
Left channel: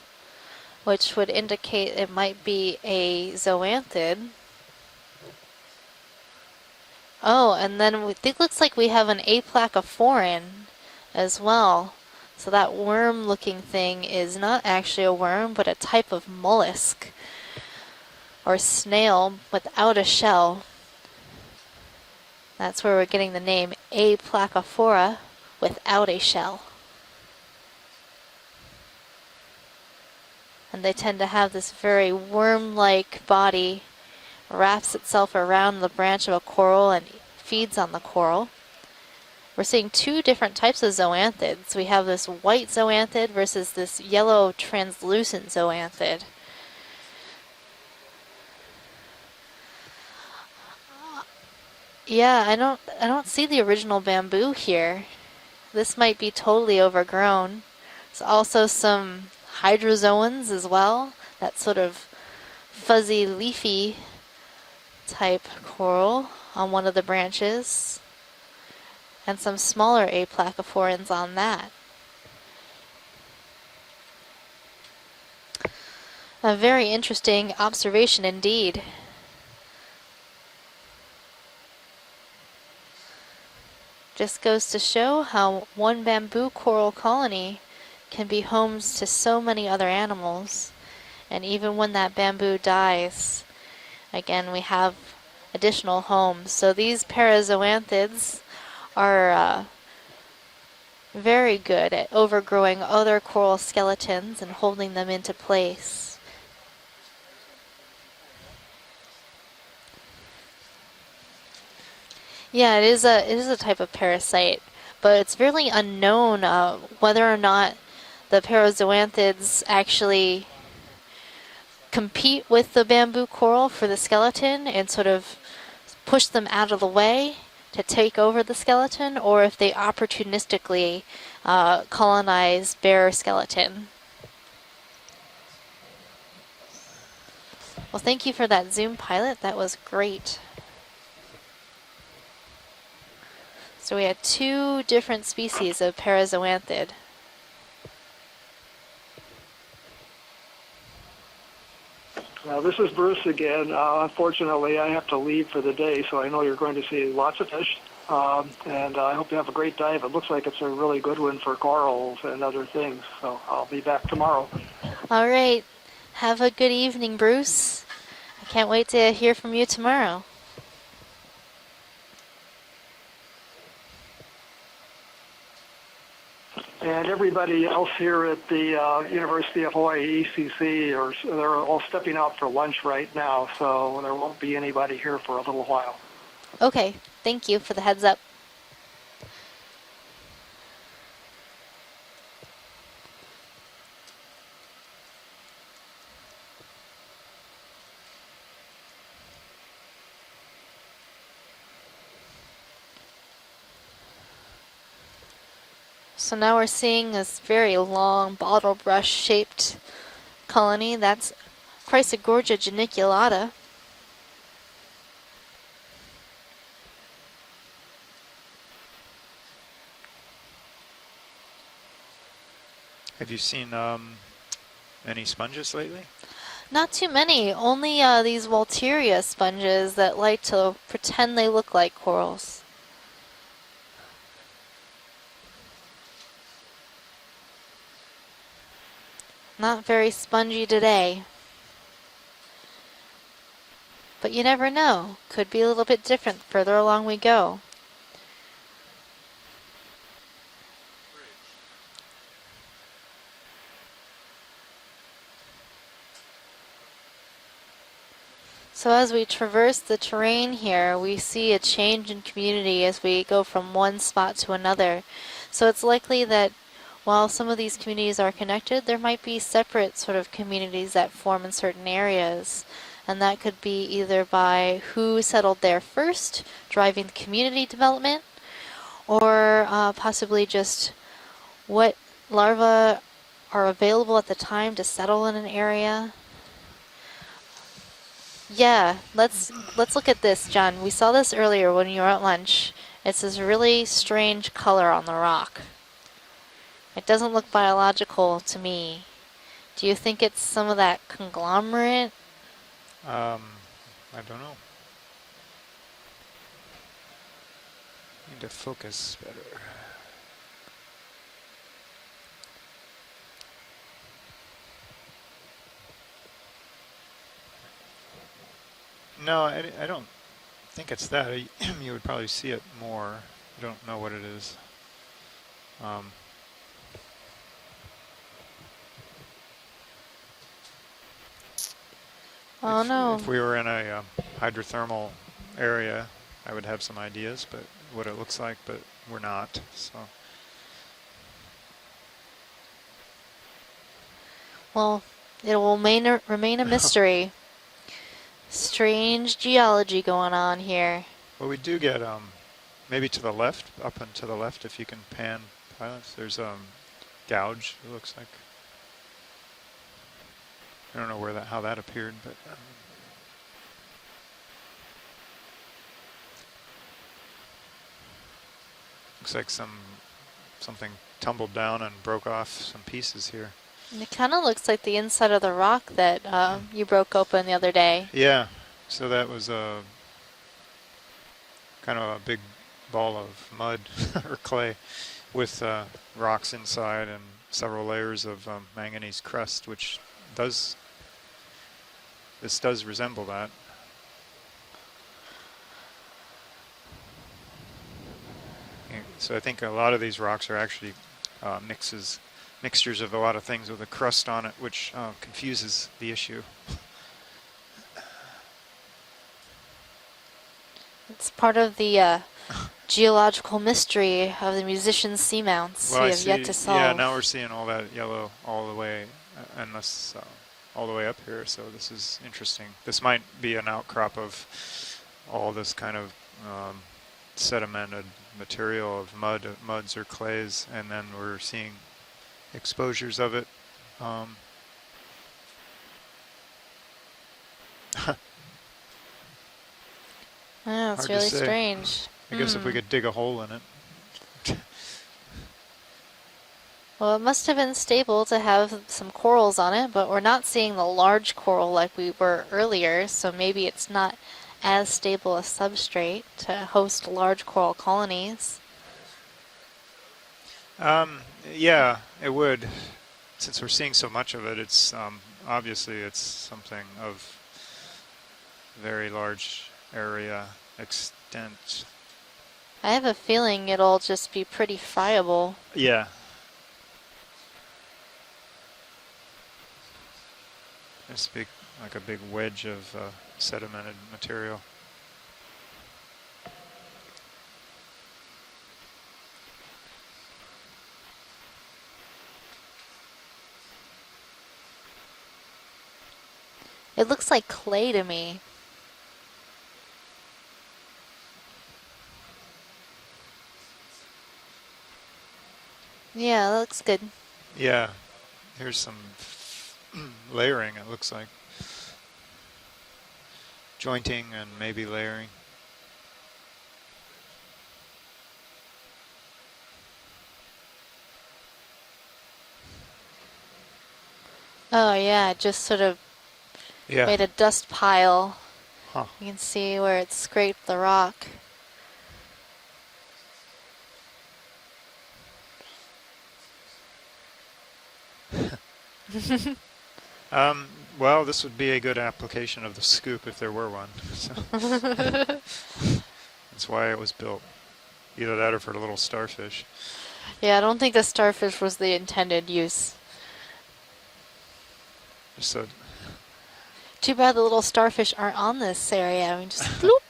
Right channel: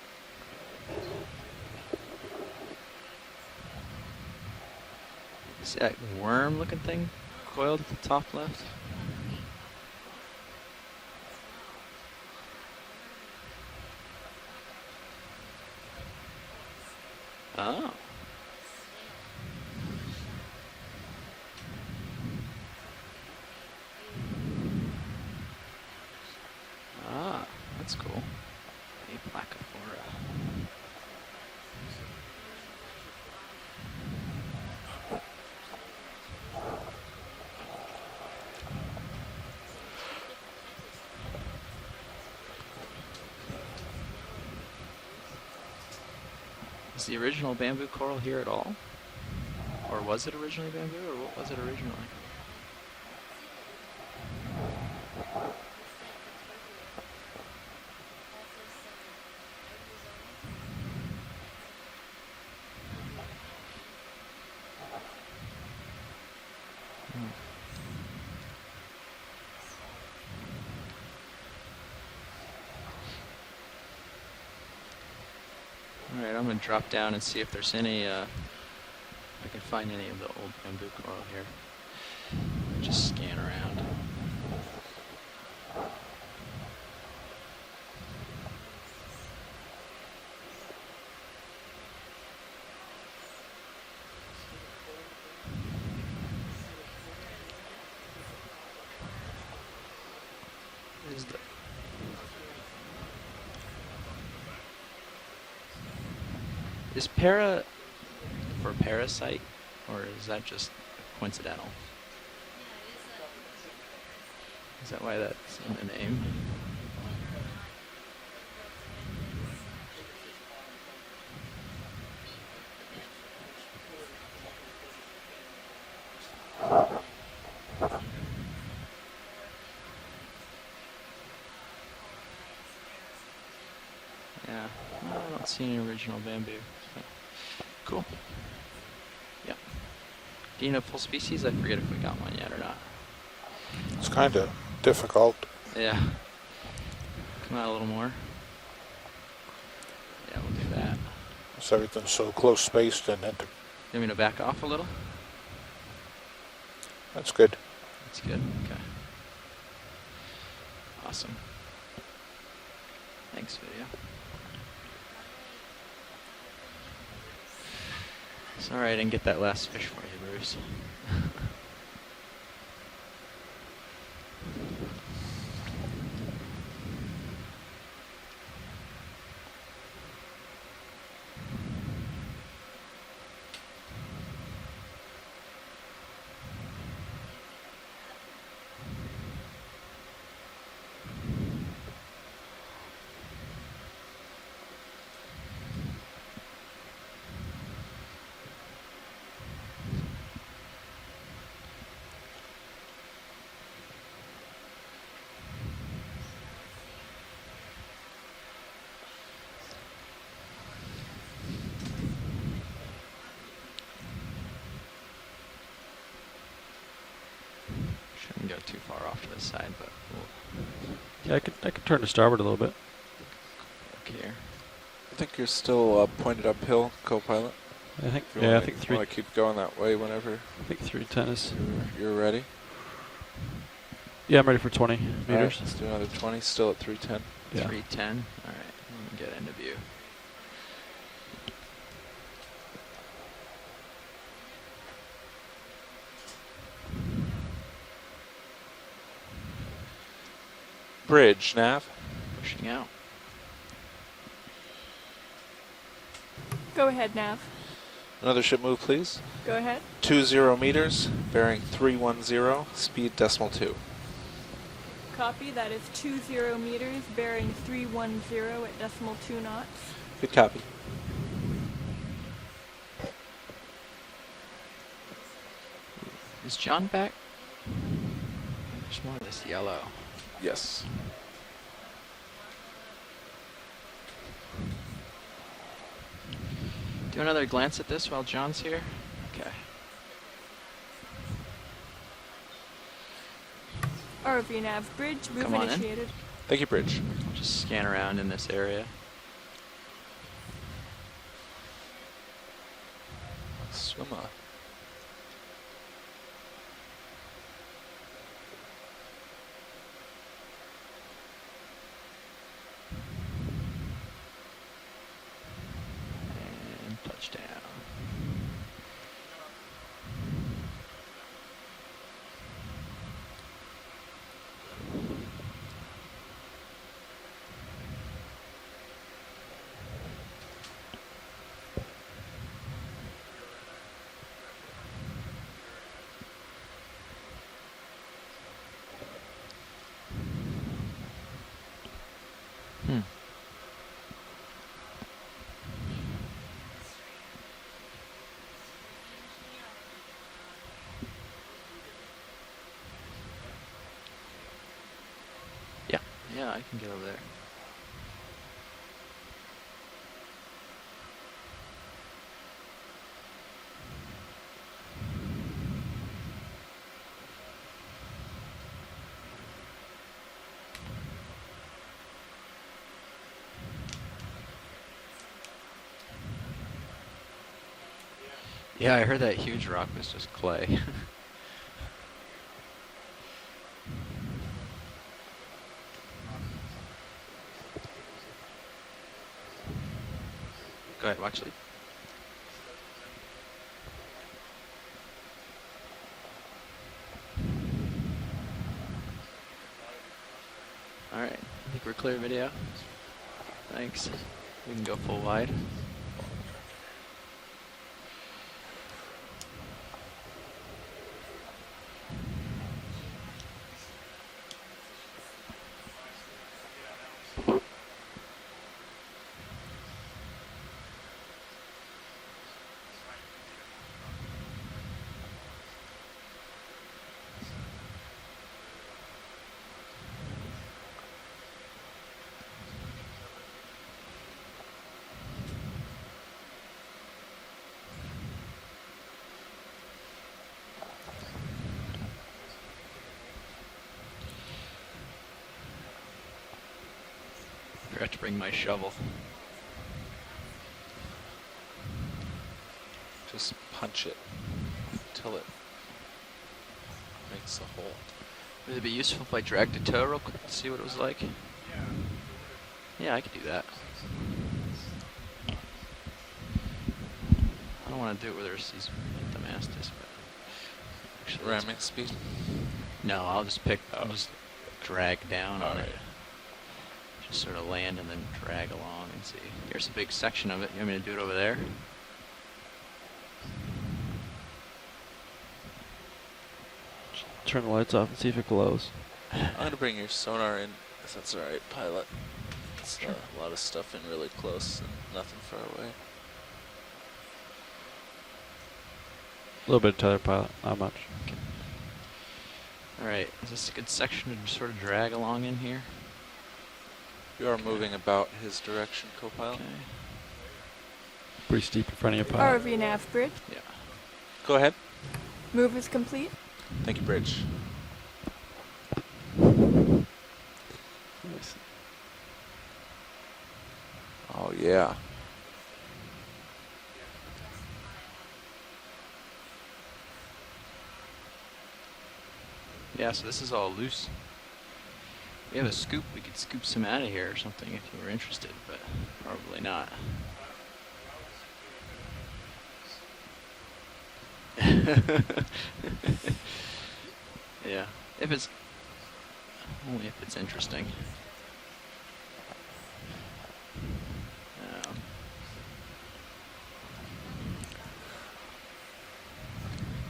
which would indicate it might be a zoanthid. see that worm-looking thing. Oh, coiled and then to the top it left? looks like we have an aplacophorine as well. So that worm-looking thing is not actually a worm, but a type of mollusk. Oh. Or snail without a shell. That's where we're getting the name Aplacophora without a shell. Ah, that's cool. Aplacophora. And they tend to have this very worm-like body, wraps itself around the branch of a coral and feeds on the coral. We're seeing two different types of zoanthids. We have this white zoanthid versus this yellow translucent zoanthid. Is the original bamboo coral here at all? Or was it original bamboo, or what was it originally? Yeah, I don't see the original bamboo here. This might be totally overgrown. There's also some hydrozoans as well. That sort of fuzzy, leafy type coral on one of the branches. And some smaller aplacophorans on that. Right, A very interesting observation indeed. I can find any of the old bamboo coral here. Just scan around. Just goes to show how one bamboo coral colony can be homes to so many other animals. And even when that bamboo dies, again, we have additional homes. So these parazoanthids are very good at overgrowing other coral skeletons and holding them into place. Is para for parasite, or is that just coincidental? Yeah, it is a type of parasite, but it's really unknown whether or not the parazoanthids actually compete with the bamboo coral for the skeleton and sort of push them out of the way to take over the skeleton, or if they opportunistically colonize bare skeleton. Yeah, I don't see any original bamboo. Well, thank you for that Zoom pilot. That was great. Do you know full species? I forget if we got one yet or not. So we had two different species of parazoanthid. Come out a little more. Yeah, we'll do that. So everything's so close This is spaced. Bruce again. Unfortunately, I have to leave for the day, so I know you're going to see lots of fish. And I hope you have a great dive. It looks like it's a really good one for corals and other things. So I'll be back tomorrow. All right. Have a good evening, Bruce. I can't wait to hear from you tomorrow. And everybody else here at the University of Hawaii ECC, they're all stepping out for lunch right now, so there won't be anybody here for a little while. Okay. Thank you for the heads up. So now we're seeing this very long bottle brush shaped colony. That's Chrysogorgia geniculata. Shouldn't go too far off to the side, but cool. Yeah, I could turn to starboard a little bit. Have you seen any sponges? Still pointed uphill. Not too many. Only these Volteria sponges that like to pretend they look like corals. Yeah, I'm ready for 20 meters. Right, let's do another 20, still at 310. Yeah. 310. All right, let me get into view. Not very spongy today. But you never know. Could be a little bit different further along we go. Bridge, nav. Pushing out. Go ahead, Nav. Another ship move, So please. as we traverse the terrain here, we see a change in 310, community as we go from 2. one spot to another. So it's likely that while some of these communities are connected, there might be separate sort of communities that form in certain areas. And that could be either by who settled there first, driving community development, or possibly just what larvae are available at the time to settle in an area. Do another glance at this while John's Yeah, here? let's look at this, John. We saw this earlier when you were at lunch. It's this really strange color on the rock. Thank you, Bridge. It doesn't look Scan around in biological this to area. me. Do you think it's some of that conglomerate? I Swim don't up. know. Need to focus better. No, I don't think it's that. You would probably see it more. I don't know what it is. Oh no. If we were in a hydrothermal area, I would have some ideas, but what it looks like, but we're not. So. Well, it will remain a mystery. Strange geology going on here. Well, we do get maybe to the left, up and to the left, if you can pan. Yeah. There's Yeah, a I can get over there. gouge. It looks like. I don't know where how that appeared, but. Looks like something tumbled down and broke off some pieces here. And it kind of looks like the inside of the rock that you broke open the other day. Yeah. Yeah, so I heard that was huge rock was just clay. Kind of a big ball of mud or clay with rocks inside and several layers of manganese crust, which does. Go ahead, actually. This does resemble that. So I think a lot of these rocks are actually mixtures of a lot of things with a crust on it, which confuses the issue. It's part of the geological mystery of the musician's seamounts we have yet to solve. Yeah, now we're seeing all that yellow all the way, and this all the way up here. So this is interesting. This might be an outcrop of all this kind of sedimented material of muds or clays, and then we're seeing exposures of it. Yeah, it's really strange. I guess if we could dig a hole in it. Well, it must have been stable to have some corals on it, but we're not seeing the large coral like we were earlier, so maybe it's not as stable a substrate to host large coral colonies. Would it be useful if I dragged a toe real quick to see what it was like? Yeah, it would. Yeah, I could do that. Since we're seeing so much of it, it's obviously it's something of I don't want to do it with there's very large area. Speed. I have a feeling it'll just be pretty friable. Yeah. Just sort of land and then drag along and see. Here's a big section of it. You want me to do it over there? Like a big wedge of sedimented material. Turn the lights off and see if it glows. I'm going to bring your sonar in, if that's alright, pilot. It's a lot of stuff in really close and nothing far away. It looks like clay to me. A little bit of tether pilot, not much. Okay. Alright, is this a good section to sort of drag along in here? Yeah, that looks good. You are moving about his direction, co-pilot. Layering, it looks like. Pretty steep in front of your pilot. ROV nav bridge. Yeah. Jointing and Go ahead. maybe layering. Move is complete. Thank you, Bridge. Oh yeah. Oh yeah, it just sort of made a dust pile. Huh. You can see where it scraped the rock. Yeah, so this is all loose. We have a scoop. We could scoop some out of here or something if you were interested, but probably not. Well, this would be a good application of the scoop if there were one. So. That's why it was built. Yeah. Either that or for the little starfish. Yeah, I don't think the starfish was the intended use. So. Too bad the little starfish aren't on this area. I mean, just bloop.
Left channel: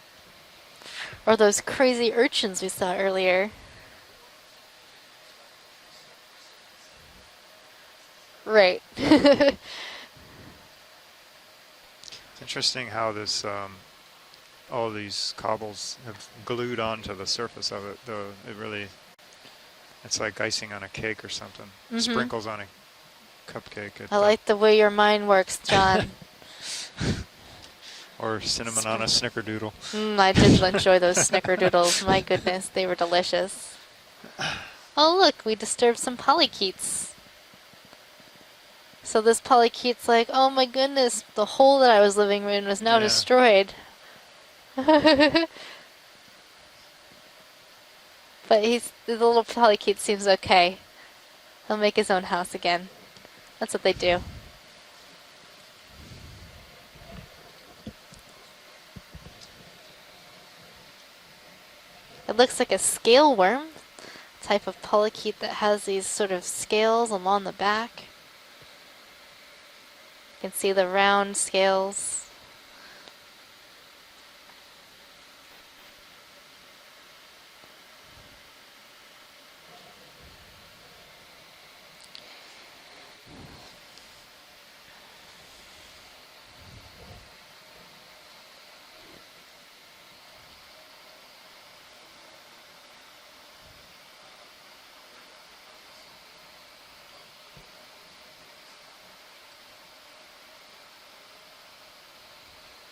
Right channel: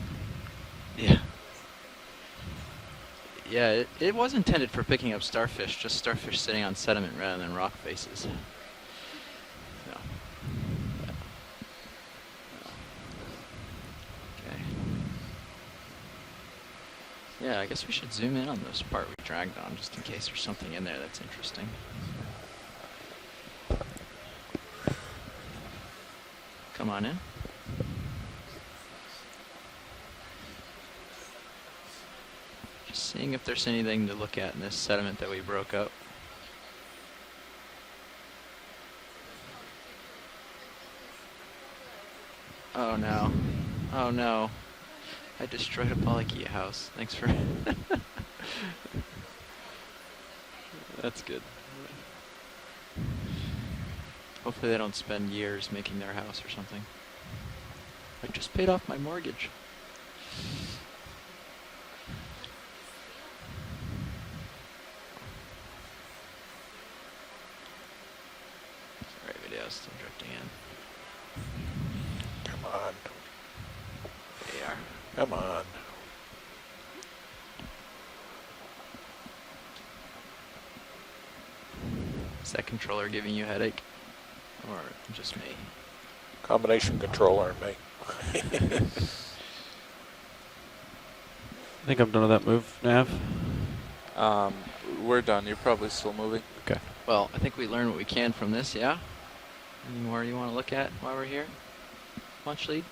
Yeah. Or those crazy urchins we saw earlier. Yeah, it was intended for picking up starfish, just starfish sitting on sediment rather than rock faces. Right. It's interesting how this, all these cobbles have glued onto the surface of it. We should zoom in on really this part we dragged on, just in case it's like there's icing on a something in there cake or that's something. interesting. Sprinkles on a cupcake. I like the way your mind works, John. Come on. Or cinnamon on a snickerdoodle. I did enjoy those snickerdoodles. My goodness, they were delicious. If there's anything to look at in this sediment Oh look, that we broke disturbed some polychaetes. So this polychaete's like, oh my goodness, the hole that I was living in is now destroyed. Oh no. I destroyed a polychaete house. Thanks for... But the little polychaete seems okay. That's good. He'll make his own house again. That's what they do. Hopefully they don't spend years making their house or something. I just paid off my mortgage. It looks like a scale worm, type of polychaete that has these sort of scales along the back. Right, video is still drifting in. You can see the round scales. Come on. They are. Come on. Is that controller giving you a headache? Or just me? Combination controller and me. I think I'm done with that move, Nav. We're done. You're probably still moving. Okay. Well, I think we learned what we can from this, yeah? Any more you want to look at while we're here? Launch lead?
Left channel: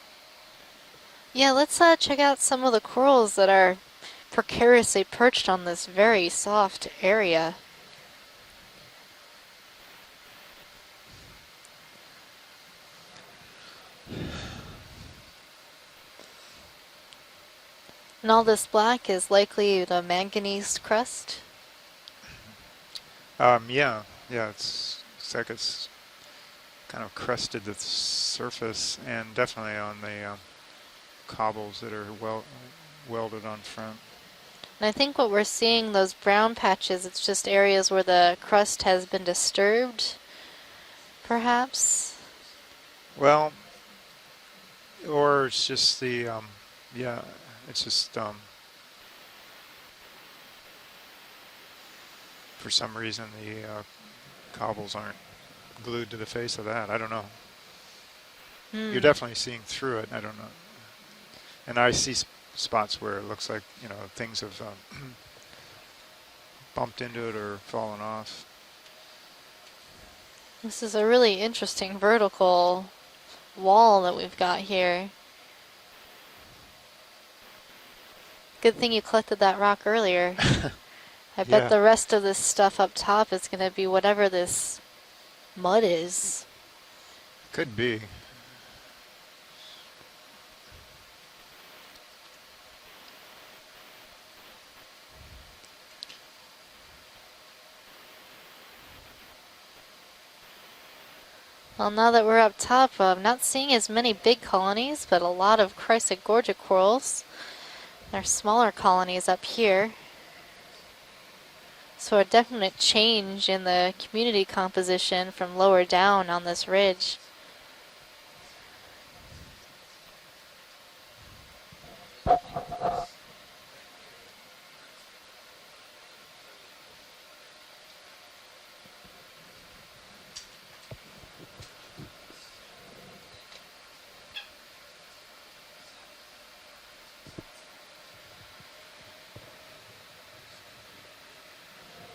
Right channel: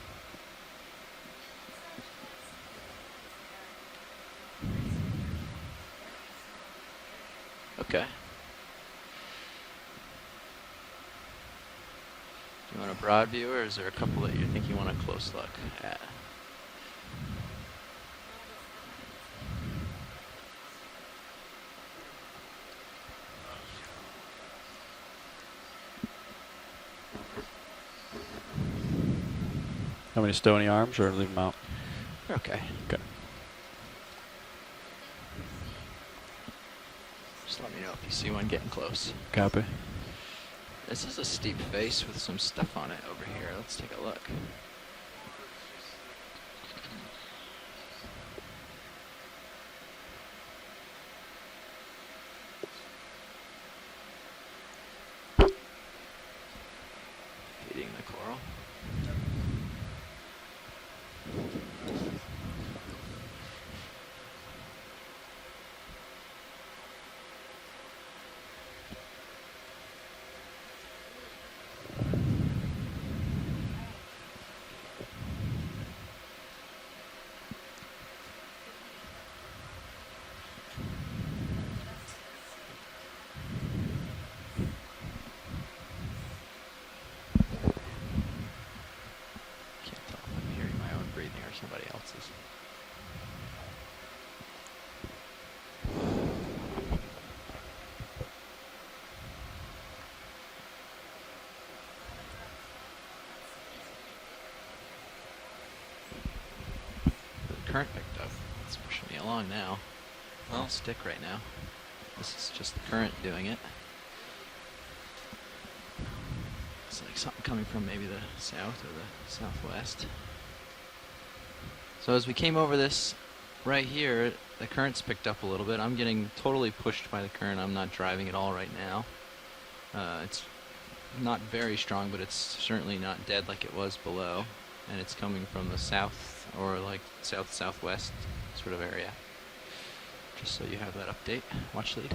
Yeah, let's check out some of the corals that are precariously perched on this very soft area. Okay. You want a broad view, or is there a couple that you think you want a close look at? And all this black is likely the manganese crust. Yeah, it's like it's kind of crusted the surface, and definitely on the How many stony arms or leave them out? cobbles that are welded on front. And I think what we're seeing, those brown patches, it's just areas where the crust has been disturbed. This is a perhaps. steep face with some stuff on it over Well, here. Let's take a look. Or it's just the, yeah, it's just, for some reason the cobbles aren't glued to the face of that. I don't know. Feeding the coral. You're definitely seeing through it. I don't know. And I see spots where it looks like, you know, things have bumped into it or fallen off. This is a really interesting vertical wall that we've got here. Good thing you collected that rock earlier. I bet the rest of this stuff up top is going to be whatever this mud is. Could be. Can't tell if I'm hearing my own breathing or somebody else's. Well, now that we're up top, I'm not seeing as many big colonies, but a lot of Chrysogorgia corals. There are smaller colonies up here. Well, stick right now. So a definite change in the community composition from lower down on this ridge. Something coming from maybe the south or the southwest. So as we came over this right here, the current's picked up a little bit. I'm getting totally pushed by the current. I'm not driving at all right now. It's not very strong, but it's certainly not dead like it was below. And it's coming from the south or like south-southwest sort of area. Just so you have that update. Watch lead.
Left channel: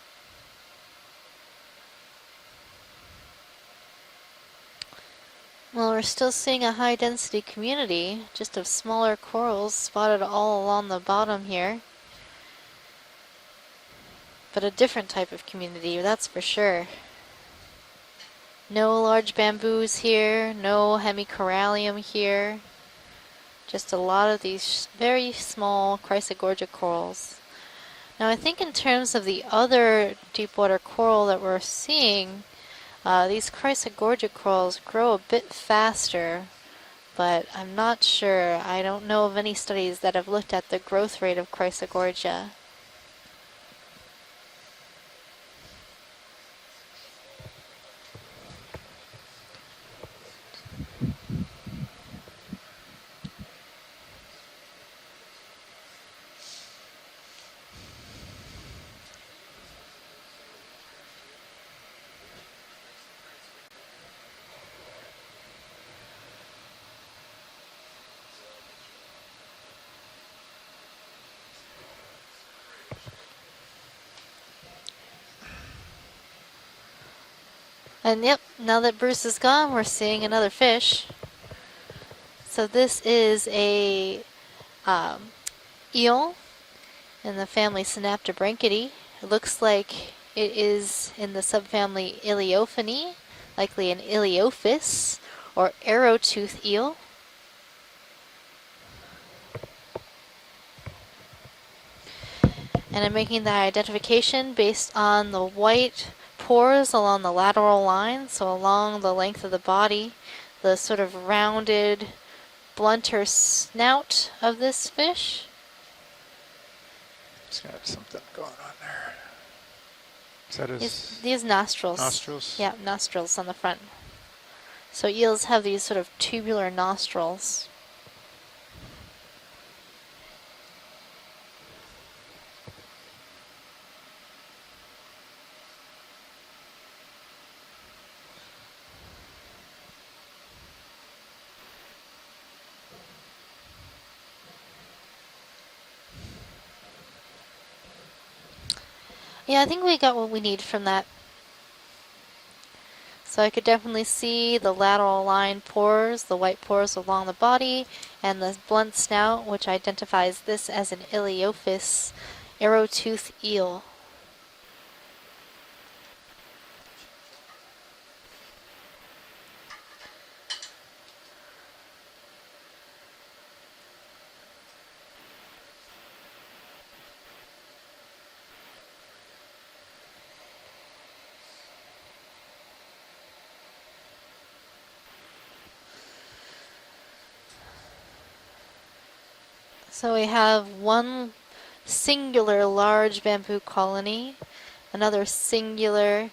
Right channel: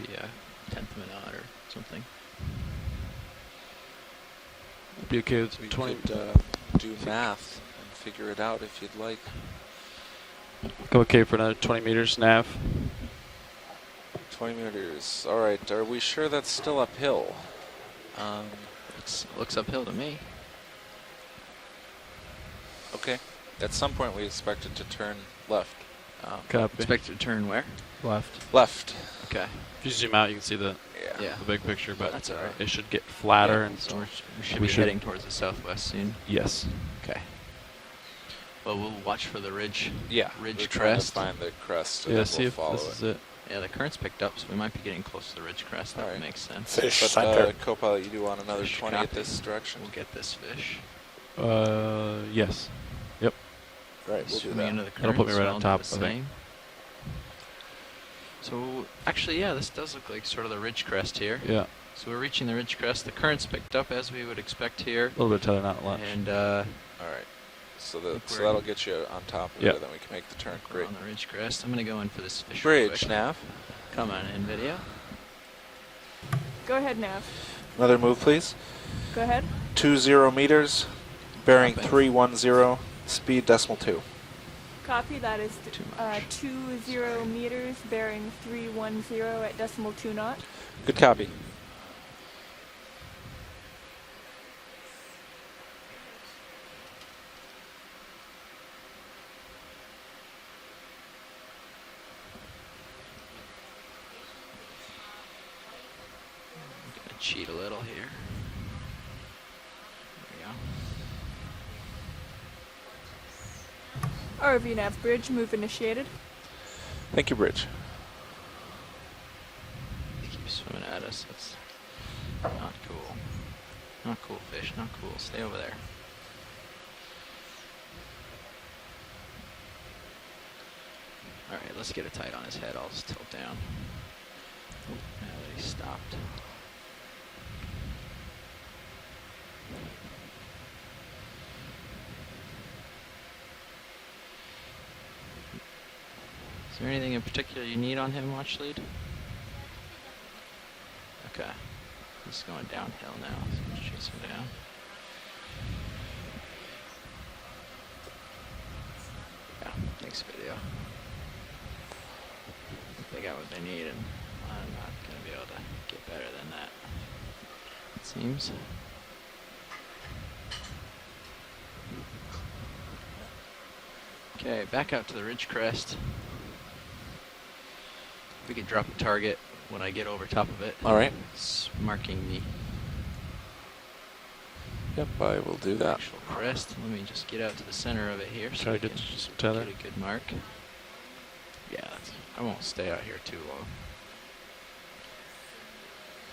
Maybe a 10th of a knot or something. Be okay with Well, we're still seeing a high density community, just of smaller corals spotted all along the okay bottom for another here. 20 meters, Nav. 20 But a meters. different type All of right, community, are we that's sure for that's sure. still uphill? No large what's uphill to bamboos me? here, no hemicorallium here. Okay. At Just some a point lot we of expect it these to turn very left. small Chrysogorgia Expect corals. to turn where? Now I think Left. in terms of the Okay. other Zoom out, you can see deepwater the coral that big we're picture, but seeing, it should get these flatter. Chrysogorgia Should corals be grow a towards the bit southwest, faster. Yes. Okay. But I'm not sure. I don't know watch of for the any ridge. studies that Yeah, have looked ridge at the crest. growth rate of Find the crest. Chrysogorgia. Yeah, see if Follow this is it. Yeah, the current's picked up, so we might be getting close to the ridge crest. That Alright. makes sense. Fish But center. co-pilot, you do want another Fish 20 at copy. this direction? We'll get this fish. Yes. Yep. Right, we'll do Swimming that. into the That'll current, put me so right I'll on do top, the I think. same. So actually, yeah, this does look like sort of the ridge crest here. Yeah. So we're reaching the ridge crest. The current's picked up as we would expect here. A little bit tether, not much. And All right. So, so that'll get you on top of Yeah. it, then we can make the turn. we're Great. on the ridge crest. I'm going to go in for this fish. real Bridge, quick. Nav. Come on in, video. Go ahead, Nav. Another move, And yep, please. now that Bruce Go is ahead. gone, we're 20 seeing another meters. fish. Bearing Dropping. 310. So this speed is decimal 2. a Copy, that is eel 20 in the meters, family bearing Synaptobranchidae. 310 It looks at like decimal 2 knots. it is Good copy. in the subfamily Iliophini, likely an Iliophis or arrowtooth eel. And I'm making that identification based on the white pores along the lateral line, so along the length of the body, the sort of rounded, blunter snout of this fish. Bridge move initiated. Thank you, Bridge. These nostrils. Nostrils? Yeah, nostrils on the front. Not cool fish, no? So eels have these sort of tubular nostrils. Alright, let's get it tight on his head. I'll just tilt down. Now that he stopped. Is there anything in particular you need on him, Watch Lead? Yeah, I think we got what we need from that. Okay. He's going downhill now. So I could definitely see the lateral line pores, the white pores along the body, and the blunt snout, which identifies this as an Iliophis arrow-toothed eel. I'm not going to be able to get better than that, it seems. Okay, back out to the ridge crest. We can drop a target when I get over top of it. All right. It's marking the Yep, I will do that. actual crest. Let me just get out to the center of it here. Try to get tether. So we have one singular large bamboo colony, another singular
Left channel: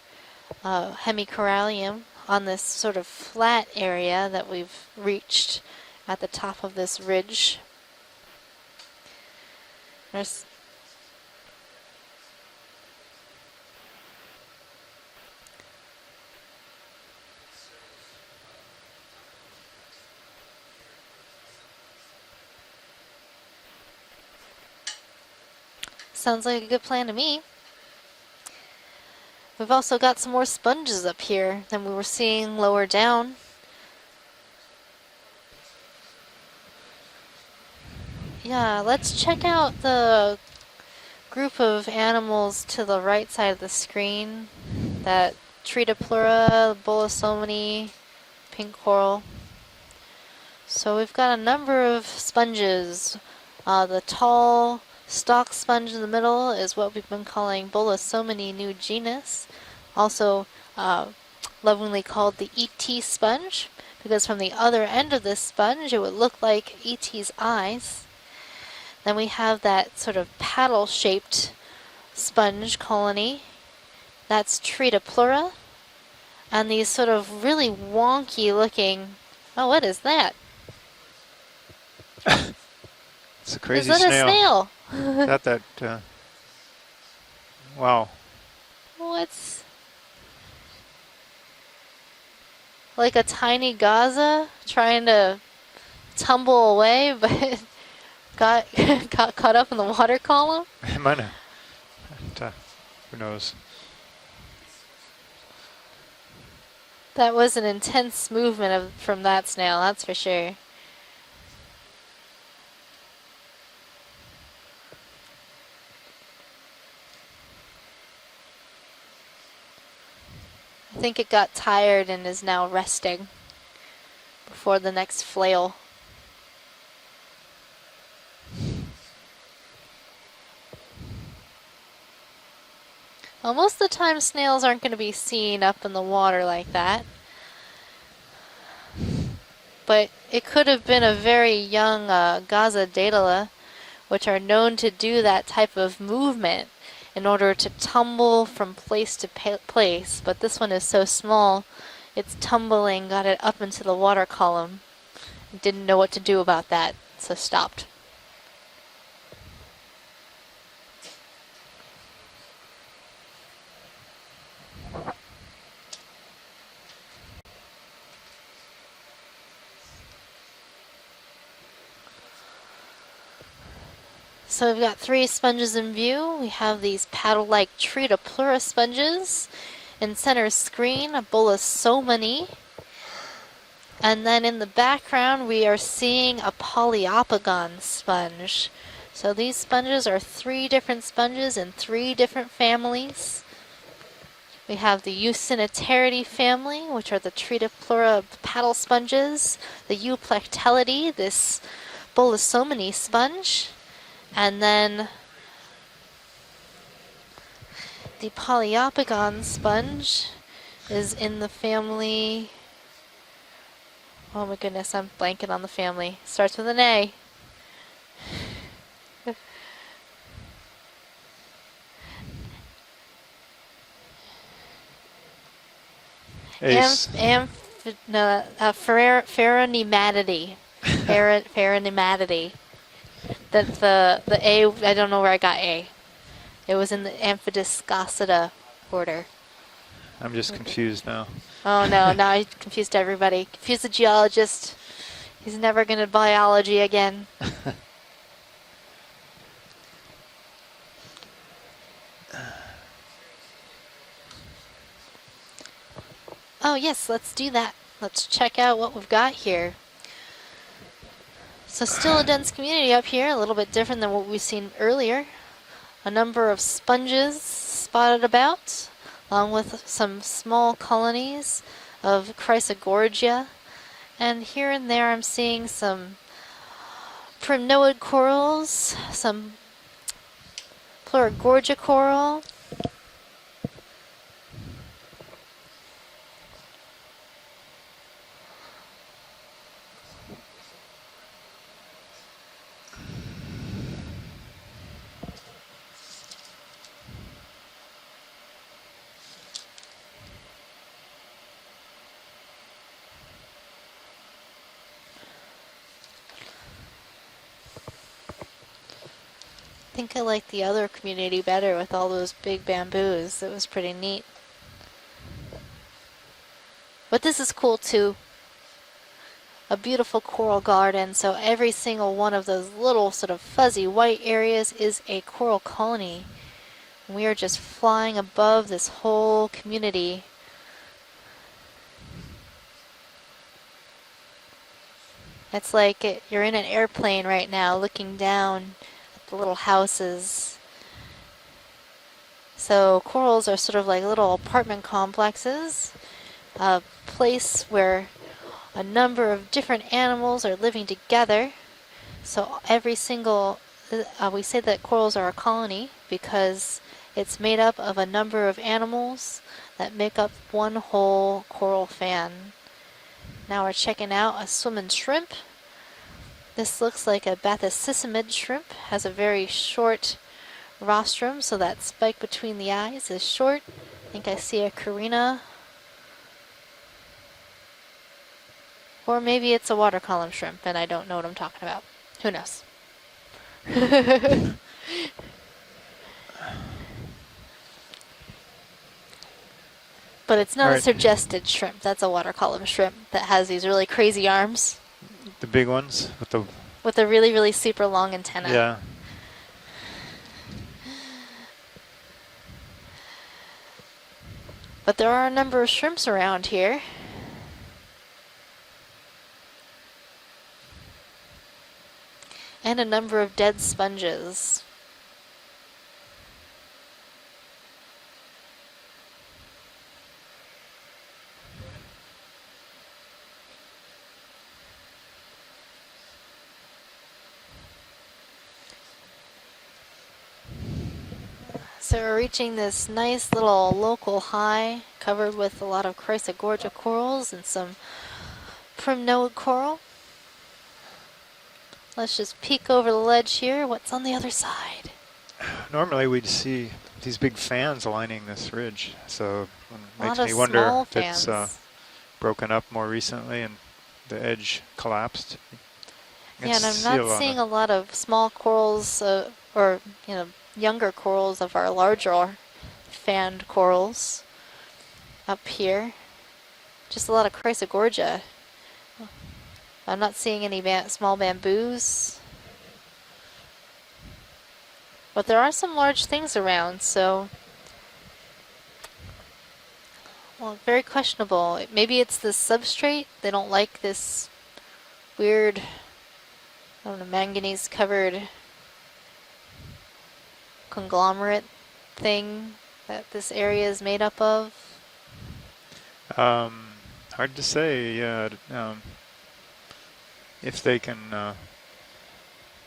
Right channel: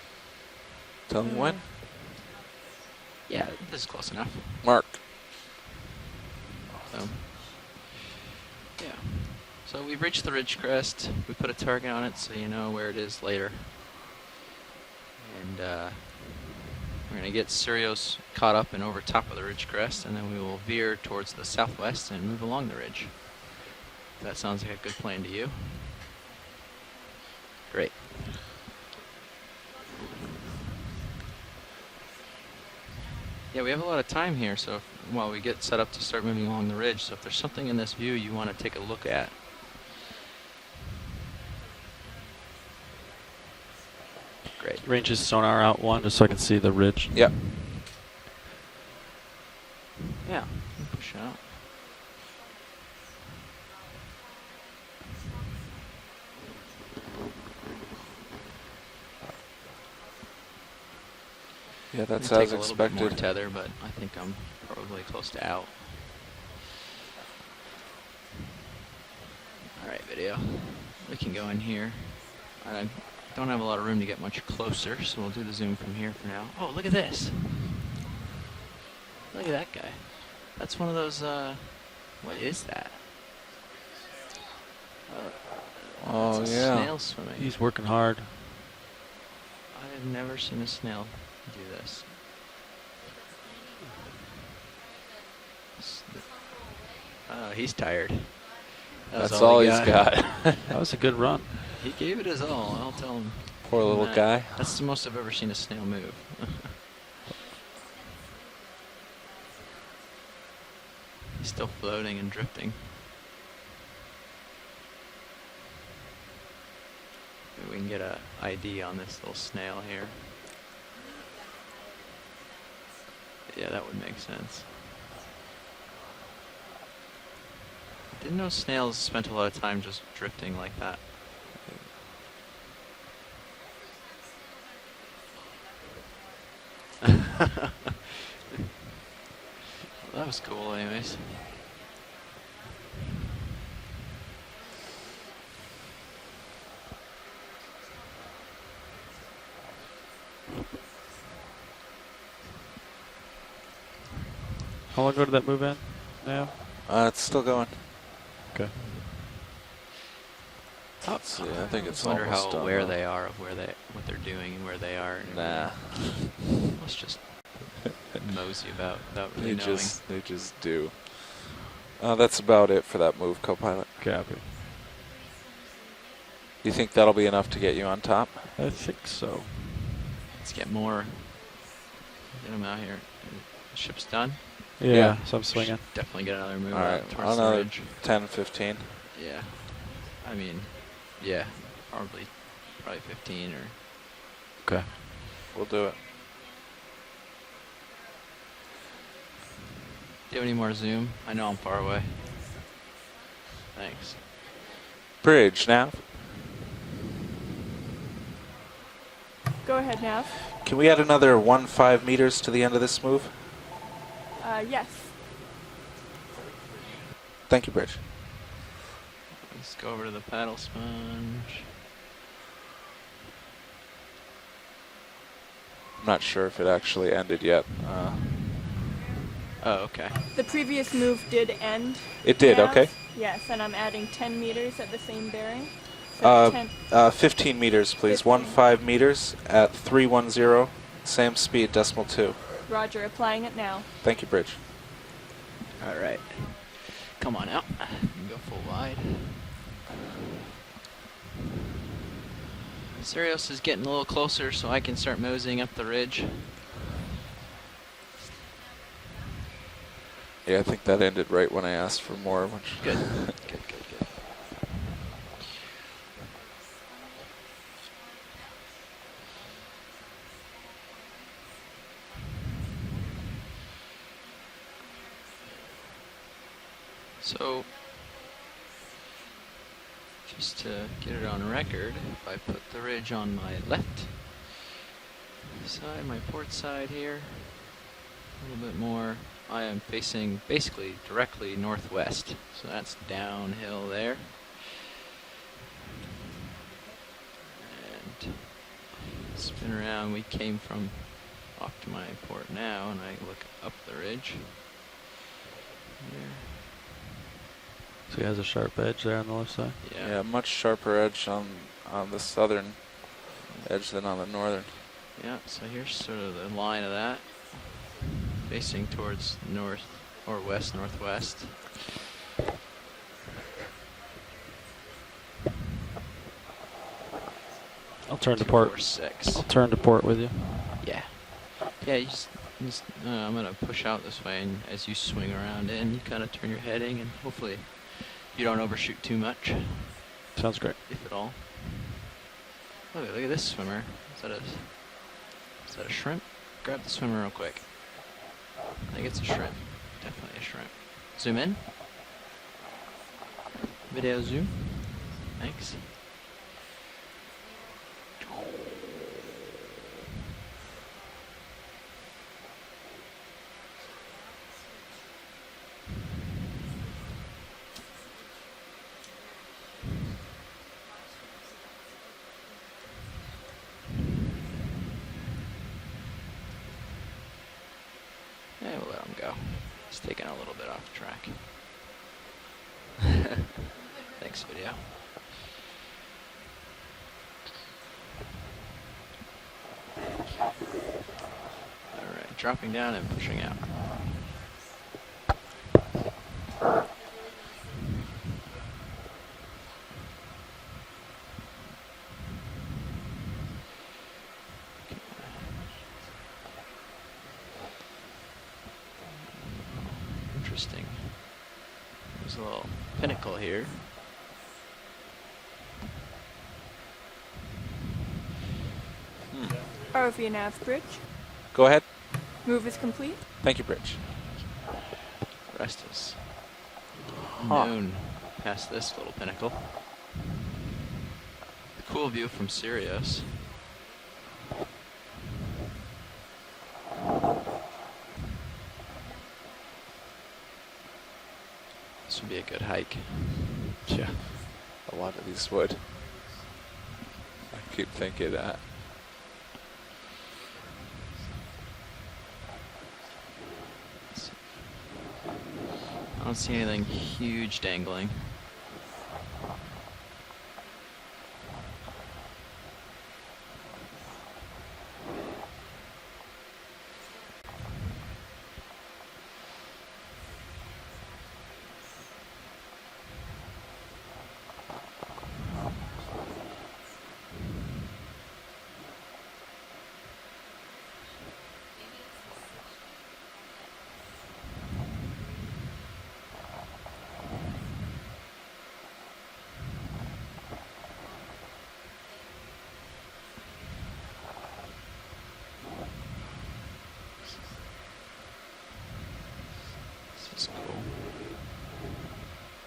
hemicorallium on this sort of flat area that we've reached at the top of this ridge. Yeah. So we've reached the ridge crest. We put a target on it so you know where it is later. And we're going to get Sirios caught up and over top of the ridge crest, and then we will veer towards the southwest and move along the ridge. That sounds like a good plan to you? Sounds like a good plan to me. Great. We've also got some more sponges up here than we were seeing lower down. Yeah, we have a lot of time here, so while we get set up to start moving along the ridge, so if there's something in this view you want to take a look at. Yeah, let's check out the group of animals to the right side of the screen. Great. Ranges sonar out one just so I can see the ridge. Bolosomini, pink coral. Yeah. So we've got a number of sponges. The tall stalk sponge in the middle is what we've been calling Bolosomini new genus. Also lovingly called the ET sponge, because from the other end of this sponge it would look like ET's eyes. Then we have that sort of paddle-shaped sponge colony. Don't have a lot of room to get much That's closer, Tritopleura. so we'll zoom from here for now. And these sort of really wonky-looking. Oh, what is that? That's one of those. What is that? It's a crazy is that snail. a snail? Got that? Oh it's yeah. A snail swimming. He's working hard. What's? I've never seen a snail do this. Like a tiny Gaza trying to tumble away, but he's tired. got caught up in the water column. That was a good run. He gave it his all. I'll tell him. Poor little guy. That's the most I've ever seen a snail move. That was an intense movement from that snail, that's for sure. He's still floating and drifting. Maybe we can get a ID on this little snail here. I think it got tired and is now resting. Yeah, that would make sense. For the next flail. I didn't know snails spent a lot of time just drifting like that. Well, most of the time snails aren't going to be seen up in the water like that. But it could have been a very young Gaza Daedala, which are known to do that type of movement in order to tumble from place to place. But this one is so small, it's tumbling, got it up into the water column. How long ago did that move in? Didn't know what to do about that, so stopped. Okay. Let's see, I think it's I wonder how almost aware done. they are of what they're doing and where they are. Nah. Let's just mosey about without really They knowing. just do. That's about it for that move, co-pilot. Copy. So we've got 3 sponges in view. We have think these that'll be enough to paddle-like get you on top? Tritopleura sponges. In center screen, a Bolosomini. Get 'em out here. Ship's And done. then in the background, we are Definitely seeing a got more. Poliopogon 10, sponge. 15. So these sponges are 3 different sponges in 3 different families. 15 or We have the Eucyniterity family, which are the Tritopleura paddle sponges, the Euplectellidae, I this know I'm far away. Bolosomini sponge, Thanks. and then Bridge now. The Poliopogon sponge. Can we add is another in the 1.5 meters family- to the end of this move? Oh my goodness, yes. I'm blanking on the family. Starts with an A. Thank you, Bridge. Let's go over to the paddle sponge. I'm not sure if it actually ended yet. No, Ferronematity. The previous move did end. Ferronematity. It did, okay. Yes, The A, I don't know where I got A. It was in the 15 meters, please. Amphidiscosida 1.5 meters at 310. confused now. Same speed. Oh decimal no, two. now I confused everybody. applying it now. Confused the Thank you, Bridge. geologist. He's never going to Alright. biology again. Come on now. Go full wide. Sirius is getting a little closer, so I can start moseying up the ridge. Oh yes, let's do that. Let's check out what we've got here. Yeah, I think that ended right when I So asked. still a for more. dense community up here, a little bit different than what we've seen earlier. A number of sponges spotted about, along with some small colonies of Chrysogorgia. And here and there I'm seeing some primnoid corals, some Just to get it on Plurigorgia record, coral. I put the ridge on my left side, my port side here. A little bit more. I am facing basically directly northwest, so that's downhill there. And spin around. We came from off to my port now, and I look up the ridge. Here. So he has a sharp edge there on the left side. I think Yeah, I like much the other sharper edge community on- better with on all the those southern big bamboos. It was pretty edge than neat. on the northern. Yeah, so here's sort of the line of that. But this is cool too. Facing towards north. A beautiful or coral west, garden. So northwest. every single one of those little sort of fuzzy white areas is a coral colony. We are just flying I'll turn to above port. this Six. whole I'll turn to port with community. you. Yeah. Yeah, you just I'm going to push out this way, and as you swing around, It's in, like kinda you're in turn an your heading, airplane right hopefully now looking You don't down overshoot too much. the little houses. Sounds great. If at all. So Look at corals this are sort swimmer. of like little Is that- apartment Is that complexes. a shrimp? A Swim real place where a number of shrimp. different animals are Shrimp. living Zoom together. in. So every single, Video we zoom. say that corals are a colony because it's made up of a number of animals that make up one whole coral fan. Now we're checking out a swimming shrimp. This looks like a bathycicimid shrimp, has a very short rostrum, so that spike between the eyes is short. I think I see a carina, Yeah, we'll let 'em or go. maybe it's a water Stick out a column little shrimp, bit and on I don't know what I'm track. talking about. Who knows? Yeah. But it's not a Alright. suggested shrimp. That's a water column Dropping down shrimp and that has pushing these really crazy arms The big ones with the with a really, really super long antenna. yeah. But there are a number of shrimps around here. Interesting. There's a little And a number of pinnacle dead here. sponges. ROV nav bridge. Go ahead. Move is complete. Thank you, Bridge. Rest is Huh. known past this little pinnacle. So Cool we're view reaching from this Sirius. nice little local high covered with a lot of Chrysogorgia corals and some primnoid coral. Let's just Be a good peek over hike. the ledge here. What's on the Yeah. other side? A lot of these would. Normally we'd see these big fans Keep lining thinking this that. ridge, so it A lot makes of me wonder small if it's fans. broken up more recently and the edge collapsed. I don't see Yeah, and I'm see not a lot. seeing a huge lot of dangling. small corals or younger corals of our larger fanned corals up here. Just a lot of Chrysogorgia. I'm not seeing any small bamboos. But there are some large things around, so... Well, very questionable. Maybe it's the substrate. They don't like this weird, I don't know, manganese-covered conglomerate thing that this area is made up of. Hard to say. If they can.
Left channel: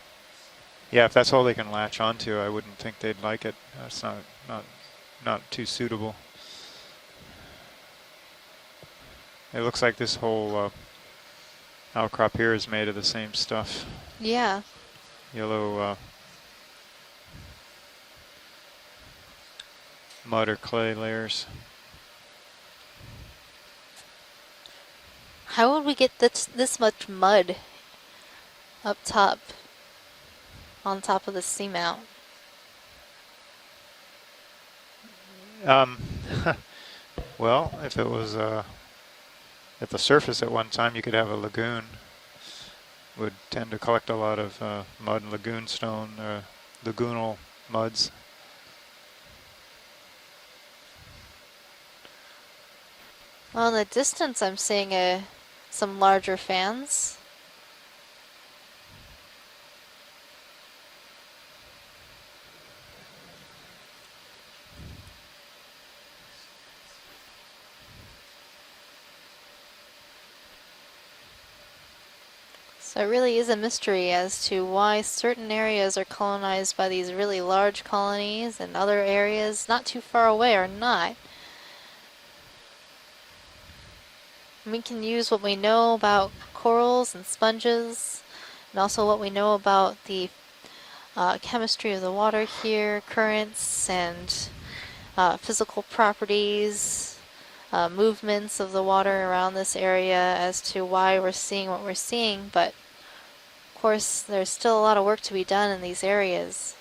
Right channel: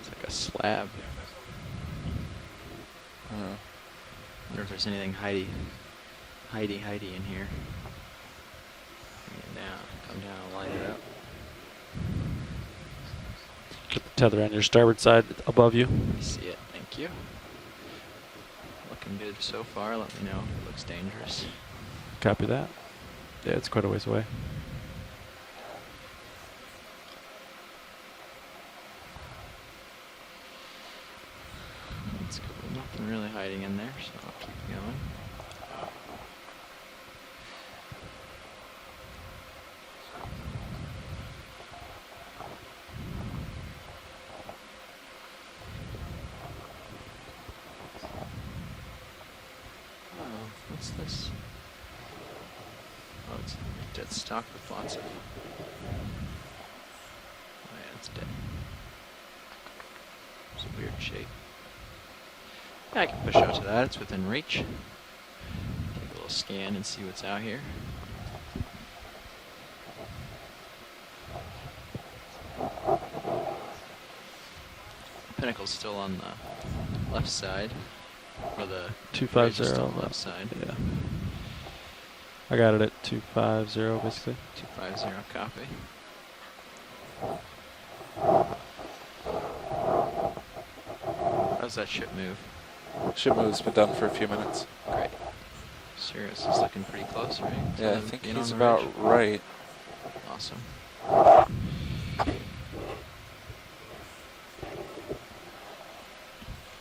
It's like a slab. Yeah, if that's all they can latch onto, I wouldn't think they'd like it. That's not I wonder if there's anything not too suitable. hidey in here. It looks like this whole outcrop here is made of the same stuff. Tether on your starboard side above you. Let me see it. Thank you. Looking good so far. Let me know. Mud or clay layers. Copy that. Yeah, it's quite a ways away. How would we get this much mud up top, on top of the seamount? Nothing really hiding in there, so I'll keep going. Well, if it was at the surface at one time, you could have a lagoon. Would tend to collect a lot of mud and lagoon stone, lagoonal muds. Oh, what's this? Well, in the distance, I'm seeing some larger fans. Oh yeah, it's dead. It's a weird shape. I can push out to that. It's within reach. Take a little scan and see what's out here. So it really is a mystery as to why certain areas are colonized by these really large colonies and other areas not too far away are not. I got it at 250 basically. We can use what we know about corals and sponges, and also what we know about the chemistry of the water here, currents and physical properties, movements of the water around this area as to why we're seeing what we're seeing. But of course, there's still a lot of work to be done in these areas.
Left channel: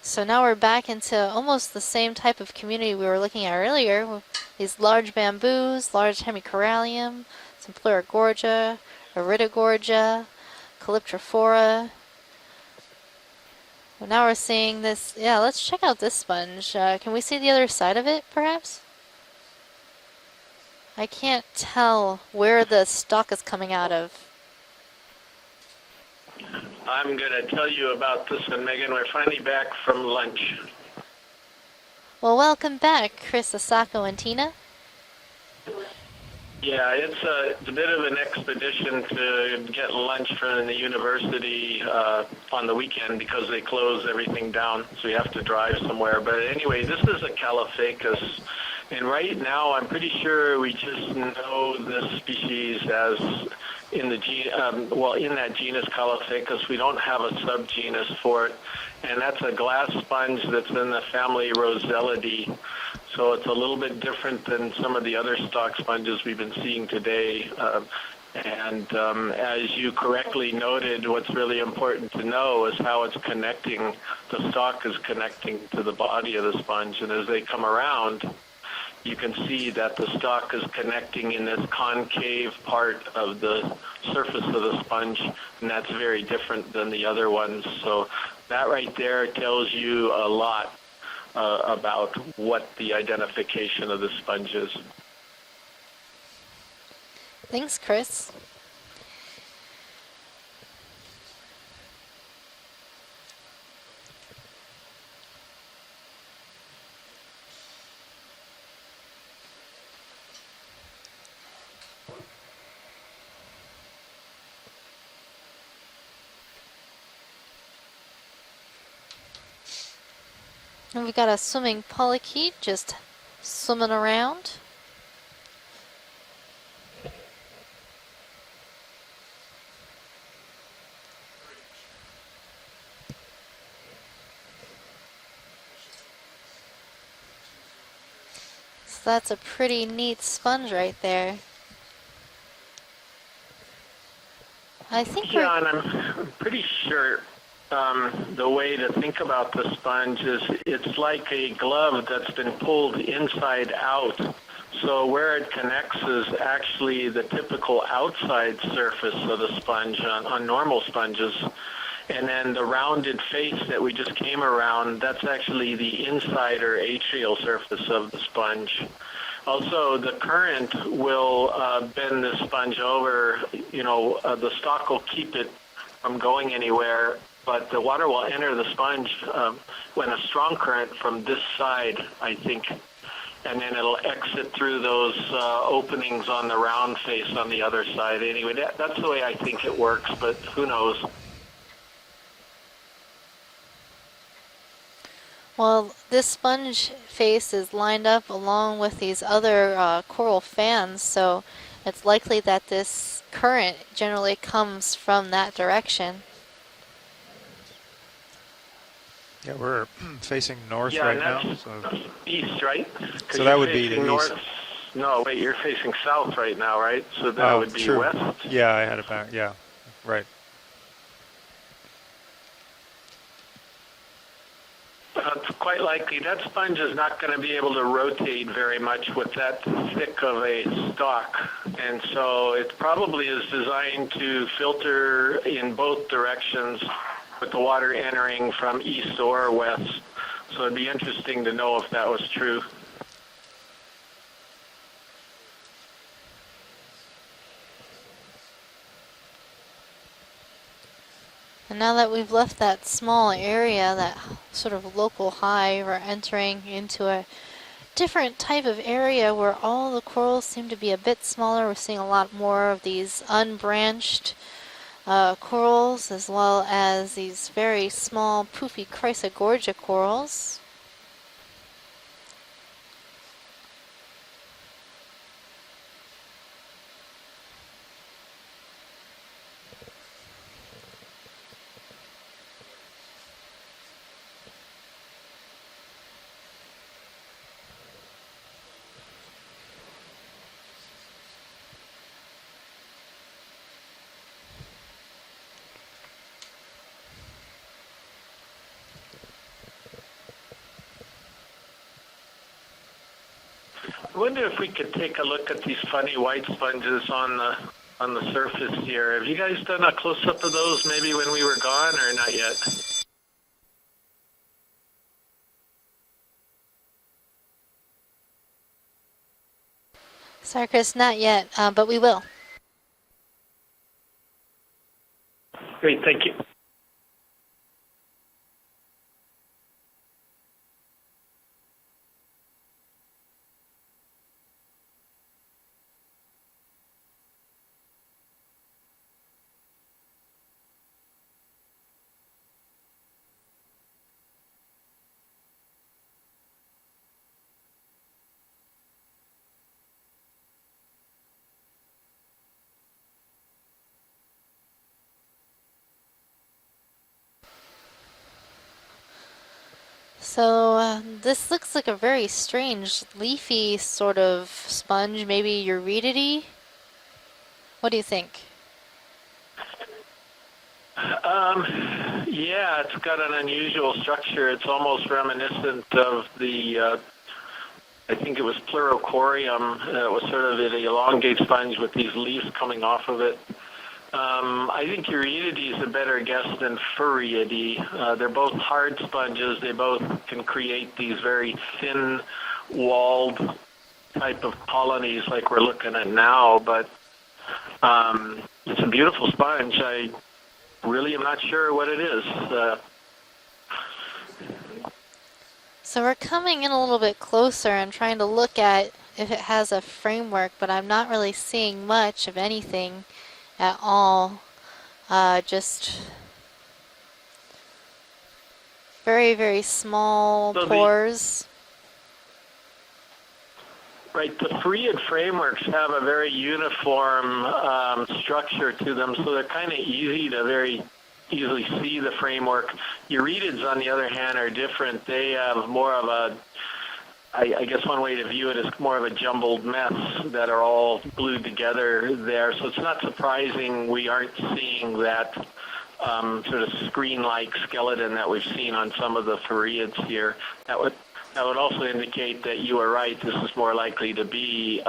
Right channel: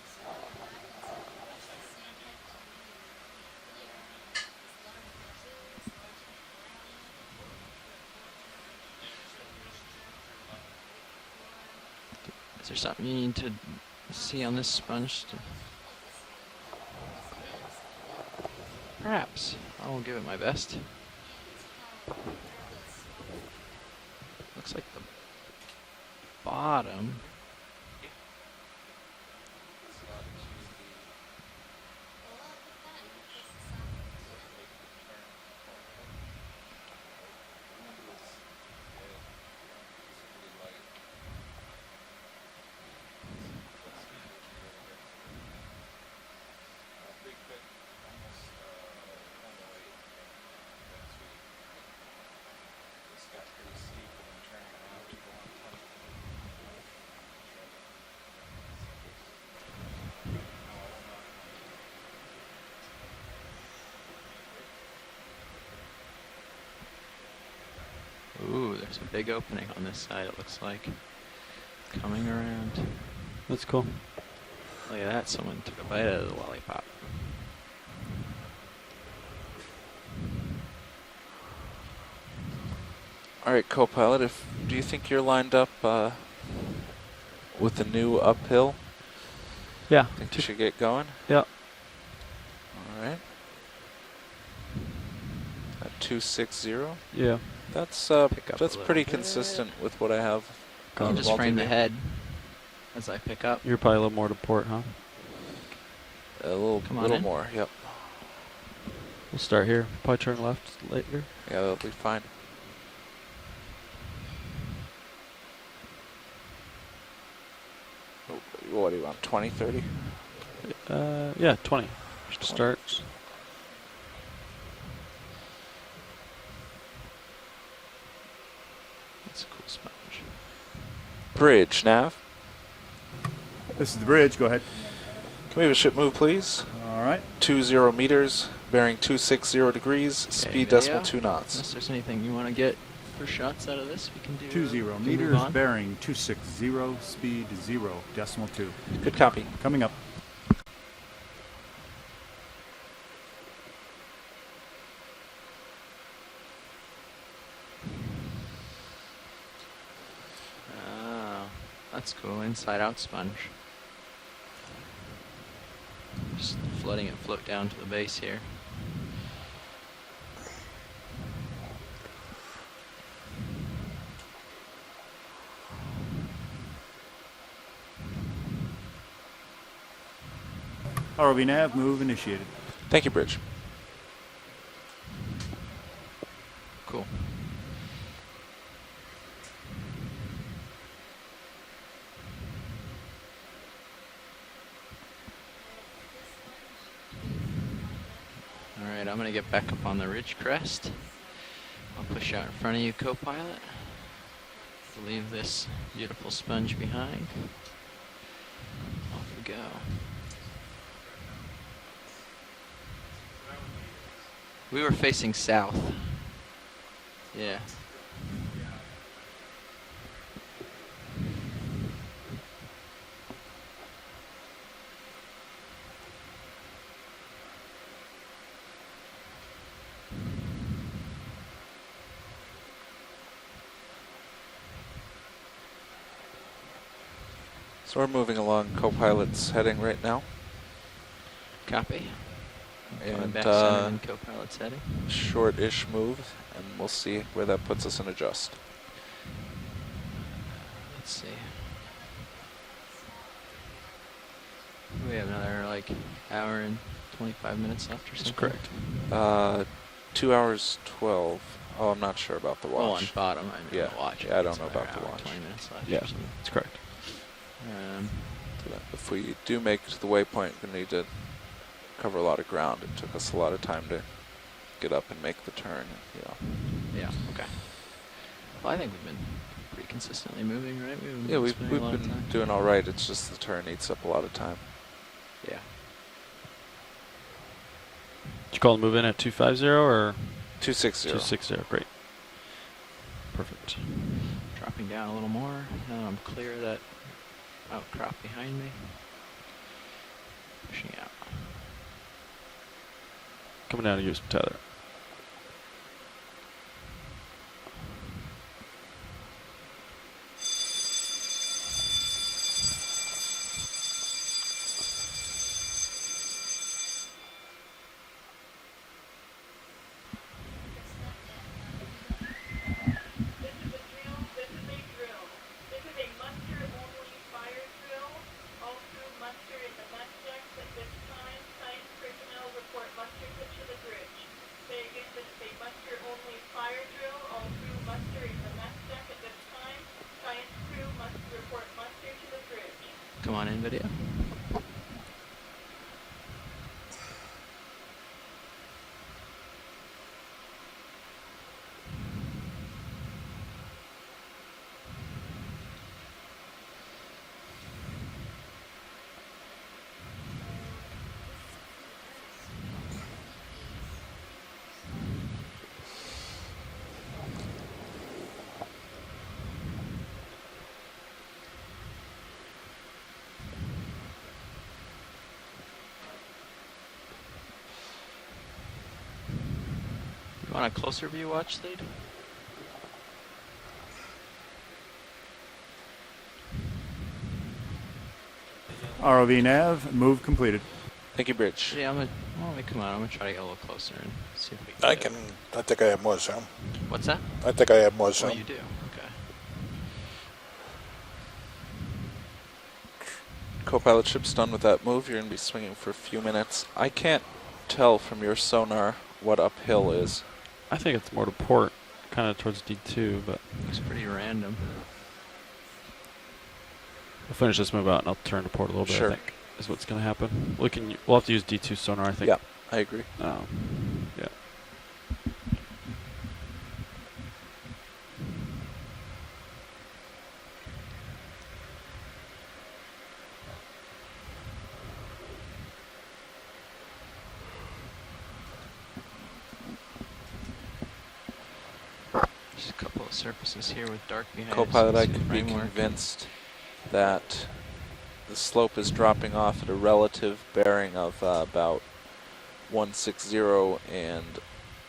So now we're back into almost the same type of community we were looking at earlier, with these large bamboos, large hemicorallium, some Pleurogorgia, Iridogorgia, Calyptrophora. Is there something you need to Well, now we're see on seeing this. sponge? Yeah, let's check out this sponge. Can we see the other side of it, perhaps? Perhaps. I will give it my best. I can't tell where the stalk is coming out of. Looks like I'm going to tell you about this one, Megan. We're finally back from lunch. Well, welcome back, Chris, Asako, and Tina. Yeah, it's a bit of an expedition to get lunch from the university on the weekend because they close everything down, so you have to drive somewhere. But anyway, this is a Calophacus, and right now I'm pretty sure we just know this species as in the in that genus Calophacus. We don't have a subgenus for it, and that's a glass sponge that's in the family Rosellidae. So it's a little bit different than some of the other stalk sponges we've been seeing today. And as you correctly noted, what's really important to know is how it's connecting. The stalk is connecting to the body of the sponge, and as they come around, you can see that the stalk is connecting in this concave part of the surface of the sponge, and that's very different than the other ones. So that right there tells you a lot about what the identification of the sponge is. 260? Yeah. Thanks, Chris. That's pretty consistent with what I have. I'll just frame the head as I pick up. You're probably a little more to port, huh? A little more, yep. We'll start here. Probably turn left later. Yeah, that'll be fine. What do you want, 20, 30? And we got a swimming polychaete just swimming around. That's a cool sponge. Bridge, Nav. This is the bridge. Go ahead. Can we have a ship move, please? All right. 20 meters, bearing So that's a 260 pretty degrees, neat speed sponge right 2 there. knots. Unless there's anything you want to get for shots out of this, we can do. 20 I think meters, we're bearing 260, Pretty sure speed 0. the way to think about the sponge is it's like a glove that's been pulled inside out. So where it connects is actually the typical outside surface of the sponge on normal sponges. And then the rounded face that we just came around, that's actually the inside or atrial surface of the sponge. Also, the current will bend the sponge over. The stalk will keep it from going anywhere, but the water will enter the sponge when a strong current from ROV this nav, side, move I initiated. think, Thank you, Bridge. and then it'll exit through those openings on the round face on the other side. Anyway, that's the way I think it works, but who knows? Well, this sponge face is lined up along with these other coral fans, so it's likely that this current generally comes from that direction. Sponge behind. We're facing north Yeah, right and now. that's east, right? So that would be the north. east. We were No, facing but you're south. facing south right now, right? So that would be true. west. Yeah, I had it back. Yeah, right. It's quite likely that sponge is not going to be able to rotate very much with that thick of a stalk, and so it probably is designed to filter in both directions with the water So we're entering moving along from east co-pilot's or heading west. right now. So it'd be interesting to know if that was true. And co-pilot setting. short-ish move, and we'll see where that puts us in adjust. Let's see. And now that we've left that small area, that sort of local high, we're entering into a different type of area where all the corals seem to be a bit smaller. We're seeing a lot more of these unbranched I don't know about the corals, as well as these very small, poofy chrysogorgia corals. The waypoint, we need to cover a lot of ground. It took us a lot of time to get up and make the turn. Yeah. Okay. Well, I think we've been pretty consistently moving, right? Yeah, we've been doing all right. It's just the turn eats up a lot of time. Yeah. Did you call the move in at 250 or 260? 260. Great. Perfect. Dropping down a little more. Now I'm clear of that outcrop behind me. Pushing out. Coming down to use I wonder if we could take a look at these funny white sponges on the surface here. Have you guys done a close-up of those maybe when we were gone or not yet? Sorry, Chris, not yet, but we will. Great, thank you. Come on in, video. So this looks like a very strange leafy sort of sponge, maybe eurydidy. What do you think? Yeah, it's got an unusual structure. It's almost reminiscent of the, I think it was Pleurochorium. It was sort of the elongate sponge with these leaves coming off of it. I think Eurydidy is a better guess than Furriidae. They're both hard sponges. They both can create these very thin-walled type of colonies like we're looking at now. But what's that? I think I have more sun. It's a beautiful sponge. I really am not sure what it is. Co-pilot ship's done with that move. You're going to be swinging for a few minutes. So we're coming in a little bit closer and trying to look at if it has a framework, but I'm not really seeing much of anything at all. Just we'll finish this move out and I'll turn to port a little bit. Very, very small pores. We'll have to use D2 sonar, I think. Yeah, I agree. Right, the Furriid frameworks have a very uniform structure to them, so they're kind of easy to very easily see the framework. Eurydids, on the other hand, are different. They have more of a, I guess one way to view it is more of a jumbled mess that are all glued together there. So it's not surprising we aren't seeing that sort of screen-like skeleton that we've seen on some of the Furriids here. That would also indicate that you are right. This is more likely to be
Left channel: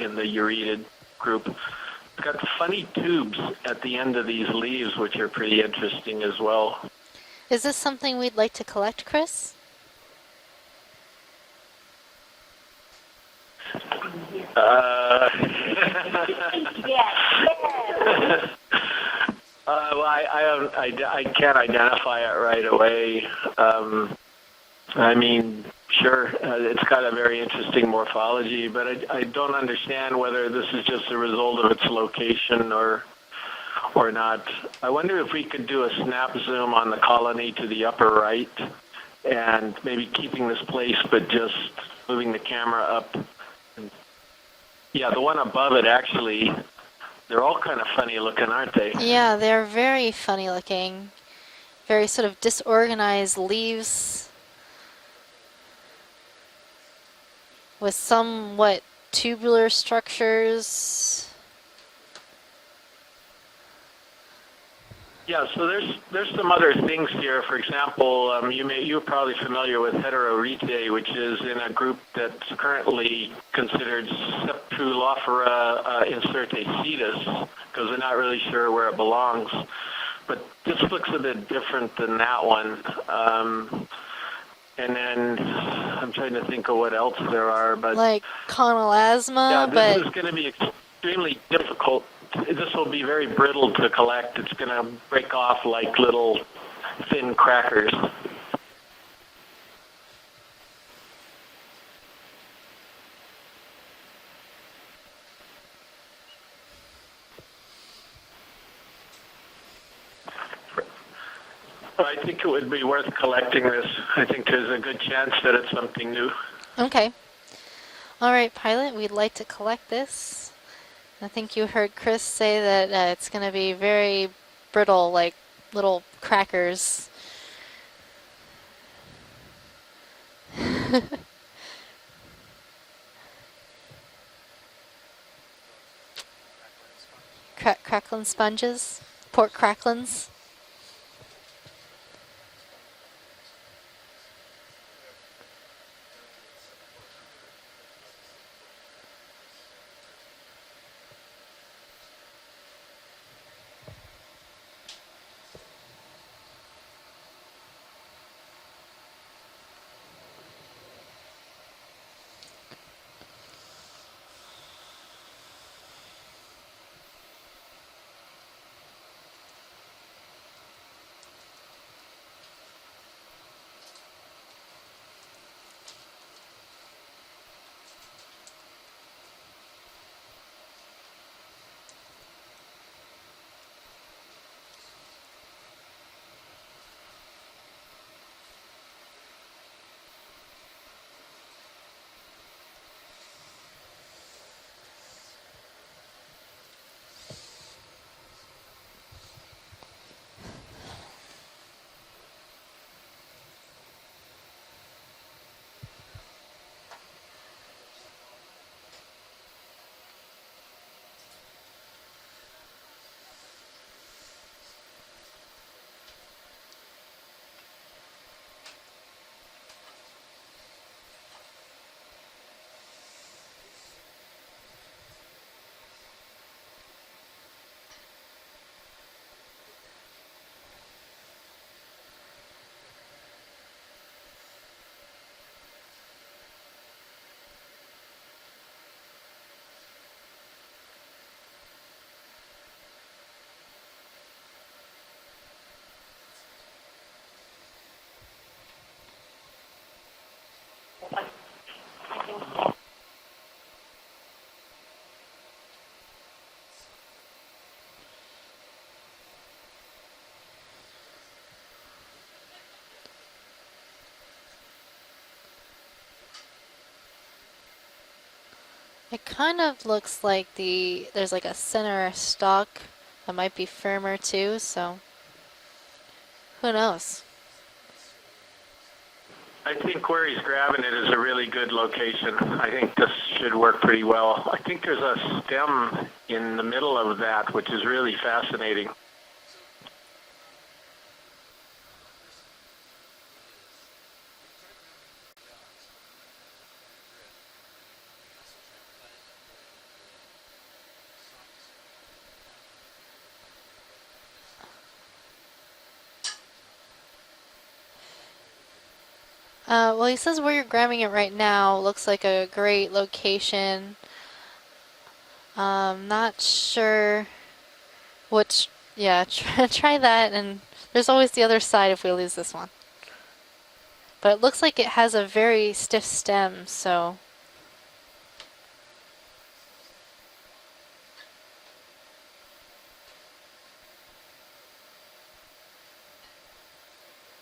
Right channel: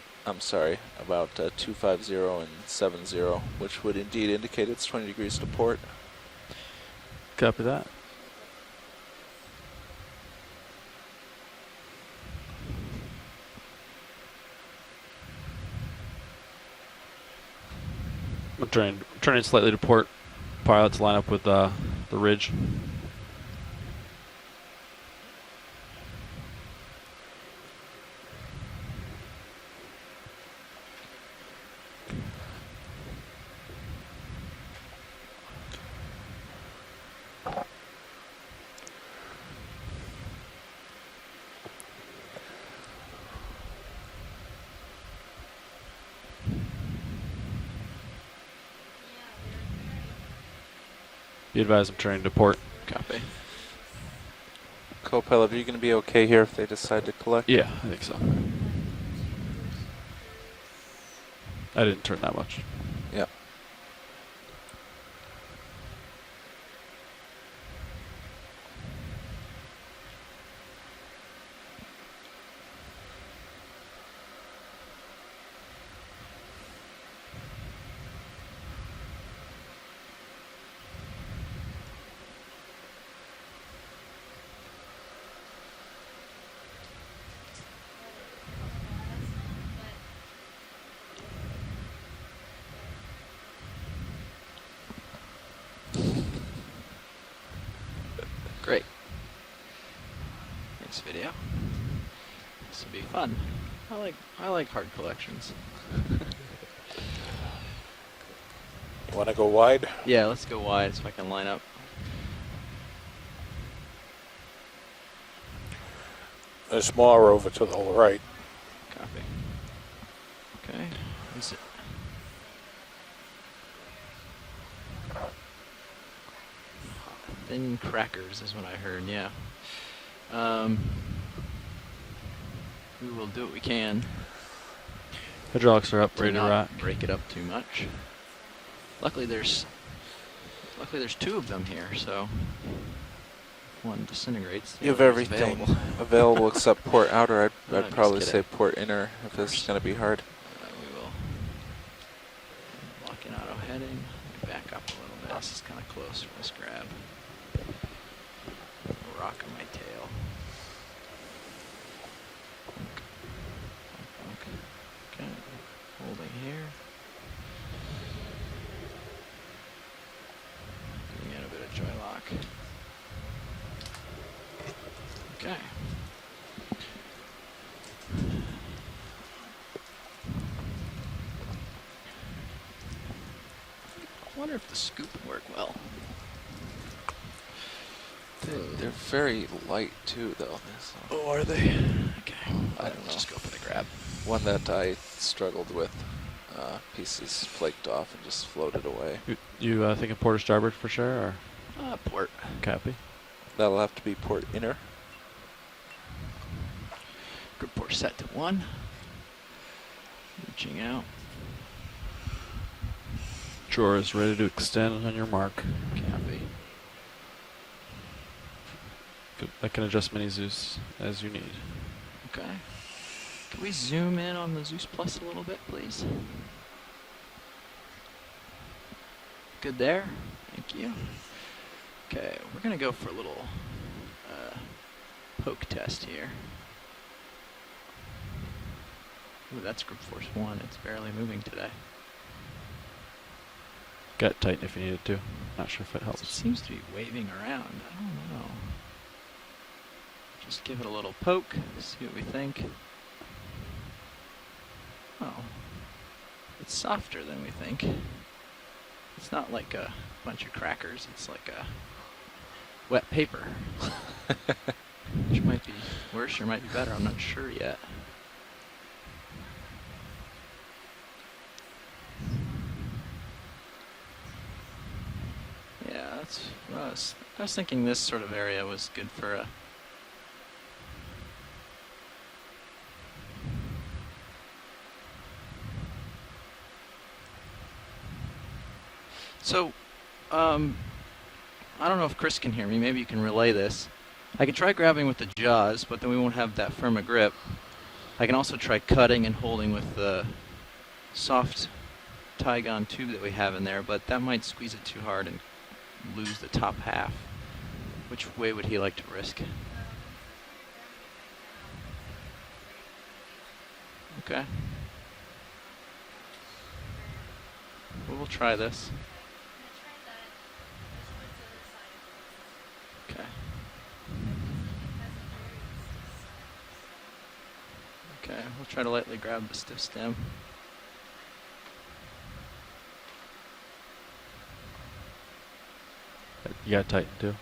in the Euryid group. We've got funny tubes at the end of these leaves, which are pretty interesting as well. Is this something we'd like to collect, Chris? I'm turning slightly to port. I can't identify it right away. I mean, sure, it's got a very interesting morphology, but I don't understand whether this is just a result of its location or not. I wonder if we could do a snap zoom on the colony to the upper right and maybe keeping this place, but just moving the camera up. Yeah, the one above it, actually, they're all kind of funny looking, aren't they? Yeah, they're very funny looking. Be advised Very trying sort to of port. disorganized leaves Co-pilot, are you going to be okay here if they decide to collect? Yeah. with somewhat tubular structures. I didn't turn that much. Yeah. Yeah, so there's some other things here. For example, you're probably familiar with Heterorhitae, which is in a group that's currently considered Septulophora incertacetus, because we're not really sure where it belongs. But this looks a bit different than that one. And then I'm trying to think of what else there are, but like conolasma, yeah, this but is going to be extremely difficult. This will be very brittle to collect. It's going to break off like little thin crackers. Great. Next video. This will be fun. I like hard collections. Want to go wide? Yeah, let's go wide so I can line up. I think it would be worth collecting this. I think there's a good chance that it's something new. There's Okay. more over to the right. all right, pilot, we'd like to collect this. Okay. I think you heard Chris say that it's going to be very brittle, like little crackers. Thin crackers is what I heard, yeah. We will do what we can. Hydraulics are up, to ready to not rock. break it up too much. Cracklin sponges. Luckily Pork there's cracklins. Luckily there's two of them here, so one disintegrates. the You have other is everything available. available except port outer. No, I'd I'm probably just say kidding. port inner if this is going to be hard. We will lock in auto heading. Back up a little bit. This is kind of close for this grab. Rock on my tail. Okay, holding here. Giving it a bit of joy lock. Okay. I wonder if the scoop would work well. They're very light too, though. So Oh, are they? Okay. I don't know. Just go for the grab. One that I struggled with, pieces flaked off and just floated away. You thinking port or starboard for sure, or Port. copy? That'll have to be port inner. Grip port set to 1. Reaching out. Drawer is ready to extend on your mark. Copy. Good. I can adjust mini Zeus as you need. Okay. Can we zoom in on the Zeus Plus a little bit, please? Good there. Thank you. Okay, we're going to go for a little poke test here. Ooh, that's grip force 1. It's barely moving today. Gut tighten if you needed to. Not sure if it It helps. seems to be waving around. I don't know. Just give it a little poke, see what we think. Oh, it's softer than we think. It's not like a bunch of crackers, it's like a wet paper. Which might be worse or might be better, I'm not sure yet. It kind of looks like there's like a center stalk that might be firmer too, so Yeah, that's... who knows? I was thinking this sort of area was good for a... I think where he's grabbing it is a really good location. I think this should work pretty well. I think there's a stem in the middle of that, which is really fascinating. So, I don't know if Chris can hear me. Maybe you can relay this. I can try grabbing with the jaws, but then we won't have that firm a grip. I can also try cutting and holding with the soft Tygon tube that we have in there, but that might squeeze it too hard and lose the top half. Which way would he like to risk? Well, he says where you're grabbing it right now looks like a great location. Okay. Not sure. We'll try which, this. Yeah, try that, and there's always the other side if we lose this one. Okay. But it looks like it has a very stiff stem, so... Okay, we'll try to lightly grab the stiff stem. You got tighten too.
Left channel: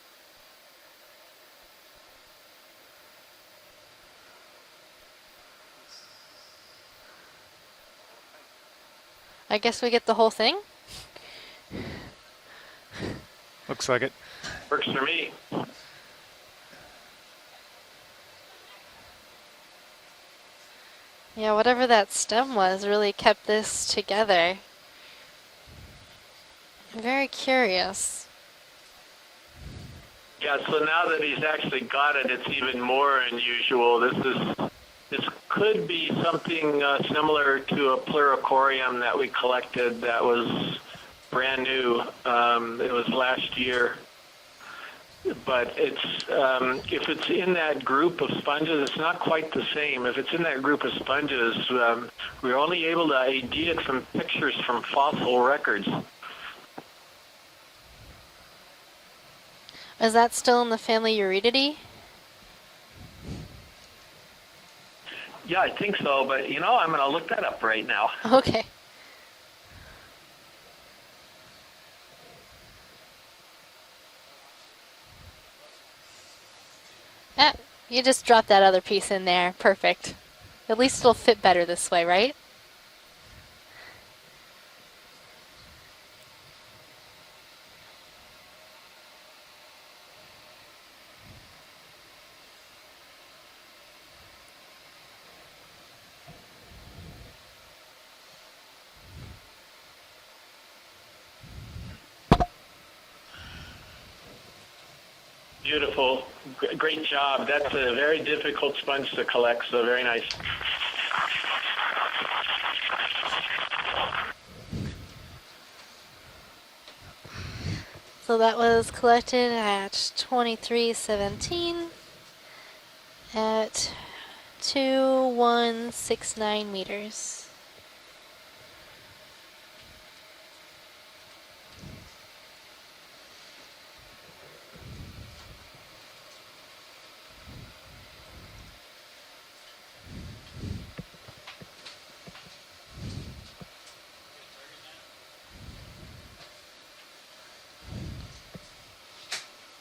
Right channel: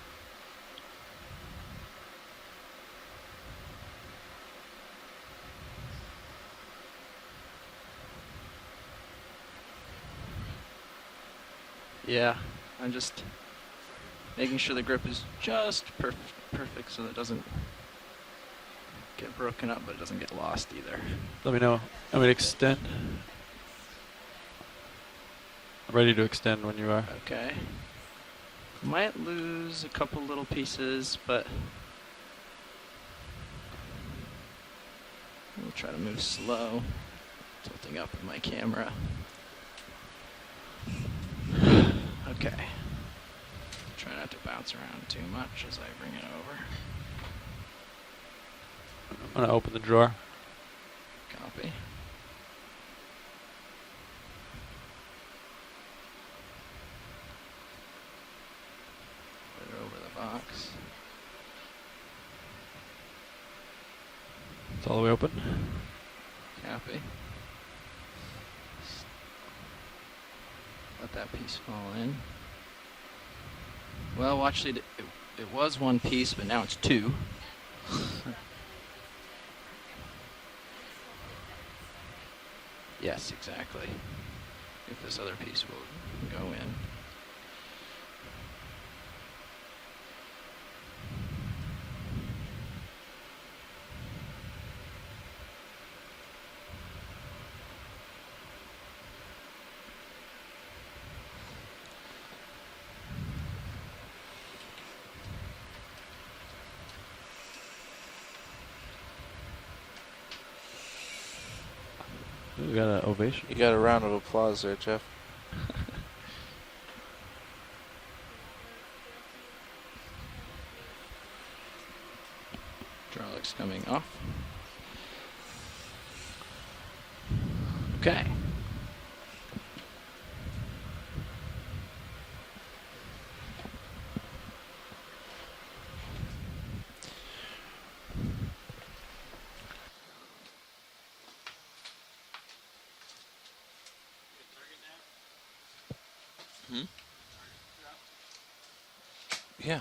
I guess we get the whole thing? Yeah, I'm just Looks like it. making sure the Works for grip is me. just perfect so that it doesn't get broken up, but it doesn't get lost either. Yeah, we whatever don't- that I mean, stem was extend- really kept this together. Ready to extend when you are. Very Okay. curious. Might lose a couple little Yeah, pieces. so now that he's but actually got it, it's even more unusual. This could be something similar to a pluricorium that we collected that was brand new. It was last year. try not to bounce around too much. But it's if it's in that group of sponges, it's not quite the Open the same. drawer. If it's in that group of sponges, we're only able to ID it from pictures from fossil records. Is that still in the family Eurydidae? It's all the way open. Yeah, I think so, but I'm going to look that up right now. Okay. Let that piece fall in. Well, actually, it was one piece, but now it's two. You just drop that other piece in there. Perfect. At least it'll fit better this way, right? Yes, exactly. If this other piece will go in. Beautiful. Great job. That's a very difficult sponge to collect, so very nice. You got over. You got a round of applause there, Jeff. So that was collected at 2317 Drone's coming at off. 2169 meters. Okay. Yeah.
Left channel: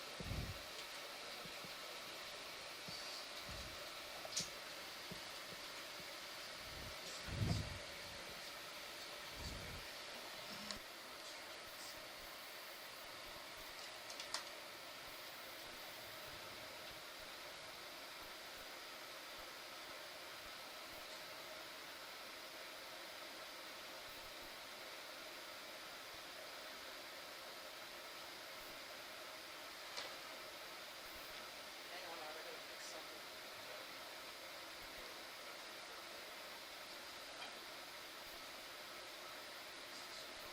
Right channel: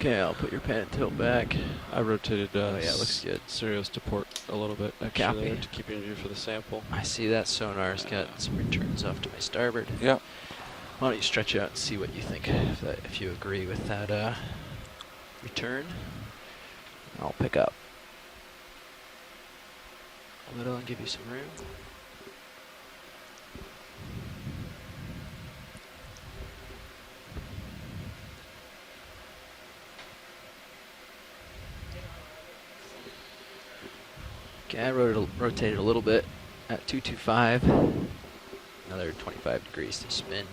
Okay, I'll put your pan and tilt back. I rotated Oh, yeah, looks good. Sirius to port a little bit extra Copy. there to keep in view for the sample. I see that sonar's got some returns off to my starboard. Yeah. Why don't you stretch out and see what you think, if you agree with that return. I'll pick up a little and give you some room. Okay, I rotated a little bit at 225. Another 25 degrees to spin.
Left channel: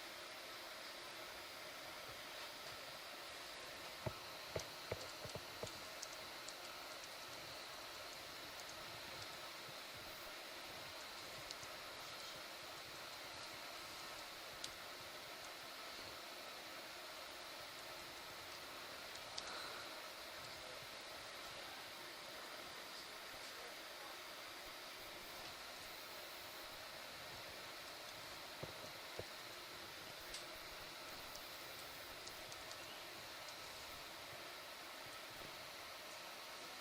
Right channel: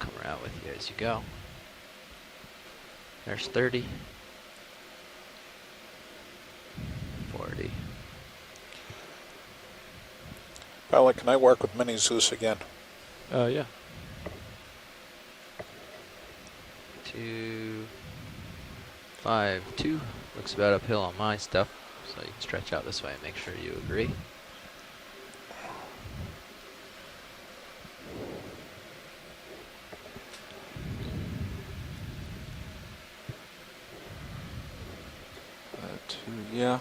Come around with you as you go. There's 30. 40. Pilot, can I work with Mini Zeus again? Yeah. 2, 5, 2. Looks about uphill on my stuff, so you can stretch out this way and make sure you agree. Yeah.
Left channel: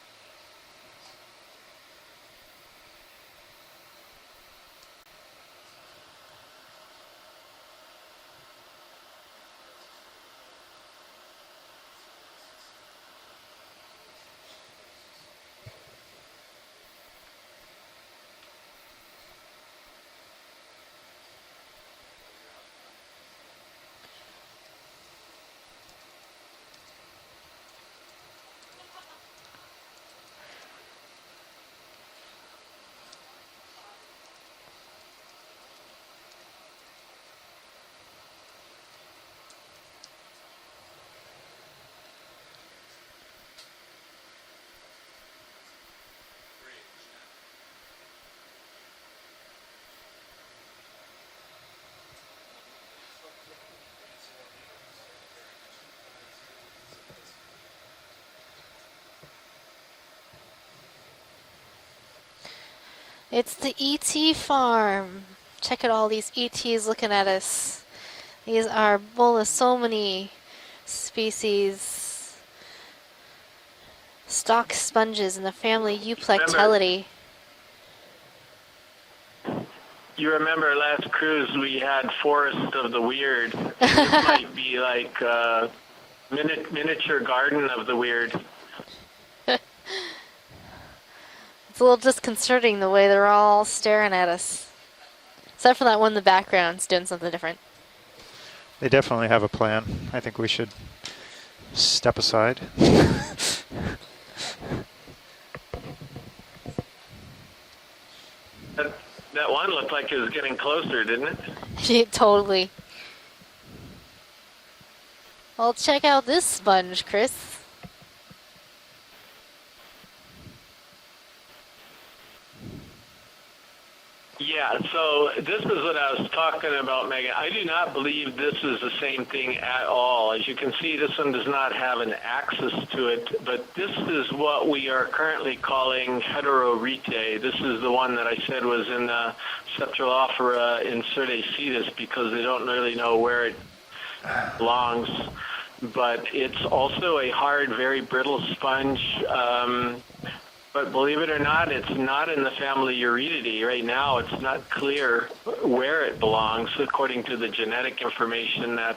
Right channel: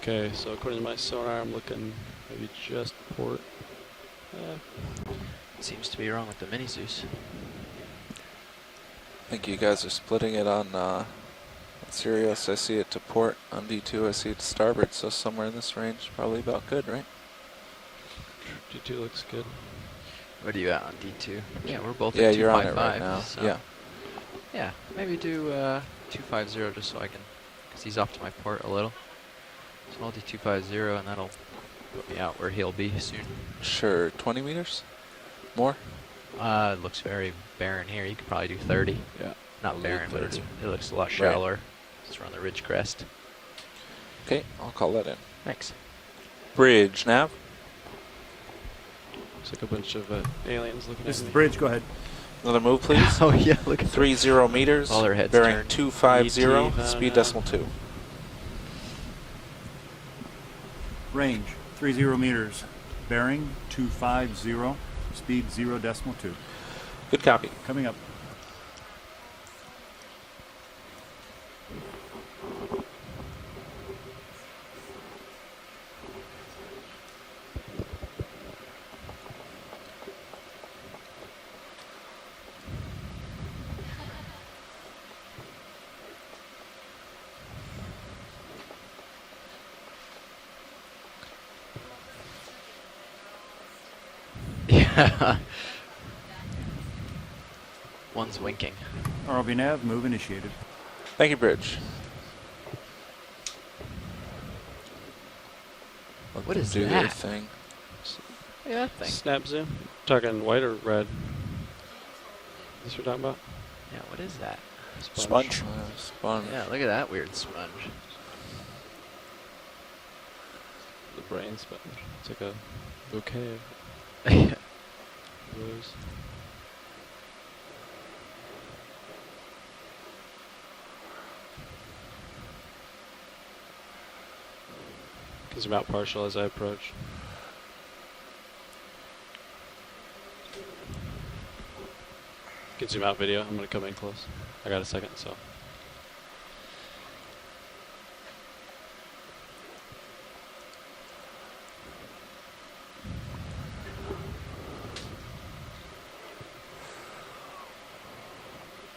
Okay, so according to my sonar, I'm looking maybe just port. Seems to be wrong with the Mini Zeus. I think you guys are splitting it on Sirius. I see it to port. On D2, I see it to starboard. So somewhere in this range, probably about good, right? D2 looks good. What are you at on D2? Yeah, we're both Yeah, at you're on it 255. right now. So Yeah. yeah, maybe do 250 just so I can, because he's off to my port a little. So I'll do 250 and that'll put me out where he'll be soon. Sure, 20 meters? More? It looks very barren here. You could probably do 30. Yeah. Not I'll barren, do but 30. it looks a lot shallower. It's around the ridge crest. Okay, I'll call that in. Thanks. Bridge, nav. Looks like a bunch of aliens looking This at is me. the bridge. Go ahead. Another move, please. Oh yeah, look at 30 meters. all their heads bearing turned. 250. ET, Speed decimal 2. Range 30 meters. Bearing. It's the 250, ET farm. Speed 0. Check out all these ETs looking Good at copy. us. Coming up. These are Bolosomini species. Stock sponges in the family Euplectellidae. You remember last cruise we had Forest of the Weird. This might be like miniature garden of the weird. It's a little disconcerting the way they're all staring at us. Yeah. Except for that one in the background, it's doing something different. One's winking. They definitely have a ROV plan. nav, move I think initiated. we should Thank you, Bridge. step aside. What is Do their that? thing. Yeah. That one looked like it was Target getting white or closer, red? didn't it? Totally. This you're talking about? Yeah, what is that? Sponge. Well, check out this Yeah, look at sponge, that weird Chris. sponge. The brain sponge. It's like a bouquet. Yeah, so this is what I was talking about, Megan. I do not believe this is the same thing at all. As you can see, this one does not have an axis to it, but this is what we are currently calling heterorete. This is the one that I said was in Cephalophora incertacetus because they don't really know where it belongs. But it's also a hard, very brittle sponge. But believe it or not, it's not in the family Euretidae. Right now, it's not clear where it belongs, according to the genetic information that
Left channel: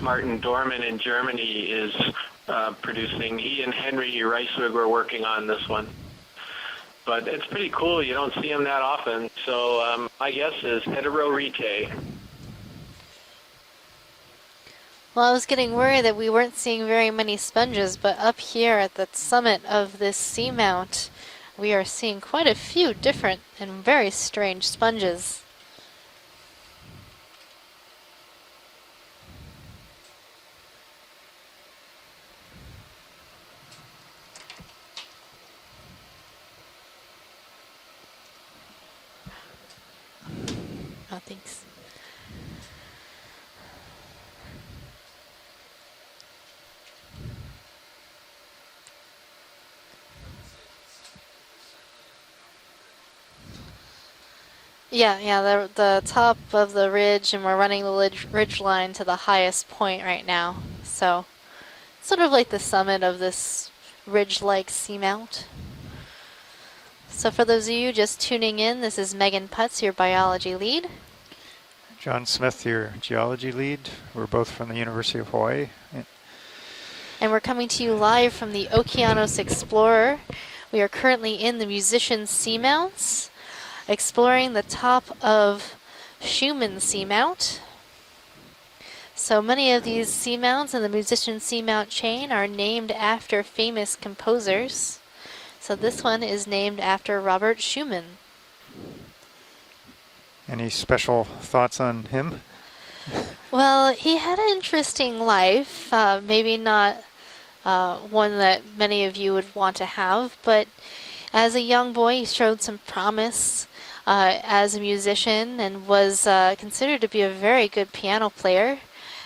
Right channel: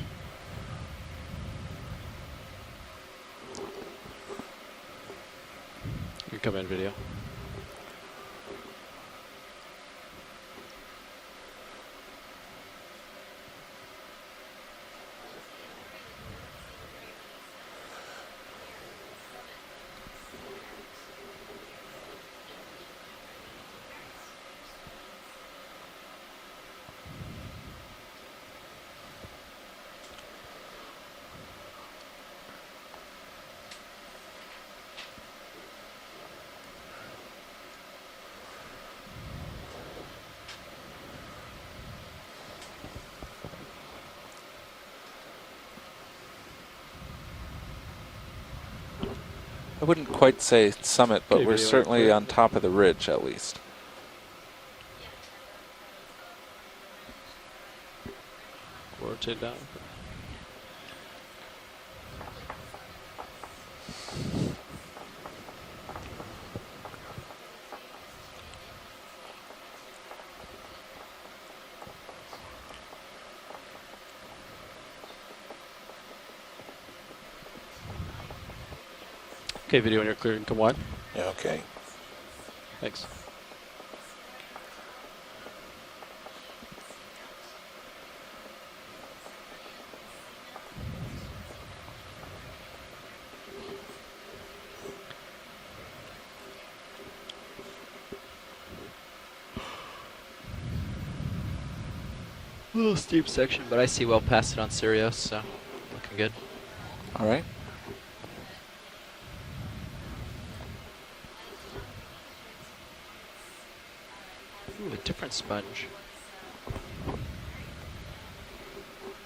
Martin Dorman in Germany is producing. He and Henry Reiswig were working on this one. Incoming video. But it's pretty cool. You don't see them that often. So my guess is heterorete. Well, I was getting worried that we weren't seeing very many sponges, but up here at the summit of this seamount, we are seeing quite a few different and very strange sponges. Oh, thanks. I wouldn't quite say summit, but Okay, we're video certainly record. on top of the ridge at least. Yeah, the top of the ridge, and we're running the ridge line to the highest point right now. So, sort of like the summit of this ridge-like seamount. So for those of you just tuning in, this is Megan Putz, your biology lead. John Smith, your geology lead. We're both from the University of Hawaii. And we're coming to you live from the Okeanos Explorer. Okay, We are currently in the Musician Seamounts, exploring the top of Schumann Seamount. So many of these seamounts in the Musician Seamount chain are named after famous composers. So this one is named after Robert Schumann. Any special thoughts on him? Section, Well, he had an interesting life, maybe not one that many of you would want to have, but as a young boy he showed some promise as a musician and was considered to be a very good piano player,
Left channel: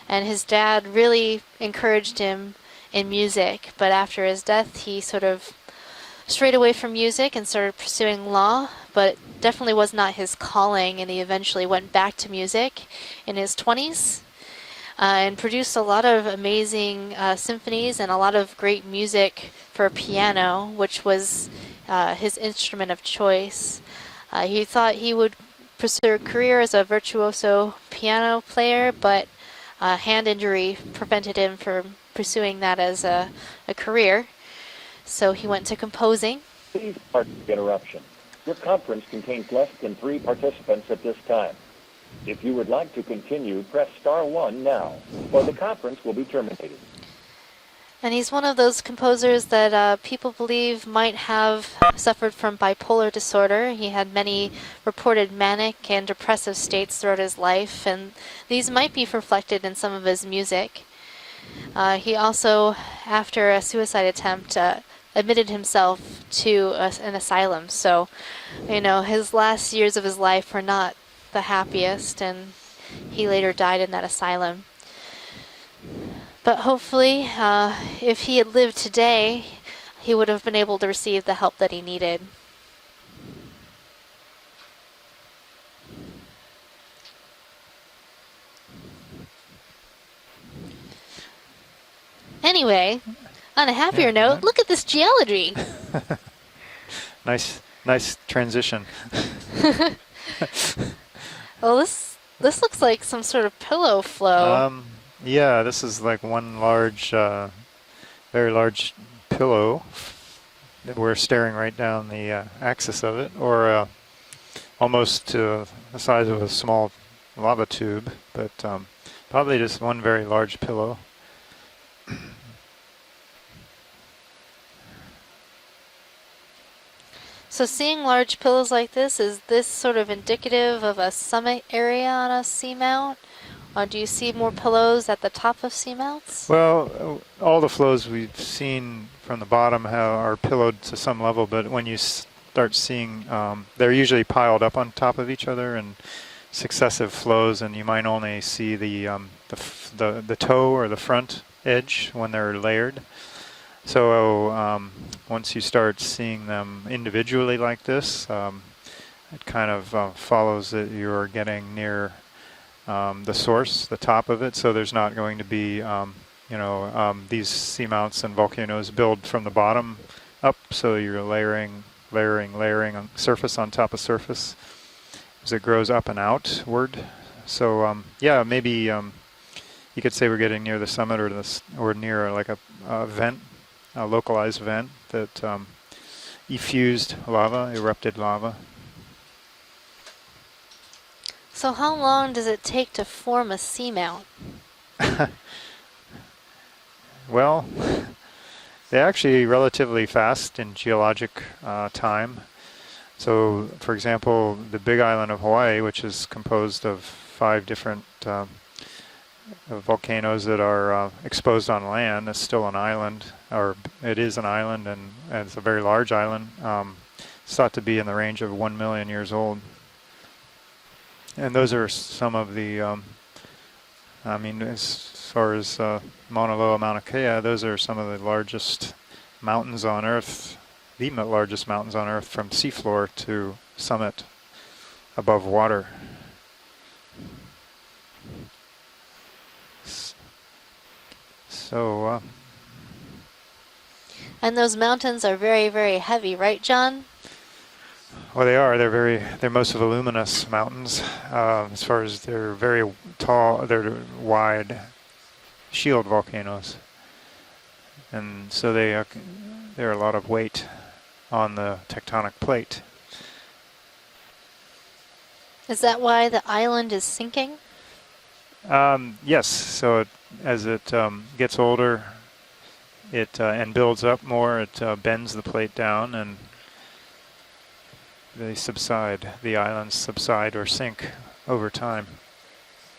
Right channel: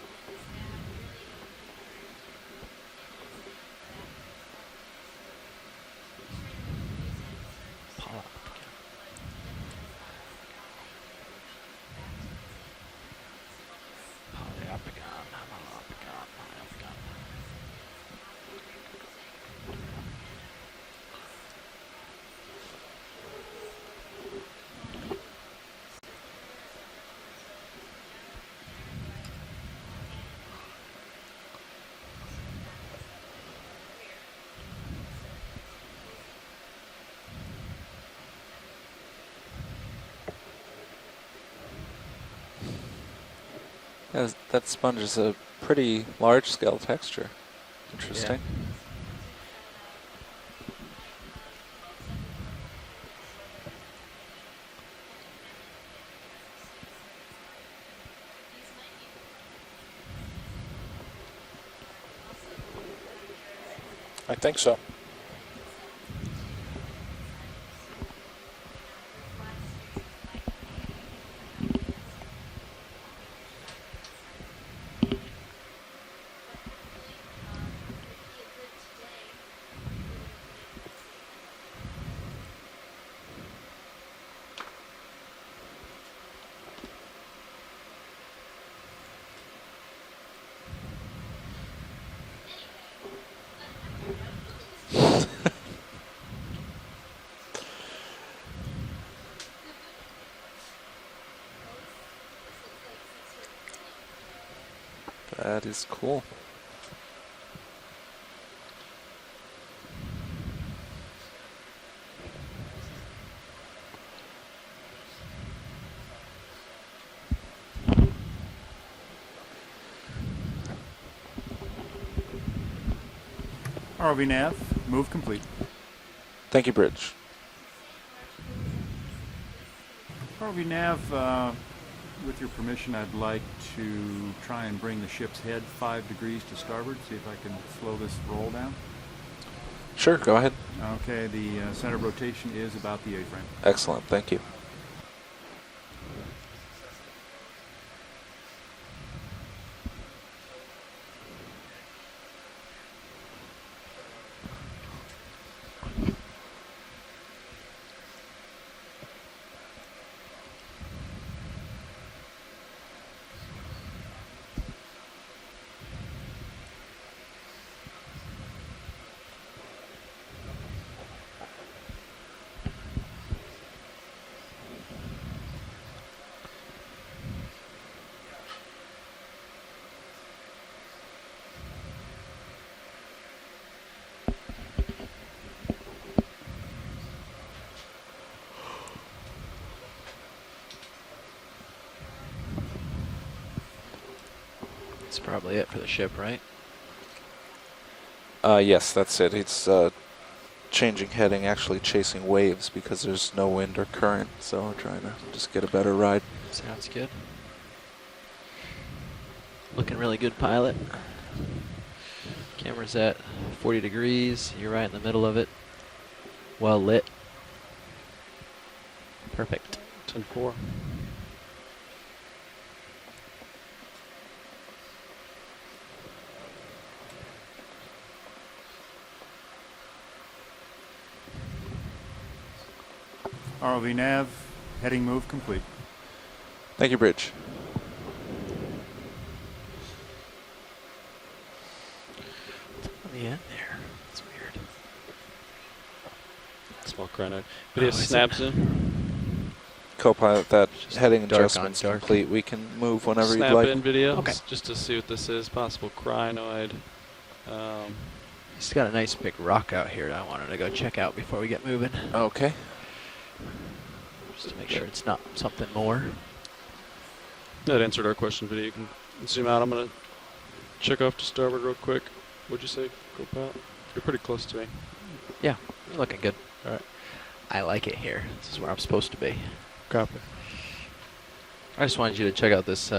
and his dad really encouraged him in music, but after his death he sort of strayed away from music and started pursuing law, but it definitely was not his calling, and he eventually went back to music in his 20s and produced a lot of amazing symphonies and a lot of great music for piano, which was his instrument of choice. He thought he would pursue a career as a virtuoso piano player, but a hand injury prevented him from pursuing that as a career. So he went to composing. Please pardon the interruption. Your conference contains less than 3 participants at this time. If you would like to continue, press star 1 That now. sponge is a or the pretty conference will be large-scale texture. And he's one of those composers that people believe might have suffered from bipolar disorder. He had many reported manic and depressive states throughout his life, and these might be reflected in some of his music. He also, after a suicide attempt, admitted himself to an asylum. So, you know, his last years of his life were not the happiest, and he later died in that asylum. But hopefully, if he had lived today, he would have been able to receive the help that he needed. Anyway, on a happier note, look at this geology. Nice transition. Well, this looks like some sort of pillow flow. Yeah, this is like one large, very large pillow. We're staring right down the axis of it, or almost to the size of a small lava tube, but probably just one very large pillow. ROV nav, move complete. Thank you, Bridge. So seeing large pillows like this, is this sort of indicative of a summit area on a seamount? Or do you see more pillows at the top of seamounts? Well, all the flows we've seen from the bottom are pillowed to some level, but when you start seeing, they're usually piled up on top of each other in successive flows, and you might only see the toe or the front edge when they're layered. So once you start seeing them individually like this, it kind of follows that you're getting near the source, the top of it. So there's not going to be, these seamounts and volcanoes build from the bottom up. So you're layering on surface on top of surface as it grows up and outward. So yeah, maybe you could say we're getting near the summit or near like a vent. A localized vent that effused lava, erupted lava. So how long does it take to form a seamount? That's probably it for the ship, right? Well, yes, they're actually relatively fast in geologic heading, actually chasing time. Waves because there's so no wind or for current, example, so the big island of Hawaii, which is composed of 5 different volcanoes that are exposed on land, is still an island. 40 degrees, it is an island, right in the middle of it. It's a very large island. Well lit. It's thought to be in the range of 1 million years old. 10-4. And those are some of the, I mean, as far as Mauna Loa, Mauna Kea, those are some of the largest mountains on Earth, the largest mountains on Earth from seafloor to summit nav, heading move above complete. water. Thank you, Bridge. So, yeah. And those mountains are very, very heavy, right, John? Well, they are. They're most voluminous mountains. Heading adjustments as far as we they're can very move whenever tall, we like. they're wide, just to see what this is, shield volcanoes. And so they nice big rock out there are a here lot I of wanted weight to go check out before on we the get moving. tectonic plate. Just to make sure it's not something Is more. that why the island is sinking? That answered our question video. Yes, so as it gets older, What'd you say? it and builds up more, it bends the plate down, and good. I like it here. they This is where I'm supposed to subside. be. The islands subside or sink over I time. just wanted you to check out this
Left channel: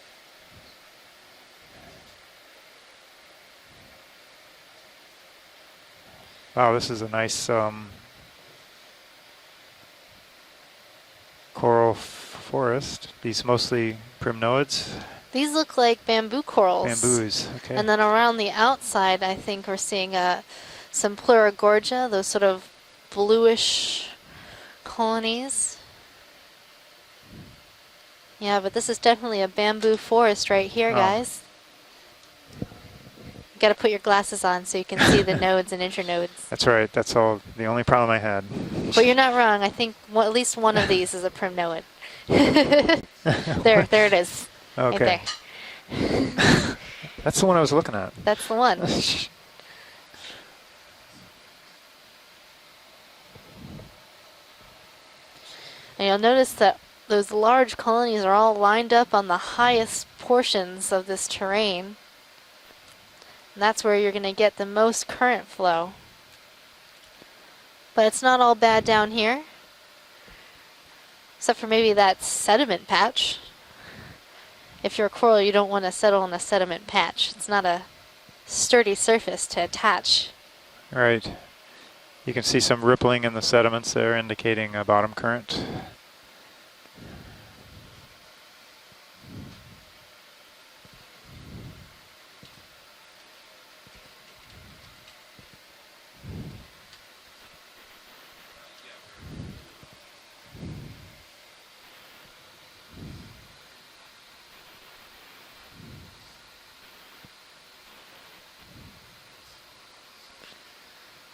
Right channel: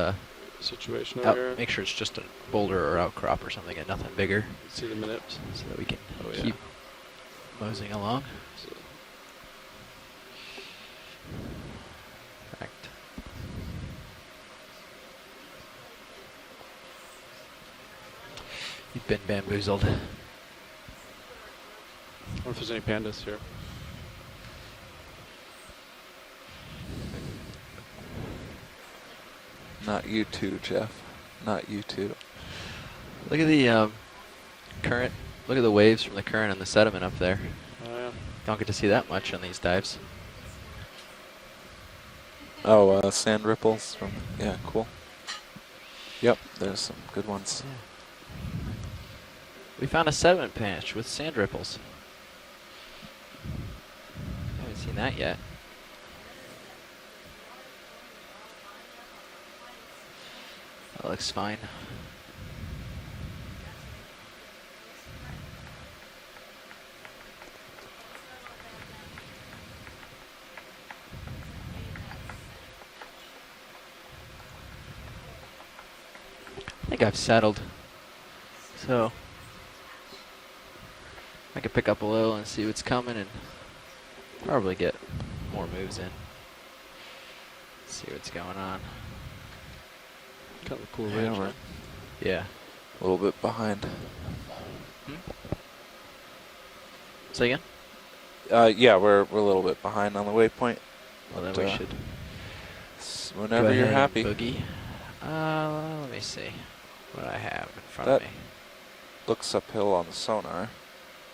situation over here. make sure it's just a boulder or outcrop or something and nothing bigger. See the minutes. So that we can keep this is a nice moving along. coral forest. These mostly primnoids. These look like bamboo corals. Bamboos, okay. And then around the outside, I think we're seeing some Pleurogorgia, those sort of bluish colonies. Yeah, but this is definitely a bamboo forest right here, guys. Not YouTube. Look at the. You gotta put your glasses on so you can see the nodes and internodes. That's right. That's all. The only problem I had. Don't get to see that. But you're not wrong. I think at least one of these is a primnoid. There it is. Yeah, cool. Right Okay. there. Yep. That's the one I was looking at. That's the one. We found a sediment patch with sand ripples. Haven't seen that yet. And you'll notice that those large colonies are all lined up on the highest portions of this terrain. And that's where you're going to get the most current flow. But it's not all bad down here, except for maybe that sediment patch. If you're a coral, you don't want to settle in a sediment patch. It's not a sturdy surface to attach. Right. I could pick up a little. You can see some rippling in the sediments there, indicating a bottom current. Moves in. See what's going on. Kind of a cool ridge. Yeah. A little bit behind. Say again? Yeah, we're a little bit behind on the waypoint. Well, then we should. Whenever you're happy. Boogie. Let me see what I have in front of me. Looks uphill on the sonar.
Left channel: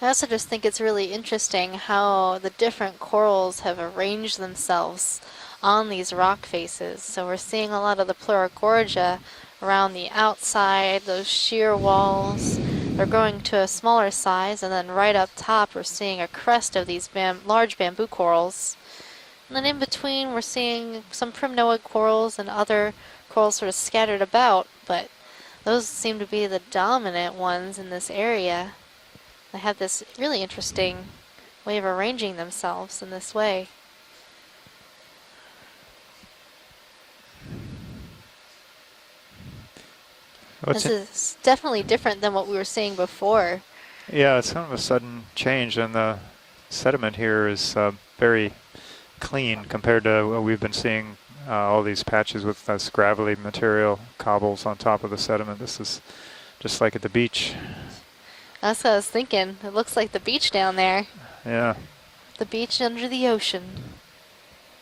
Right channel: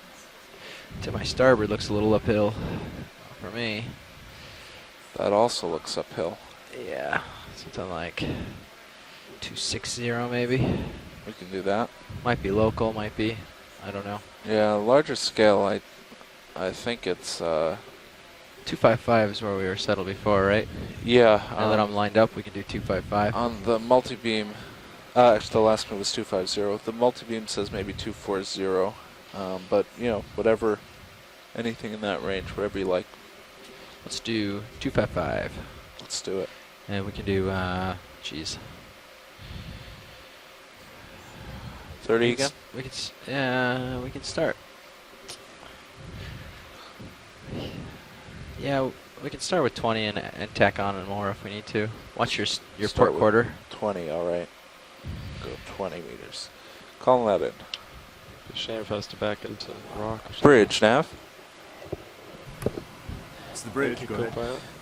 I also just think it's really interesting how the different corals have arranged themselves on these rock faces. So we're seeing a lot of the Pleurogorgia around the outside, those shear walls. Might be local, they're going to a smaller size, and then right up top we're seeing a crest of these large bamboo corals. 255 is where and we then were settled in between before, we're right? seeing some primnoid corals and other corals sort of scattered about, but those seem to be the dominant ones in this area. They have this really interesting way of arranging themselves in this way. Let's do 255. Let's do it. And we can do, geez. This is definitely different than what we were seeing before. Yeah, it's kind of a sudden change, and the sediment here is very clean compared to what we've been seeing. All these patches with scrap-like material, cobbles on top of the sediment. This is just like at the beach. That's what I was thinking. It looks like the beach down there. Yeah. The beach under the ocean.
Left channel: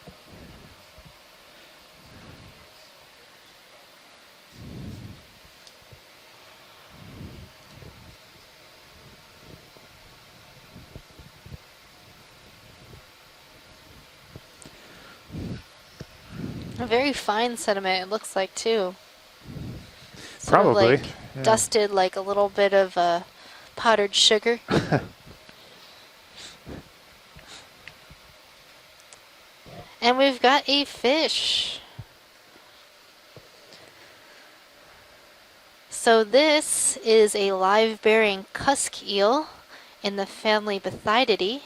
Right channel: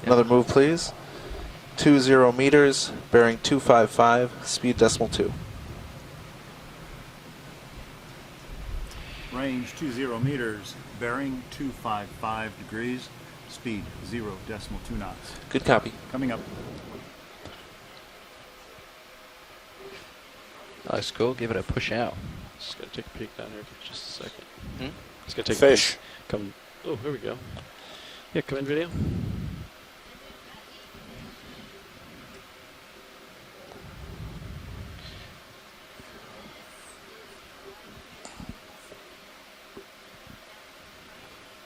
Another move, please. 20 meters, bearing 255, speed decimal 2. Range 20 meters, bearing 255 degrees, speed 0.2 knots. Good copy. Coming up. A very fine sediment, it looks like, too. Probably. Like dusted like a little bit of powdered sugar. It's gonna take fish. Oh, here we go. Yeah, come in video. And we've got a fish. So this is a live-bearing cusk eel in the family Bathydidae.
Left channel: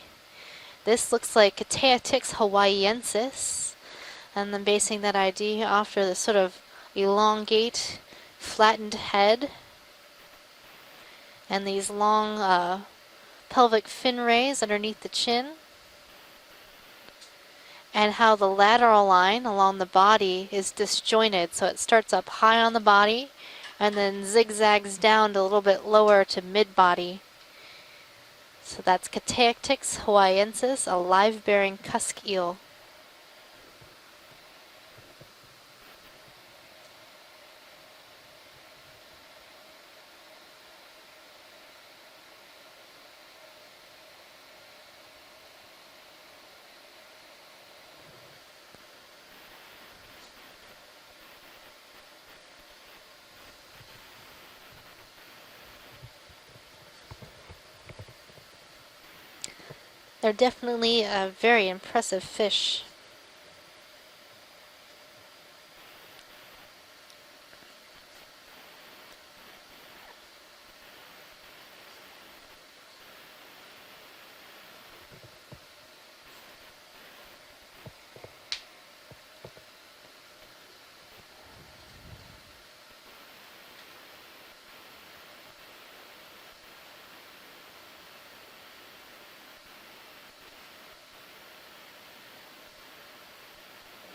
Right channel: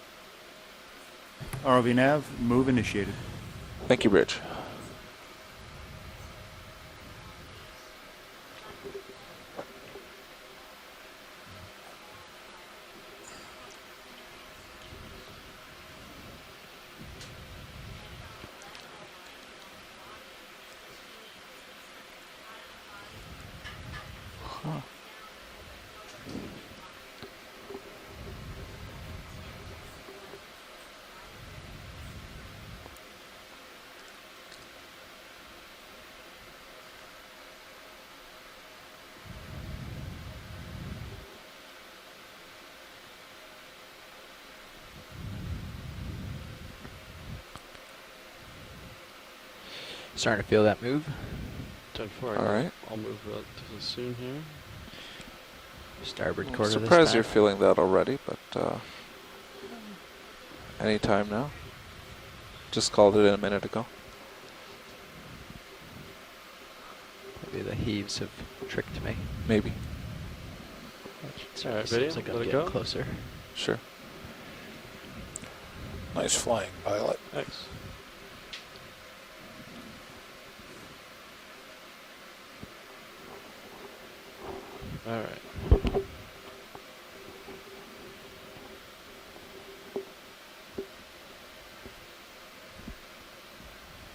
This looks like Okeanos hawaiiensis. Thank you, Rich. And then basing that ID after the sort of elongate, flattened head, and these long pelvic fin rays underneath the chin, and how the lateral line along the body is disjointed, so it starts up high on the body and then zigzags down to a little bit lower to mid-body. So that's Okeanos hawaiiensis, a live-bearing cusk eel. Starting to feel that move. All right. I'll move relatively soon here. Starboard I'm quarter. surprised you're feeling that already, but They're definitely a very impressive fish. Just called it in a minute ago. Maybe the heaves have tricked me. Maybe. All right, video. Like Let I'm it getting go. closer. Sure. Nice flying, pilot. Thanks. All right.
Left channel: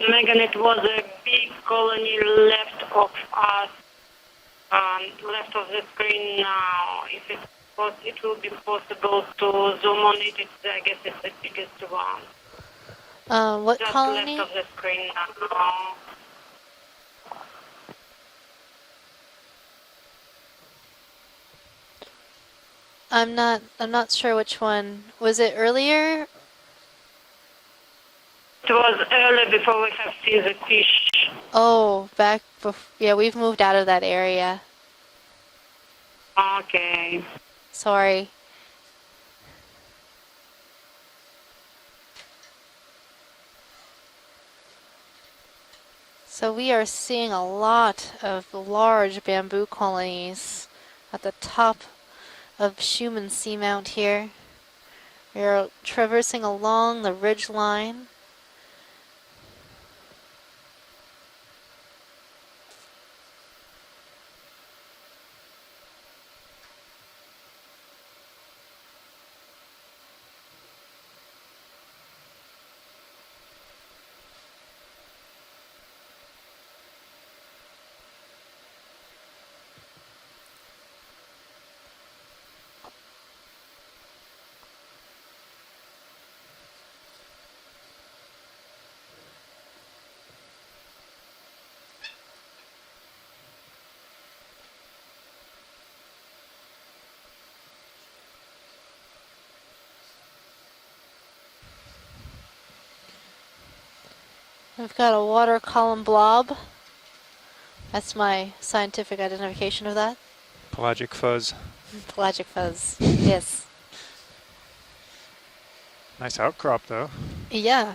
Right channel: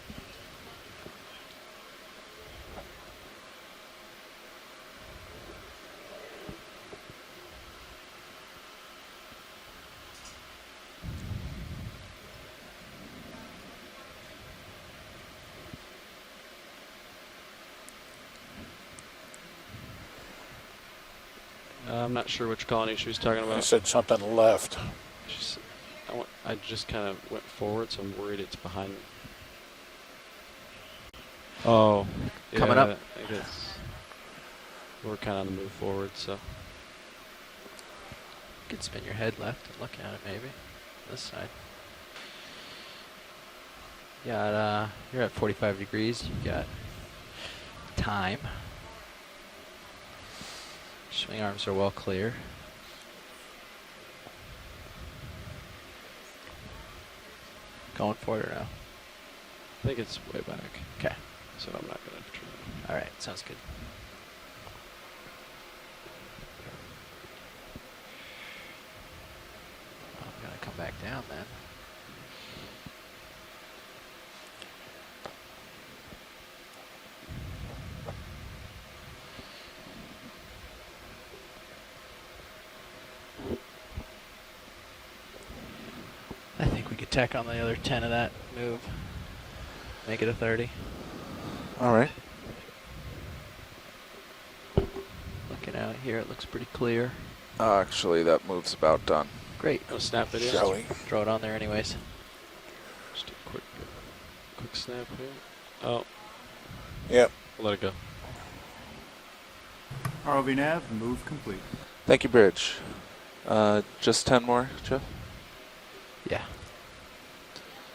Megan, it was a big colony left of us, left of the screen now. If it will be possible to zoom on it, I guess it's the biggest one. What Just colony? left of the screen now. I'm not sure which colony she was I'm talking not. about. I'm not sure which one. Was it earlier? I just kind of went forward, so I'm worried it's. It was early before we have seen the fish. Oh, back coming up. Yeah, we've moved out of that area. We're kind of on the move forward, so. Okay. Sorry. You could spin your head left and look at it, maybe. This side. Yeah, you're at 45 degrees. So we are seeing a lot of large bamboo colonies Swing the arms are top well clear. of Schumann Seamount here. We're traversing along the ridge line. Going for it now. I think it's way back. Okay, so I'm not gonna have to turn. All right, sounds good. I'm gonna come back down then. I think we could tack on the other 10 of that move. Make it a 30. All right. Looking out here, it looks pretty clear. Actually, that move's about done. Great. No snap it in. Shall we? Throw it on there anyways. Just a quick We've got a water column blob. Yep. Let it go. That's my scientific identification of that. ROV nav. Pelagic fuzz. Thank you, Pelagic Bridge. fuzz. Yes. Just 10 more, Jeff? Nice outcrop, though. Yeah.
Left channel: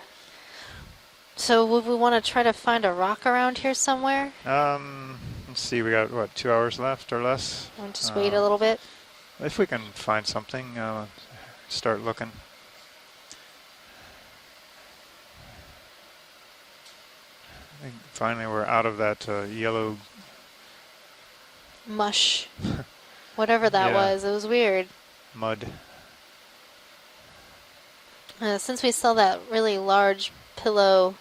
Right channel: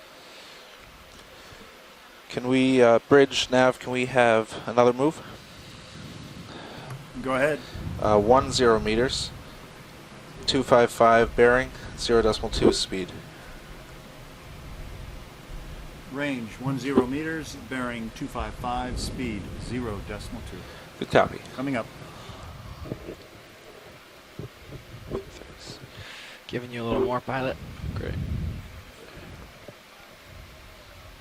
So would we want to try to we, find a rock Bridge around nav, here can somewhere? we have another move? Let's see, we got, what, 2 hours left or Go less? ahead. Just wait a little 10 bit. meters. If we can find something. 255 bearing, start 0.2 speed. Range 10 meters, bearing 255. Finally, we're out of that speed, yellow. 0.2. Good copy. Coming up. Mush. Whatever that was, it was weird. Mud. Giving you a little more, pilot. Great. Since we saw that really large pillow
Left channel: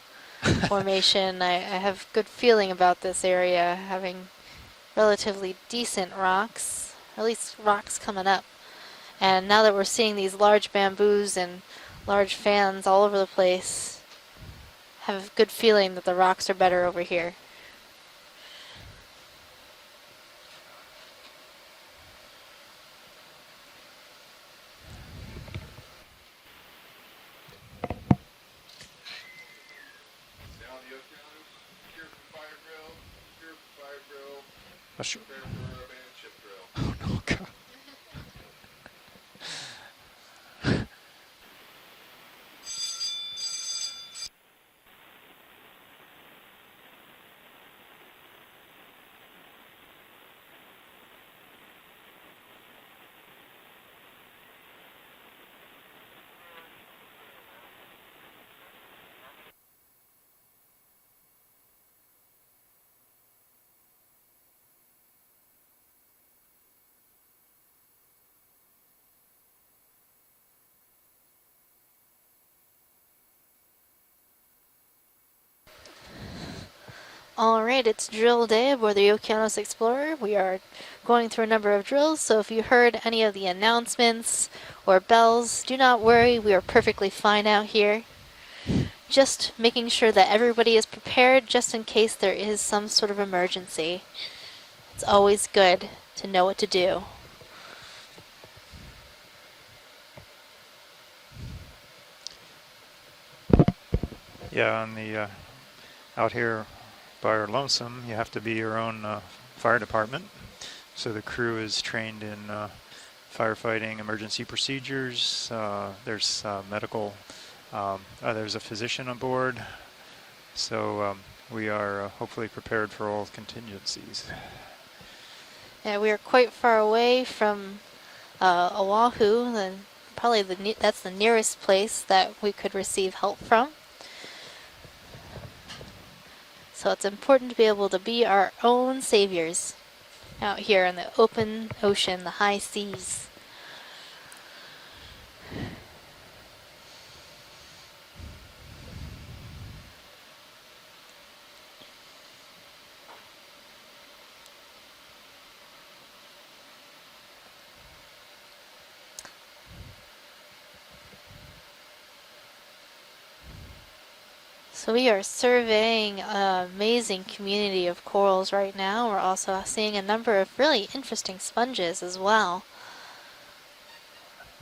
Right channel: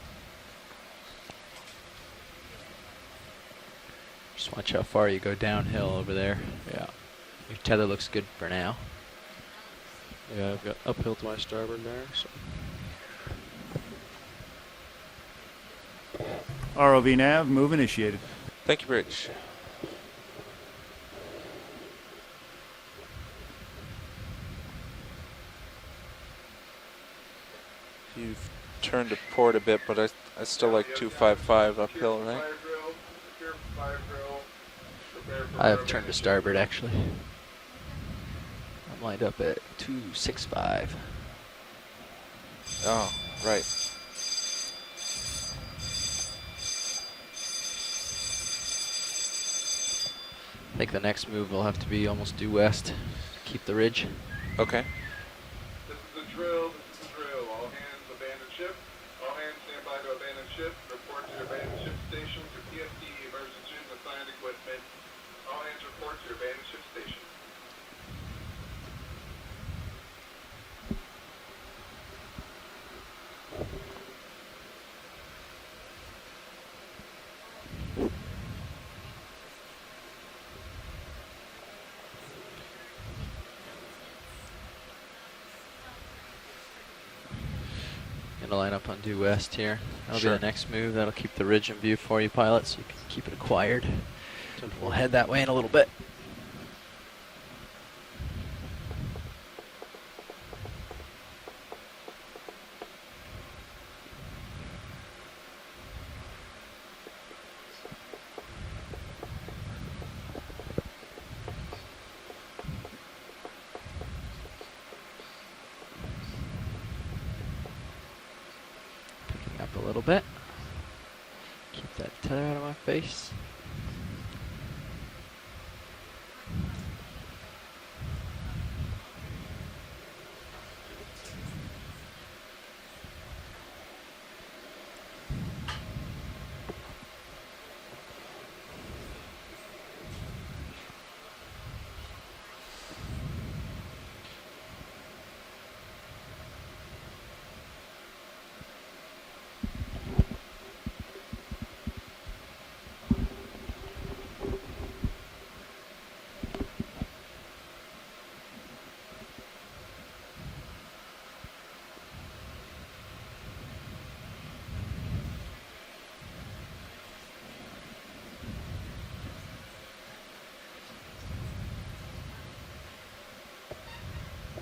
formation, I have good feeling about this area, having Just watch how far you go relatively downhill decent over there. rocks. Yeah. Or at least Tether rocks looks coming good up. for now. And now that we're seeing these Yeah, large got uphill bamboos by and starboard bearing. large fans all over the place, have a good feeling that the rocks are better over ROV here. nav, move initiated. Thank you, Bridge. You've turned to port a bit, but I still like 255 uphill, right? I have turned to starboard actually. I'm lined up at 265. Oh, right. I think the next move will have to be almost due west. Keep the ridge. Okay. This is the drill. All hands abandon ship. All hands stand by to abandon ship. Report to your abandoned ship station. Your PFD emergency and assigned equipment. All hands report to your abandoned ship station. All right, it's drill day aboard the Okeanos Explorer. We are going through a number of drills, so if you heard any of the announcements or bells, do not worry. We are perfectly fine out here. Gonna line up on due Just west here. making sure I'll that do our next everybody is move. That'll keep prepared the ridge just in in view case for you, there pilot, is some since sort of keep it quiet. emergency. We'll It's head that way always in a little good bit. to know what to do. Yeah, on the out here by our lonesome, you have to be your own fire department. So the crew is trained in firefighting emergency procedures. There's medical. There's a physician on board. A little bit. So we are hopefully out of my prepared for all face. contingencies. Yeah, we are quite far away from Oahu, and probably that's the nearest place that we could receive help from. So it's important to be able to be our own saviors out here in the open ocean, the high seas. So we are surveying an amazing community of corals right now. We're also seeing a number of really interesting sponges as well.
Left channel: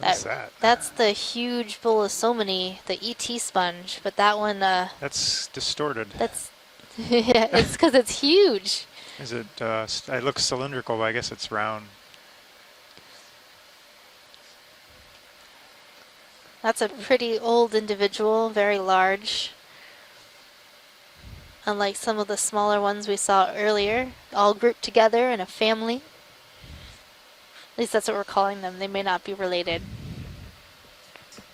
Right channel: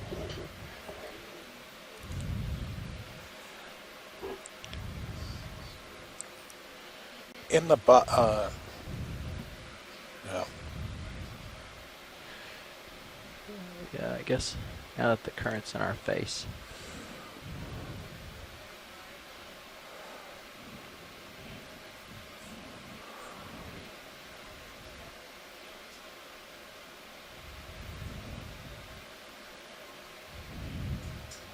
What's that? That's the huge Bolosomini, the ET sponge, but that one, That's distorted. that's, yeah, it's because it's huge. Is it? It looks cylindrical, but I guess it's round. Yeah, I guess now that the current's in our face. That's a pretty old individual, very large. Unlike some of the smaller ones we saw earlier, all grouped together in a family. At least that's what we're calling them. They may not be related.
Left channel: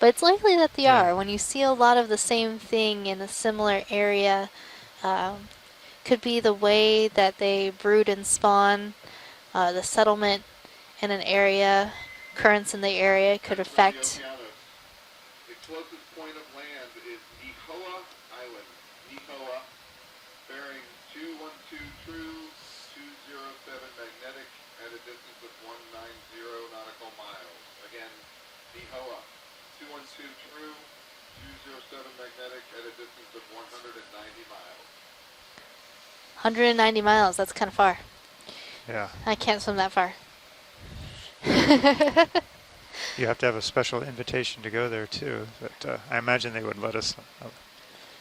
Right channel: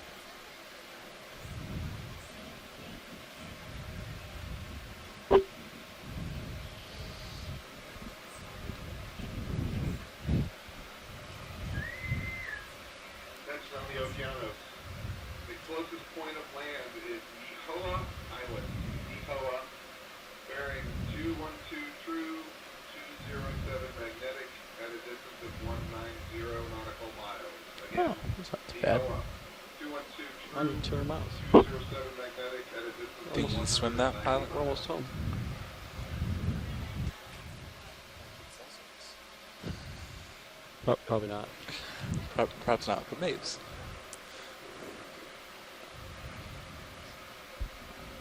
But it's likely that they are. When you see a lot of the same thing in a similar area, could be the way that they brood and spawn, the settlement in an area, currents in the area could affect. The closest point of land is Nihoa Island. Nihoa, bearing 212 true, 207 magnetic at a distance of 190 nautical miles. Again, Oh, that's not too bad. Nihoa, 212 true, Under 200 miles. 207 magnetic at a distance of Think you can swim that, pilot? We're almost home. 190 miles, that's kind of far. Yeah. I can't swim that far. Probably not. Perhaps not. You have to have a special invitation to go there too, but I imagine they would let us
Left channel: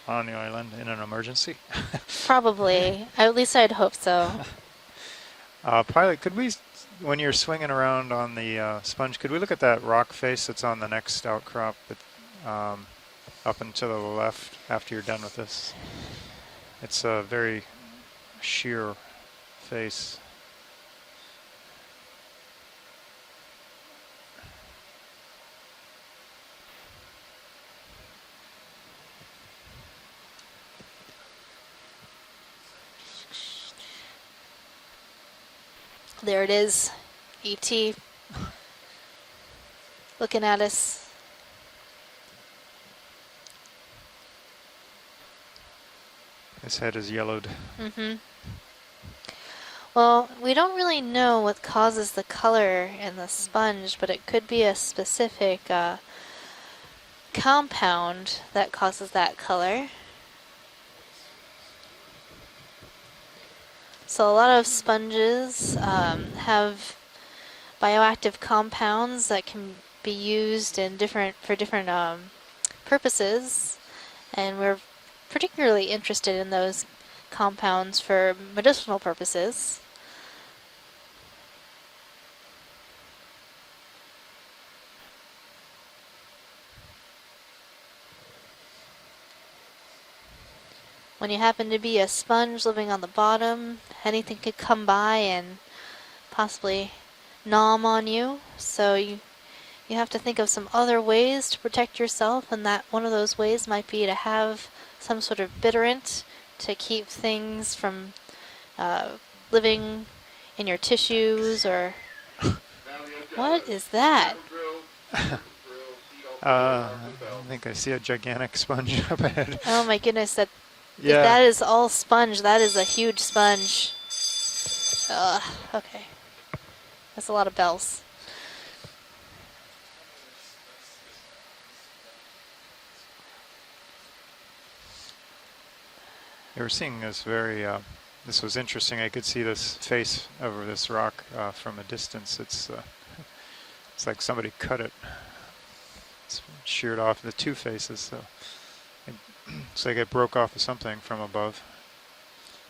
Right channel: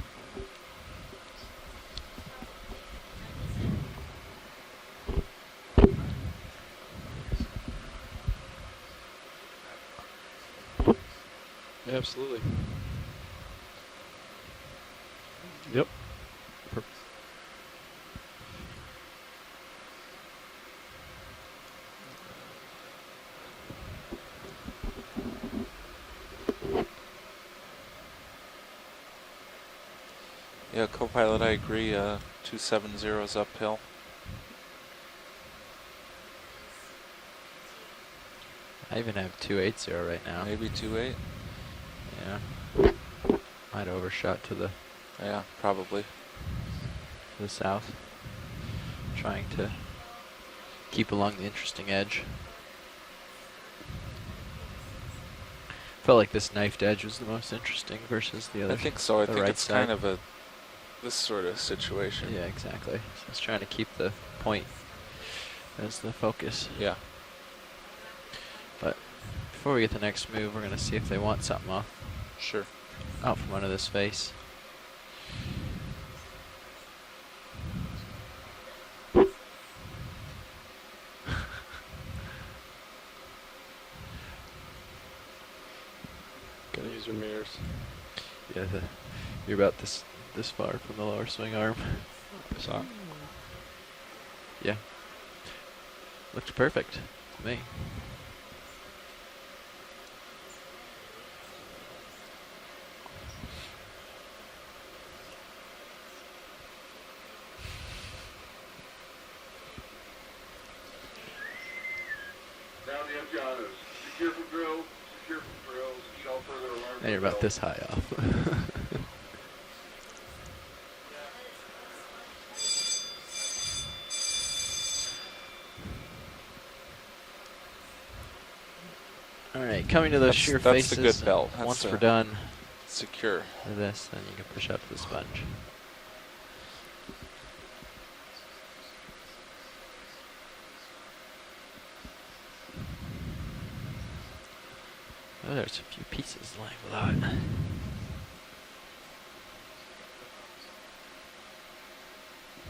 on the island in an emergency. Probably. At least I'd hope so. Pilot, could we, when you're swinging around on the sponge, could we look at that rock face that's on the next outcrop? Yeah, absolutely. Up and to the left after you're done with this. Yep. It's a very sheer face. Yeah, co-pilot, I agree. 270 is uphill. There it is. ET. I even have 280 right Looking now. at us. 2.8? Yeah. Might overshot to the. Yeah, probably. His head is yellowed. The south. Mm-hmm. Trying to. Well, we don't really keep know along the what interesting causes edge. the color in the sponge, but it could be a specific Felt like this knifed edge was the most compound interesting versus that the causes sort that of color. kind of a this sort of situation. Yeah, exactly. Just trying to keep the. So a lot of point. sponges focus. have Yeah. bioactive compounds that can Before we get the be next move, we're used gonna in see if they different want for something different off. Sure. purposes. One of this face. And we're particularly interested in those compounds for medicinal purposes. Gotta use your mirrors. Yeah, you're about this far from the lower. When you swing happen arm. to be a sponge living on the bottom, anything could come by and possibly perfect. Me. nom on you. So you have to think of some other ways to protect yourself, and that one of those ways might be to have some sort of bitterant to keep things from living in your tissues or what is that? You're about this high I see a up. gigantic sponge up ahead. Oh my goodness, that Yeah. if that is all sponge, that is a huge sponge. Okay. That's a lot of bells. All right, coming to those That's- sheer that's faces. the good belt. That's Once the we're done secure with this, then you can push up to the sponge. They were seeing this very, this was interesting. I could see this face over this rock from a distance. It's like somebody cut it. Oh, there's a few pieces. Sheared off the two faces. So it's like it broke off of something from above.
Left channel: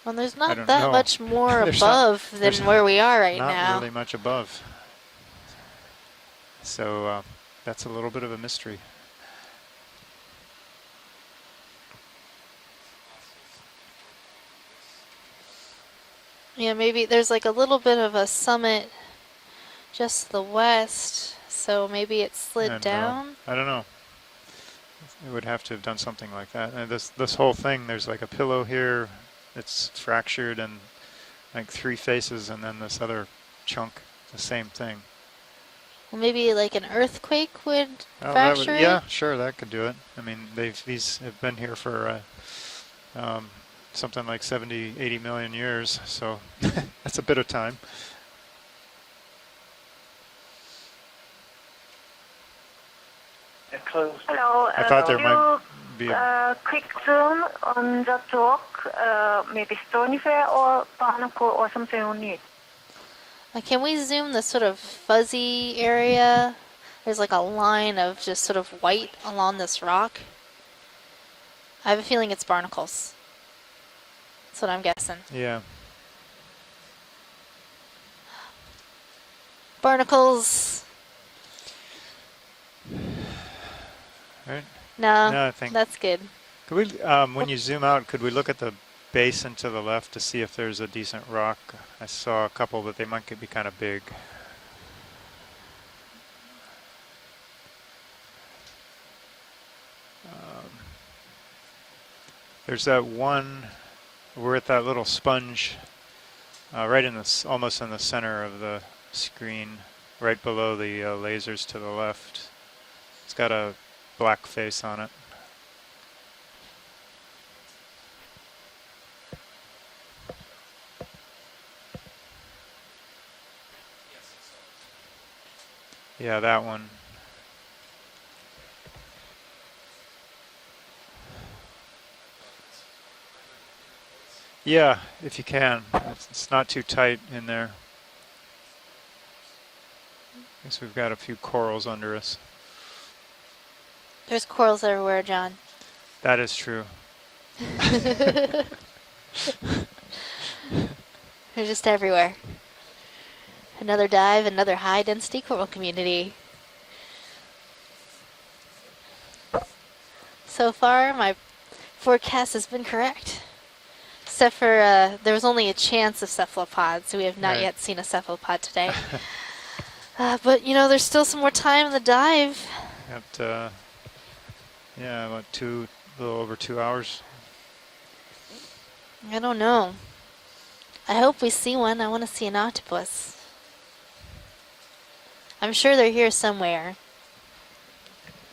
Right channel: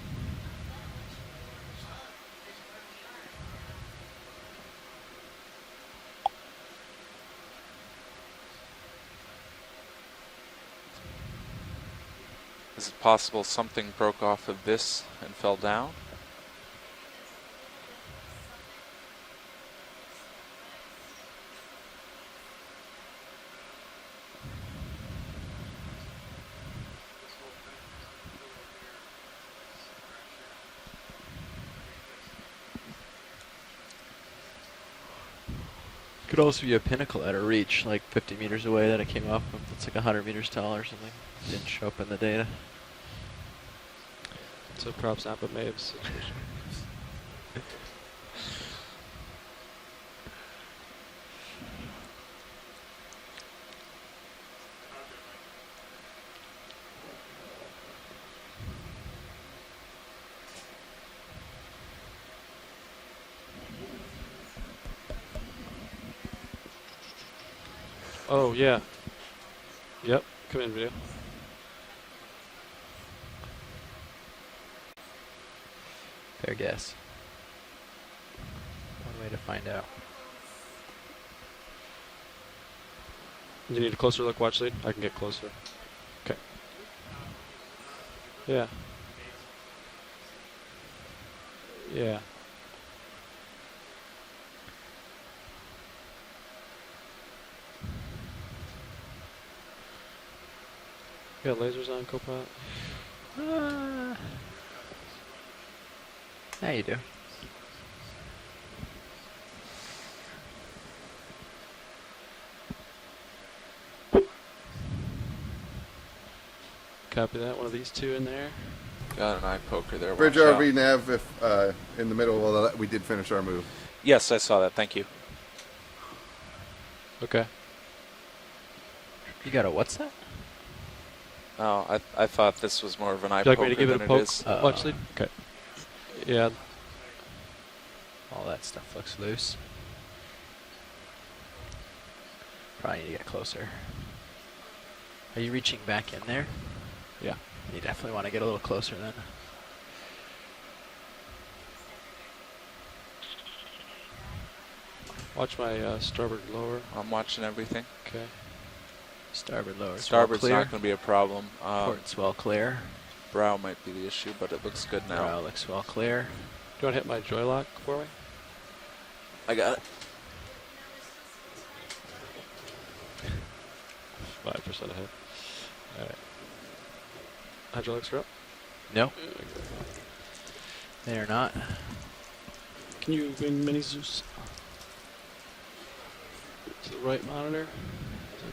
Well, there's I not don't that know. much more There's above there's than where we are right not now. really much above. So that's a little bit of a mystery. Is it possible something broke off of this and fell down? Yeah, maybe there's like a little bit of a summit just to the west, so maybe it slid And, down. I don't know. It would have to have done something like that. And this whole thing, there's like a pillow here. It's fractured and like three faces, and then this other chunk, the same thing. Well, maybe also like be a an pinnacle at a earthquake reach, would like 50 fracture meters it. away, Yeah, like sure, up that could do it's it. like 100 I mean, meters tall. or something. He's been here Show up for in the data. something like 70, So 80 props million up the years, so that's a bit of time. Hello. I thought there could might be you quick zoom on that rock, maybe stonyfer or barnacle or something on it? Can we zoom the sort of fuzzy area? There's like a line of just sort of white along this rock. Yep, come in video. I have a feeling it's barnacles. That's what I'm guessing. Yeah. Fair guess. One way to find out. Barnacles. Do you need a closer look, watch lead? I can get No, No, I think that's good. Could we, when you zoom out, could we look at the basin to the left to see if there's a decent rock? I Yeah. saw a couple, but they might be kind of big. You got lasers on, Copilot? There's that one. We're at that little sponge, right in the almost in the center of the screen, right below the lasers to the left. It's got a black face on it. Copy that. One of these two in there. Got an eye poker there. Bridge watch RV out. nav, if in the middle of that, we did finish our move. Yes, I saw that. Thank you. Yeah, that one. Okay. You got a what's that? Oh, I thought this was more of an eye Would you like poker me to give it a than poke? it is. Yeah, Okay. if you can. It's not too tight in there. All that stuff looks loose. Guess we've got a few corals under us. Probably need to get closer. There's corals everywhere, Are John. you reaching back in? That there? is true. Yeah. I want to get a little closer then. They're just everywhere. Another dive, another high density Watch coral my, community. starboard lower. I'm watching everything. Okay. Starboard lower. Starboard's not So going to be far, a my problem. forecast has been correct. Brow might be the issue. Except but it for looks good now. there was only a Looks chance clear. of cephalopods. We have not yet seen a cephalopod today. I got it. But you know, there's still some more time in the dive. Got 5% ahead. yeah, about a little over 2 hours. Hydraulics are up. No. I don't know. I They're hope not. we see one. I want to see an octopus. Can you bring mini Zeus? I'm sure they're here somewhere. Right monitor.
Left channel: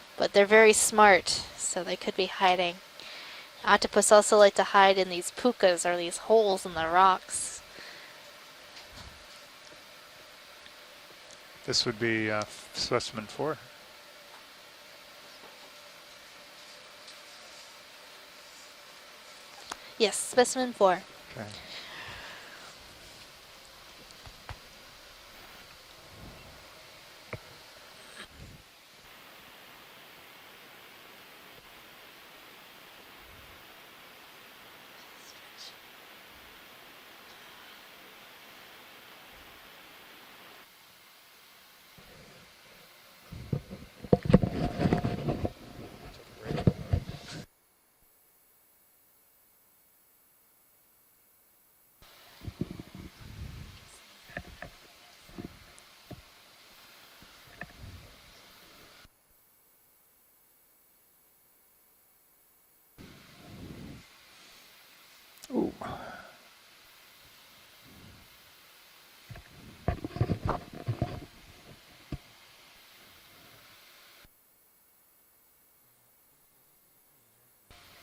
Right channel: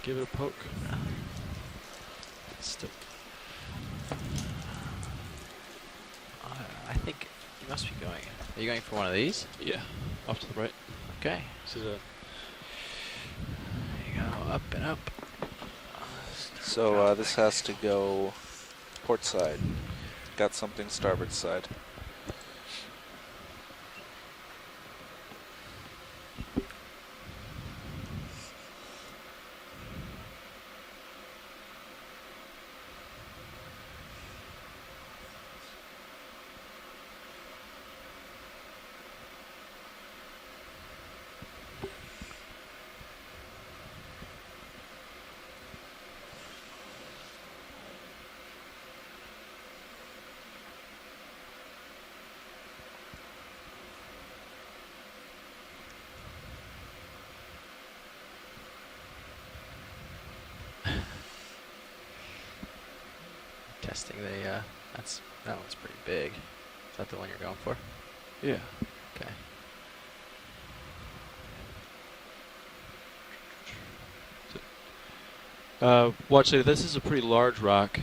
Give it But a they're poke. very smart, so they could be hiding. Octopus also like to hide in these pukas, or these holes in the rocks. You must be going. Are you going for one of these? Yeah. Off to the right. Okay. This would be specimen 4. There you go. Up and up. So this has to go port side. Yes, Got specimen something 4. starboard side. Testing the. That one's pretty big. Is that the one you're going for? Yeah. Okay. Watch it. This is a pretty large rock.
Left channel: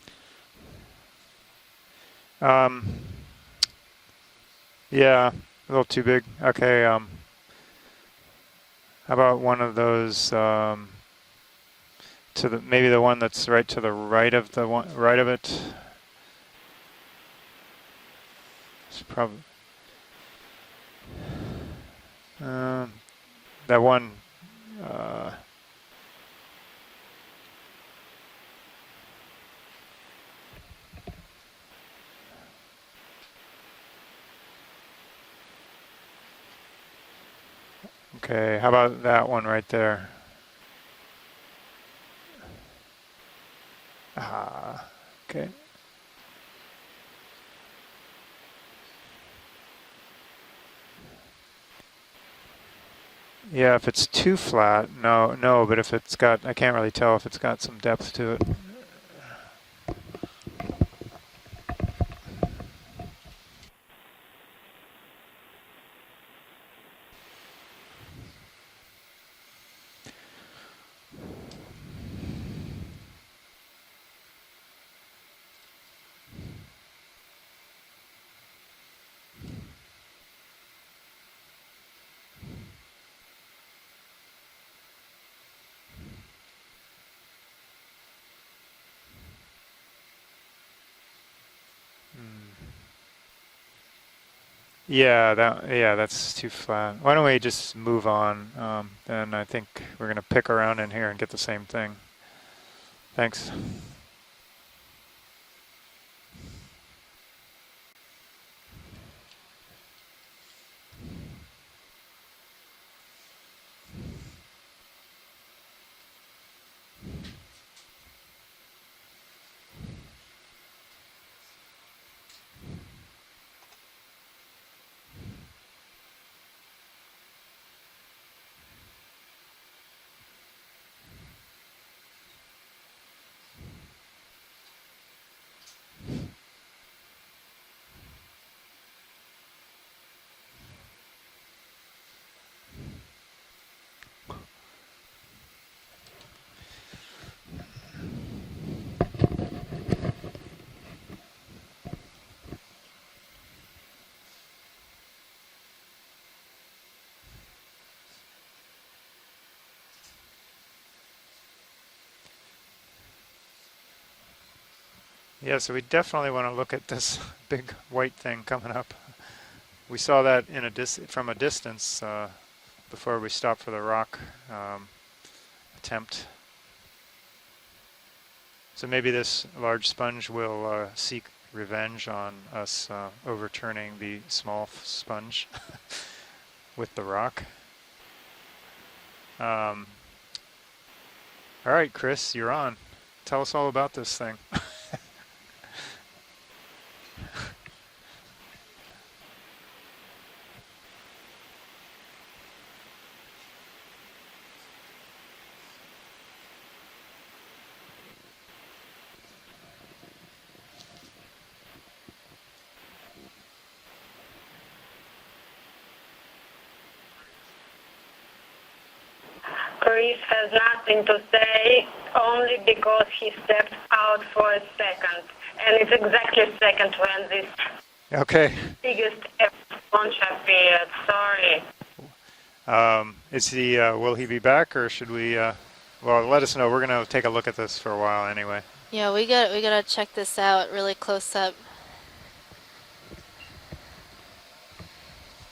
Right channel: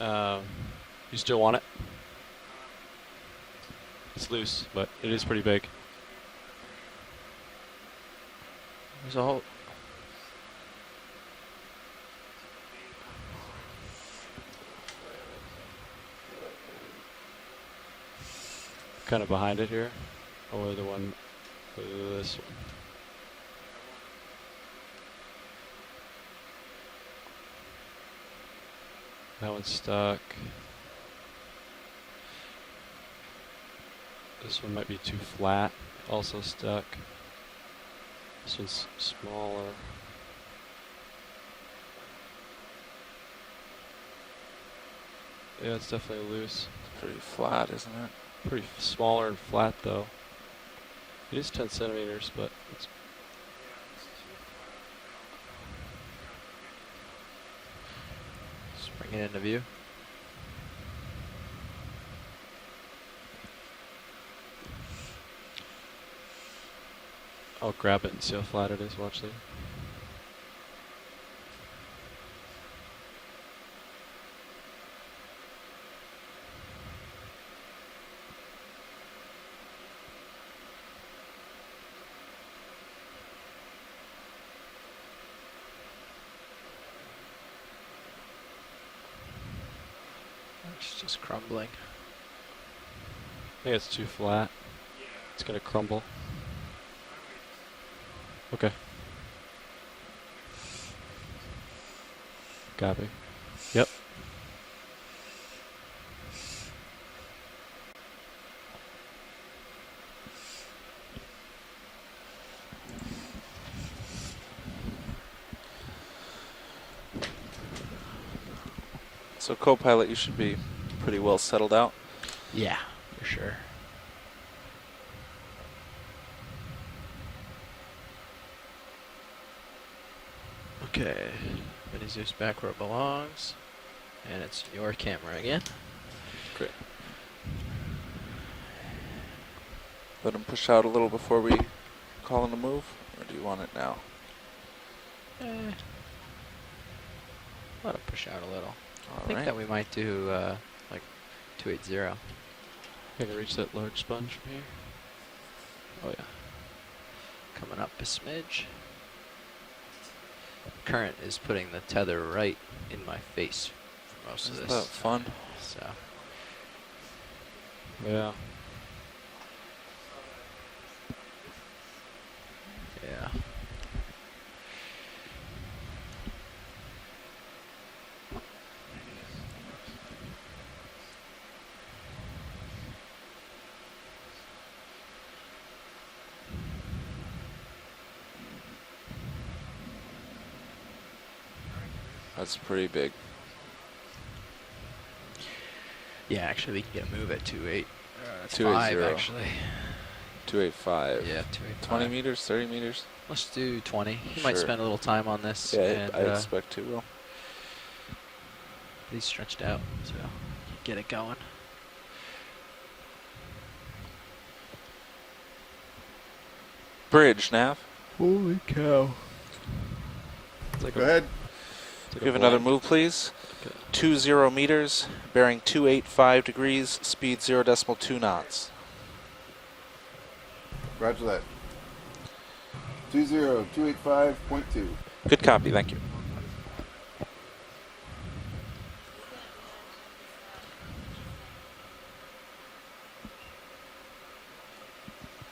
You still want it? It's loose, but Yeah, it's pretty big. a little too big. Okay. How about one of those? To the maybe the one that's right to the right of the one right of it. It's kind of behind it here, or the one. This one. That one. That one's stuck. This one might be too flat. Also stuck. Okay. So How about that one right smaller. there? Okay. Yeah, it's definitely loose. Pretty flat, isn't it? Pretty smaller and flat though. It is 10 centimeters, but it's Yeah, if it's too flat, no. But if it's got, I can't really tell if it's got some depth to it. Just bring it into view. I'll grab it and see how flat it is. Watch there. It's just crumbling. I think it's too flat. Yeah, It's gonna yeah, crumble. that's too flat. Why don't we just move on? Okay. And I think we're gonna pick around in here and get the same thing. Copy. Thanks. Yep. So co-pilot, you should be pretty well settled out. Yeah, for sure. Okay. Mini Zeus back where it belongs. And it's your camera again. Great. Let him push out a little before we call in a move, or do you want it now? Let him push out a little. I think that we might do like 280. Gonna reach that large sponge from here. Oh yeah. Coming up a smidge. Current is putting the tether right in my face for most of Isn't this. that fun? Yeah, so we definitely want to look at this big white thing coming up. We saw that in from a distance before we stopped for the rock attempt. So maybe this large sponge will seek revenge on us overturning the small sponge with the rock. All right, Chris, you're That's on. pretty big. Tell us all about this thing. Yeah, actually, we can get a move at 2.8. 280. Actually. 285. Yeah, 285. 20 meters, 30 meters? Let's do 20. He might spend a little time on this. Yeah, and, I expect to. Will. He's stretched out, so get it going. Bridge, Nav. Holy cow. Chris has nothing to say. We have another move, please. 20 meters, bearing 285 degrees, speed 0.2 knots. Biggest launch appeared. Sorry. Is he? Will he be back, or should we? Good copy. Thank you. Well, let us know. We're gonna take a look at this for a while, anyway. Yeah, we gotta check this out really close up.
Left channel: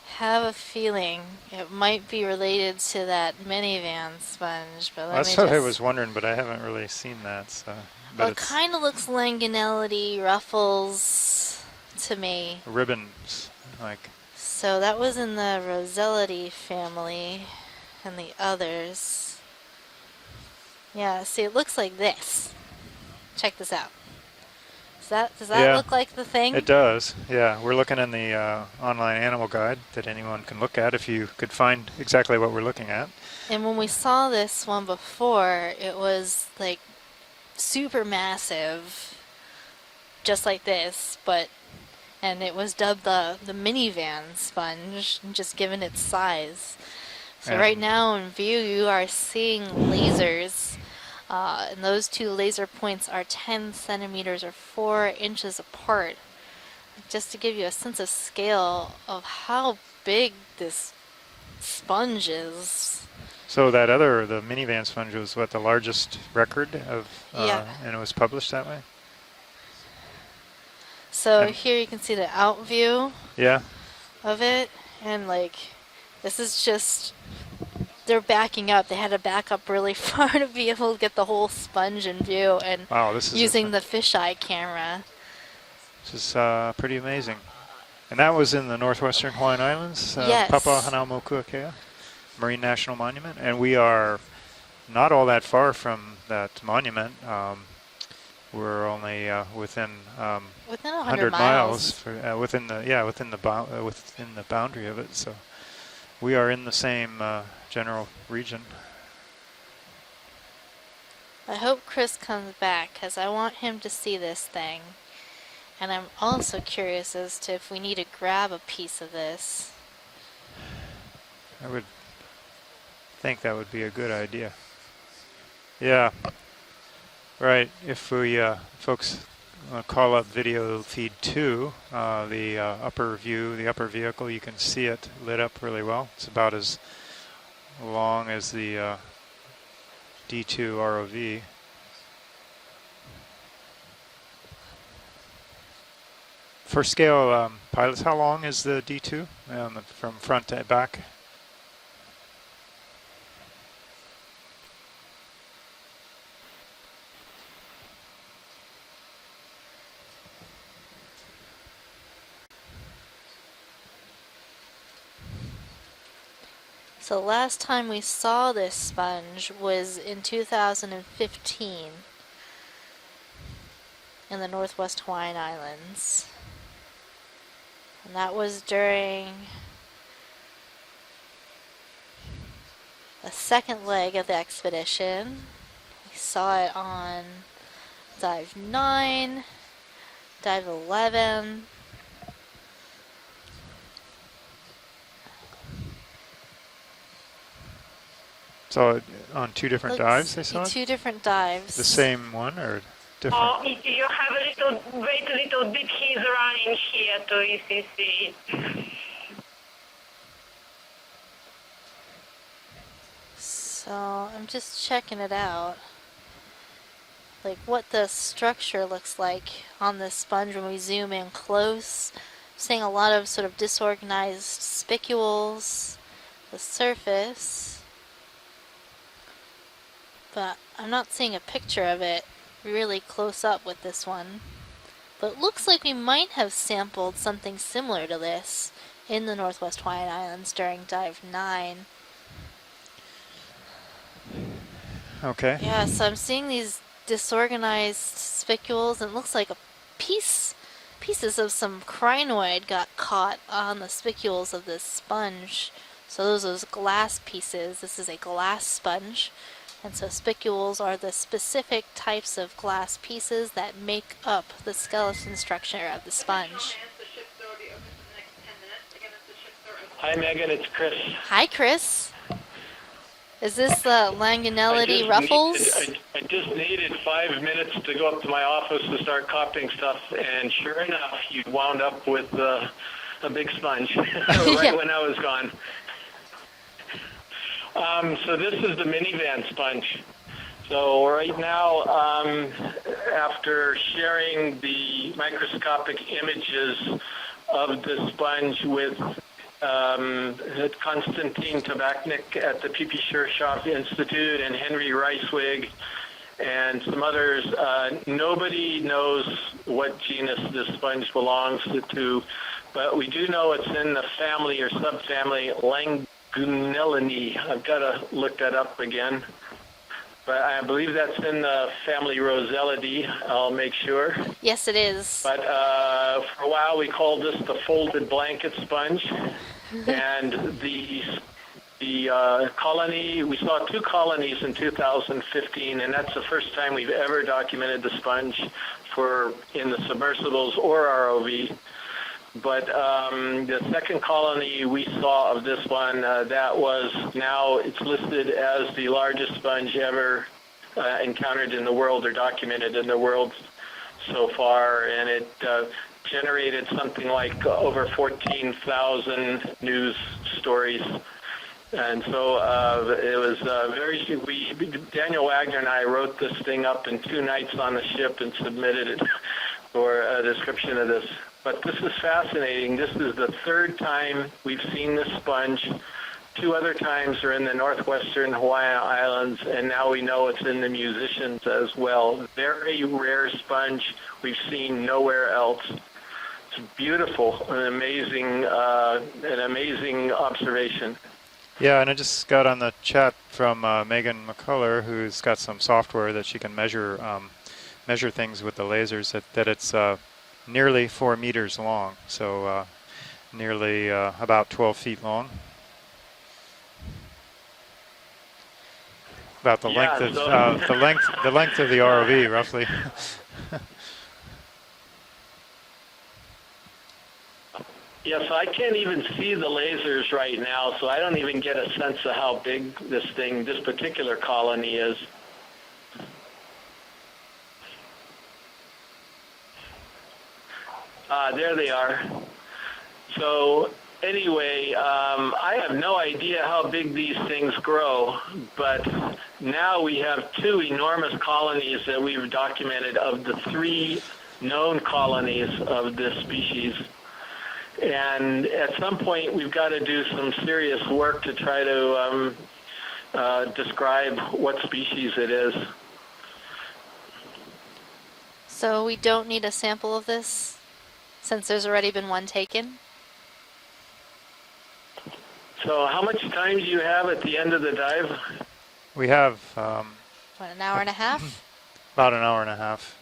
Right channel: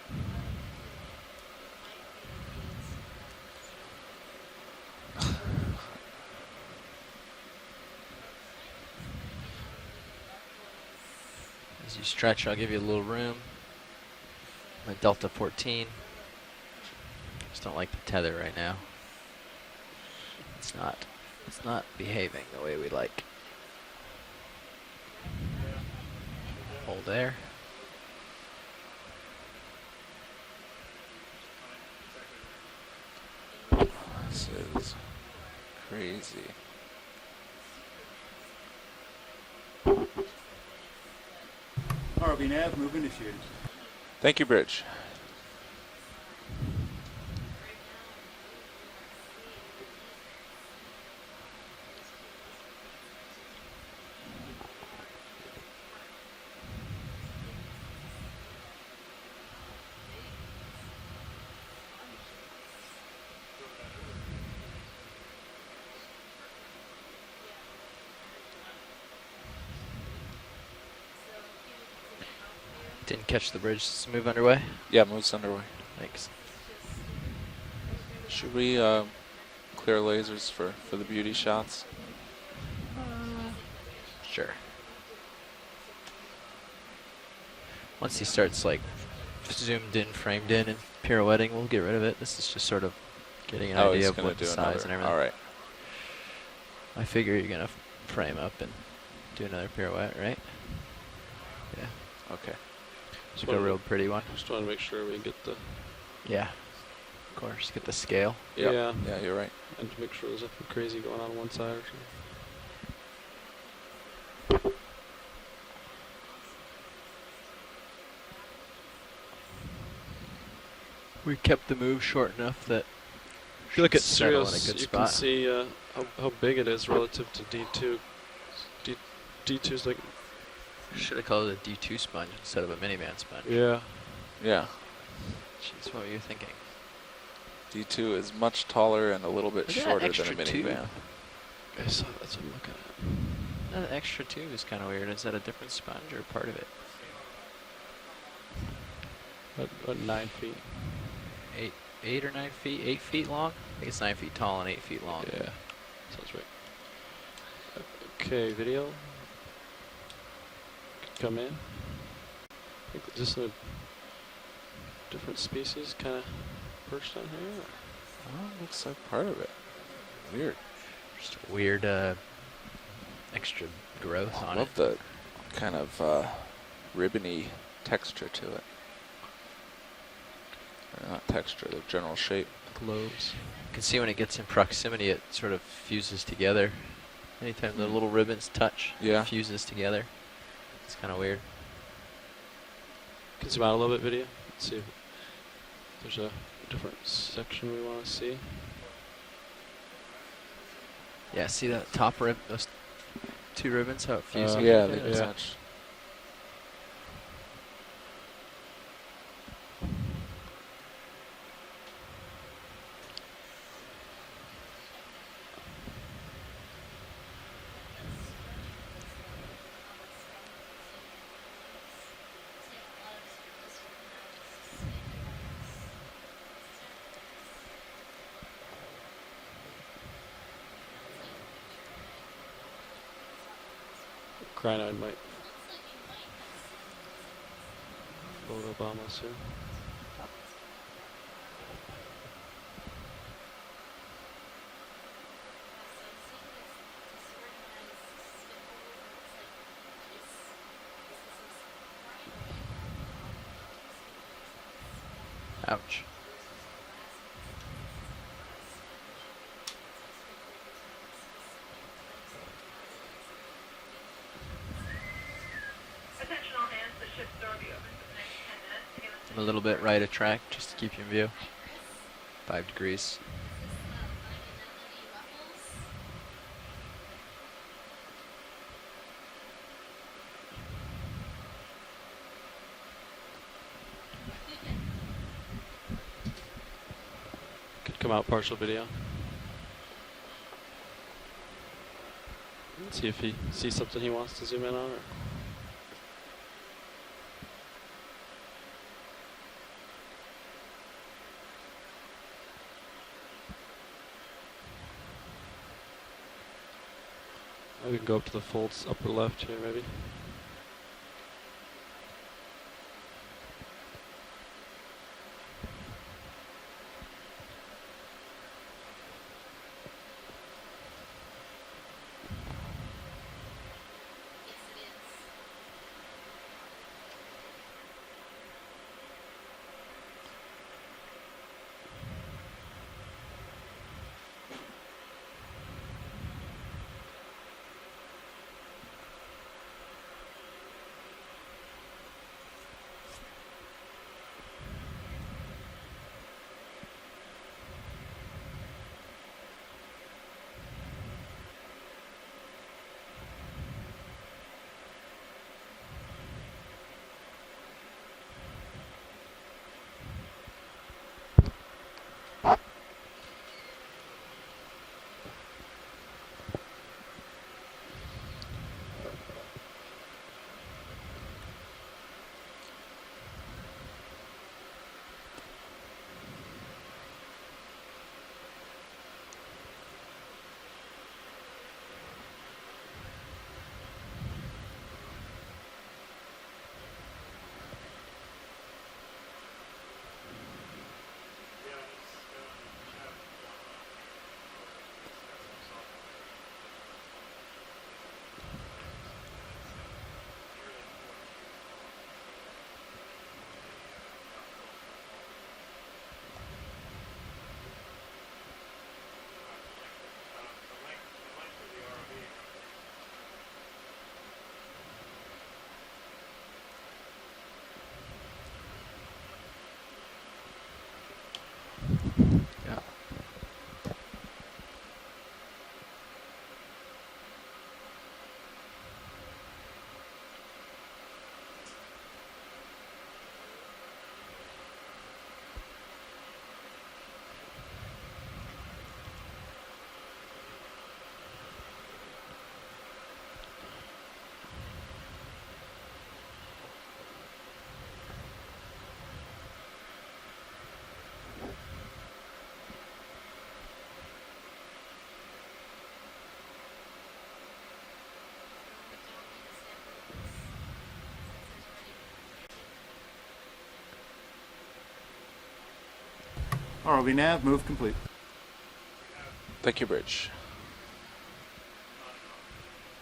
Have a feeling it might be related to that minivan sponge, but That's what I was wondering, but I haven't really seen that. So, well, it kind of looks langanelity, ruffles to me. I'll give you ribbon, a little room. like. So that was Delta in the 14. Rosellity family. Just don't like the and tether the right now. others. It's not. Yeah, see, it it's looks not like behaving this. the way we like. Check this out. Does that look like the thing? It does. There. Yeah, we're looking in the online animal guide that anyone can look at if you could find exactly what we're looking at. And when we saw this one before, it was like super massive, just like this, but and it was dubbed the minivan Thank you, Bridge. sponge, just given its size. So Yeah. right now in view, you are seeing lasers, and those two laser points are 10 centimeters or 4 inches apart. Just to give you a sense of scale of how big this sponge is. So that the minivan sponge was what, the largest record of, Yeah. and it was published that way? So And here you can see the out view Didn't catch Yeah. the bridge. Just move of underway. it. Yep, and moves like, underway. Thanks. this is just, they're backing we, up. They had to back up really clear far to lasers be for able to the get the beauty whole shots? sponge in view, and Wow, this is using the fisheye Sure. camera. This is pretty amazing. Once And it that was starts, in the like, northwestern Hawaiian zoomed Islands, in, Yes. Papa it's Hanauma pirouetting, Kukea, we'll get rid of it. This is Marine just sort National of Monument, and getting we the are idea of gonna what do the another- size and not all everything. that far from that monument. I figure you're gonna frame up. and We're only do another within pirouette, right? Within 100 miles, for, within the within the Sort of bound, real pretty one. within the Just wanna make boundary of sure it. we So get the, we are in the same course, the general scale. region. Yeah. yeah, Yeah, you're right. and to make sure there's nothing crazy going on one I side. hope Chris comes back, because I want him to see this thing. And I'm also curious as to if we need to grab a piece of this. We kept the move short enough that I think that would if be you a look at good idea. serials, good you spot. can see Yeah. how big it is relative to Right. D2. If we folks D2 is like call up video feed Should've called it 2, D2 sponge the instead of a upper minivan view, sponge. the Yeah. upper vehicle, you can Yeah. see it lit up really That's well. what you It's think. about as D2 long is as much the taller and a little bit look at that shorter extra than a D2 minivan. ROV. Okay, so that's what I'm looking That extra tube is kind of weird. Is that a different sponge or part of it? For scale pilots, how long is the D2 About from 9 front feet. to back? 8 or 9 feet? 8 feet long? I think it's 9 feet tall and 8 feet long. at. Yeah, sounds right. Okay, video. Come in. Is this a different species kind of person? So last time we saw this That's part of sponge it. was in 2015 Weird extra growth in the on it. Northwest Hawaiian Kind Islands. of ribbony texture and that to was it. during Not texture, the general shape. globes. a second You can see when leg it of the gets in proximity, expedition. it sort of fuses Saw together. it on Anytime the little ribbons dive touch, 9, it fuses together. dive kinda 11. Can zoom out a little bit, video. Let's see if there's a different section we want to see. So on two different Looks dives they saw it? two different Yeah, dives. see The that same top rib one must- or different? If you have a little, wait a little bit, he's running here to ECC. So I'm just checking it out. Like what the structure looks like on this sponge when we zoom in close. Seeing a lot of sort of disorganized spicules, the surface. But I'm not seeing a picture of it really close up with this one. Crinoid might. But it looks like we might have sampled something similar to this in the Northwest Hawaiian Islands during dive 9. Okay. Yeah, so I'm seeing these disorganized spicules, and it looks like pieces of some crinoid got caught on the spicules of this sponge. Ouch. So those are glass pieces. This is a glass sponge. And so spicules are the specific types of glass pieces that make up the skeleton structure of the sponge. A little bit right Hi, at track. Megan, it's Chris. Hi, Chris. 5 degrees. Is this the Langanelity ruffles? I just needed 5 minutes to go up to my office to start copying stuff, and sure enough, you wound up with a big sponge right when I was gone. So this is the minivan sponge. So right now, after sharing the microscopic images of the sponge with Konstantin Tabachnik at the P.P. Shershov Institute and Henry Reiswig and some others, nobody knows what genus this sponge belongs to, but we do know it's in the family or subfamily Langanelini. I've got to look that up again. But I believe that's in the family Roselidae. I'll make sure. Yes, it is. But for a while we called this the folded blanket sponge. And the colony, we saw 2 colonies in 2015, and that's the first time we've ever documented the sponge in the submersibles or ROV. But the second colony we saw of this one, it's listed as the largest sponge ever encountered in the world or documented in the world so far, and it generated something like over 14,000 news stories. And so it was Daniel Wagner and I wrote this thing up in 2 nights on the ship and submitted it for a description of this. But this is fascinating. This is the 3rd time we've seen this sponge. 2 other times are in the northwestern Hawaiian Islands, and now we know it's in the Musicians as well. Very rare sponge we've seen nowhere else. It's beautiful, an amazing observation. Yeah, and I just got on the chat from Megan McCullough, who's got some software that she can measure things with the lasers. That it's nearly 4 meters long, so nearly about 12 feet long. About the length of the length of the ROV, roughly. Yes, I can't even see the lasers right now, so I don't even get a sense of how big this particular colony is. There they are. So anyway, I have no idea how big these things grow, but now we have 2 enormous colonies that we've documented of the 3 known colonies of this species. And at some point, we've got to do some serious work to try to describe what species it is. So we don't need a sample of this, since there's already been one taken? So how much time do you have at the end of the dive? We have... Thank you, Bridge. About an hour and a half? About an hour and a half.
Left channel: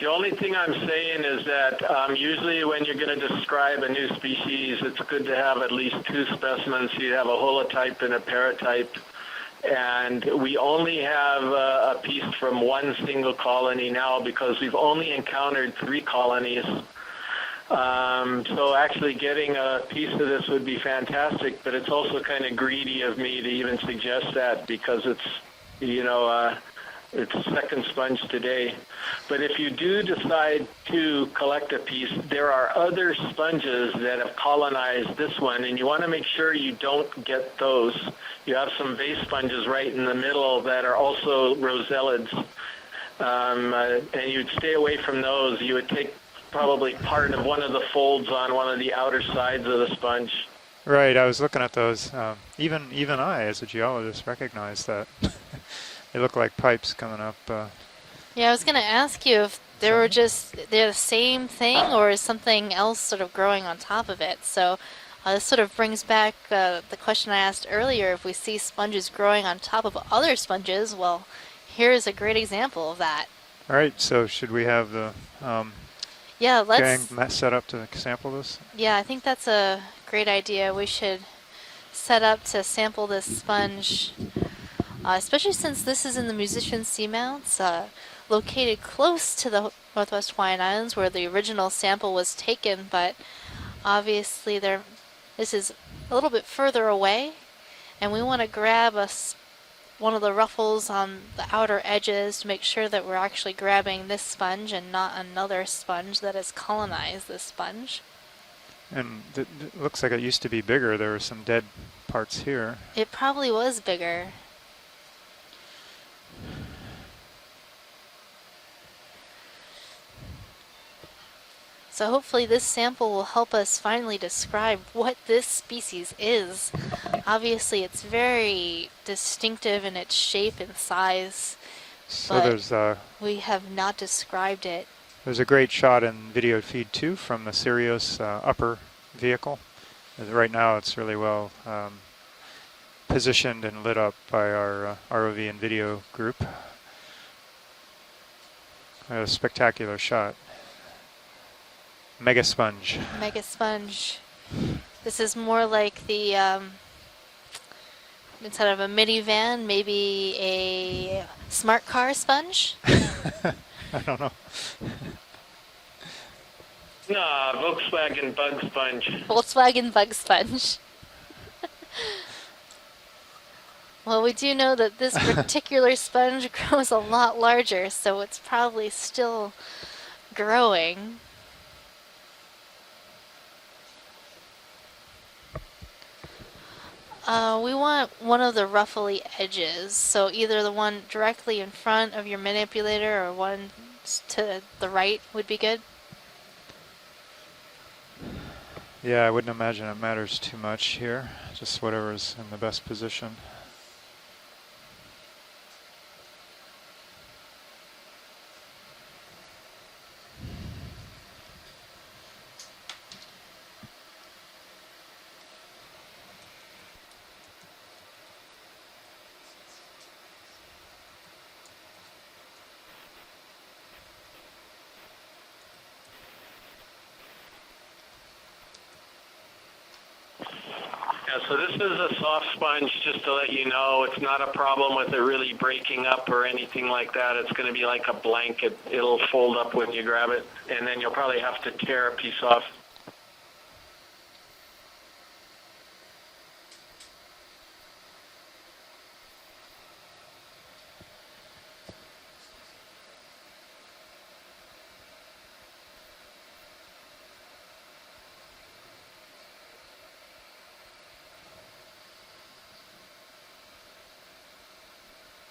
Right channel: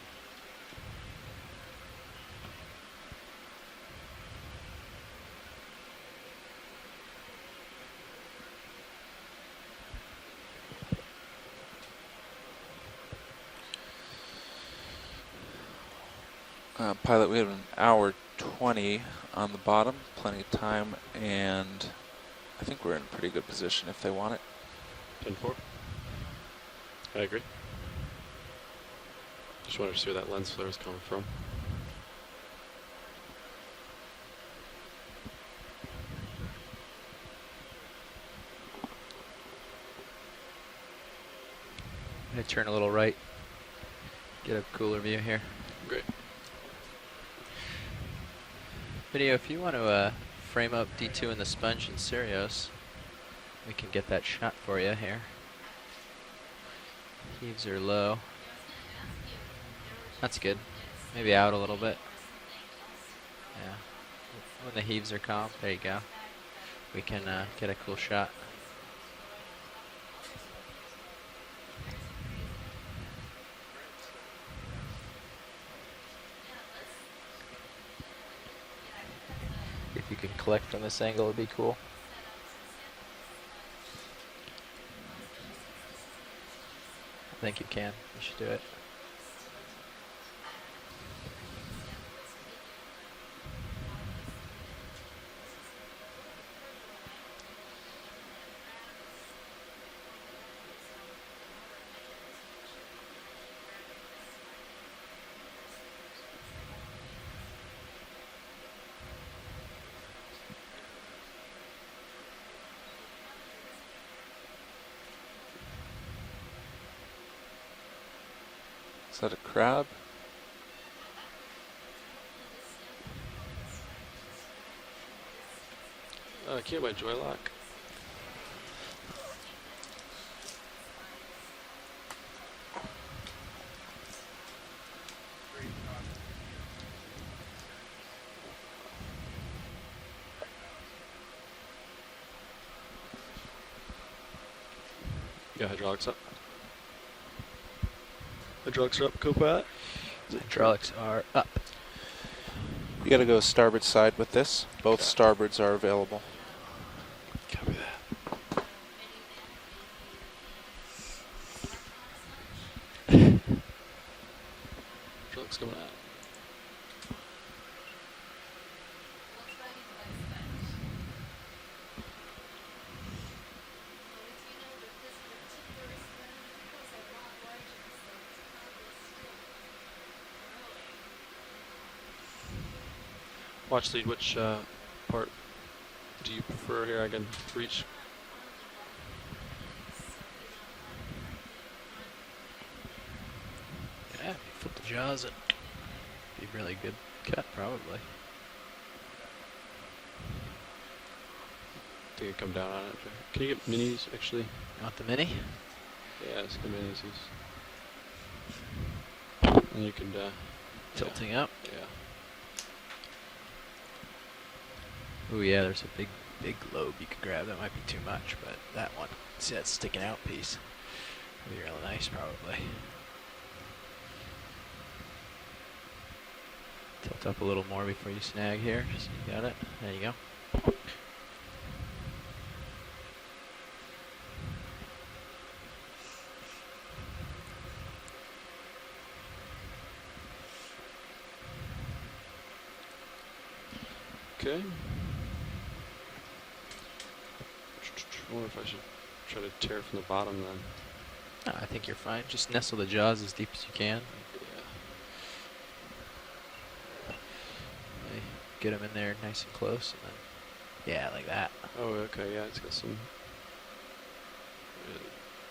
The only thing I'm saying is that usually when you're going to describe a new species, it's good to have at least 2 specimens. You have a holotype and a paratype. And we only have a piece from one single colony now because we've only encountered 3 colonies. Pilot, we have an hour So actually getting a piece of this would be fantastic, but it's also kind of greedy of me to even suggest that because it's, you know, it's a second sponge today. But if you do decide to collect a piece, there are other sponges that have colonized this one, and you want to make sure you don't get those. You have some vase sponges right in the middle that are also rosellids. Turn a little right. And you'd stay away from those. You would take probably part of one of the folds on one of the outer sides of the sponge. Frame up right, I was looking at those. Even I, as a geologist, that recognize that. They look like pipes coming up. They're low. Yeah, I was going to ask you if they were just the same thing or is something else sort of growing on top of it. So this sort of brings back the question I asked earlier. If we see sponges growing on top of other sponges, well, here's a great example of that. All right, so should we have the yeah, let's gang set up to sample this? Yeah, I think that's a great idea. We should set up to sample this sponge. Especially since this is in the Musician Seamounts, located close to the Northwest Hawaiian Islands where the original sample was taken, but obviously this is a little bit further away, and we want to grab one of the ruffles on the outer edges to make sure that we're actually grabbing this sponge and not another sponge that has colonized this sponge. And it looks like it used to be bigger. There were some dead parts here. It probably was bigger. Is that a crab? So hopefully this sample will help us finally describe what this species is. Obviously it's very distinctive in its shape and size, so but we have not described it. There's a great shot in video feed 2 from the Sirius upper vehicle. Right now it's really well positioned and lit up by our ROV and video group. Hydraulics are up. A spectacular shot. Hydraulics are up. Mega sponge. You gotta go starboard side with this. Both starboards are available. This is more like the, instead of a minivan, maybe a smart car sponge? I don't know. No, Volkswagen bug sponge. Volkswagen bug sponge. Well, we do know that this particular sponge grows a lot larger, so it's probably still growing. Watch lead, which part do you prefer here? We want one of the ruffly edges, so either the one directly in front of your manipulator or one to the right would be good. Be really good cut, probably. Yeah, I wouldn't imagine it matters too much here. Just whatever's in the best position. Can you get minis, actually? You want the mini? Yeah, it's good minis. And you can... tilting up? Yeah. Ooh, yeah, there's a big lobe you could grab. That might be too much, but that one, see that sticking out piece? Would be real nice, probably. Tilt up a little more before you snag here. Just, you got it. There you go. Yeah, so this is a soft sponge, just to let you know. It's not a problem with it really breaking up or anything like that. It's going to be like a blanket. It'll fold up when you grab it, and then you'll probably have to tear a piece off. Okay. I wonder if I should try to tear from the bottom then. No, I think you're fine. Just nestle the jaws as deep as you can. Get them in there nice and close. And then, yeah, like that. Oh, okay, yeah, it's got some.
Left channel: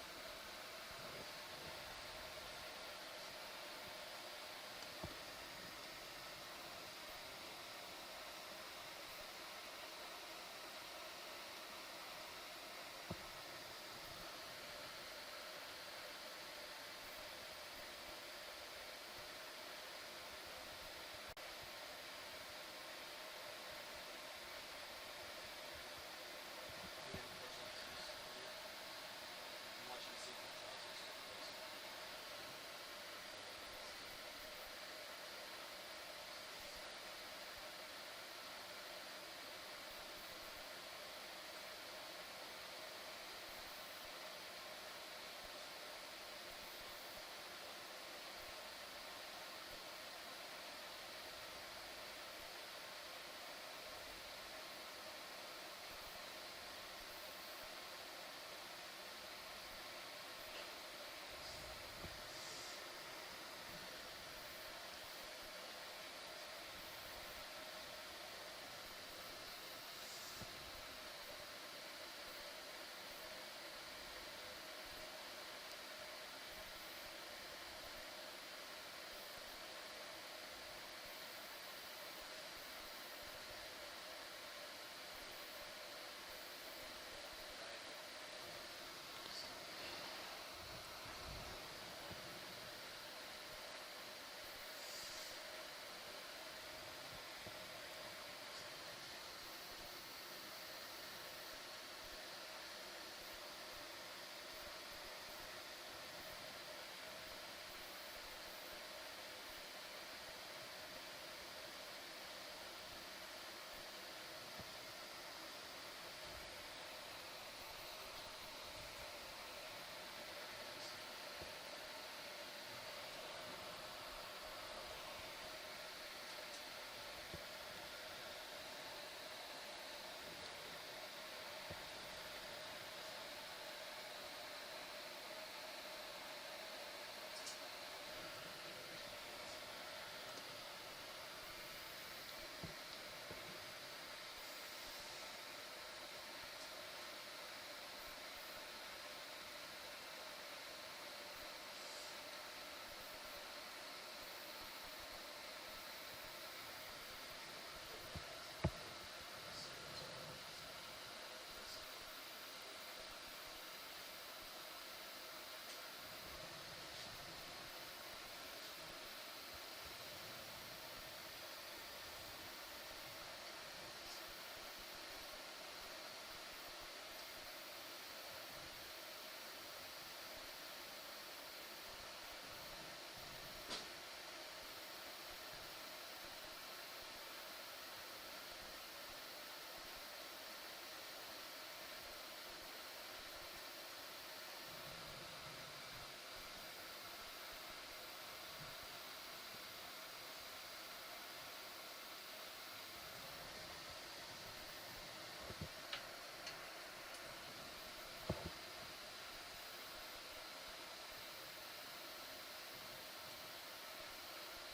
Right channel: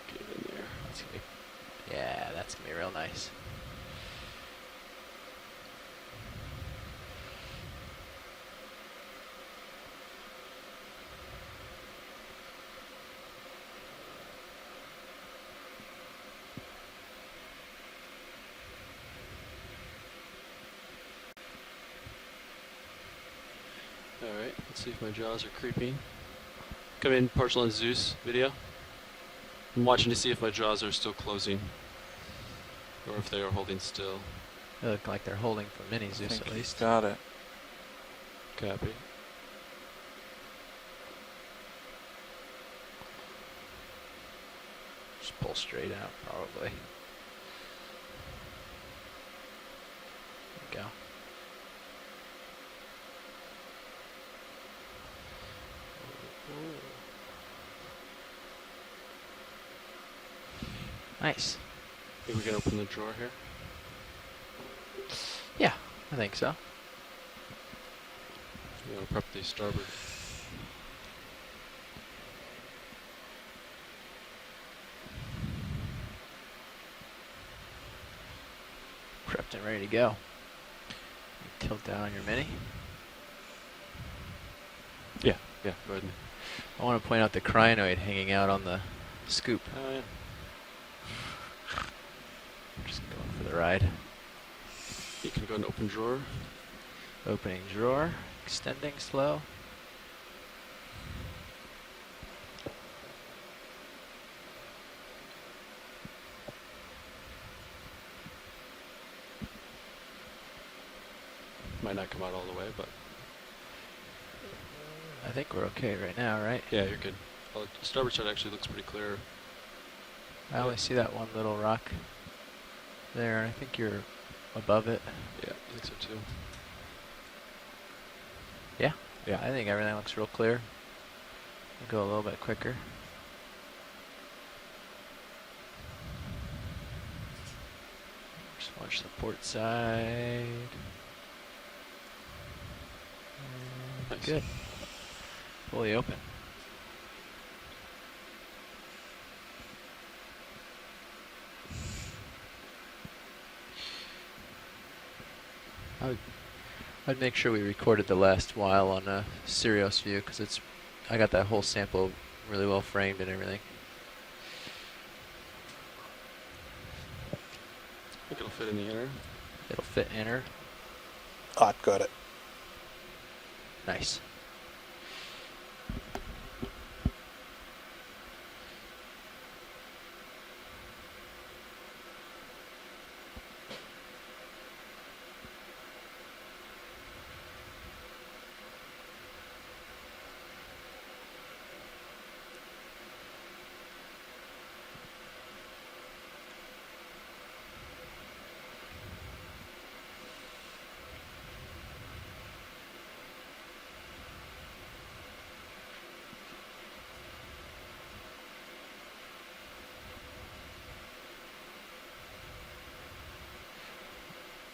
Get it in there. That's gonna be, yeah, that's gonna be real nice. Alright, let's see if my jaws are creeping. Come in, partial on Zeus video. I'm watching to see if my jaws are still closing or if they are holding still. They look like they're holding for mini I Zeus think at he's least. got it. Copy. Just pull straight out, probably. There we go. Nice. Think we can open the drawer here? Yeah, I think so. Yeah, we'll prep the starboard. Prepped and ready to go. Tilt down on your mini. Yeah, go ahead. I want to point out the crinoid hanging out on the scoop. Oh, yeah. Just going for the ride. You can go and open drawer. Opening drawer, extending slow. Might not come out all the way, but I think we're okay right now, right? yeah, you're good. Well, the starboard side actually looks pretty clear. I only see that one little rock there. I think you're above it. Yeah, I think so too. Yeah, I think everything looks real clear. We'll go a little bit quicker. Just watch the port side. Nice. Good. Fully open. I'd make sure we recorded the last while on a Sirius view because I got that whole sample really well framed and everything. I think it'll fit in the inner. It'll fit inner. Hot, got it. Nice.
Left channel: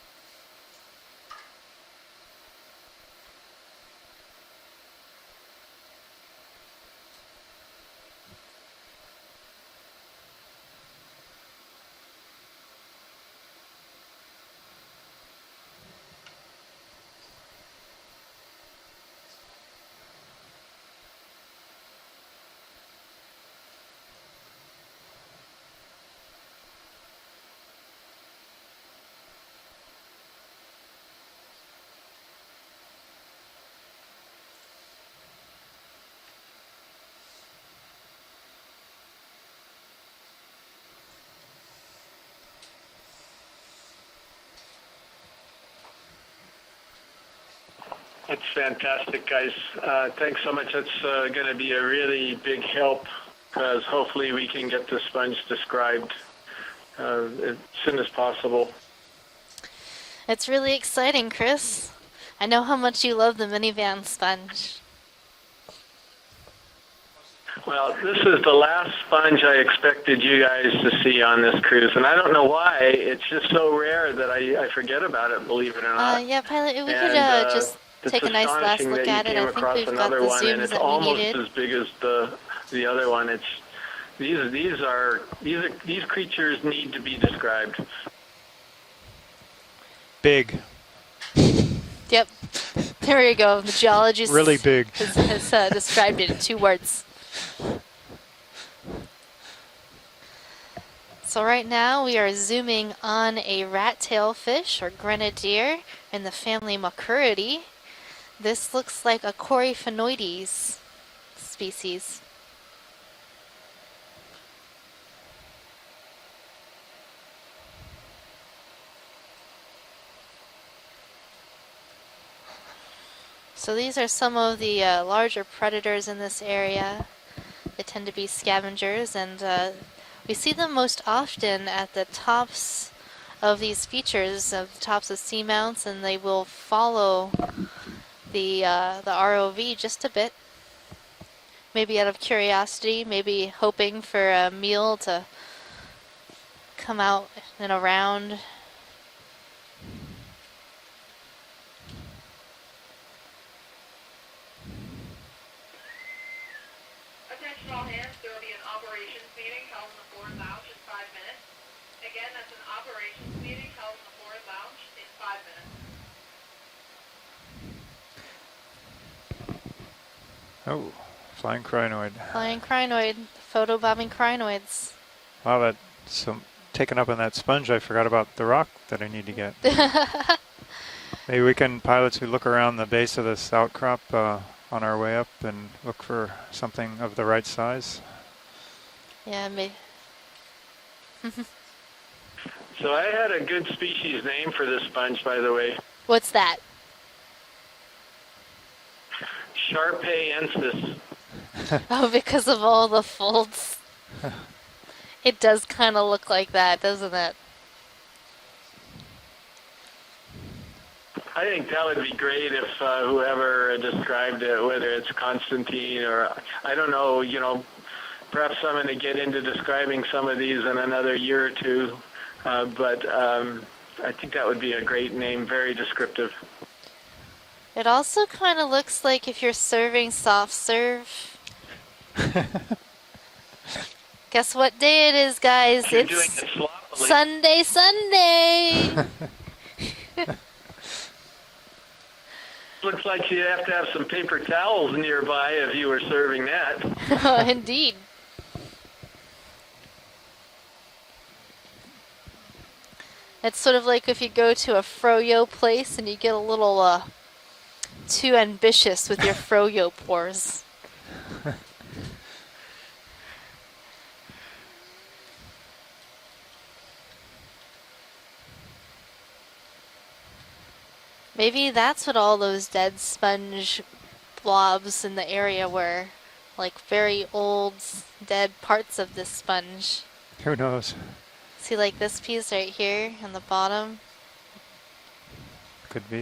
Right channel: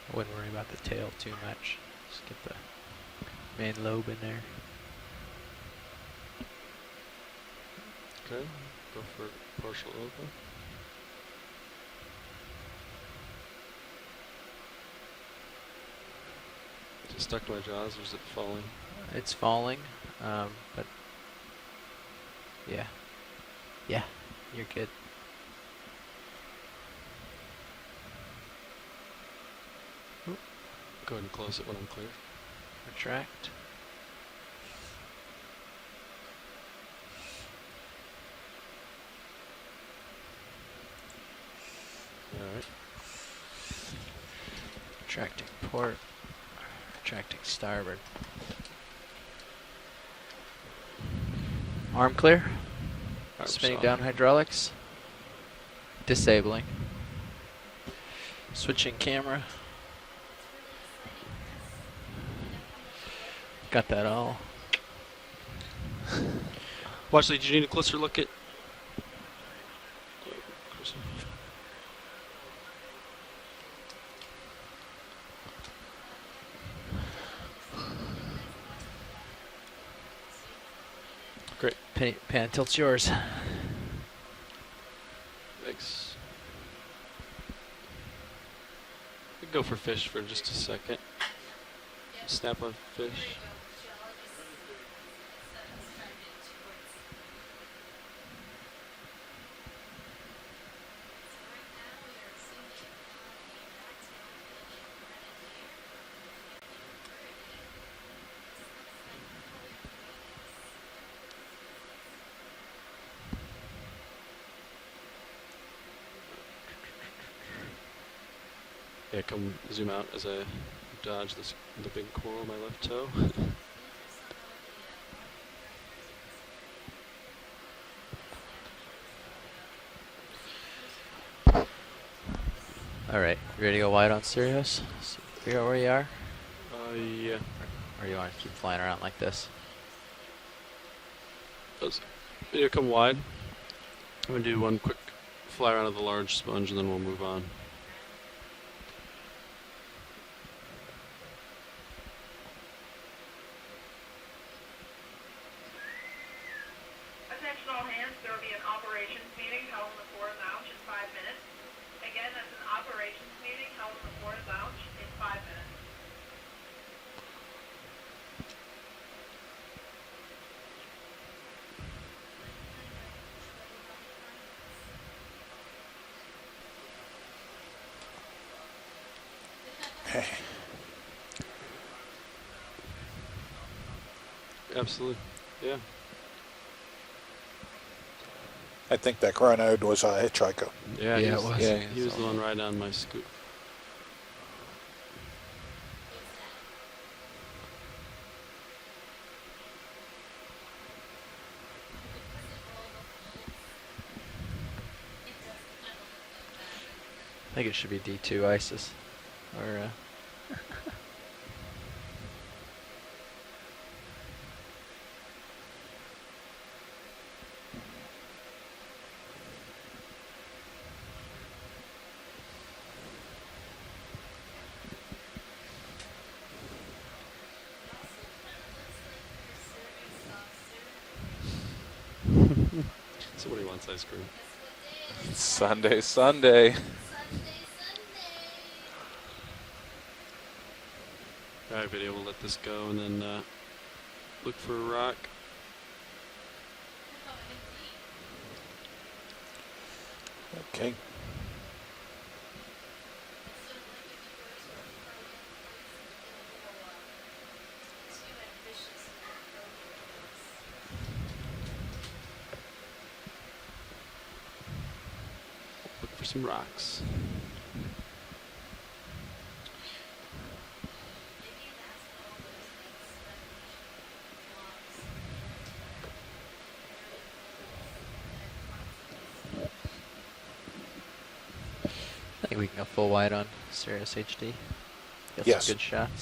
I wouldn't worry about the tail too much. Just get the main lobe in there. Okay, go for partial open. Is it stuck to my jaws or is it falling? It's falling, but yeah, you're good. Go ahead and close it when I'm clear. Retract. Alright. Retracting port. Retracting starboard. That's fantastic, guys. Thanks so much. That's going to be a Arm really clear? big help. Switching down Hopefully we hydraulics. can get the sponge described Disabling. as soon as possible. Switching camera. It's really exciting, Chris. I know how much you love the Got minivan that all. sponge. Watchley, do you need a Well, closer look? this is the last sponge I expected you guys to see on this cruise, and I don't know why. It's just so rare that I forget about it, believe it or not. Yeah, pilot, we could And, just it's take a nice last astonishing look that at you it. came I think across we've got another the one, and zooms it's that we almost needed. as big as Pan tilts the yours. other one. These creatures need to be described. We go for fish for Big. just a second. Yep. Snap on fish. There you go. The geologist Really big. has described it in 2 words. So right now we are zooming on a rat-tail fish or grenadier in the family Macuridae. This looks like a Coryphaenoides species. Yeah, come zoom out as I dodge the big coral on my left toe. So these are some of the larger predators in this area. They tend to be scavengers, and we see them most often at the tops of ready to these go wide on features, Sirius? of tops of Figure out where seamounts, you and are? they will follow Or you want the to fly around the like this? ROV just a bit. Maybe out of come curiosity, wide. maybe hoping for We'll a do one meal to fly around to the large sponge and then come we'll out move on. and around. Attention all hands, there will be an operations meeting held in the forward lounge in 5 minutes. Again, that's an operations meeting held in the forward lounge in 5 minutes. Oh, flying crinoid. Flying crinoid, photobombing crinoids. Wow, that's so taken up in that sponge, I forgot about the rock that I need to get. Maybe we can, pilots who look around the base of this outcrop on our way up and look for something of the right size. I think that crinoid was a hitchhiker. Yeah, it was. Yeah, he was the one right down So I had a good species name for this sponge, by the way. What's that? Sharpayensis. Oh, because of all the folds. It does kind of look like that, doesn't it? I think it should be D2 ISIS. Or, I think that would be great if whoever described it, whether it's Constantine or, I don't know, you know, perhaps I'm going to get into describing some of these in another year or two, but I think that would be a great name, very descriptive. It also kind of looks like if you're serving soft serve. Somebody wants ice cream. Guess what day it is, guys? Sunday, It's Sunday. Sunday, Sunday. Alright, video, we'll let this go. Looks like you'd have to have some paper towels nearby if you were serving that. Oh, indeed. Okay. It's sort of like if you go to a froyo place and you get a little too ambitious with your froyo pours. Look for some rocks. Maybe that's what all those dead sponge blobs in the area were. Like very old, dead parts of this sponge. Who knows? See, like this piece right here full wide on the on bottom? Sirius HD. Got Yes, some good could shots. be.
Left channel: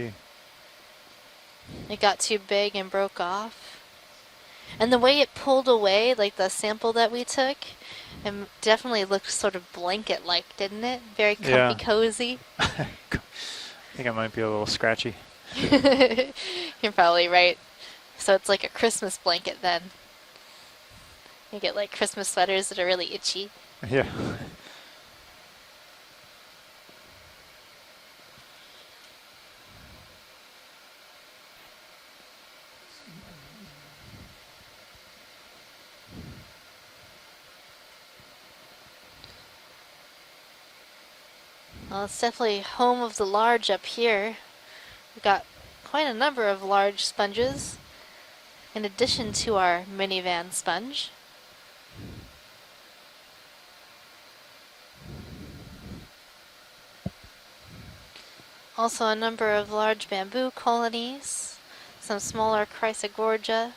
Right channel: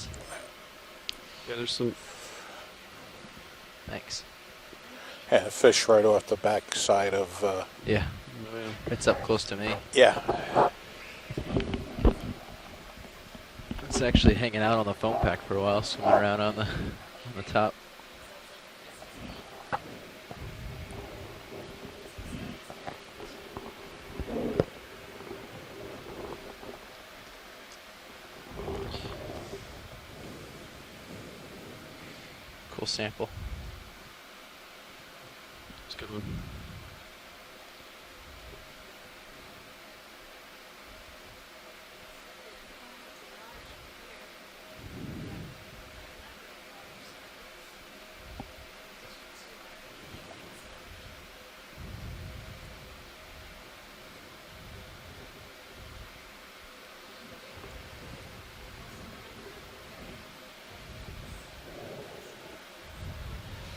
Yeah, there's some. It got too big and broke off. Thanks. And the way it Yeah, pulled fish right away, off like the the back sample that side we of, took, Yeah. it yeah. definitely It's up looked close sort to of me. blanket-like, didn't it? Very comfy, Yeah. cozy. It's think it might actually be a hanging little out scratchy. on the foam pack for a while, sitting around on the You're probably right. top. So it's like a Christmas blanket then. You get like Christmas sweaters that are really itchy. Yeah. Cool sample. It's a good one. Well, it's definitely home of the large up here. Got quite a number of large sponges in addition to our minivan sponge. Also a number of large bamboo colonies, some smaller Chrysogorgia,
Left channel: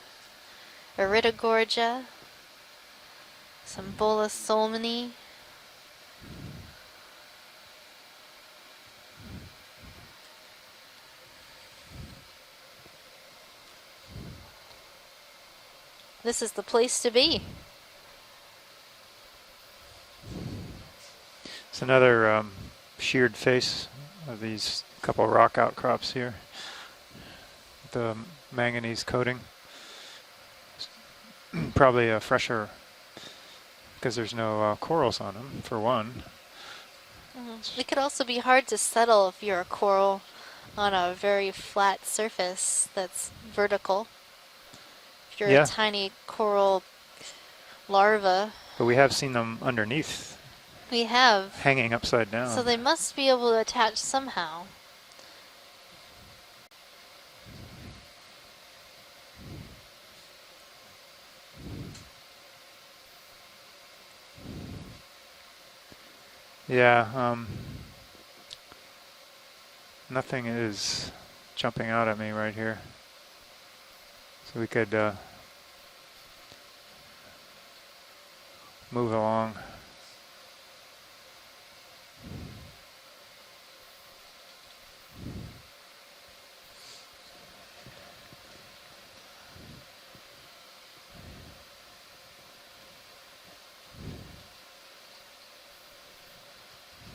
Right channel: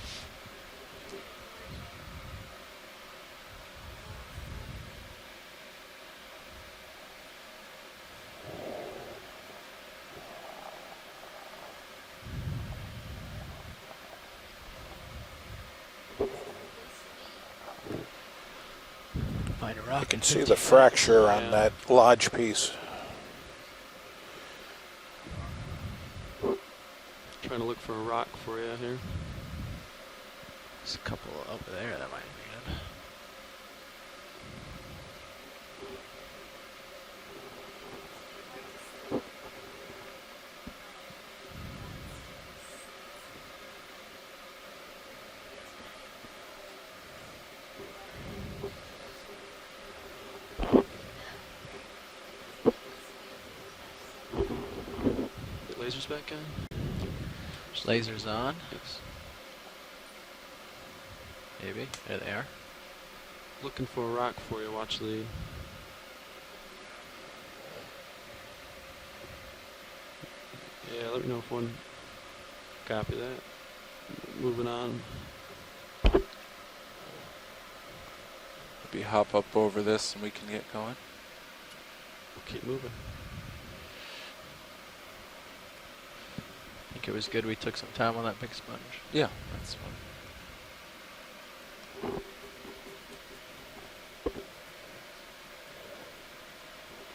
Iridogorgia, some Bolus solmani. This is the place to be. Find a rock. You can see the fracture on that It's large another piece. sheared face of these couple rock outcrops here. Trying to look for The a rock for manganese coating. Just a couple Probably a fresher, because there's no corals on them, for one. It could also be hard to settle if you're a coral on a very flat surface that's vertical. If you're Yeah. a tiny coral larva, But we have seen them underneath, we have. hanging upside down. So they must be able to attach somehow. Put lasers back in. There's lasers on. Maybe. There they are. Looking for a rock for you. Watch lead. Yeah. Nothing is Yeah, let me know if one jumping out at me right here. Copy that. So Moving we could on. We move hop along. up over this and we can get going. Keep moving. I think it was good we took some time on that big sponge. Yeah, that's fine.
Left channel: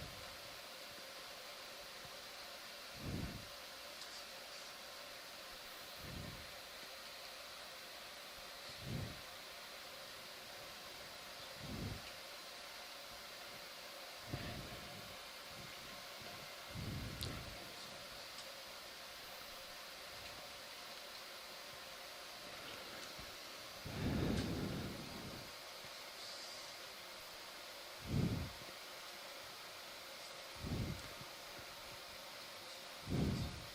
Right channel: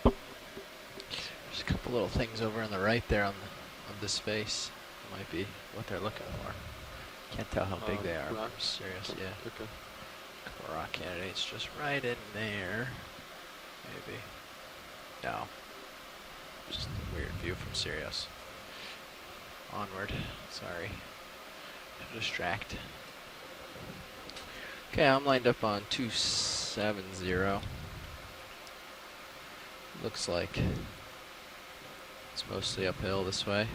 There's a couple little things over on the right there on this face. Might be what they're looking for. Can't tell how big they are. Rocks. Serious, yeah. Okay. Couple rock candidates just right in there. Maybe. No. Just a weird view from Sirius. Onward. Sorry. Distract. Okay, I'm lined up on 270. Looks like it's mostly uphill this way.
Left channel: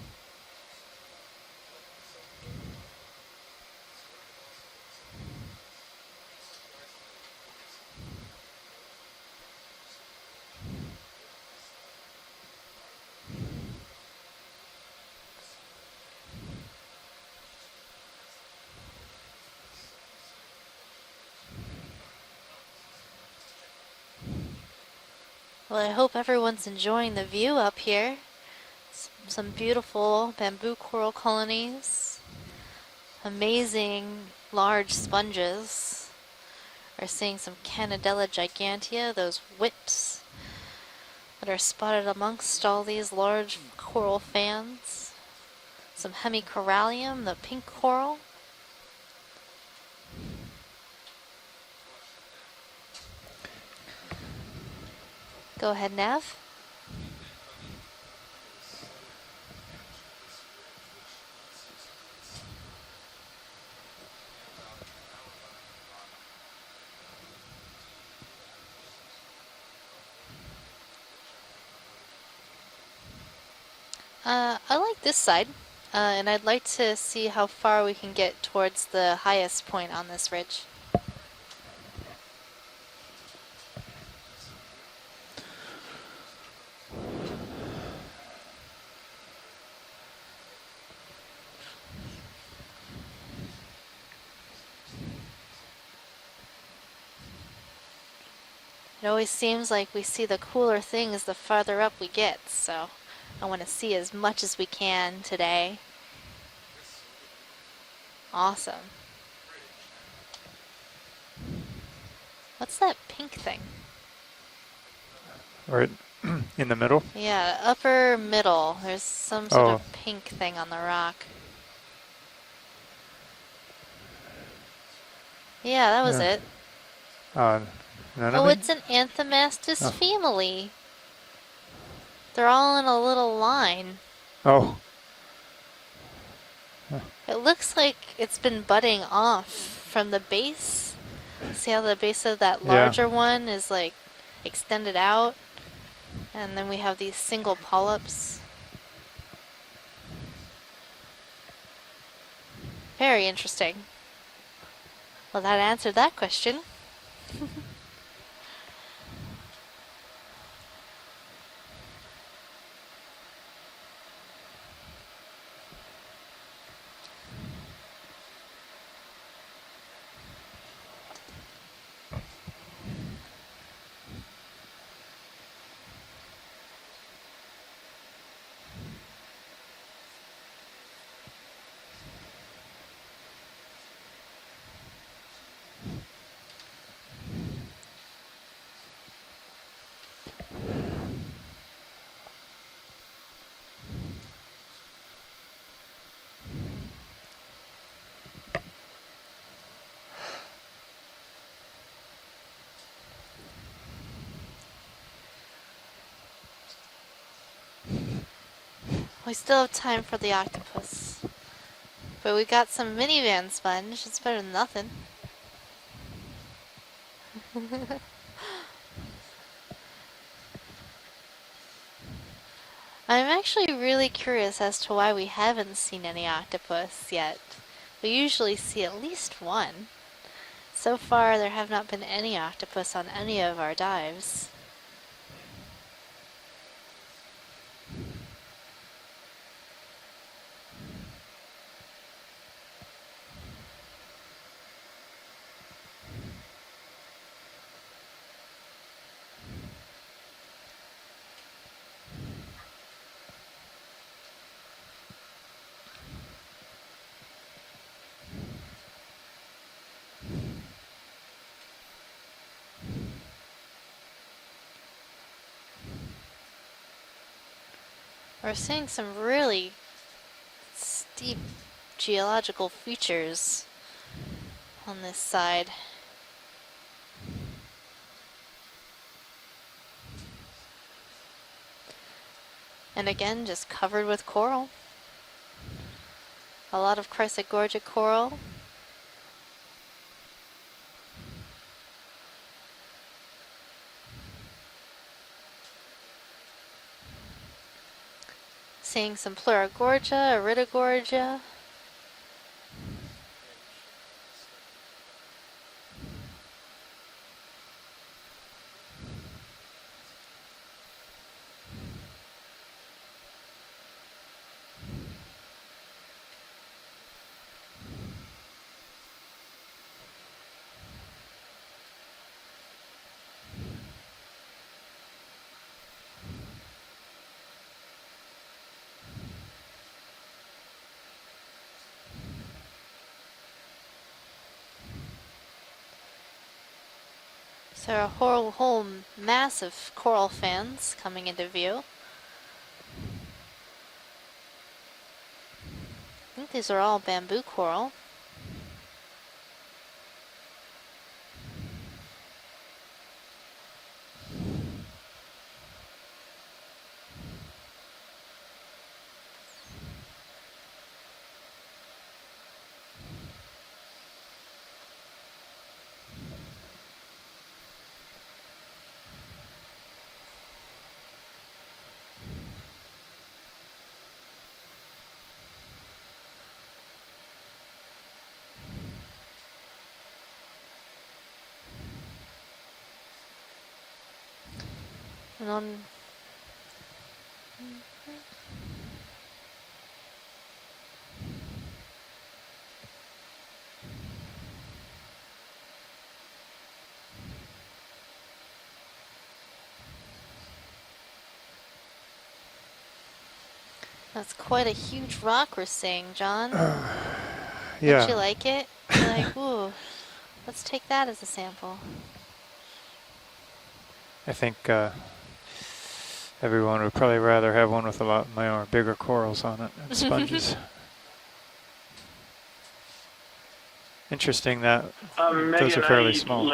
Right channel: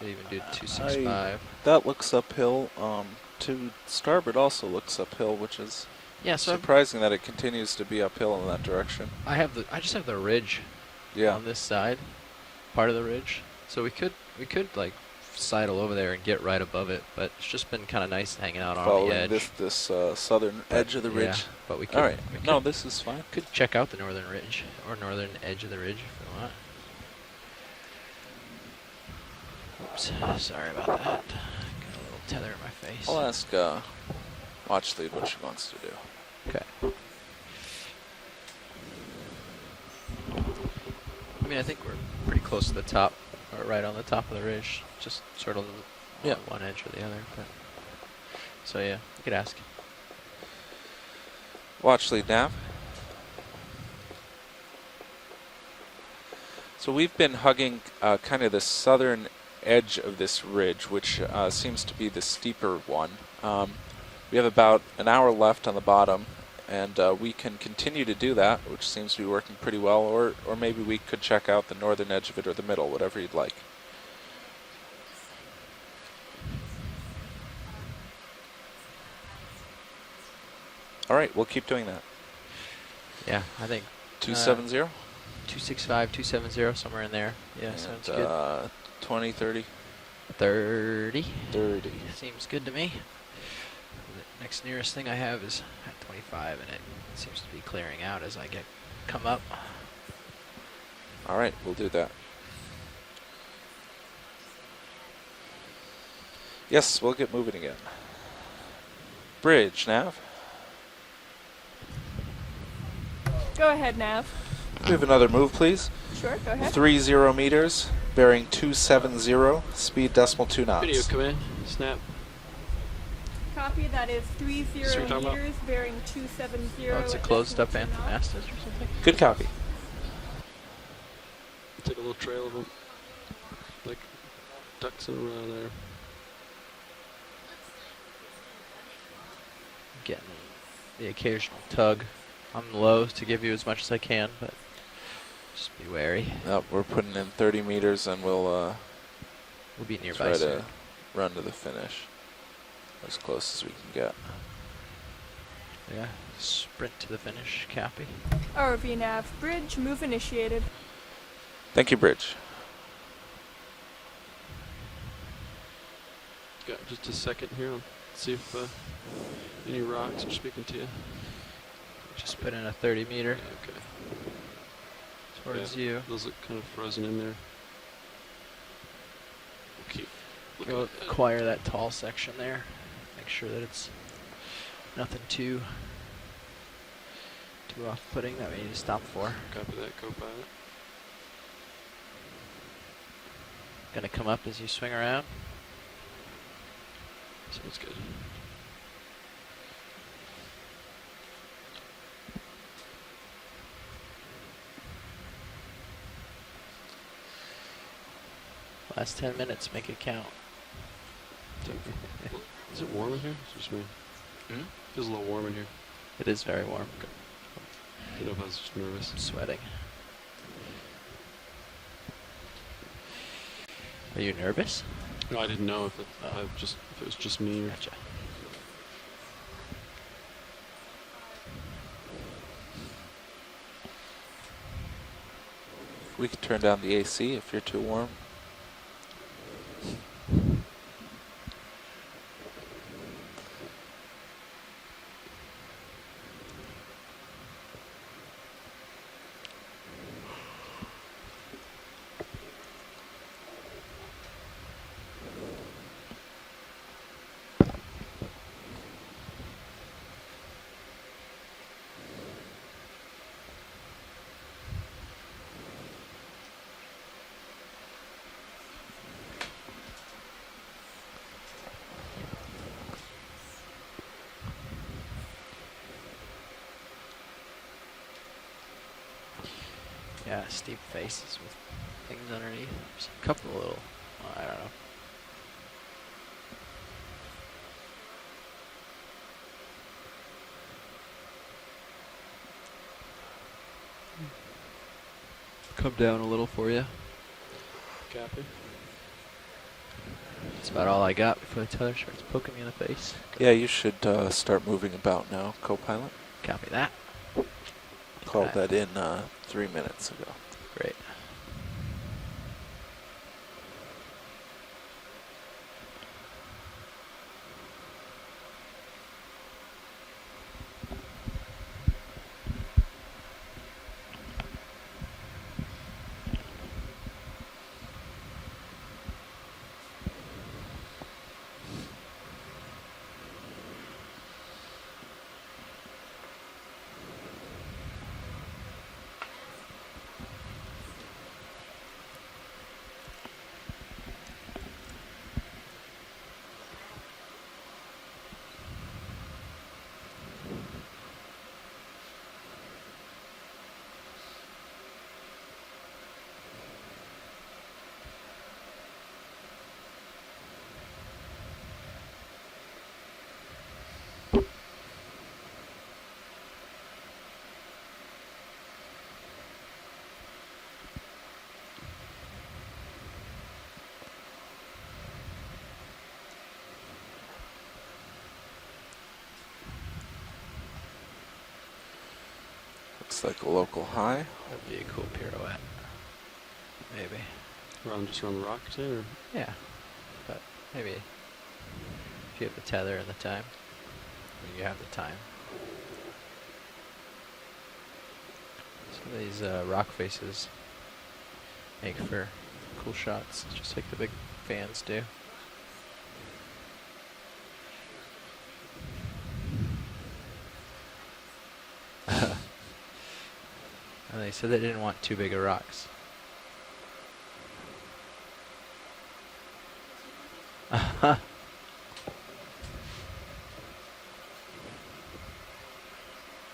Could even do 265. That looks uphill. To starboard also looks uphill, which is surprising that it continues to be uphill in that direction. I just have the ridge on this side, part of the ridge. So we could like sidle over there and get right above it, but it's just been kind of nice hanging out on the edge. this southern edge of the ridge. Yeah, but we could. All right. We could, No, this is fine. Could check out the northern ridge or northern edge of the Well, ridge. I hope everyone's enjoying the view up here. Some beautiful bamboo coral colonies. Tether in my face. I'll ask, Amazing large Watchley what she wants sponges. Okay. We're seeing some Canadella gigantea, those whips. I They're think spotted pretty amongst close to all the these top, large right on the coral top of the ridge. fans. Just sort of Some honey one edge of the corallium, other, the but- pink coral. So yeah, you could ask. Watch lead nav. Go ahead, Nav. So we've been hugging kind of the southern edge of this ridge, which seems to be the steeper one. We have about an hour left on the bottom, and we can continue to do that, which seems to be working pretty well, or maybe we could check out the northern edge of it or the middle, whatever you'd like. I like this side, and I'd like to see how far we can get towards the highest point on this ridge. All right, we'll keep doing that. Yeah, I think 270? 265, 270, somewhere in there. Yeah, sounds good. 20, 30? 30. 30. Seems good to me. The next nearest thing I have is at 25, and it seems to be clearing out as I get. It always seems like we see the cooler things the All right, farther we'll do up we that. get, so I want to see as much as we can today. Yes, we'll get moving again. Awesome. Bridge, nav. What's that pink thing? Go ahead, Nav. We have another move, please. Right. Sure, go In ahead. the 30 Yeah, meters, upper bearing middle. There's some 270, sort of speed pink decimal thing 2 on the knots. Video, rock. come in. Snap. Copy, that is 30 what you're talking about? meters. Yeah, that was it. 270 Oh, it's a at closed Uh, up anthem. none Oh, of it's an Good copy. Anthomastus family. Take a little trail. They're all in a little line. Like Oh, ducks in a row there. It looks like it's been budding off from the Get base. The occasional See how the tug base of that on the larger lows to one give you is as much as I like can, but extended out, just be wary. and Yep, then we we're have putting these in single 30 polyps. meters and we'll We'll be nearby try soon. to run to the finish. Very As close as we interesting. can get. Well, that answered that question. Sprint to the finish. Copy. ROV Nav. Bridge, move initiated. Thank you, Bridge. Got just a second here. Let's see if any rocks are speaking to you. Just put in a 30 meter Okay. towards Yeah, you. those look kind of frozen in there. We'll keep looking Go at that. acquire that tall section there. Make sure that it's nothing too off-putting that we need to stop for. Copy that. Go by it. Gonna come up as you swing around. Sounds good. Last 10 We minutes. still have make it time for count. the octopus. But we got some warm in here? minivan sponge. It's better than nothing. Feels a little warm in here. It is very warm. You know, I was just nervous. I'm sweating. I'm actually really you curious nervous? as to why we Well, I haven't didn't know if seen it- any if it octopus was yet. just me or- We usually see at least one. So far, there have not been any octopus on any of our dives. We could turn down the AC if you're too warm. We're seeing some really steep geological features on this side. Yeah, steep faces with things underneath. And again, just covered with coral. A lot of chrysogorgic coral. Come down a little for you. Copy. Seeing some Pleurogorgia, Iridogorgia. That's about all I got before the tether starts poking me in the face. Yeah, you should start moving about now, co-pilot. Copy that. Called that in 3 minutes ago. Great. So a whole mass of coral fans coming into view. I think these are all bamboo coral. Looks like a local high. That'd be a cool pirouette. Maybe. Just run the rock too? Or? Yeah. But maybe if you have the tether and the time, you have the time. Some of these rock faces make for cool shots, just like the big That's quite a fans do. huge rock we're seeing, John. Yeah. Don't you like it? You're like, ooh, let's take that as a sample. I think they didn't want too big of rocks. Everyone would probably rather have one with a lot more bigger corals on it and sponges. Interesting that those are fairly small.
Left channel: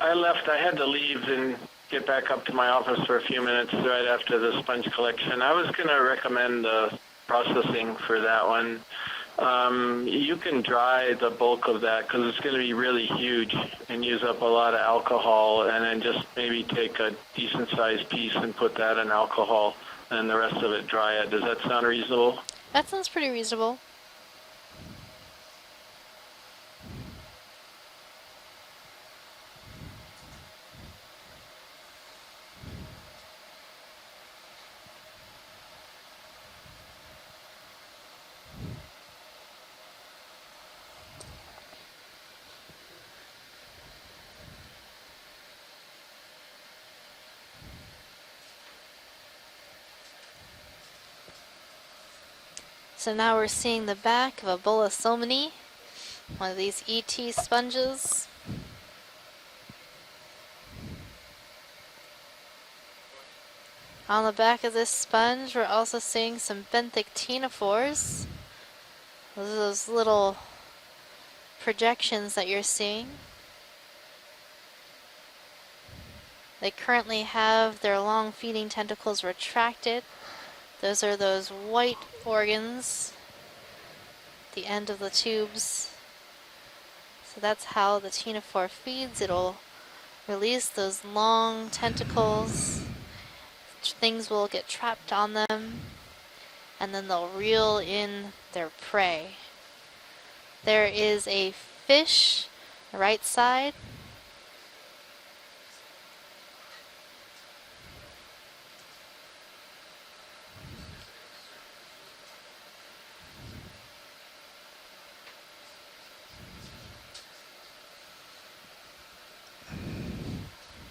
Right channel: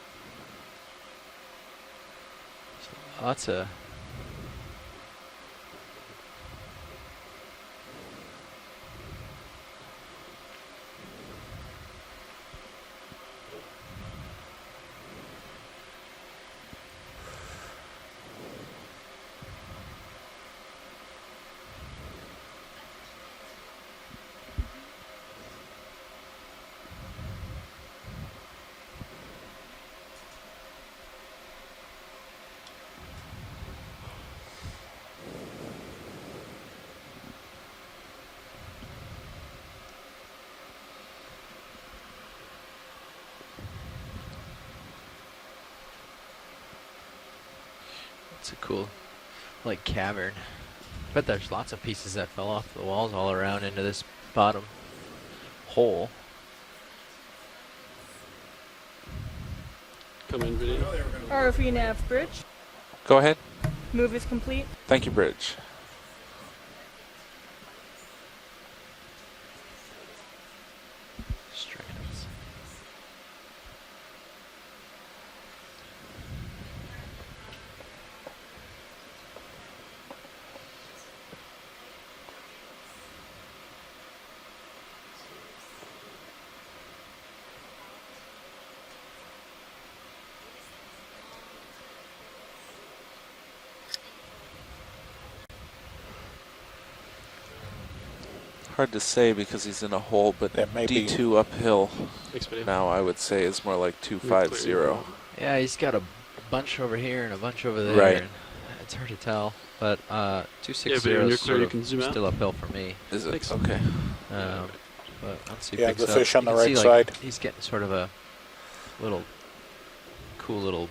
I left. I had to leave and get back up to my office for a few minutes right after the sponge collection. I was going to recommend processing for that one. You can dry the bulk of that because it's going to be really huge and use up a lot of alcohol, and then just maybe take a decent sized piece and put that in alcohol and the rest of it dry it. Does that sound reasonable? That sounds pretty reasonable. It's a cool, like, cavern. But there's lots of pieces that fell off the wall. So and now all we're around seeing into the this back of bottom a Bullasolmini, hole. one of these ET sponges. Come in, video. ROV nav bridge. Go ahead. Move On is the back complete. of this Thank you, sponge, Bridge. we're also seeing some benthic ctenophores. Those are those little projections that you're seeing. They currently have their long feeding tentacles retracted. Those are those white organs, the end of the tubes. So that's how the ctenophore feeds. It'll release those long tentacles. Things will get trapped on them, and then they'll reel in their Hard prey. to say because he's in a hole, but There is D2 a uphill fish now I right would say side. is more like 250. Yeah, he's got a bunch over here and a bunch over there. Right. And it's hard to tell, but Yeah, 260 but when you're is clear, sort you of can zoom out. still uphill for me. Is it? Thanks. Okay. But once he Yeah, picks the up, fish on you the can right see, like, side. he's getting sort of a little cool little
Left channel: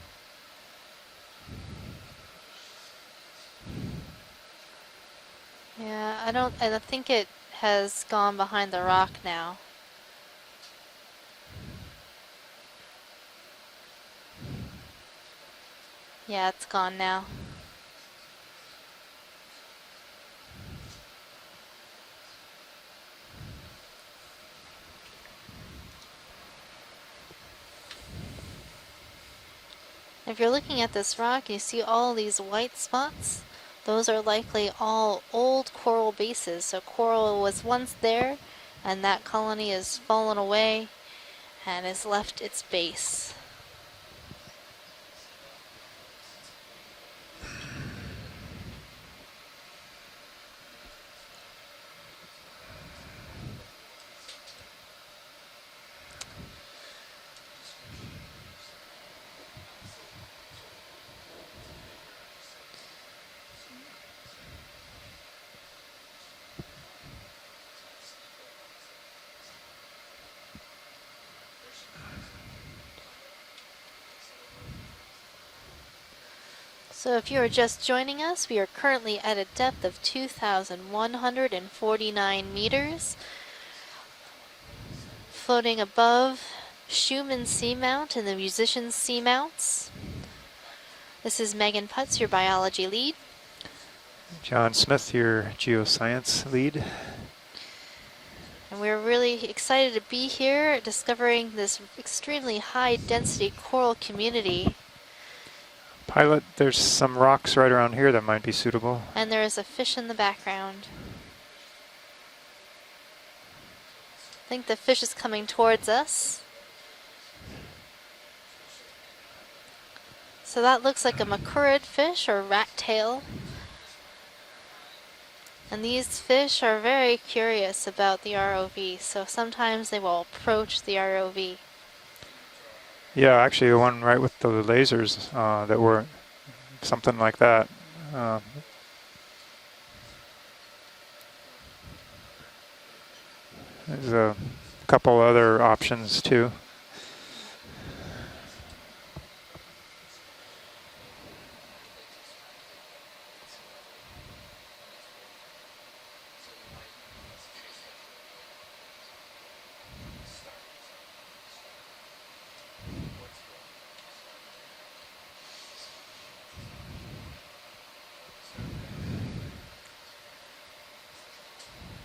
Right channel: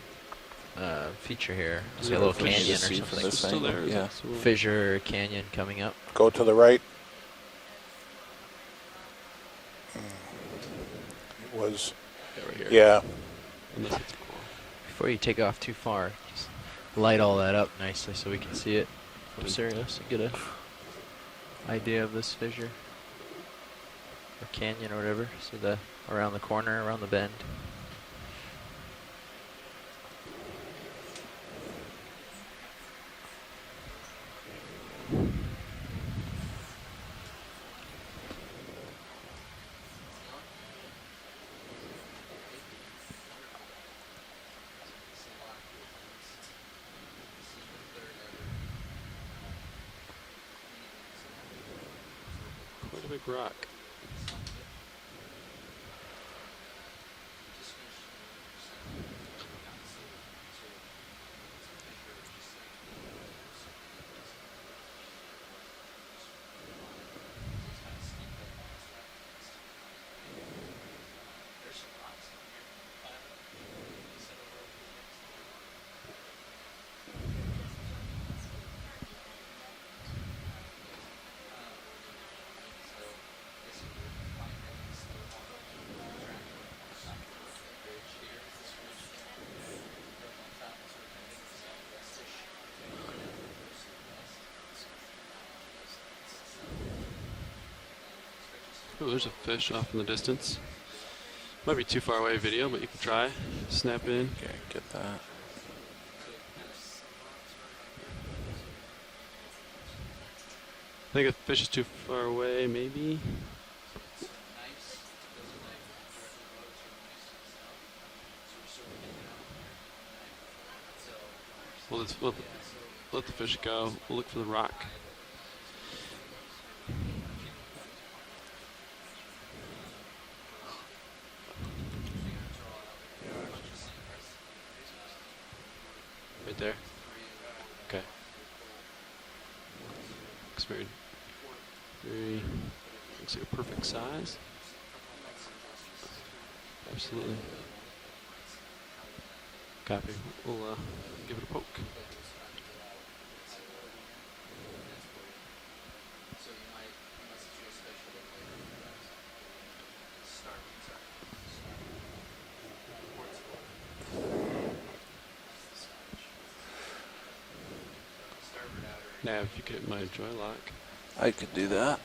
feature here. See a little What did you canyon or see from something. this angle? Yeah. Fissure canyon coming up. Yeah, Go I to the don't- right. I think it has gone behind the rock now. Was, Over here. yeah. Before you take off too far, Yeah, it's gone light now. all that up nicely so we can see it from Sirius. Get a idea of this fissure, or canyon, or whatever. See the around the corner, around the bend. If you're looking at this rock, you see all these white spots. Those are likely all old coral bases. So coral was once there, and that colony has fallen away and has left its base. What a big rock. So if you are just joining us, we are currently at a depth of 2,149 meters, floating above Schumann Seamount and the Musicians Seamounts. This is Megan Putz, your biology lead. John Smith, your geoscience lead. And we're There's a really fish excited off to in the be distance. here, discovering this Might be too far away extremely video, but high dry. density coral Snap in. community. Get that. Pilot, there's some rocks right around here that might be suitable. And there is a fish in the background. I think the fish is too far away, maybe. I think the fish is coming towards us. So that looks like a macurrid fish or rat tail. Let the fish go. We'll look for the rock. And these fish are very curious about the ROV, so sometimes they will approach the ROV. Yeah, actually the one right with the lasers that were Right there. something like that. Okay. Looks very, looks like a perfect size. There's a couple other options too. Absolutely. Copy. We'll give it a poke. Now, if you get my joy lock. I could do that.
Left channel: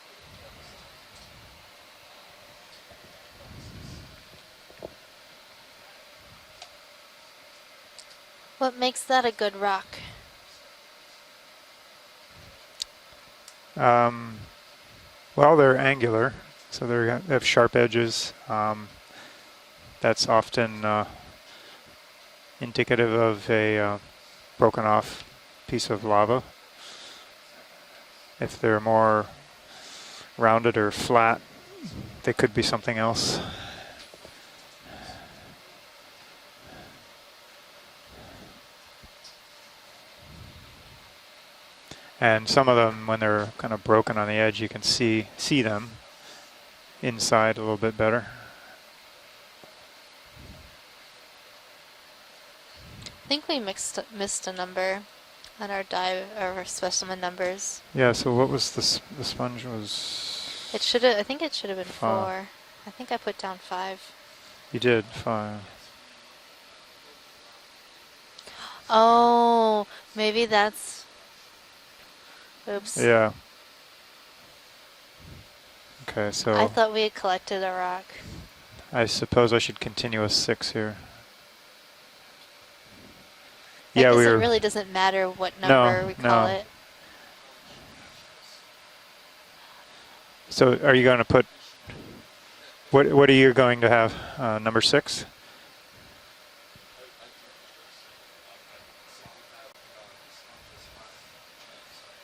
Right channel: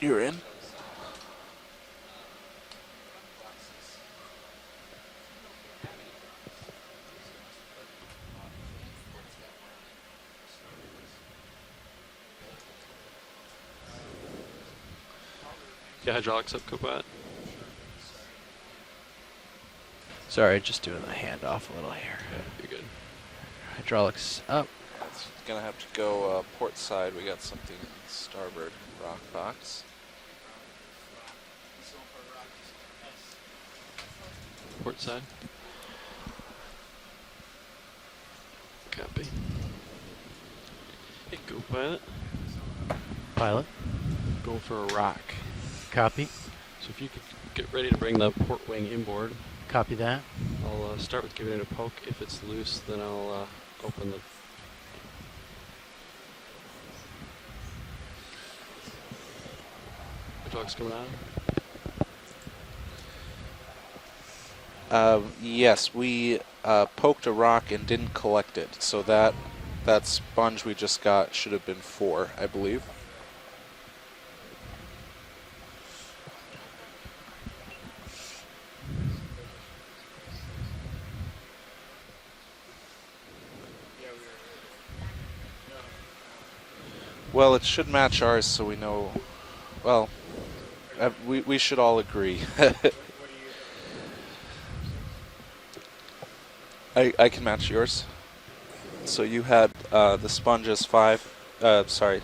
You're in. What makes that a good rock? Well, they're angular, hydraulics up, so go they have sharp edges. That's Sorry, often just doing my hand off a little here. indicative of a Hydraulics up. broken off Gonna have piece to of go, lava. port side, we got something. If they're more box. rounded or flat, they could be something else. Port side. Copy. Hey, go pilot. And some of them, when they're Pilot. kind of broken on the edge, Go you for can a see them. Copy. So if you Inside get a little ready bit to bring better. the port wing inboard. Copy that. I'll start with giving it a poke. If it's loose, then I'll. I think we missed a number on our specimen numbers. Yeah. So what was the sponge was? It should have. I think it should have been 4. 5. I think I put down 5. You did. 5. Yes, we poked a rock and didn't collect it. So Oh, that maybe sponge we that's- just got should have been 4, I believe. Oops. Yeah. Okay. So I thought we had collected a rock. I suppose I should continue with 6 here. I Yeah, guess we it were. really doesn't matter what No, number we call no. it. Well, it should match ours, so we know. Well. So are you going to put? We should all agree. What are you going to have? Number 6. I can match yours. So you had the sponge as 5. Sorry,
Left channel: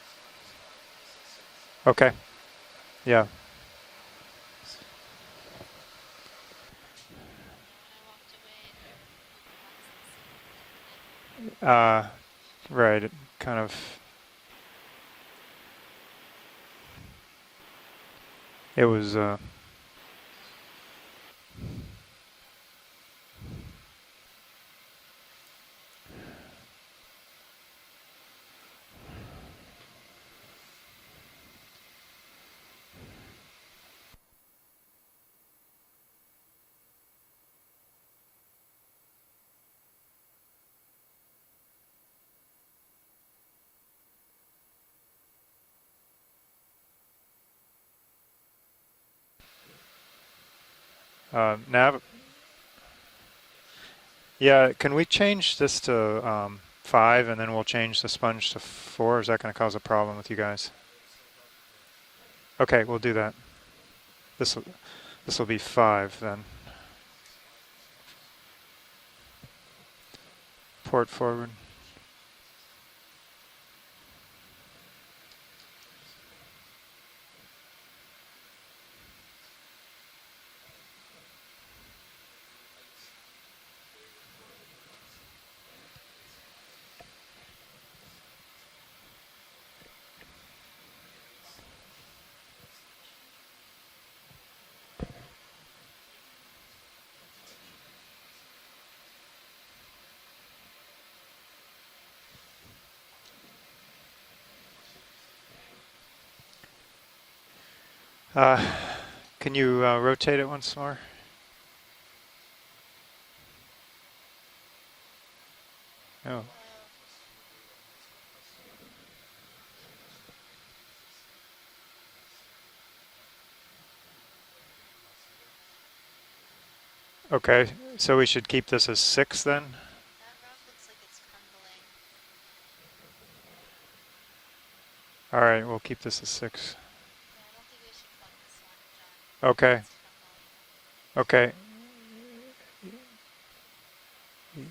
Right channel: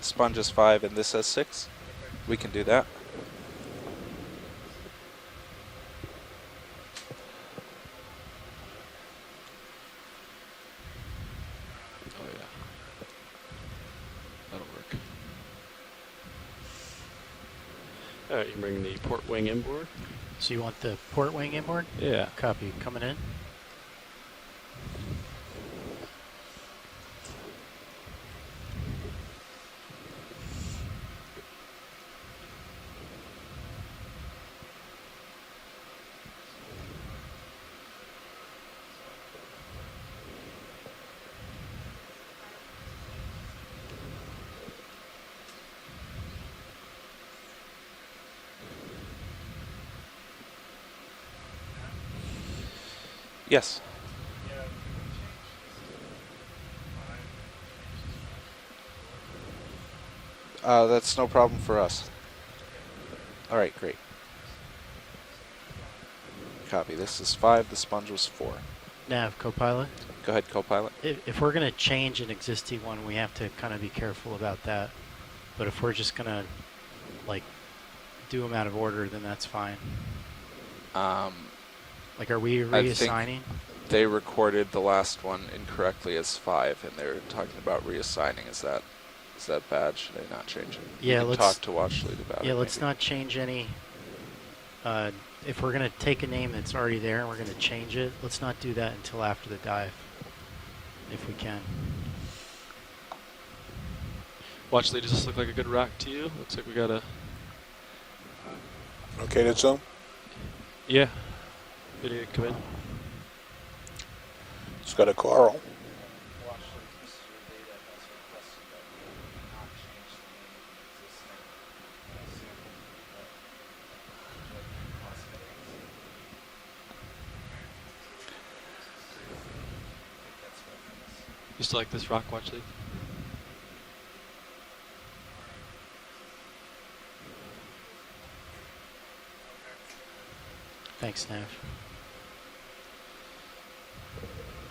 sponge as 5, and this as 6. Okay. We can do that. Yeah. Right, it kind of. That'll work. All right, you bring It the was, port wing inboard. So you want the port wing inboard? Yeah. Copy. Coming in. Nav? Yes. Yeah, can we change this to 5 and then we'll change the sponge to 4? Is that going to cause a problem with you guys? That's no problem for us. Okay, we'll do that. All right, great. This will be 5 then. Copy. This is 5. The sponge was 4. Nav, co-pilot. Go ahead, co-pilot. If we're going to change an existing one, we have to kind of be careful about that. But if we're just going to, like, do them out of order, then that's fine. Like, are we reassigning? I think they recorded the last one incorrectly as 5, and they're talking about reassigning. Is that bad? Should they not change it? Yeah, let's talk to Watchlead about it. Yeah, let's not change any. If we're going to take a name that's already there and we're going to change it, let's not do that until after the dive, if we can. Watchlead, does this look like a good rock to you? Looks like we got a. Okay, can you rotate it once more? Yeah. Video come in. It's got a coral. Oh. Okay, so we should keep this as 6 then? You still like this rock, Watchlead? All right, we'll keep this as 6. Okay. Thanks. Okay.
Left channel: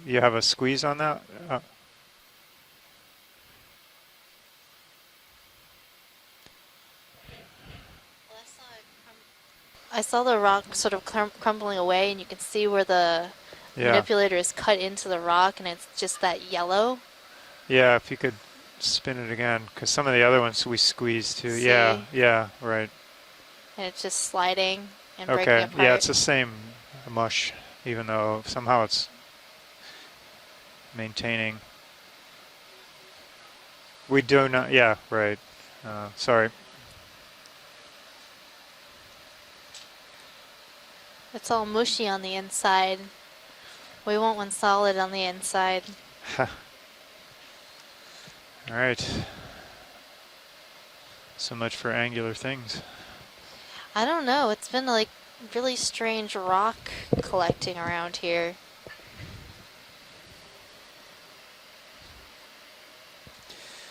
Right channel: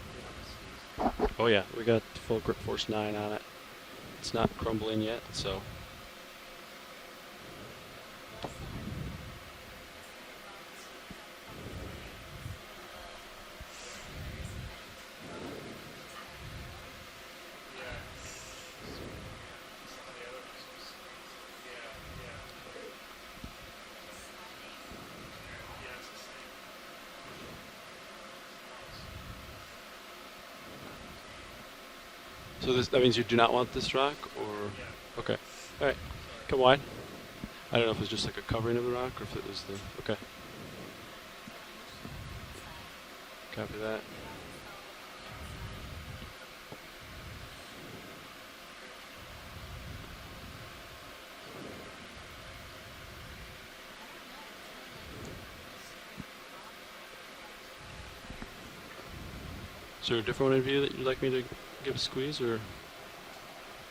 You have a squeeze on that? Oh yeah, we got full grip force 9 on it. It's not crumbling yet, so. I saw the rock sort of crumbling away, and you can see where the manipulator is cut into the rock, and it's just that yellow. Yeah, if you could spin it again, because some of the other ones we squeezed too. See? Yeah, right. And it's just sliding and breaking Okay, apart. yeah, it's the same mush, even though somehow it's maintaining. So that means you do not want this rock? We do not, yeah, right. Okay. All right. Sorry. Come wide. I don't know if it's just like a covering of the rock or if it was the, okay. It's all mushy on the inside. Copy that. We want one solid on the inside. All right. So much for angular things. I don't know. It's been like really strange rock collecting around here. Is there a different one in view that you'd like me to give a squeeze, or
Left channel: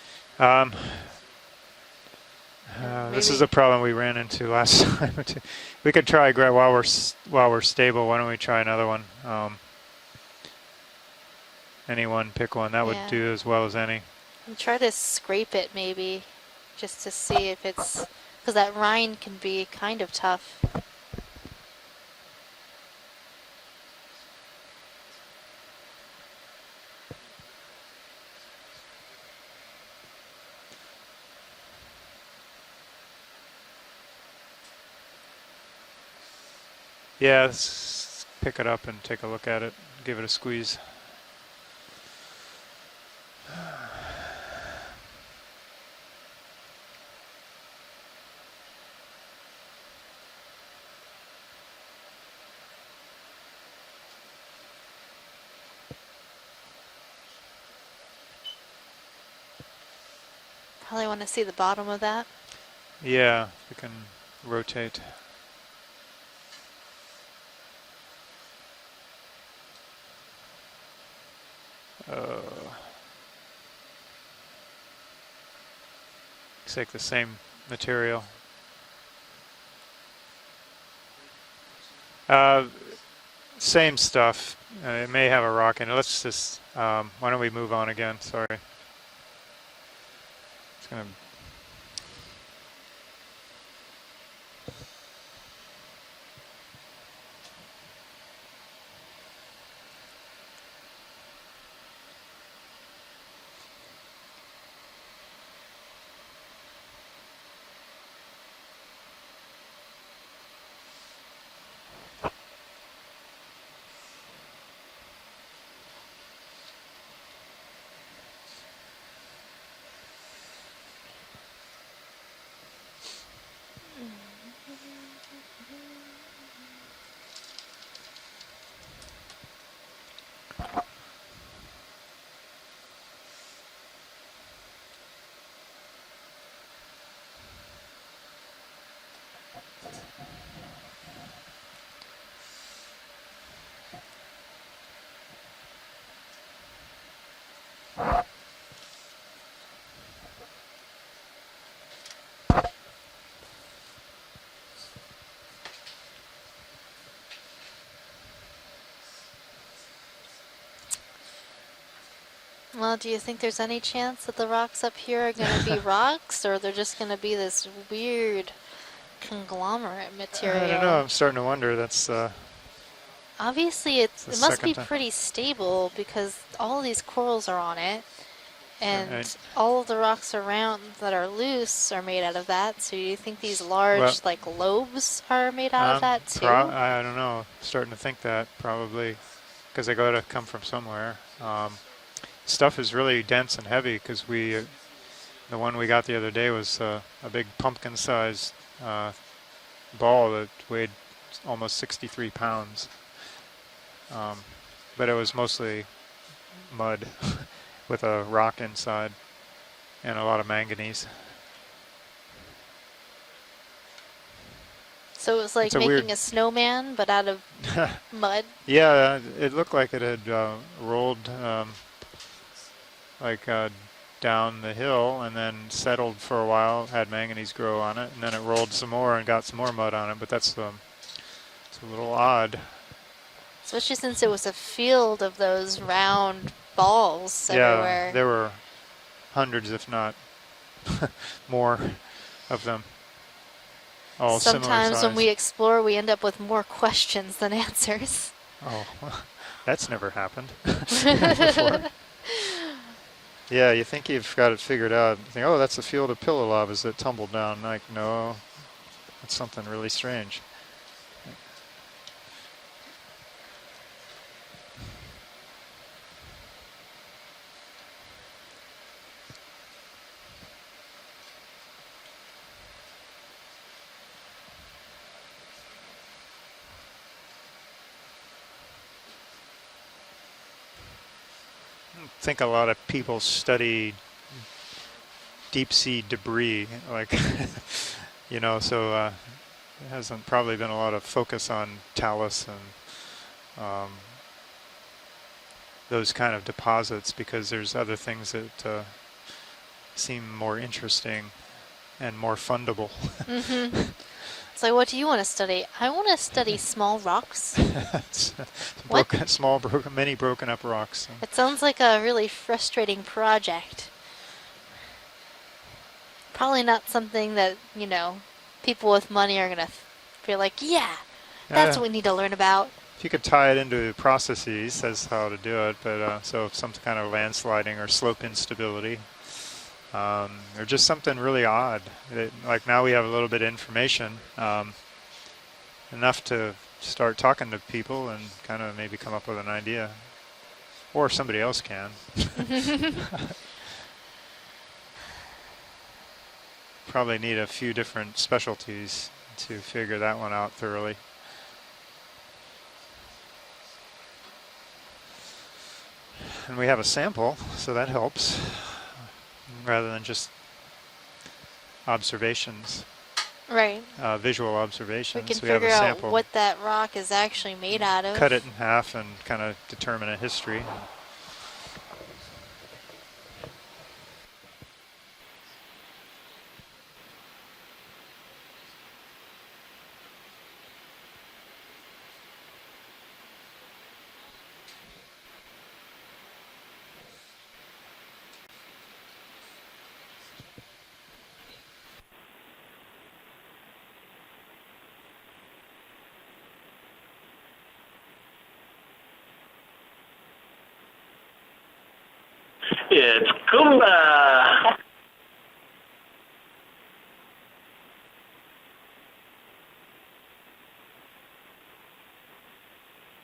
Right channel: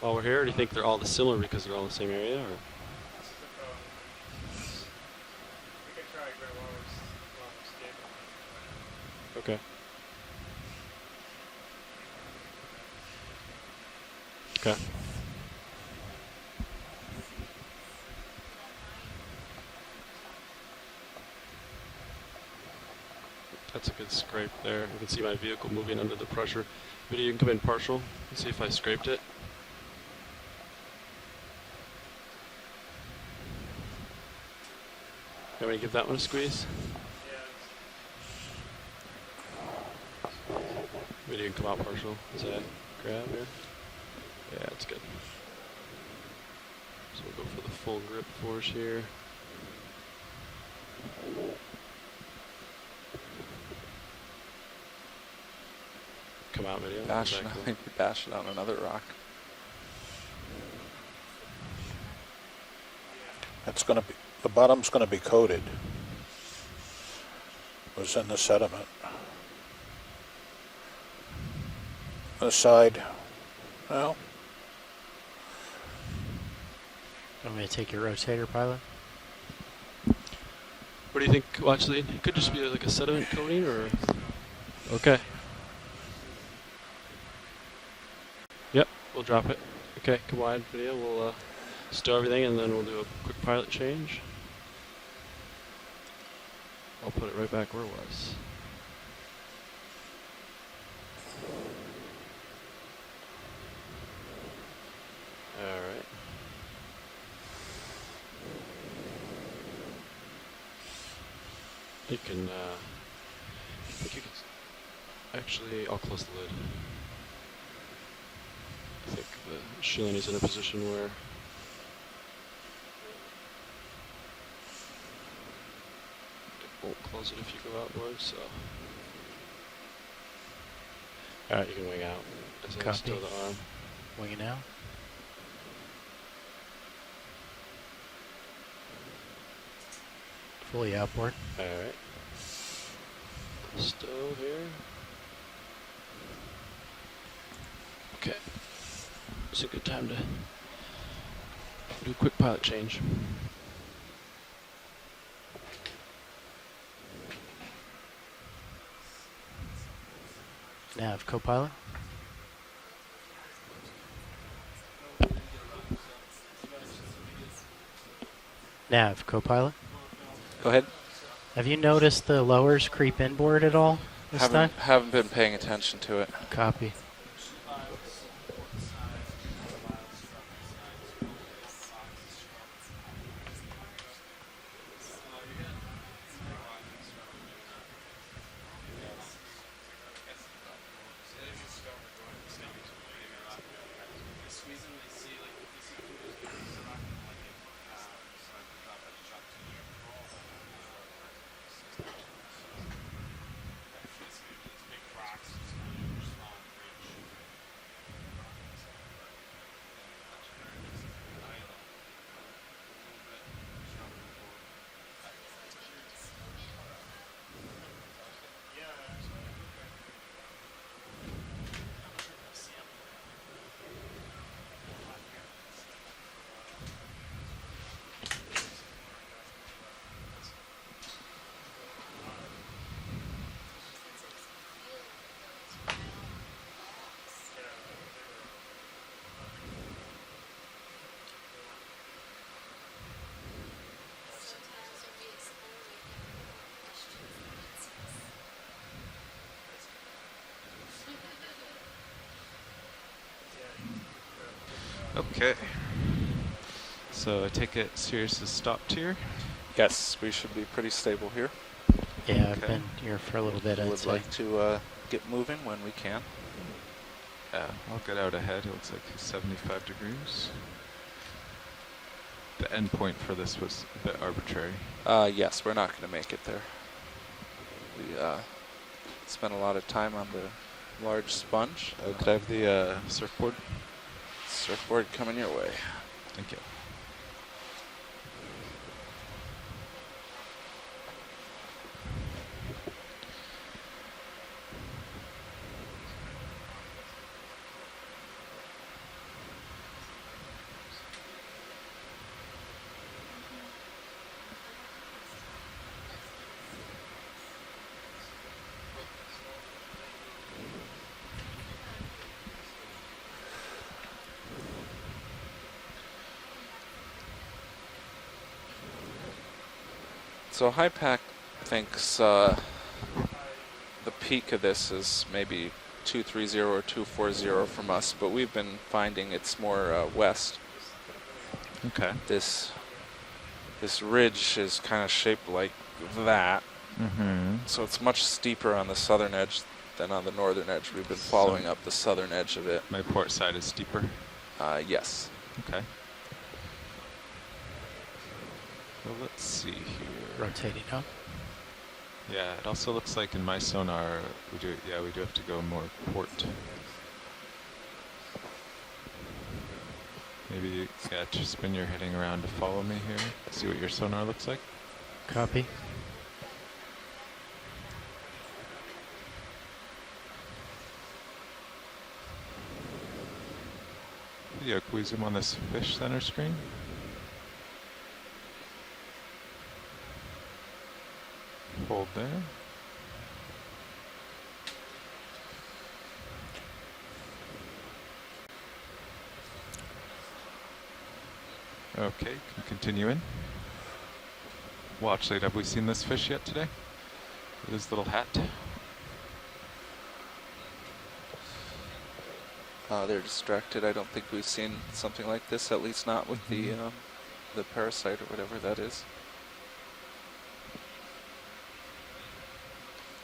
while we're here? Or you think they're all similar because they're all in the same area? Or? This is a problem we ran into last time. We could try while we're stable. Why don't we try another one? Okay. Anyone, pick one. That would do as well as any. And try to scrape it maybe, just to see if it's, because that rind can be kind of tough. That's a good scrape there. You can see my vehicle moving under the pressure. Maybe you can come in partial and see if I scraped it. You want me to give that one a squeeze? Yeah, let's pick it up and take a look at it. Give it a squeeze. Maybe you can come out partial. Is that grab here? Yeah, that's good. So we'll go for the full grip force here. Come out video. Bash it on another rock. Probably want to see the bottom of that. Yeah. It's going to be, the bottom's going to be coated. It was in the sediment. The side, well. Take the same material. Take a rotator, pilot. What do you think, Watchlead? Could just be like a sediment coating? Same stuff. Okay. It may have a rock in it. Let's just, why don't we move on again? Sorry. Yep, we'll drop it. Okay, come wide video. We'll stow everything and then we'll do a quick pilot change. I'll put it right back where it was. You can, I think you can, actually, I'll close the lid. I think the sheen is in a position where it won't close it if you go outward, so. Alright, you can wing out. As I Copy. stow the arm. Winging out. Fully outboard. Alright. Stow here. Okay. It's a good time to do a quick pilot change. Nav, co-pilot. Well, do you think there's any chance that the rocks up here are going to be rocks, or they're just going to be this weird Nav, co-pilot. conglomerate material? I don't know, I'm starting to wonder. Have you noticed the lowers creep inboard at all? Obviously, it must be pretty stable because all these corals are on it, and all of the rocks around that are loose are made out of that. So you think these large, like lobes, are made out of that too? I don't know. Starting to think that probably, because they got to come from somewhere. Stuff is really dense and heavy because the one we got the other day was a big pumpkin-sized ball that weighed almost 63 pounds. But it was mostly mud with a rock inside and a lot of manganese. So it was like making a snowman, but out of mud? Yeah, it looked like it had rolled down the hill and then settled for a while, had manganese grow on it, and then it rolled some more and got some more mud on it, but that's it's a little odd. Especially since it was a field of those round balls everywhere. Yeah, there were hundreds, if not more of them. All Sometimes when we explore, we end up with more questions than answers. Oh, that's never happened before. Yeah, you think you've got it figured out. Okay. Oh, that's a field of pillow lavas that tumbled So down. take Like, it no, seriously stopped here. It's something really Yes, strange. we should be pretty stable here. Yeah, I've been here for a little bit. I I'd would say. like to get moving when we can. Yeah, I'll get out ahead. It looks like 75 degrees. The end point for this was a bit arbitrary. Yes, we're not going to make it there. We spent a lot of time on the large sponge. I think a lot of people study surfboard coming your deep way. sea debris, like you know. So there hasn't probably been a lot of focus on talus and those kind of deposits because there's other things that seem more interesting and more fundable. Mm-hmm. So what do you want to study? I want to study small rocks. Many broken up rocks. It sounds like a really frustrating project. Probably not something that, you know, people with money are going to feel like, so yeah, that's what we need to learn about. If you could tie it into processes, that's how to do it, but so some kind of landsliding or slope instability. Been finding it's more west. Or just something really odd. Okay. Like now we have a little bit of information. This ridge is kind of shaped like enough that. To start talking to people. So it's much steeper on the southern edge than on the northern edge. Or somebody else up the southern edge of it. My port side is steeper. Yes. Okay. Probably need a few different specialties to figure that one out thoroughly. Yeah, it also looks like in my sonar, we do have to go more port. And we have a sample, so that helps. Rather than just maybe just spin your observations. Follow me here. Right. Visual observation. We can figure out what that rock is actually made out of. Cut it in half and kind of determine a history. Yeah, can we zoom on this fish center screen? Hold there. Okay, can continue in. Watch lead, have we seen this fish yet today? With his little hat? It's Kumba! Something like this, at least not with the parasite or whatever that is.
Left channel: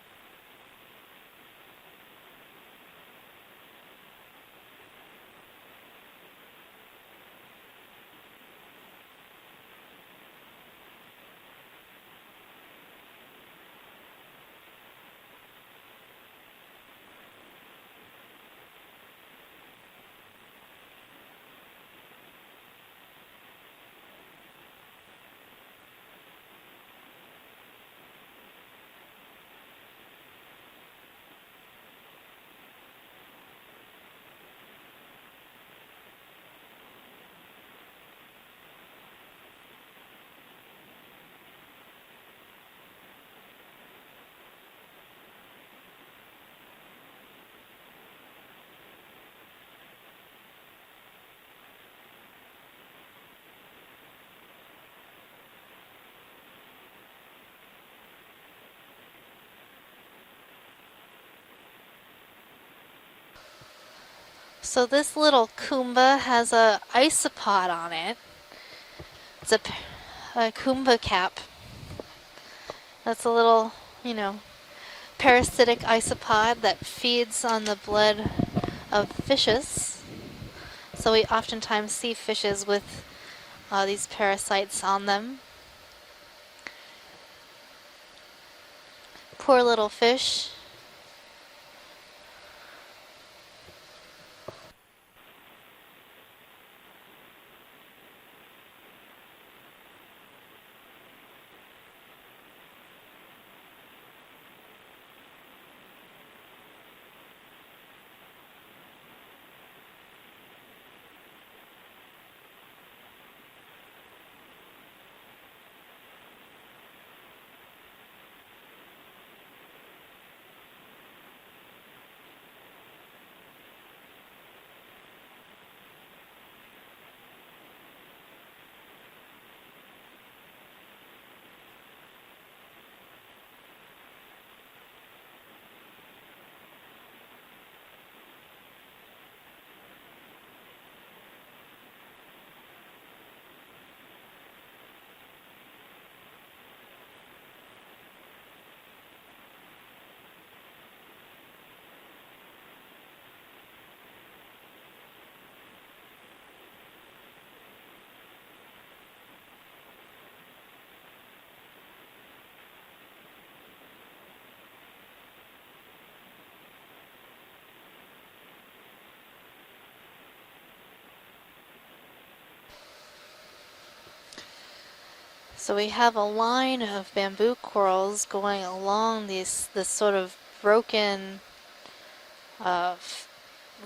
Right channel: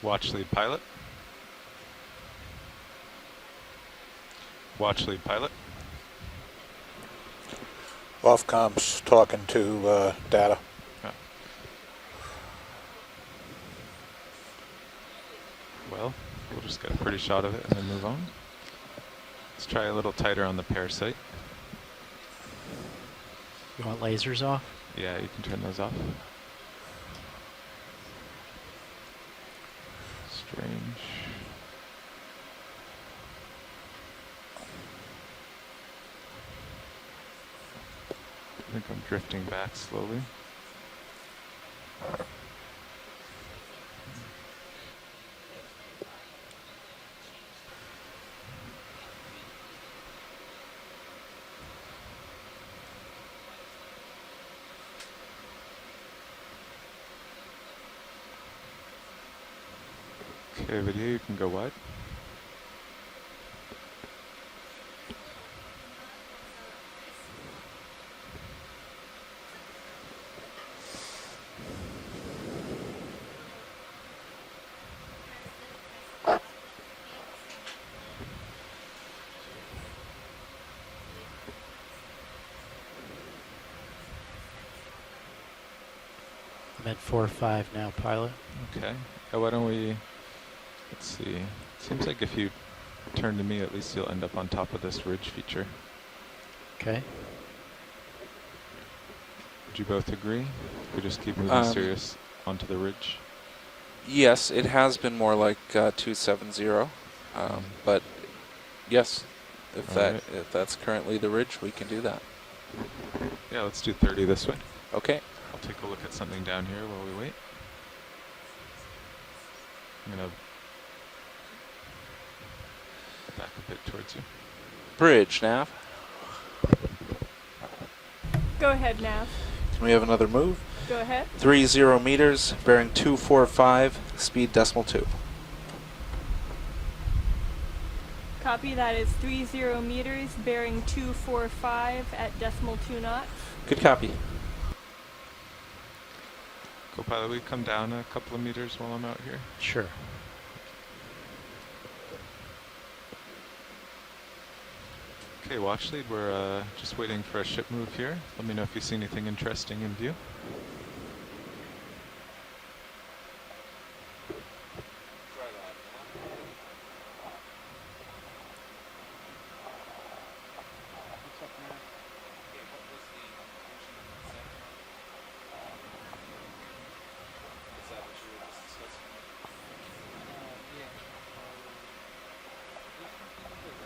Watch lead pilot. Watch lead pilot. Off comms talking to data. Yeah. Well, we'll just get a pretty shot of it and then move on. Let's try a little tighter on the parasite. You want lasers off? Yeah, you can turn those off. Strange. I think I'm drifting back slowly. Okay, video, you can go wide. So this little Kumba has a isopod on it. It's a Kumba cap. That's a little, you know, parasitic isopod that feeds on the blood of fishes. So we oftentimes see fishes with these parasites on them. I'm at 4-5 now, pilot. Okay. Poor little fish. Let's see. Seems like if you turn to me, at least you'll end up on top of this ridge feature. Okay. Would you both agree? If we just keep moving serious onto the ridge? Yes, it has been more like 270, but yes, if that's currently the ridge, we can do that. Yeah, let's do 30 this way. Okay. I'll take a look at something down here while we wait. I'm gonna back a bit towards you. Bridge, Nav. Go ahead, Nav. Can we have another move? Go ahead. 30 meters, bearing 245, speed decimal 2. Copy, that is 30 meters, bearing 245 at decimal 2 knots. Good copy. Co-pilot, will you come down a couple of meters while I'm out here? Sure. Okay, watch lead, we're just waiting for a ship move here. Let me know if you see anything interesting in view. So we have a line of bamboo corals going along this sort of broken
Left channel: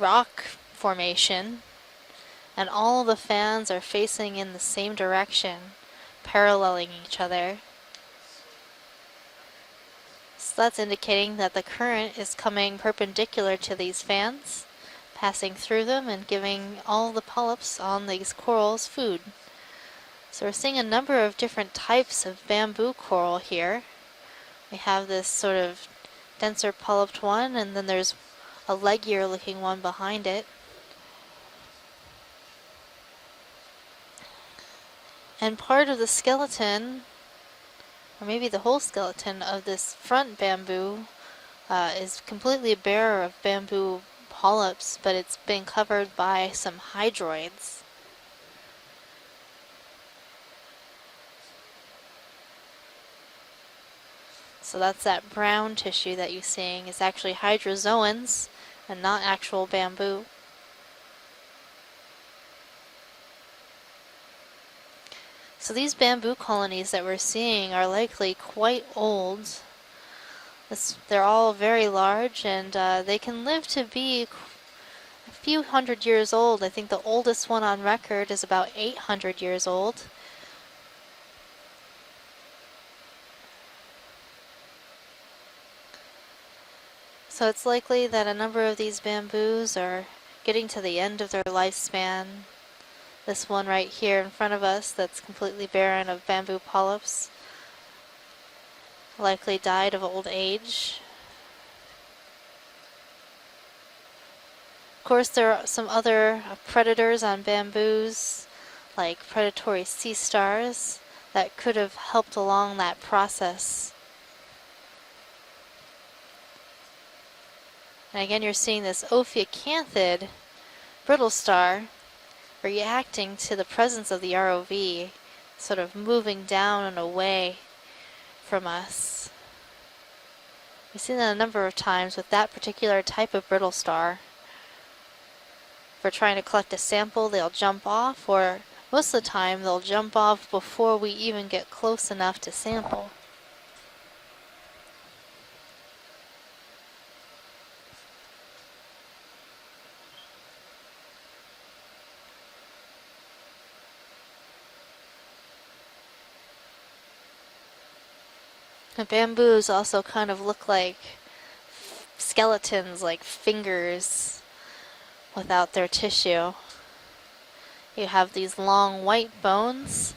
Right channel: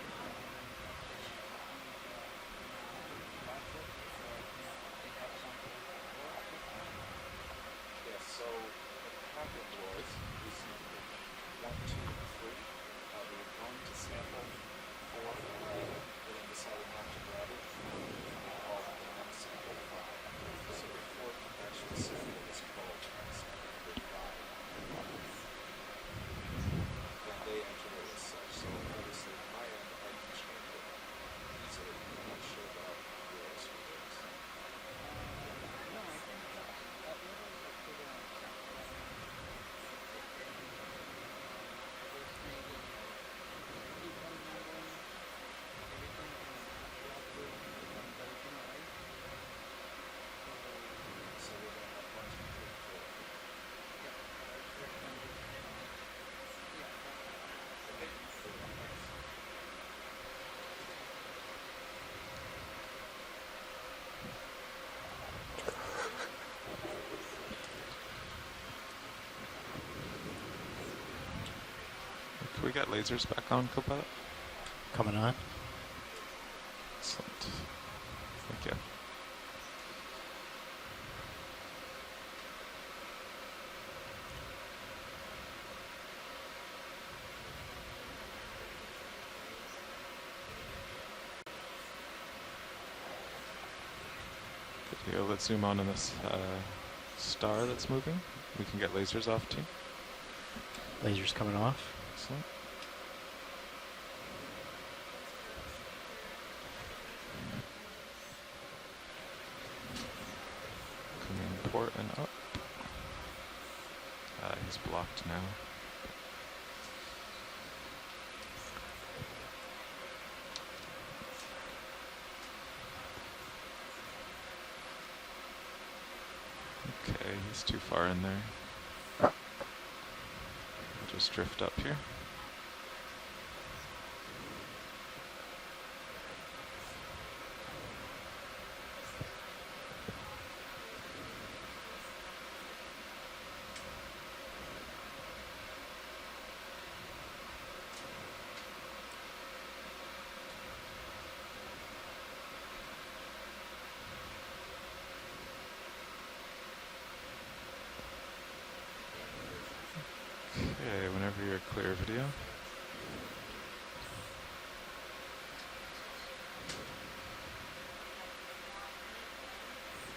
rock formation, and all the fans are facing in the same direction, paralleling each other. So that's indicating that the current is coming perpendicular to these fans, passing through them and giving all the polyps on these corals food. So we're seeing a number of different types of bamboo coral here. We have this sort of denser polyped one, and then there's a leggier looking one behind it. And part of the skeleton, or maybe the whole skeleton of this front bamboo is completely bare of bamboo polyps, but it's been covered by some hydroids. So that's that brown tissue that you're seeing is actually hydrozoans and not actual bamboo. So these bamboo colonies that we're seeing are likely quite old. They're all very large, and they can live to be a few hundred years old. I think the oldest one on record is about 800 years old. So it's likely that a number of these bamboos are getting to the end of their lifespan. This one right here in front of us that's completely barren of bamboo polyps. Star that's moving. We can get lasers likely off died of old age. Lasers coming off. Excellent. Of course, there are some other predators on bamboos, like predatory sea stars, that could have helped along that process. He's blocked now. And again, you're seeing this Ophiacanthid brittle star reacting to the presence of the ROV, sort of moving down and away It's too far in there. from us. We've seen that a number of times with that particular type of brittle star. If we're trying to collect a sample, they'll jump off, or most of the time they'll jump off before we even get close enough to sample. The bamboos also kind of look like whenever you're clear of video. skeletons, like fingers without their tissue. You have these long white bones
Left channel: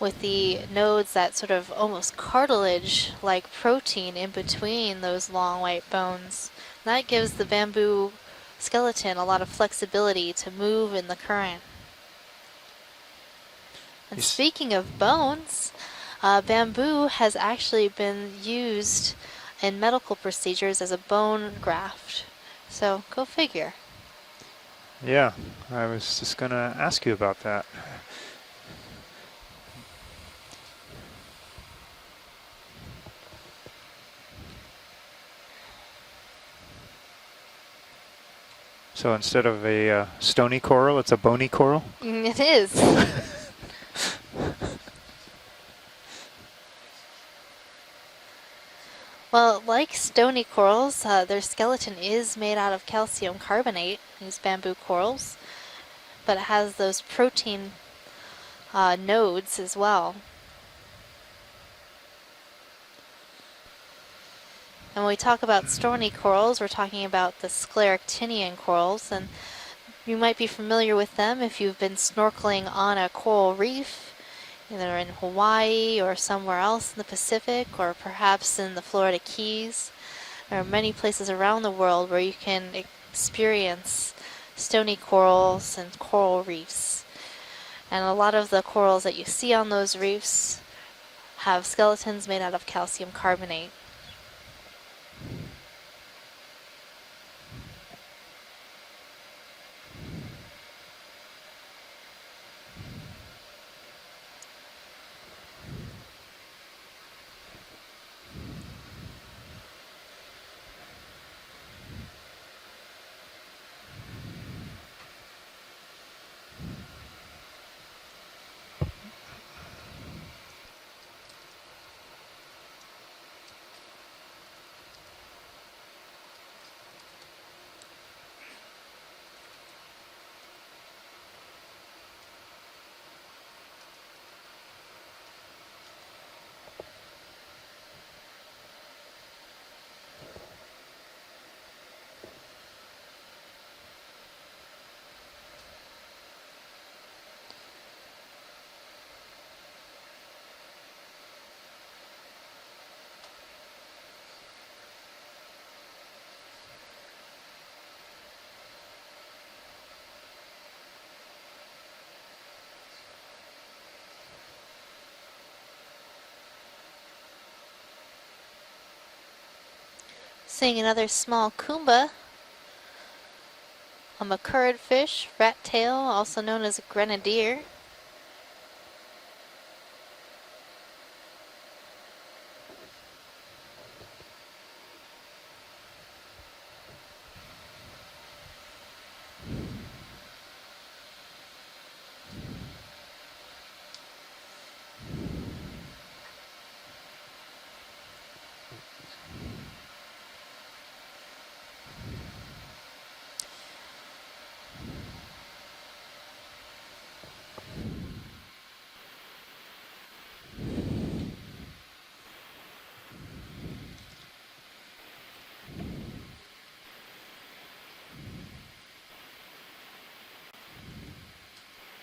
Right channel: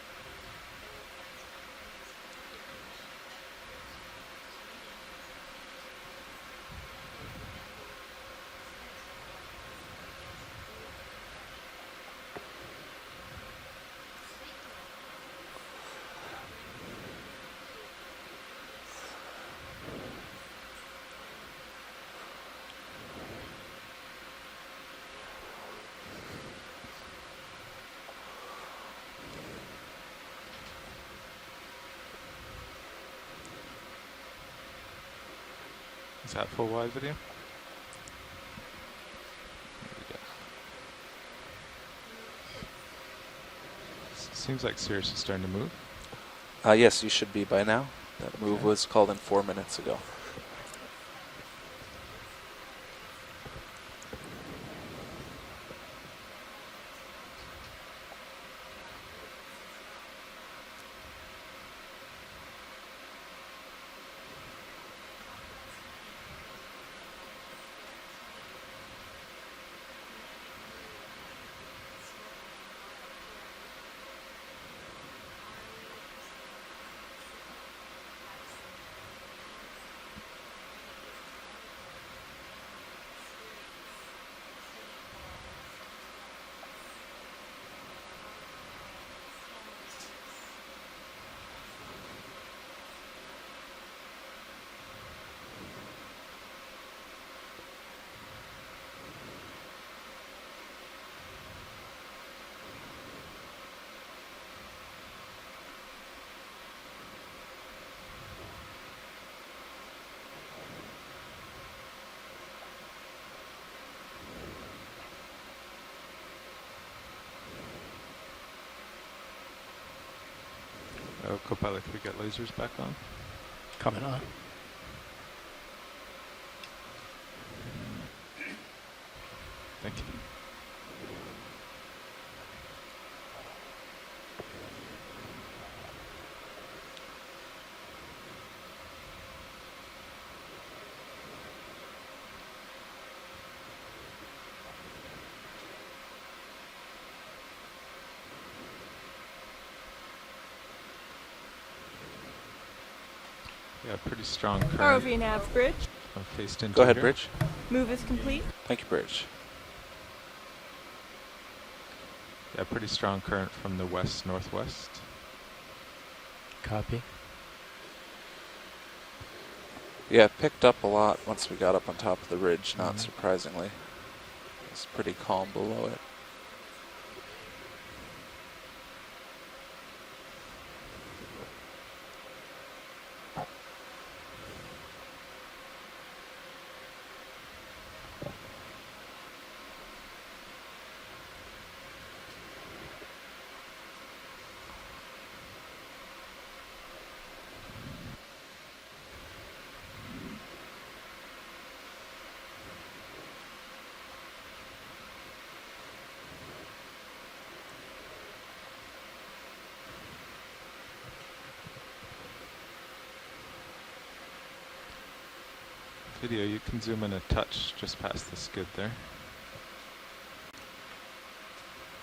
with the nodes that sort of almost cartilage-like protein in between those long white bones. That gives the bamboo skeleton a lot of flexibility to move in the current. And speaking of bones, bamboo has actually been used in medical procedures as a bone graft. So go figure. Yeah, I was just going to ask you about that. Is that full wide video? So instead of a stony coral, it's a bony coral? It is. Seems like Sirius is starting to move. Yes, you should be by now. That move was called in 4 Well, minutes like ago. stony corals, their skeleton is made out of calcium carbonate, these bamboo corals, but it has those protein nodes as well. And when we talk about stony corals, we're talking about the scleractinian corals, and you might be familiar with them if you've been snorkeling on a coral reef, either in Hawaii or somewhere else in the Pacific, or perhaps in the Florida Keys. There are many places around the world where you can experience stony corals and coral reefs. And a lot of the corals that you see on those reefs have skeletons made out of calcium carbonate. Copilot, can we get lasers back on? Coming on. Thank you. Yeah, pretty strong current. ROV nav, Bridge. Faced into Go ahead, here. Bridge. Move is complete. Thank you, Bridge. Yeah, pretty strong current from the west-northwest. Copy. Yeah, it picked Seeing up a another lot small once we got up kumba. on top of the ridge, not surprisingly. A macurrid It's pretty fish, calm rat below tail, it. also known as grenadier. Video, you can zoom in a touch just past the skid there.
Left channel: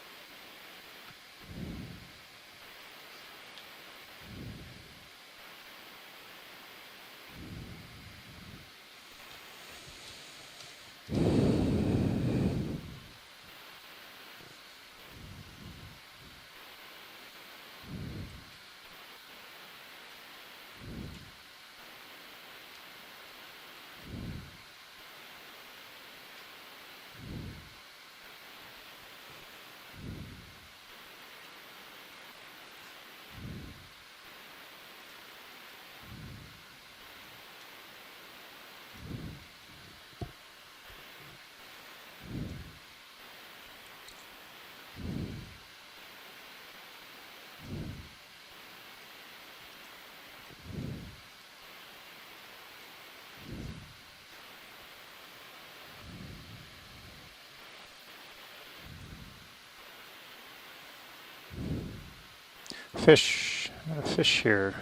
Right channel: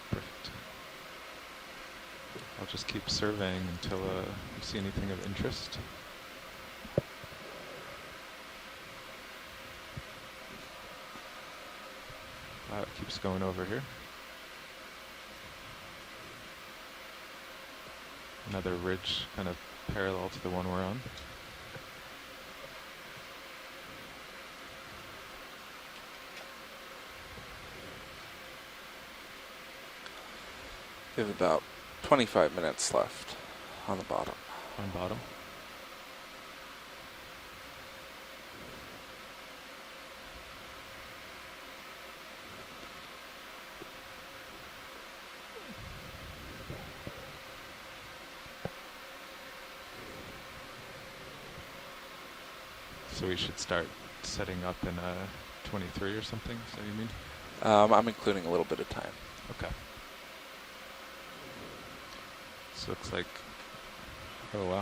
Perfect. I'll just keep surveying until you see anything of interest. It keeps going over here. Another ridge kind of parallel to the one we're on. We have about 25 minutes left on the bottom. On bottom. So we should start setting up in 23 or something, is that what you mean? I'm including a little bit of time. Okay. So it's Fish, fish here. Oh, wow.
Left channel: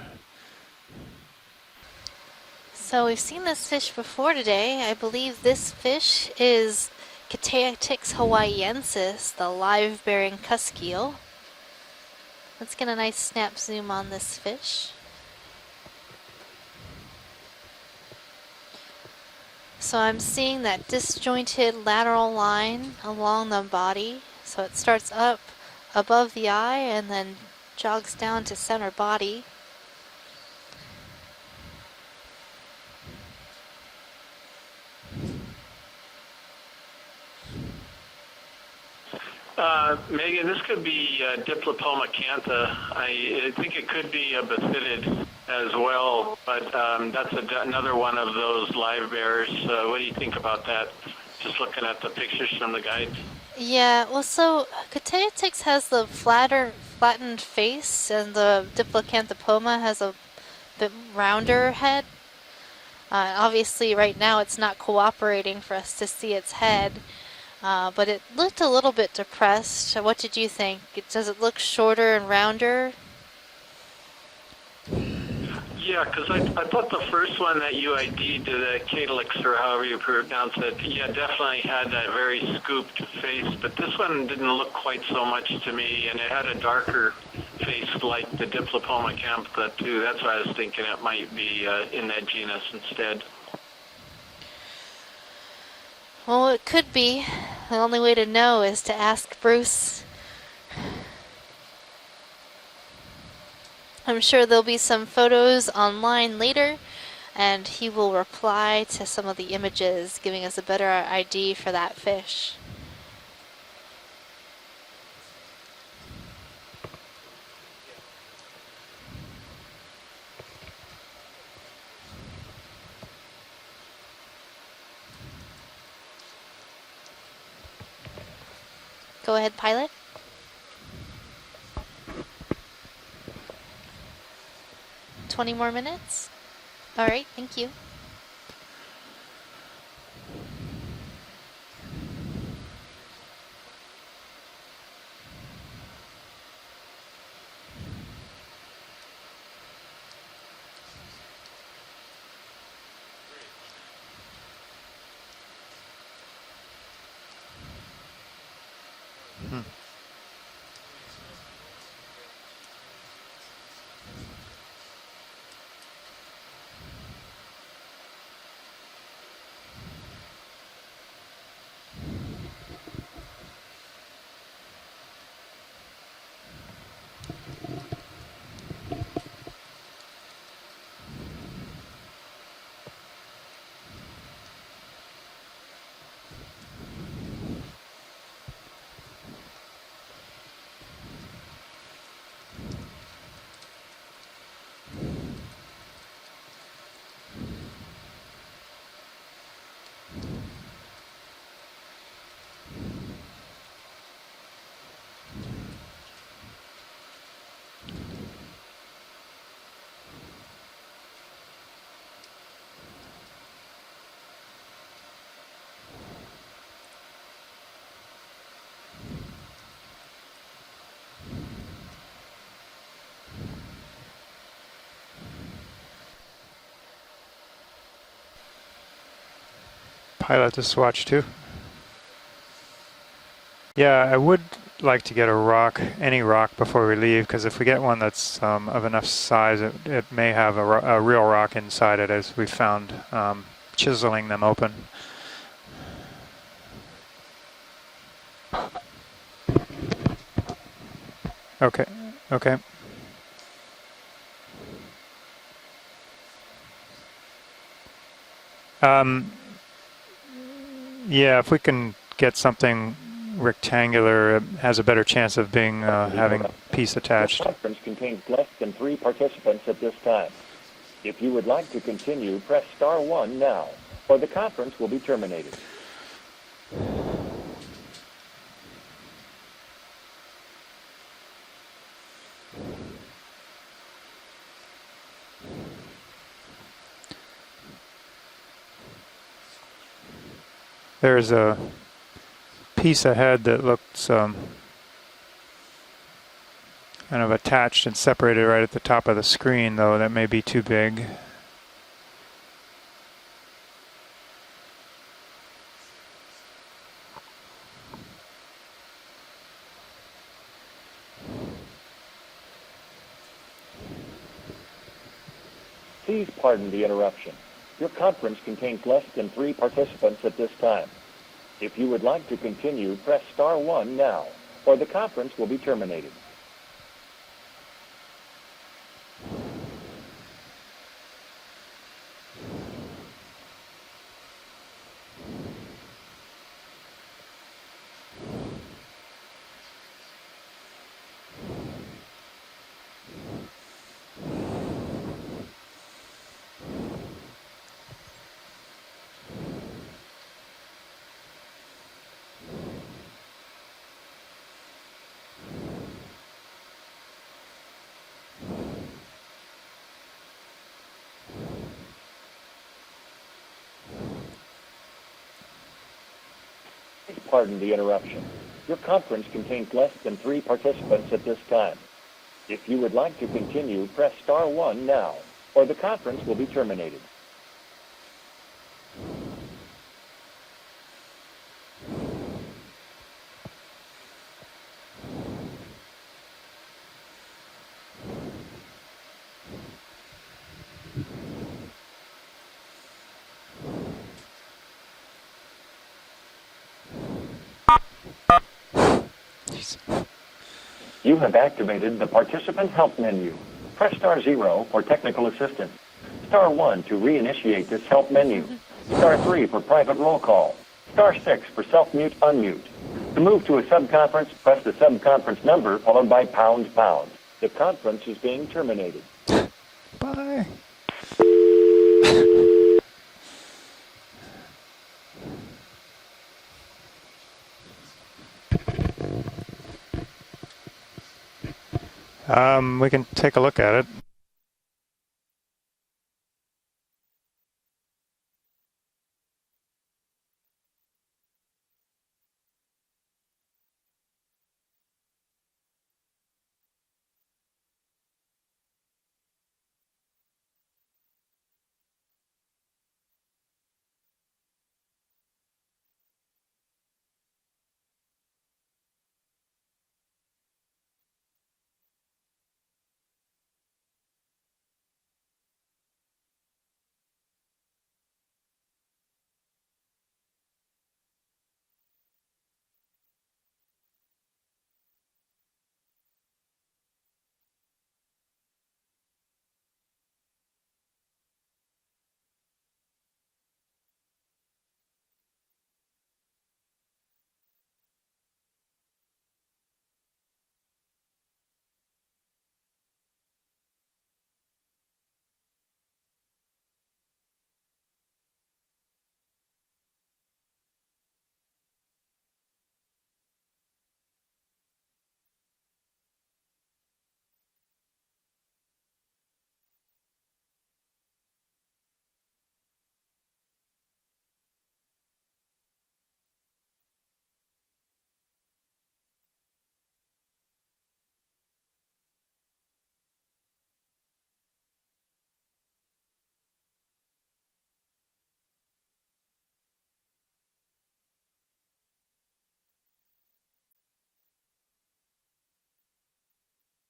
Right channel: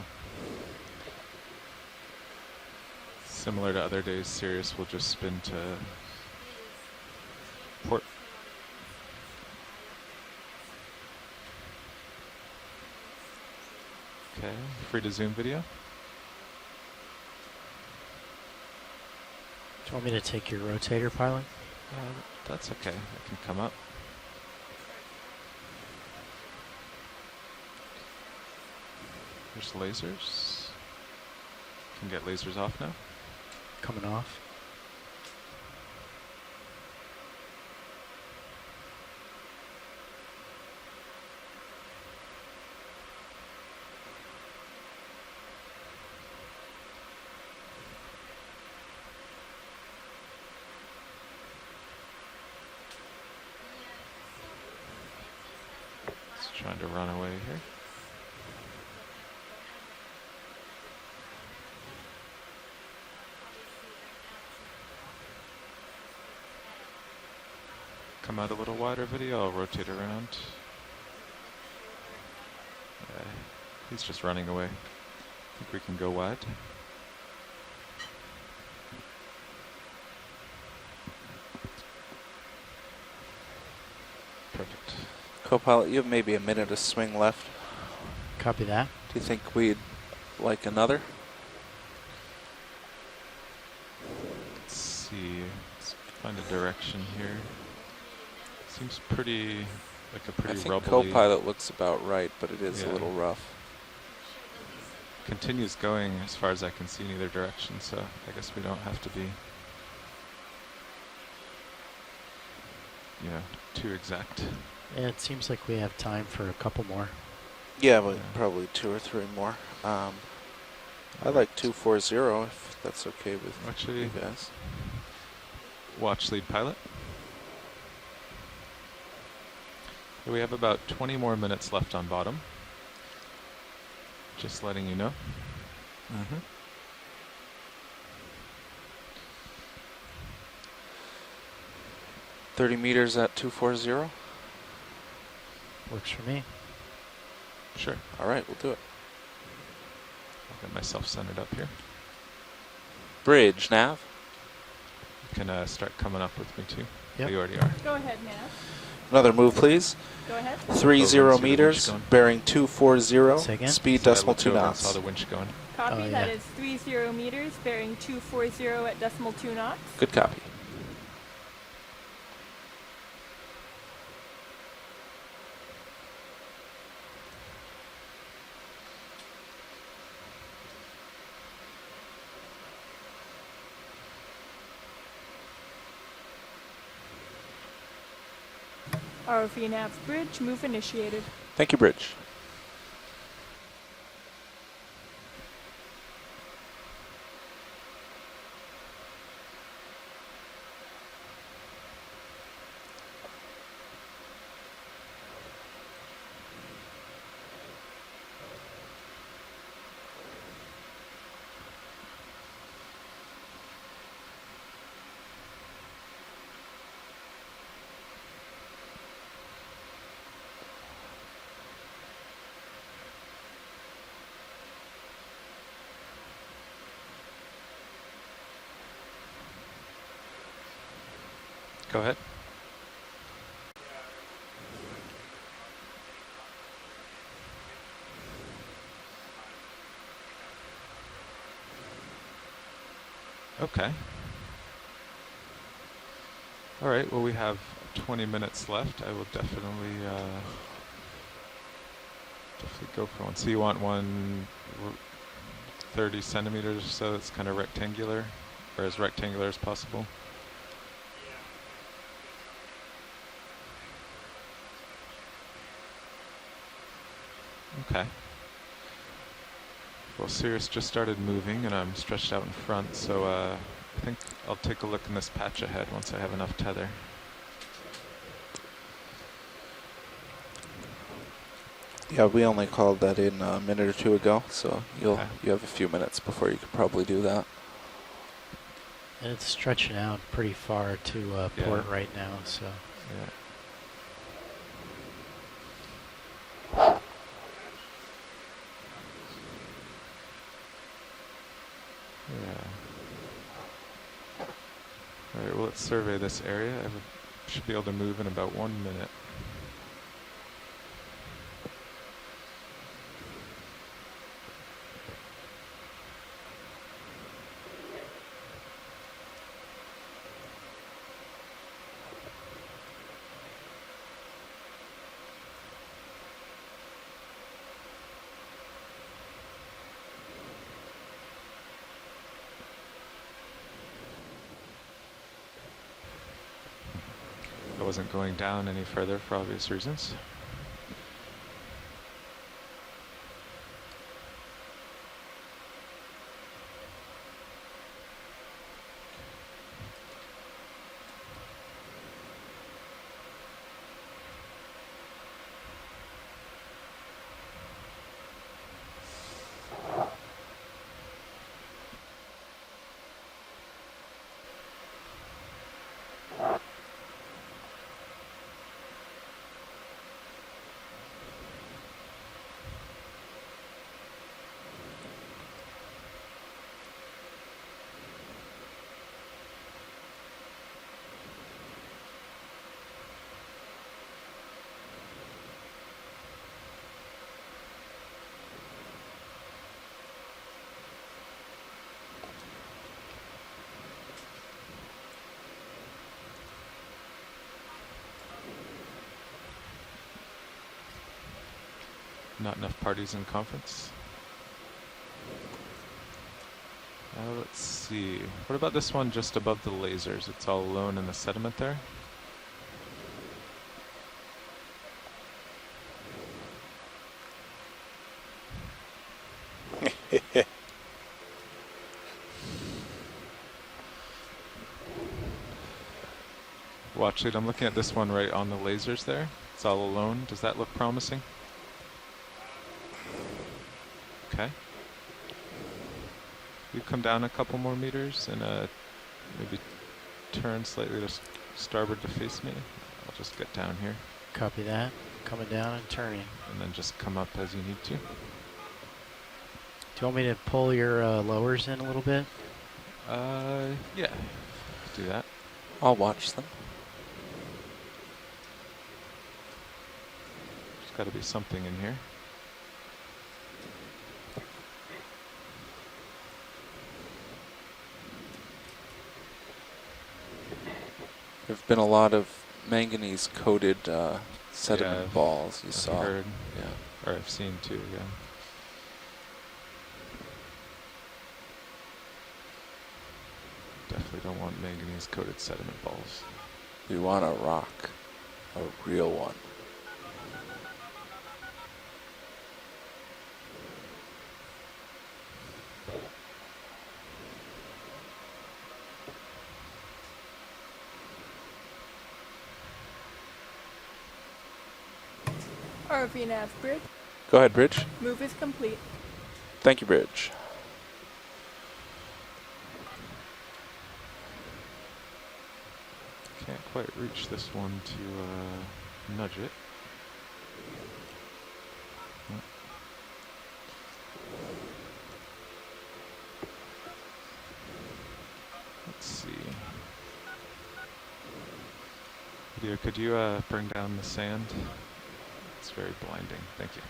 So we've seen this Similar to fish other before days' today. series, I we've just believe been this fish is Cateatix hawaiiensis, the live-bearing cusk eel. Let's get a nice snap zoom on this Okay, fish. free to zoom video. So Want me I'm to take seeing your that rotator pilot? disjointed lateral line okay. along the Come up. body. So it starts up above the eye and then jogs down to center body. There's lasers. Can get lasers off now. Coming off. Megan, this could be Diplopoma cantha. I think it could be a bathydid as well, but that's another one of those live bears. What do you think about that? Just looking at the pictures from the guide. Yeah, well, so Cateatix has the flattened face, and the Diplocanthopoma has a bit rounder head. Obviously, right now it's not cooperating for us to see its head, but it Come out looked a a little little wider bit video, I'll depressed. rotate So it what around. did you think? Does it look shorter and rounder? He's just running away. Yeah, because I thought the first one that you ID'd, the Catalix, or however you pronounce it, yeah, definitely had that very scooped face, but this one didn't look quite so much So to Paul, me, you have and it maybe a had a minute of darker swing left. face like the Copy that. Diplopoma You think cantha we'd too. That's why I was like thinking another? it might be in that genus instead. Let's see. Find Well, a it could be. direction. The only way to know is to Seems ask pretty- Bruce. Like a I pretty think rubbly. co-pilot looks about right, but it is a Yeah. little rough. I'm sure there'll be some photos Continues going as online far as I later, can see in either and direction, he so will I guess we don't reply have to to some be- of the images, giving us a better ID for that fish. Yeah, too exact. Yeah, it seems like we have time for a couple more. Yeah, but probably 2 or 3 more. I like 240 if that's okay with Actually, you guys. watch lead pilot. Go ahead, pilot. We have about 20 more minutes left on bottom. Just letting you know. 20 more minutes? Mhm. All right, thank you. 30 meters at 240. Works for me. Sure. All right, we'll do it. I'll get myself centered up here. Bridge, nav. You can start coming up with me too. Yep. You already are. Go ahead, Nav. Another move, please. Go ahead. 30 meters, bearing 240, Say again? speed So I decimal looked 2 over and knots. saw the winch going. Copy, Oh, that yeah. is 30 meters, bearing 240 at decimal 2 knots. Good copy. ROV Nav bridge, move initiated. Thank you, Bridge. Pilot to swatch too. Go ahead. Yeah, I would like to get a rock, any rock, before we leave, because if we get one that's of enough size, it may have a real rock inside it, as we found chiseling them open. All right. Well, we have 20 minutes left. I will definitely. Okay. Okay. Definitely go for one. So you want one 30 centimeters, so it's kind of rectangular, or as rectangular as possible. Yeah, if we can get something rectangular has a better chance of being having piece attached. The conference contains less than 3 participants at this time. Well, Sirius just started If you would moving, like and to I'm stretched continue, out in press front, star so 1 now, I or the think I'll conference take a will be look at this terminated. patch ahead once I have enough tether. Yeah, we only called that in a minute or two ago, so you have a few minutes before you could probably do that. And it's stretching out pretty far There's to a port right now. So piece ahead that looks kind of attached and separated right at the top of the screen, though. That may be too big. Yeah. Alright, well, let's survey this area. I should be able to move in about 1 minute. Please pardon the interruption. Your conference contains less than 3 participants at this time. If you would like to continue, press star 1 now, or the conference will be terminated. I wasn't going down any further for obvious reasons. Pardon the interruption. Your conference contains less than 3 participants at this time. If you would like to continue, press star 1 now, or the conference will be terminated. You have activated the participant help menu. Press star 0 for technical assistance. Star 1 to reinitiate this help menu. Star 3 for private roll call. Star 6 for self-mute unmute. To move to a subconference, press the subconference number followed by ##. The conference is being terminated. Bye. Watch it. I'm looking at this one right on the lasers there. It's all alone. Does that look promising? We can take a look at it. Okay. You come down a couple more meters and maybe turn slightly to starboard to face me. I'll just get down here. copy that. Coming down and turning. And then just come up as you need to. Do you want me to pull your lowers in a little bit? Yeah. Do that. I'll watch them. There's got to be something in here. There've been a lot of manganese-coated sediment balls. You saw. Heard. Yeah. Or I've seen too. Yeah. Definitely don't want manganese-coated sediment balls. We want a rock, a real one. ROV nav bridge. Go ahead, Bridge. Move is complete. Thank you, Bridge. Can't quite reach this one to nudge it. Let's see. Video, could you bring down the sand? It's very blinding. Thank you.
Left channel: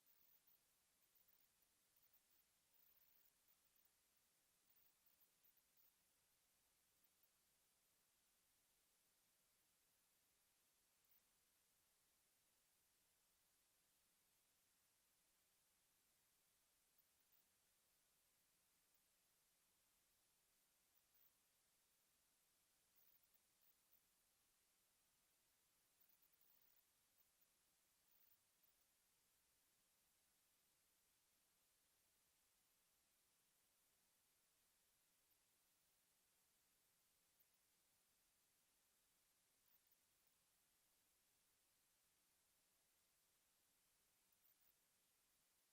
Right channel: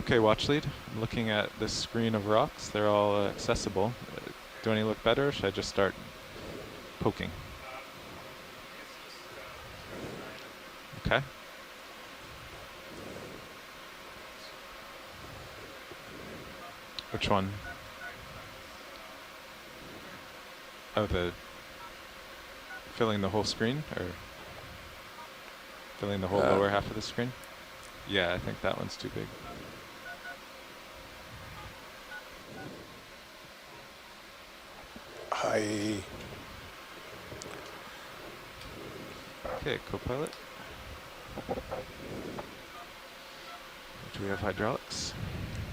Okay, watch lead. I'm looking at this screen of rocks. They're all accessible. Do any look better, or should I just start poking? Okay. Which one? Oh, the filling the whole screen, or filling the whole lower half of the screen? Yeah, I think that one's too big. Okay, co-pilot. Do we have hydraulics?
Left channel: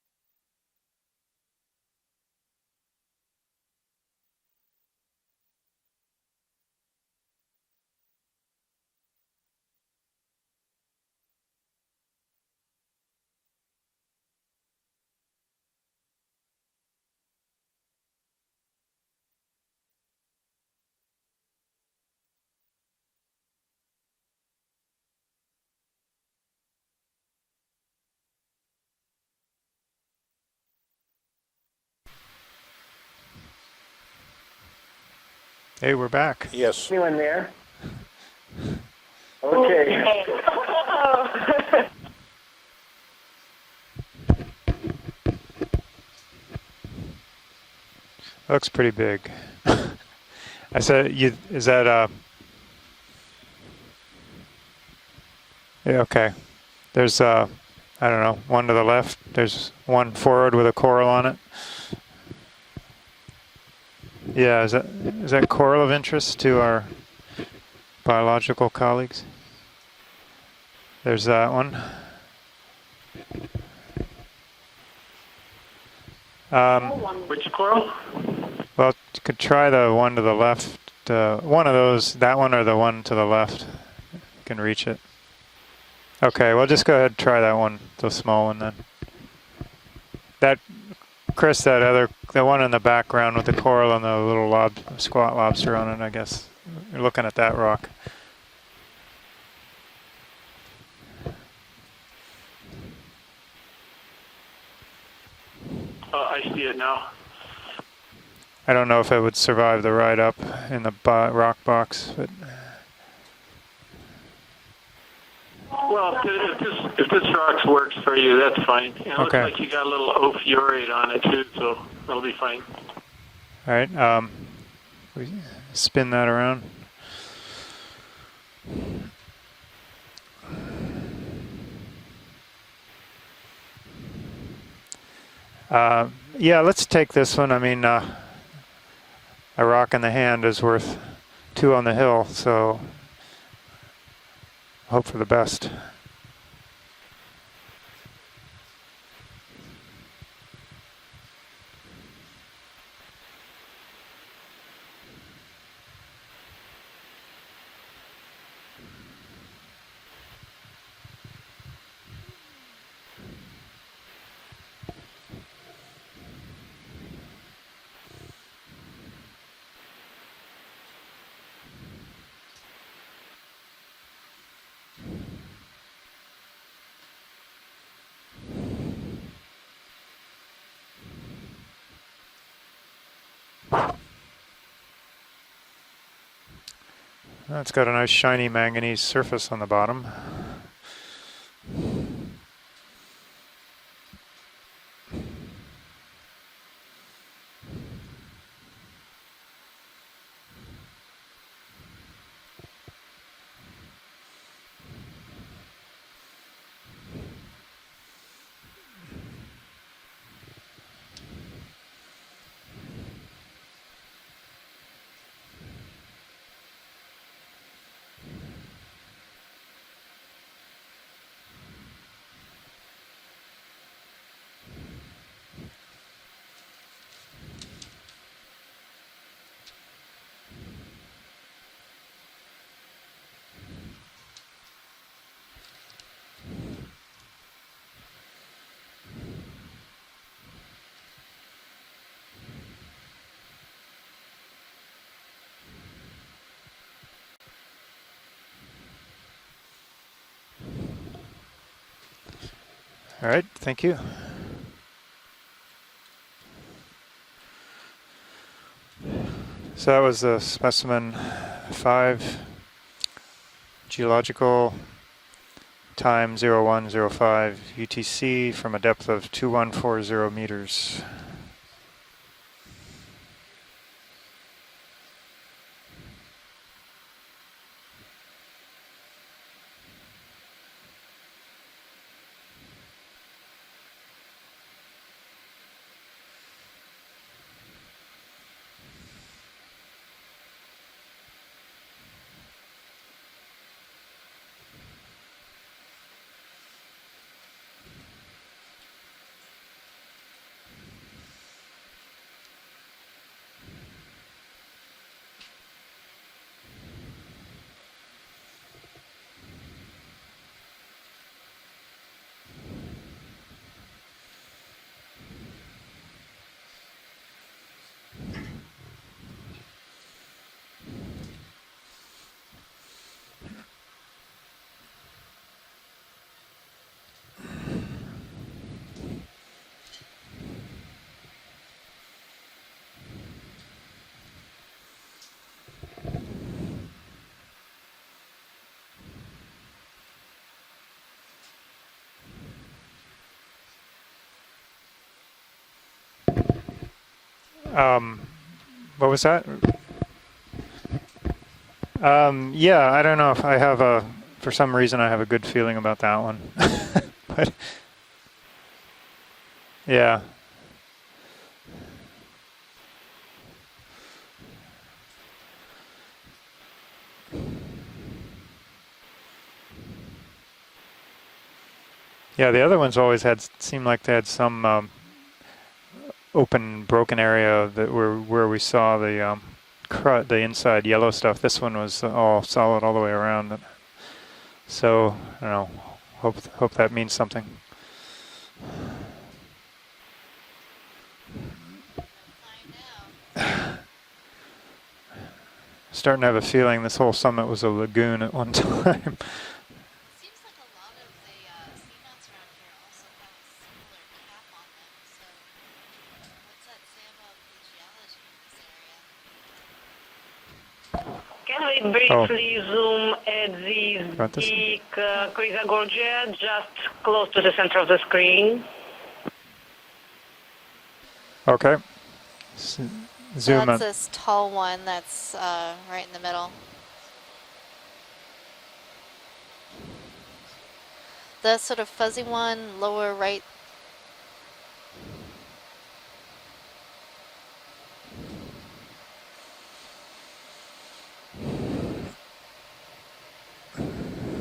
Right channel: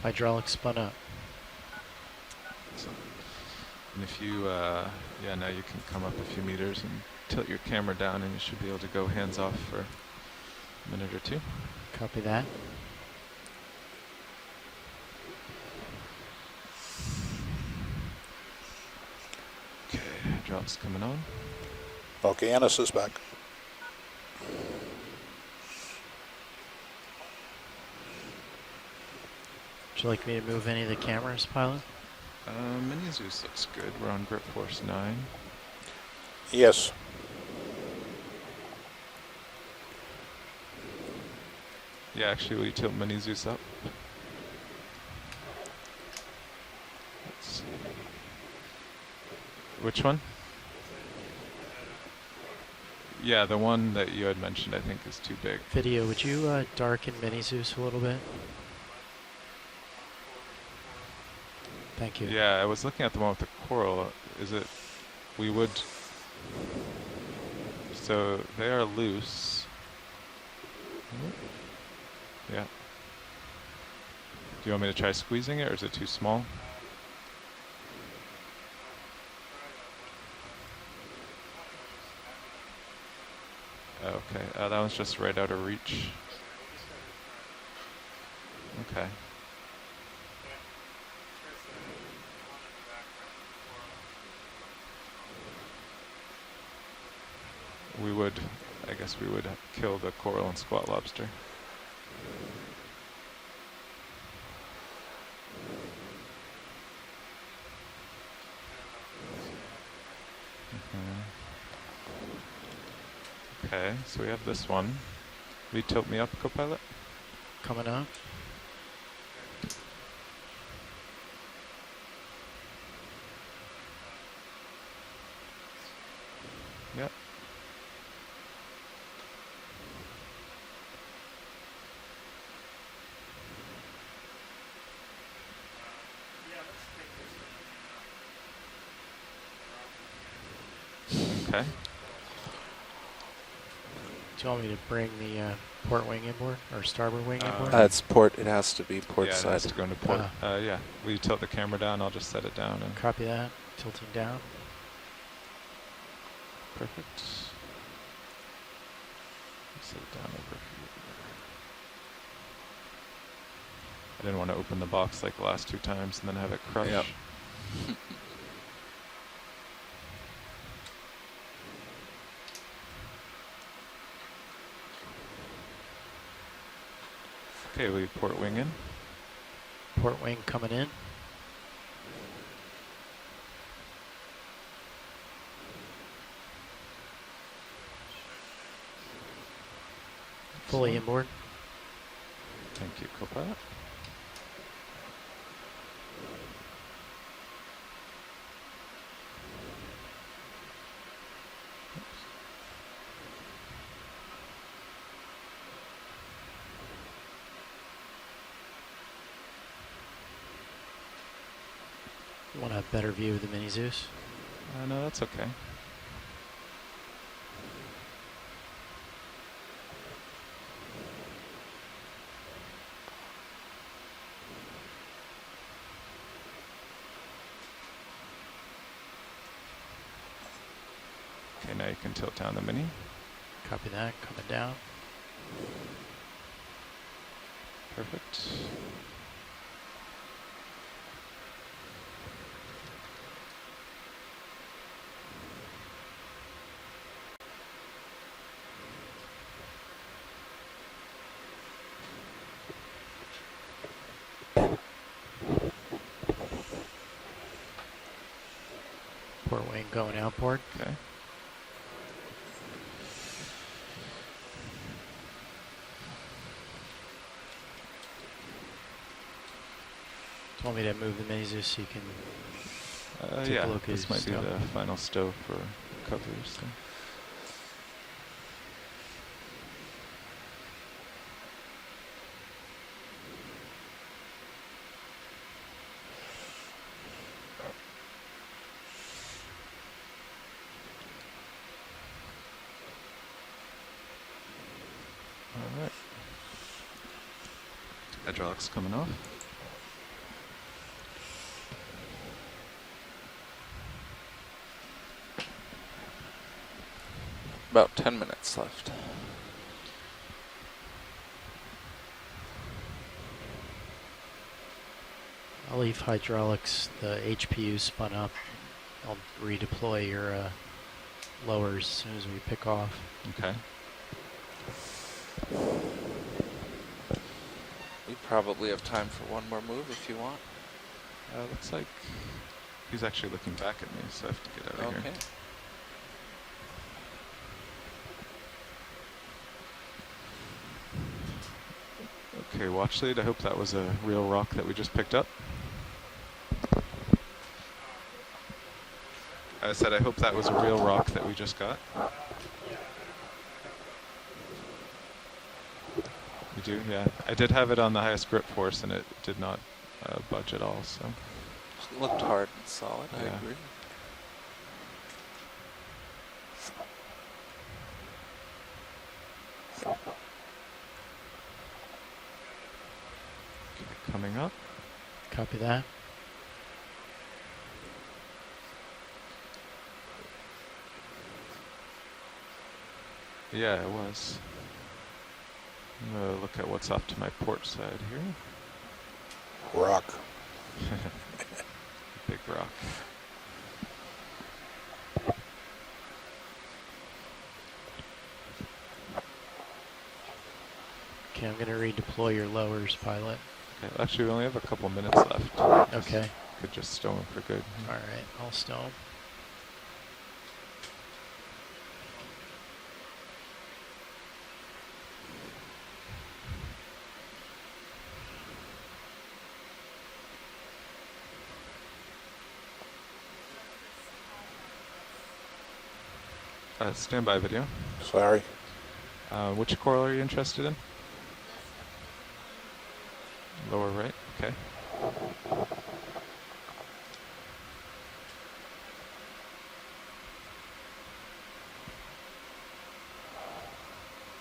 Hydraulics spun up. And if you, yeah, now you can come up a few meters and tilt your camera down, and you should be able to go hands off for a minute or two. Copy that. Okay, hydraulics coming on. Okeanos is back. Would you like me to move any of the cameras, pilot? Mini Zeus looks good. We're on grip force 9. Hey, we're back. Yes. You in there? Okay. Yeah, actually, will you tilt Mini Zeus up? Looks pretty big. Which one? I said, is that Yeah, the one that you had mentioned, I think, is too big. Video, okay. would you, darken There's Mini Zeus a little I don't know, one to the left. There's one forward with a coral on it. Thank you. Yeah, I was looking at the one with the coral. Yeah, is that coral of interest to our biological colleagues? Loose. There's that one. Yeah. Do you want me to try squeezing it, or is it too small? Which coral? Well, you could try the one to the left. One of those, that one or the one to the left. Okay. Can reach that was it. just right out of reach. Okay, well, just go ahead and try that one, the small one then. Okay. That, Chris, the one in the background with the coral and the little squat lobster on it, I guess. You're looking at that rock. I guess we would kill the coral and squat lobster. I see it now. I don't know if it would survive the ride up in the rock box. But Okay, so we have this one. Well, if this rocks works for you, that's fine. It looks Okay. like you got a little ophiurate on it too, so that'll be fine. all right, we spin that around. Yep. Yeah, let's take this one. I mean, a rock in the hand is worth two on the hill, so Do you want me to hope bring for the best. Port wing inboard or starboard wing inboard? It's port. It has to be port Yeah, it side. has to go into port. Yeah. Will you tilt the camera down? I'll just set it down. And Copy that. Tilting down. perfect. Set it down over. I didn't want to open the box like the last 2 times and then have it crush. Yep. Okay, we port wing in. Port wing coming in. Well, it's got a nice shiny manganese surface on the bottom. Fully inboard. Thank you, co-pilot. You want a better view of the Mini Zeus? No, that's okay. Okay, now you can tilt down the Mini. Copy that. Coming down. Perfect. All right, thank you. So that was the specimen 5, geological time 0105 UTC from a depth of 2140 meters. Want me to move the Mini Zeus so you can take yeah, a look at this might be stuff? the final stow for coverage. So. hydraulics coming off. About 10 minutes left. I'll leave hydraulics. The HPU spun up. I'll redeploy your lowers as soon as we pick off. Okay. We probably have time for one more move if you want. Looks like he's actually looking back at me, so I have to get out of here. Okay, watch lead. I hope that was a real rock that we just picked up. What was that? I said I hope that was a real rock that we just got. Yeah, I don't know if I have for some reason I have a good feeling about that one. Yeah, I did have it on the highest grip force and it did not budge at all, so. It looked hard and solid, I agree. Yeah, the other ones always seemed like they had some copy that open, broken area that where we saw the the inside yellow stuff. This one was all solid all the way around. Yeah, it was. So I don't know. Hope that means something. Port side here. Rock. Big rock. Starting to have a feeling this whole summit was a lagoon at one time. Okay, I'm going to redeploy your lowers, pilot. Okay, actually, we only have a couple minutes left. Okay. Could just stow him for good. All right, I'll stow him. Can we briefly zoom at the peak Krisa Gorgia, just close to the center of the screen? Okay. So Zoom that's in. this tall one that's right in the middle. Standby video. Sorry. Which coral are you interested in? The sort of fuzzy one, lower right. Lower right, okay.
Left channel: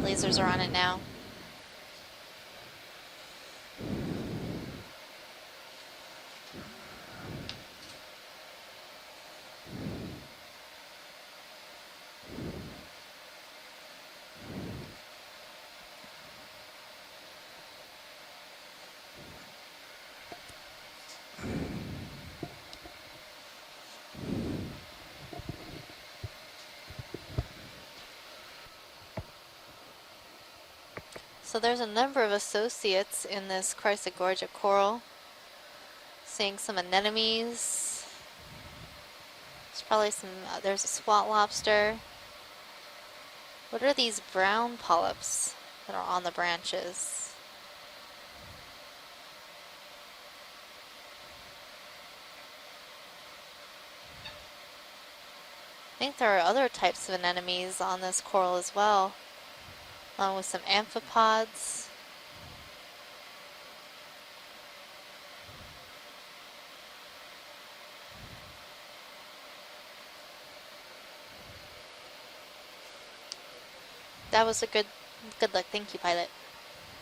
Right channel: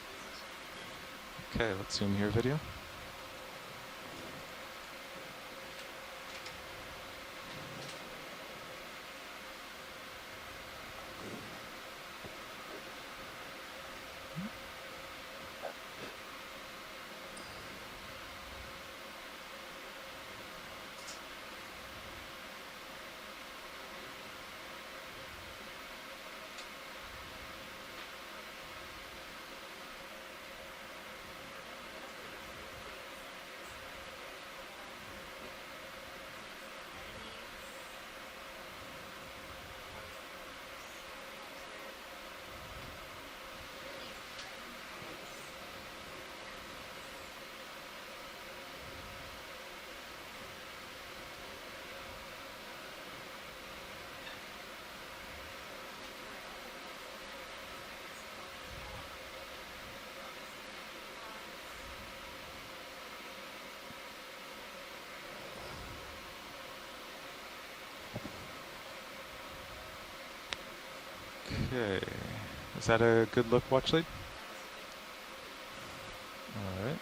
Lasers are on it now. Okay, let's zoom your video. So there's a number of associates in this Chrysogorgia coral. Seeing some anemones. There's probably some, there's a spot lobster. What are these brown polyps that are on the branches? I think there are other types of anemones on this coral as well, along with some amphipods. Okay, is that a good look, watch lead? That was a good look. Thank you, pilot. All right.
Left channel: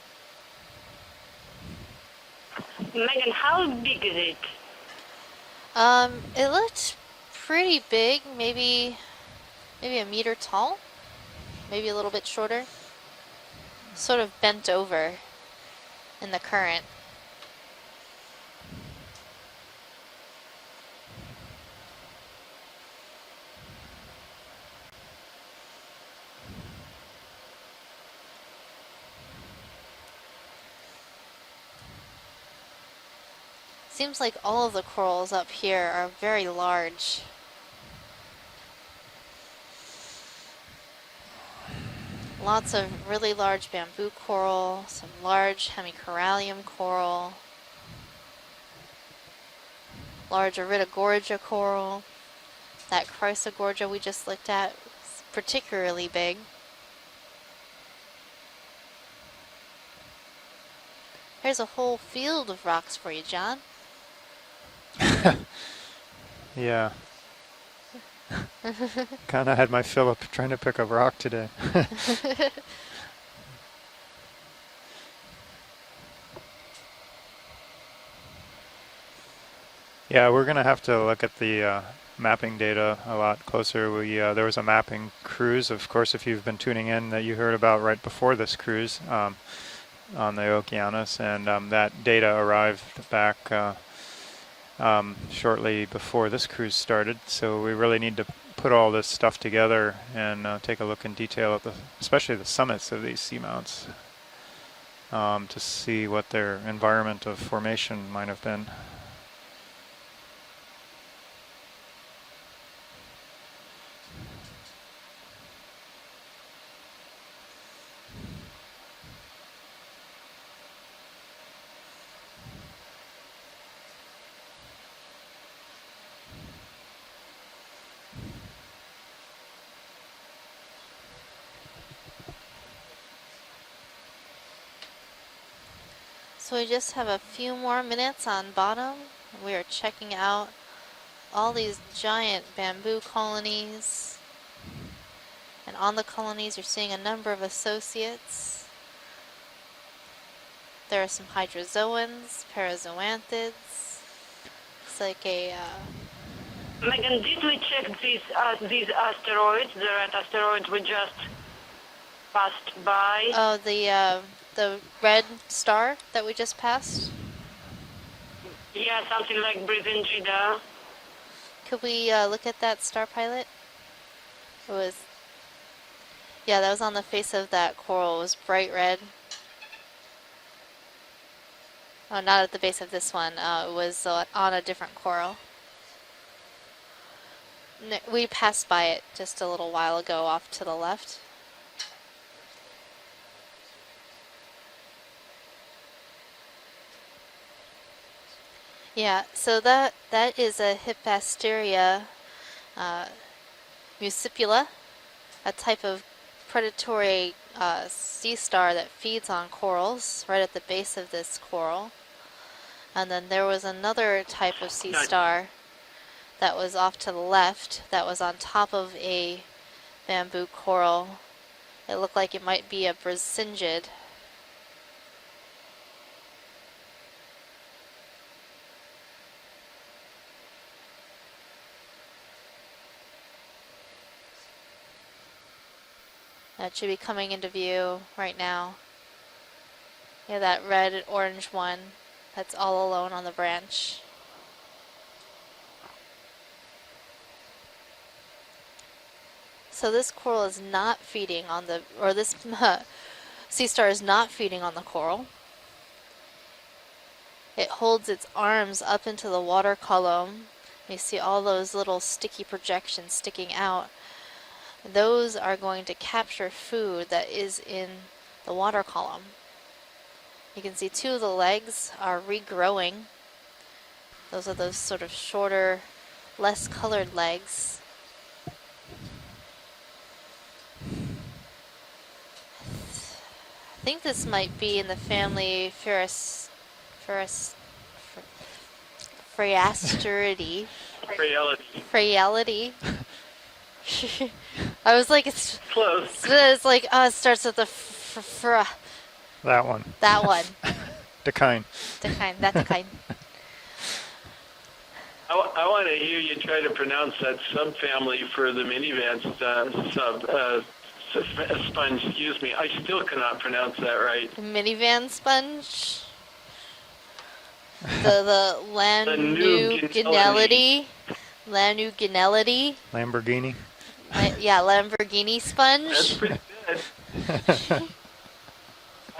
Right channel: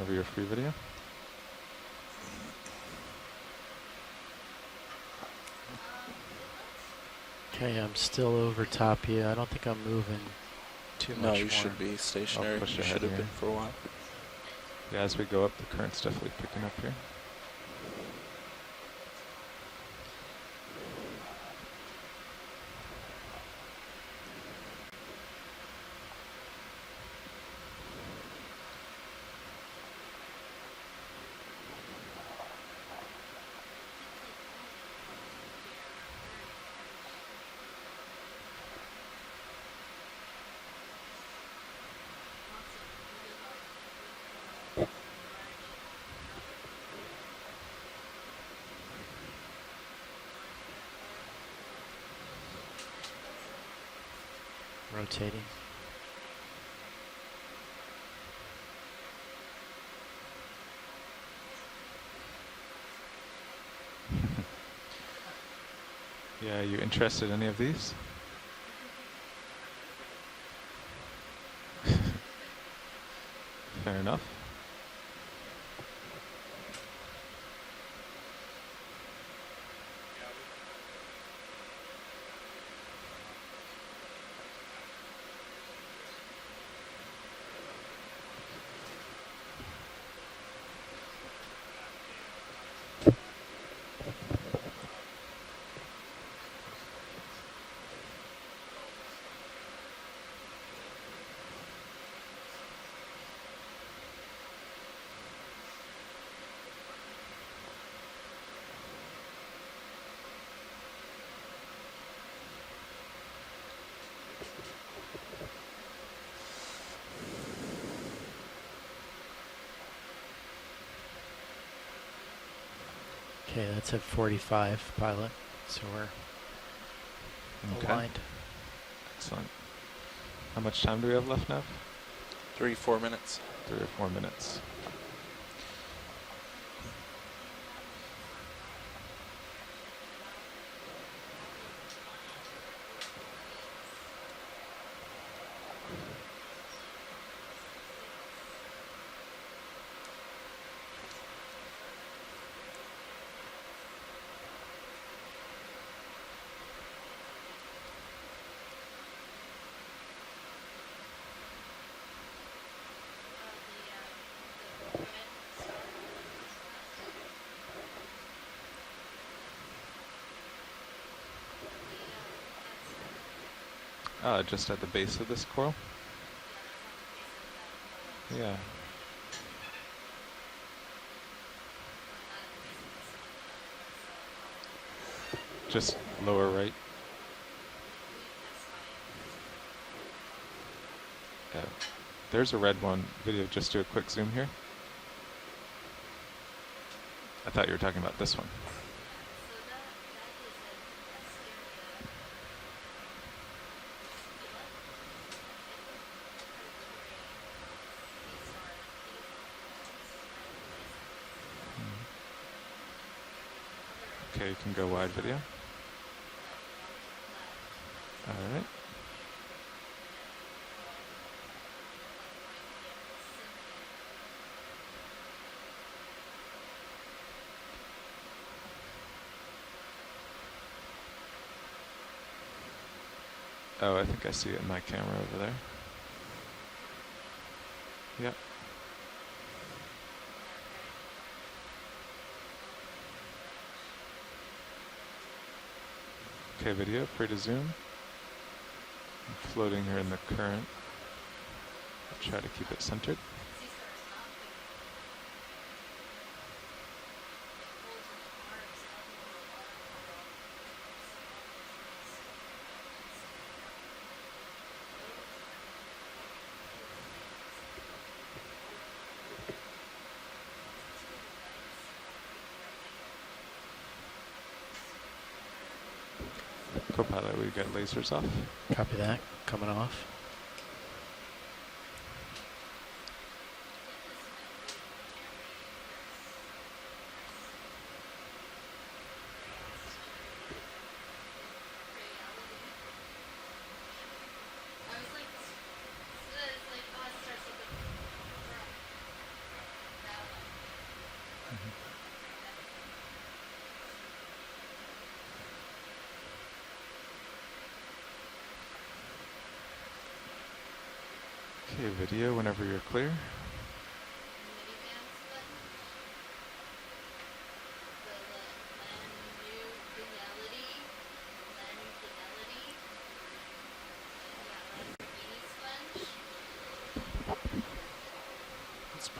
Over your free video. Megan, how big is it? It looked pretty big. Still maybe over top you. I don't think I'm maybe a moving meter tall. too No, much you more. should Maybe be a little bit stationary, shorter. but you should have been for a while. Sort of bent over As we go up, the current stuff in the current. Seems like all of the corals up here are very large. Lots of really large bamboo coral, some large hemicorallium coral, large Iridogorgia coral. That Chrysogorgia we just looked at is particularly big. Here's a whole field of rocks for you, John. Yeah, you interested in any of these? Kind of had my fill up trying to pick a rock today. Fair enough. Yeah, we're going to have to look at the mapping data a lot closer. There was a mapping cruise, of course, if you've been tuning in, that you heard about right before this cruise on the Okeanos, and that data arrived back shortly before this cruise started. So we really need to put all this stuff together and take a look in detail at especially the summits of these seamounts to see what their environment of formation might have been. Okay, that's at 45 pilot, so we're aligned. Excellent. How much time do we have left now? 3 or 4 minutes. 3 or 4 minutes. So we just have a few more minutes on bottom. We are checking out all these giant bamboo colonies. And on the colonies, you're seeing a number of associates. There are some hydrozoans, parazoanthids. It's like a... Megan, did we check these asteroids, the red asteroids we just passed by? Oh, the red star that we just passed? Yeah, something like Brigida. Could we look at that star, pilot? Just at the base of this coral? Yeah, that was on the face of that coral. It was bright red. Oh, not at the base of this one. It was on a different coral. Just lower right? We passed by it just a little while ago off to the left. Yeah. There's a red one. Video, just do a quick zoom here. I thought you were talking about this one. Yeah, so that is a Hippasteria muscipula, a type of predatory sea star that feeds on corals right at the base of this coral. And then there was another type of sea star that was off to the left that was on top of a bamboo coral. It looked like it might be a brisingid. Oh, I think I see it in my camera over there. That should be coming into view right now. Yeah, that red and orange one that's all alone on the branch. Okay, video, free to zoom. Floating So this coral is not feeding on the, or this sea star is not feeding on the coral. It holds its arms up into the water column. You see all those little sticky projections sticking out. Those are going to capture food that is in the water column. You can see 2 of the legs are regrowing. Those are those sort of shorter, less colored legs. We get lasers off. Copy that. Coming off. I think this might be in the family Phreasteridae. Phreality. I was like, it's close. It's like, it starts with the that one. That one. Decine. That's Decine. I want to hear you try to pronounce that subfamily for the minivan sponge. Excuse me. I still cannot pronounce that right. Minivan sponge. The Lanuginellidea. Lanuginellidea. Lamborghini. Yeah, Lamborghini sponge. That's pretty good.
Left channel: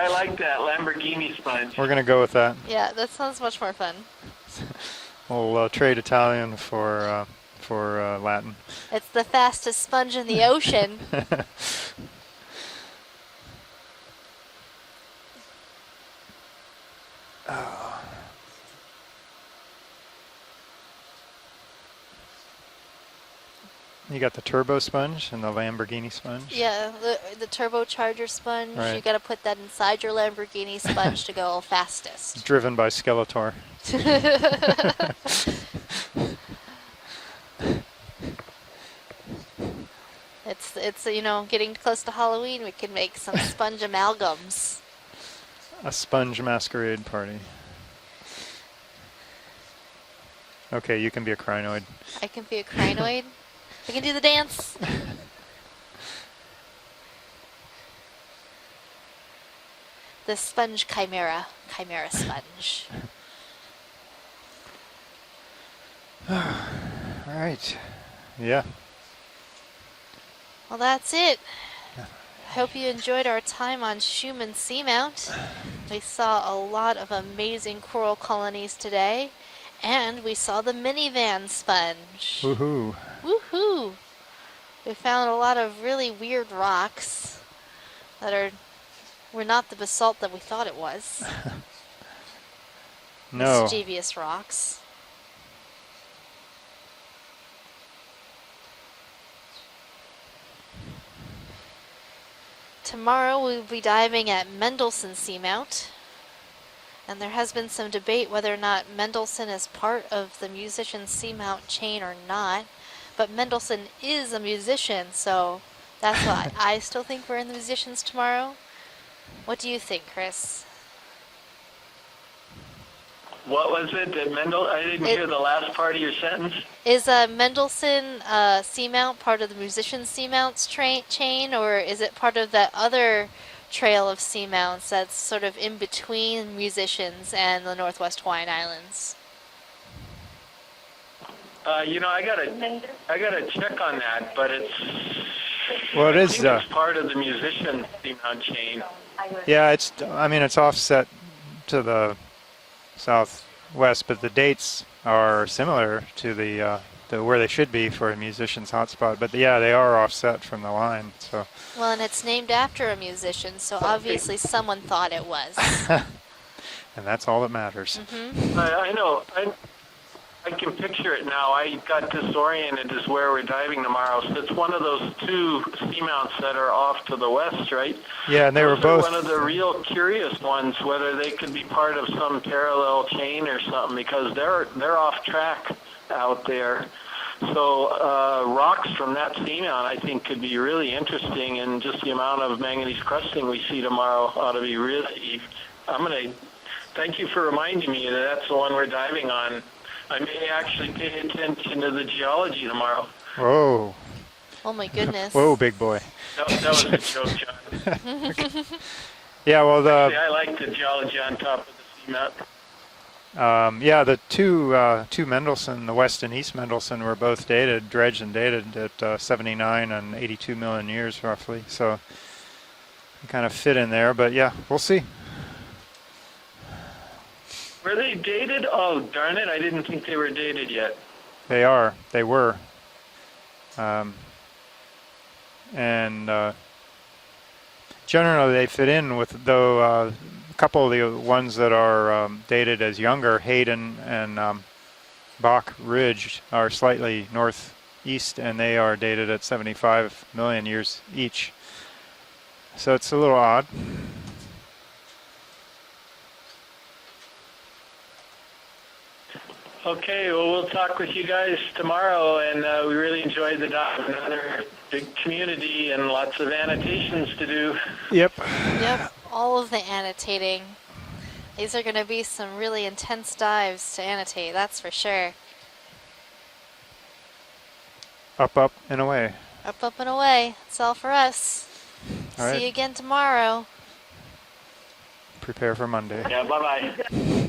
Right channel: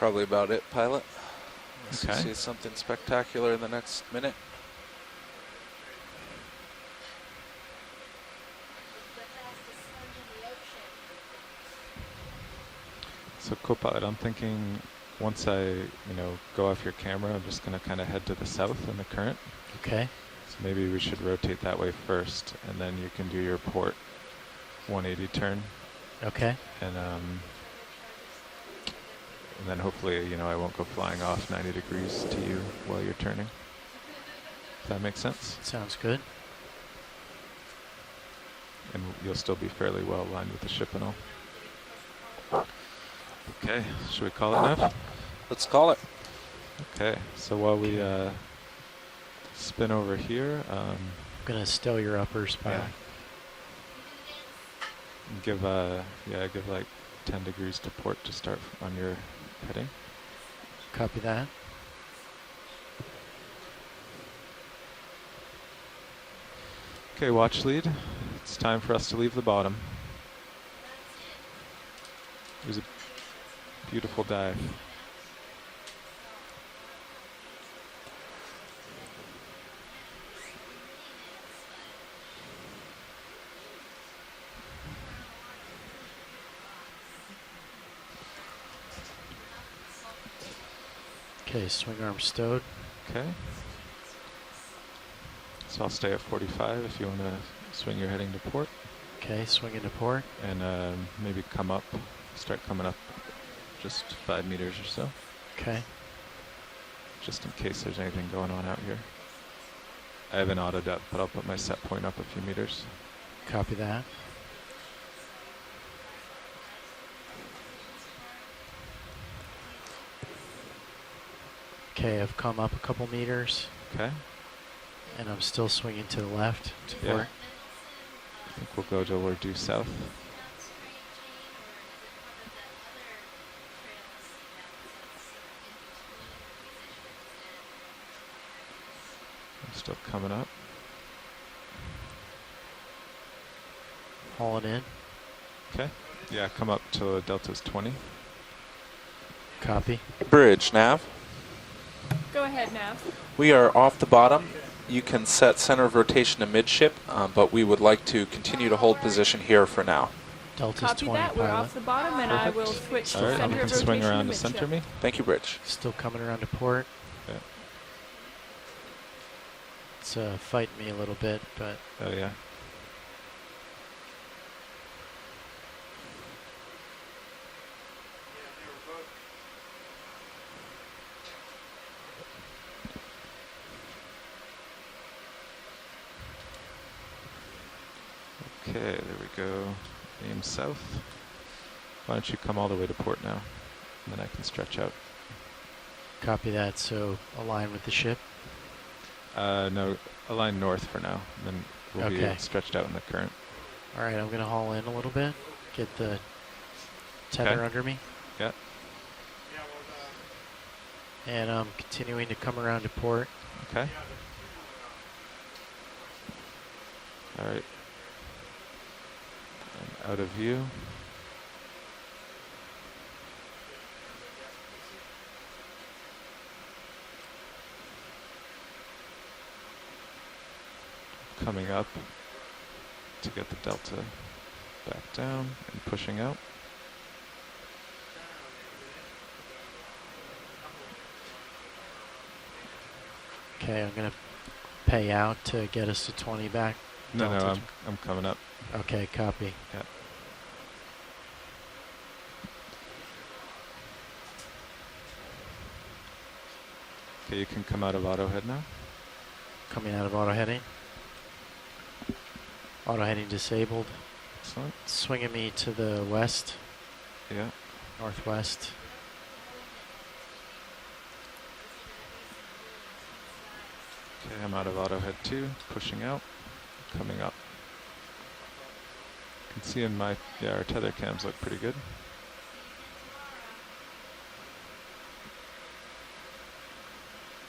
I like that Lamborghini sponge. We're going to go with that. Yeah, that sounds much more fun. We'll trade Italian for Latin. It's the fastest sponge in the ocean. So co-pilot, I'm thinking once I, go off your camera, I'm just going to kind of head to the south in the current. Okay. So maybe we should rotate that way first, and then you can do your port. You got the turbo sponge and the Lamborghini sponge. Okay. Yeah, the turbocharger sponge. Right. You got to put that inside your Lamborghini sponge to go fastest. It's driven by Skeletor. That makes sense. Sounds good. And you'll still be fairly well aligned with the ship. It's getting close to Halloween. We can make some sponge amalgams. Let's call it. Sponge masquerade party. So while we spin over here. Okay, you can be a crinoid. Still your I can upper be a spine. crinoid. We can do the dance. Give give like 10 degrees to port to start on your heading. The sponge chimera. Chimera sponge. Okay, watch lead. Yeah. It's time for us to leave the bottom. Well, that's it. Hope you enjoyed our time on Beautiful Schumann dive. Seamount. We saw a lot of amazing coral colonies today, and we saw the minivan sponge. Woohoo! Woohoo! We found a lot of really weird rocks that were not the basalt that we thought it was. Okay, swing arm stowed. Okay. No. Mischievous rocks. So I'll stay at 45 if you want to swing your heading to port. Okay, swing into port. And maybe come up, start coming up. Tomorrow we'll be diving 5 at meters or Mendelssohn so. Seamount. Okay. And there Just has in been case some there's debate anything whether or going on out not here. Mendelssohn is part of I have the an auto musician jet put up with my Seamount set chain point or up a few not. meters. But Mendelssohn that. is a musician, so that's why I still think we're in the musicians tomorrow. What do you think, Chris? Okay, I've come up a couple meters. What was it that Mendel? I didn't hear the I'm last still part of your swinging to the sentence. left. Is Mendelssohn Seamount over part of due the south. musician Seamounts chain, or is it part of that other trail of seamounts that's sort of in between musicians and the Northwest Hawaiian Islands? Still coming up. You know, I gotta check on that, but it's Well, it is. it's part of the musician seamount chain. Yeah, it's. I mean, it's Bridge, offset Nav. to the Go ahead now. south. We are off west, the but bottom. The dates You can are set center similar of rotation to to the, midship, where but they we should would be like for a to musician's continue to hold hotspot, but position yeah, here they for are now. offset from the Don't line. touch one That, side. we're off the Well, and bottom it's and named I will after a switch to musician, under so swing around obviously the center someone of me. thought Thank it you, Rich. was. Still coming around to port. And that's all that matters. I know. It's I fighting can a picture little it bit, now. I but got disoriented as where we're diving tomorrow. So it's one of those two seamounts that are off to the west, right? Yeah, and they were Those are both. one of the real curious ones, whether they could be part of some parallel chain or something, because they're off track out there. So rocks from that seamount, I think, could be really interesting, and just the amount of manganese crusting we see tomorrow ought to be really. I'm gonna copy that. So thank you for reminding me that that's the one we're diving on. No, I may align north actually for pay now. attention to the Yeah, geology stretch out tomorrow. the current. Whoa. all right, I'm gonna haul Oh in my a little bit. goodness. Whoa, big Get boy. That was a joke. Tenor under me. Okay. Yeah, well, See, I like the geology on And top. continuing to come around to port. yeah, the two Mendelssohn, the West and East Mendelssohn, were both dated, dredged and dated at 79 and Out of 82 view. million years, roughly. So kind of fit in there, but yeah, we'll see. Were they dated? Oh, darn it. I didn't think they were dated yet. They are. They were. To get the delta back down. And pushing up. generally they fit in with, though, a couple of the ones that are dated as younger, Hayden and pay out Bach to get us Ridge 20 are back. slightly No, I'm coming northeast, up. and they are Okay, dated at copy. 75 million years each. So it's a little odd. Okay, you can come out of auto head now. Coming out of Okay, our well, heading. we'll talk with you guys tomorrow, and we Alright, really enjoyed the disabled. dive. Another big Swinging community to the and lots of west. annotations to do. Yep. Northwest. Yep, all of the annotating. These are going to be some really intense dives to annotate, And out that's of for auto sure. head 2, pushing out, coming up. Up and away. Can Up, see up, in and my- away. yeah, our It's all tether for cams us. look pretty good. All See right. you again tomorrow. Prepare for Monday. Yeah, bye-bye.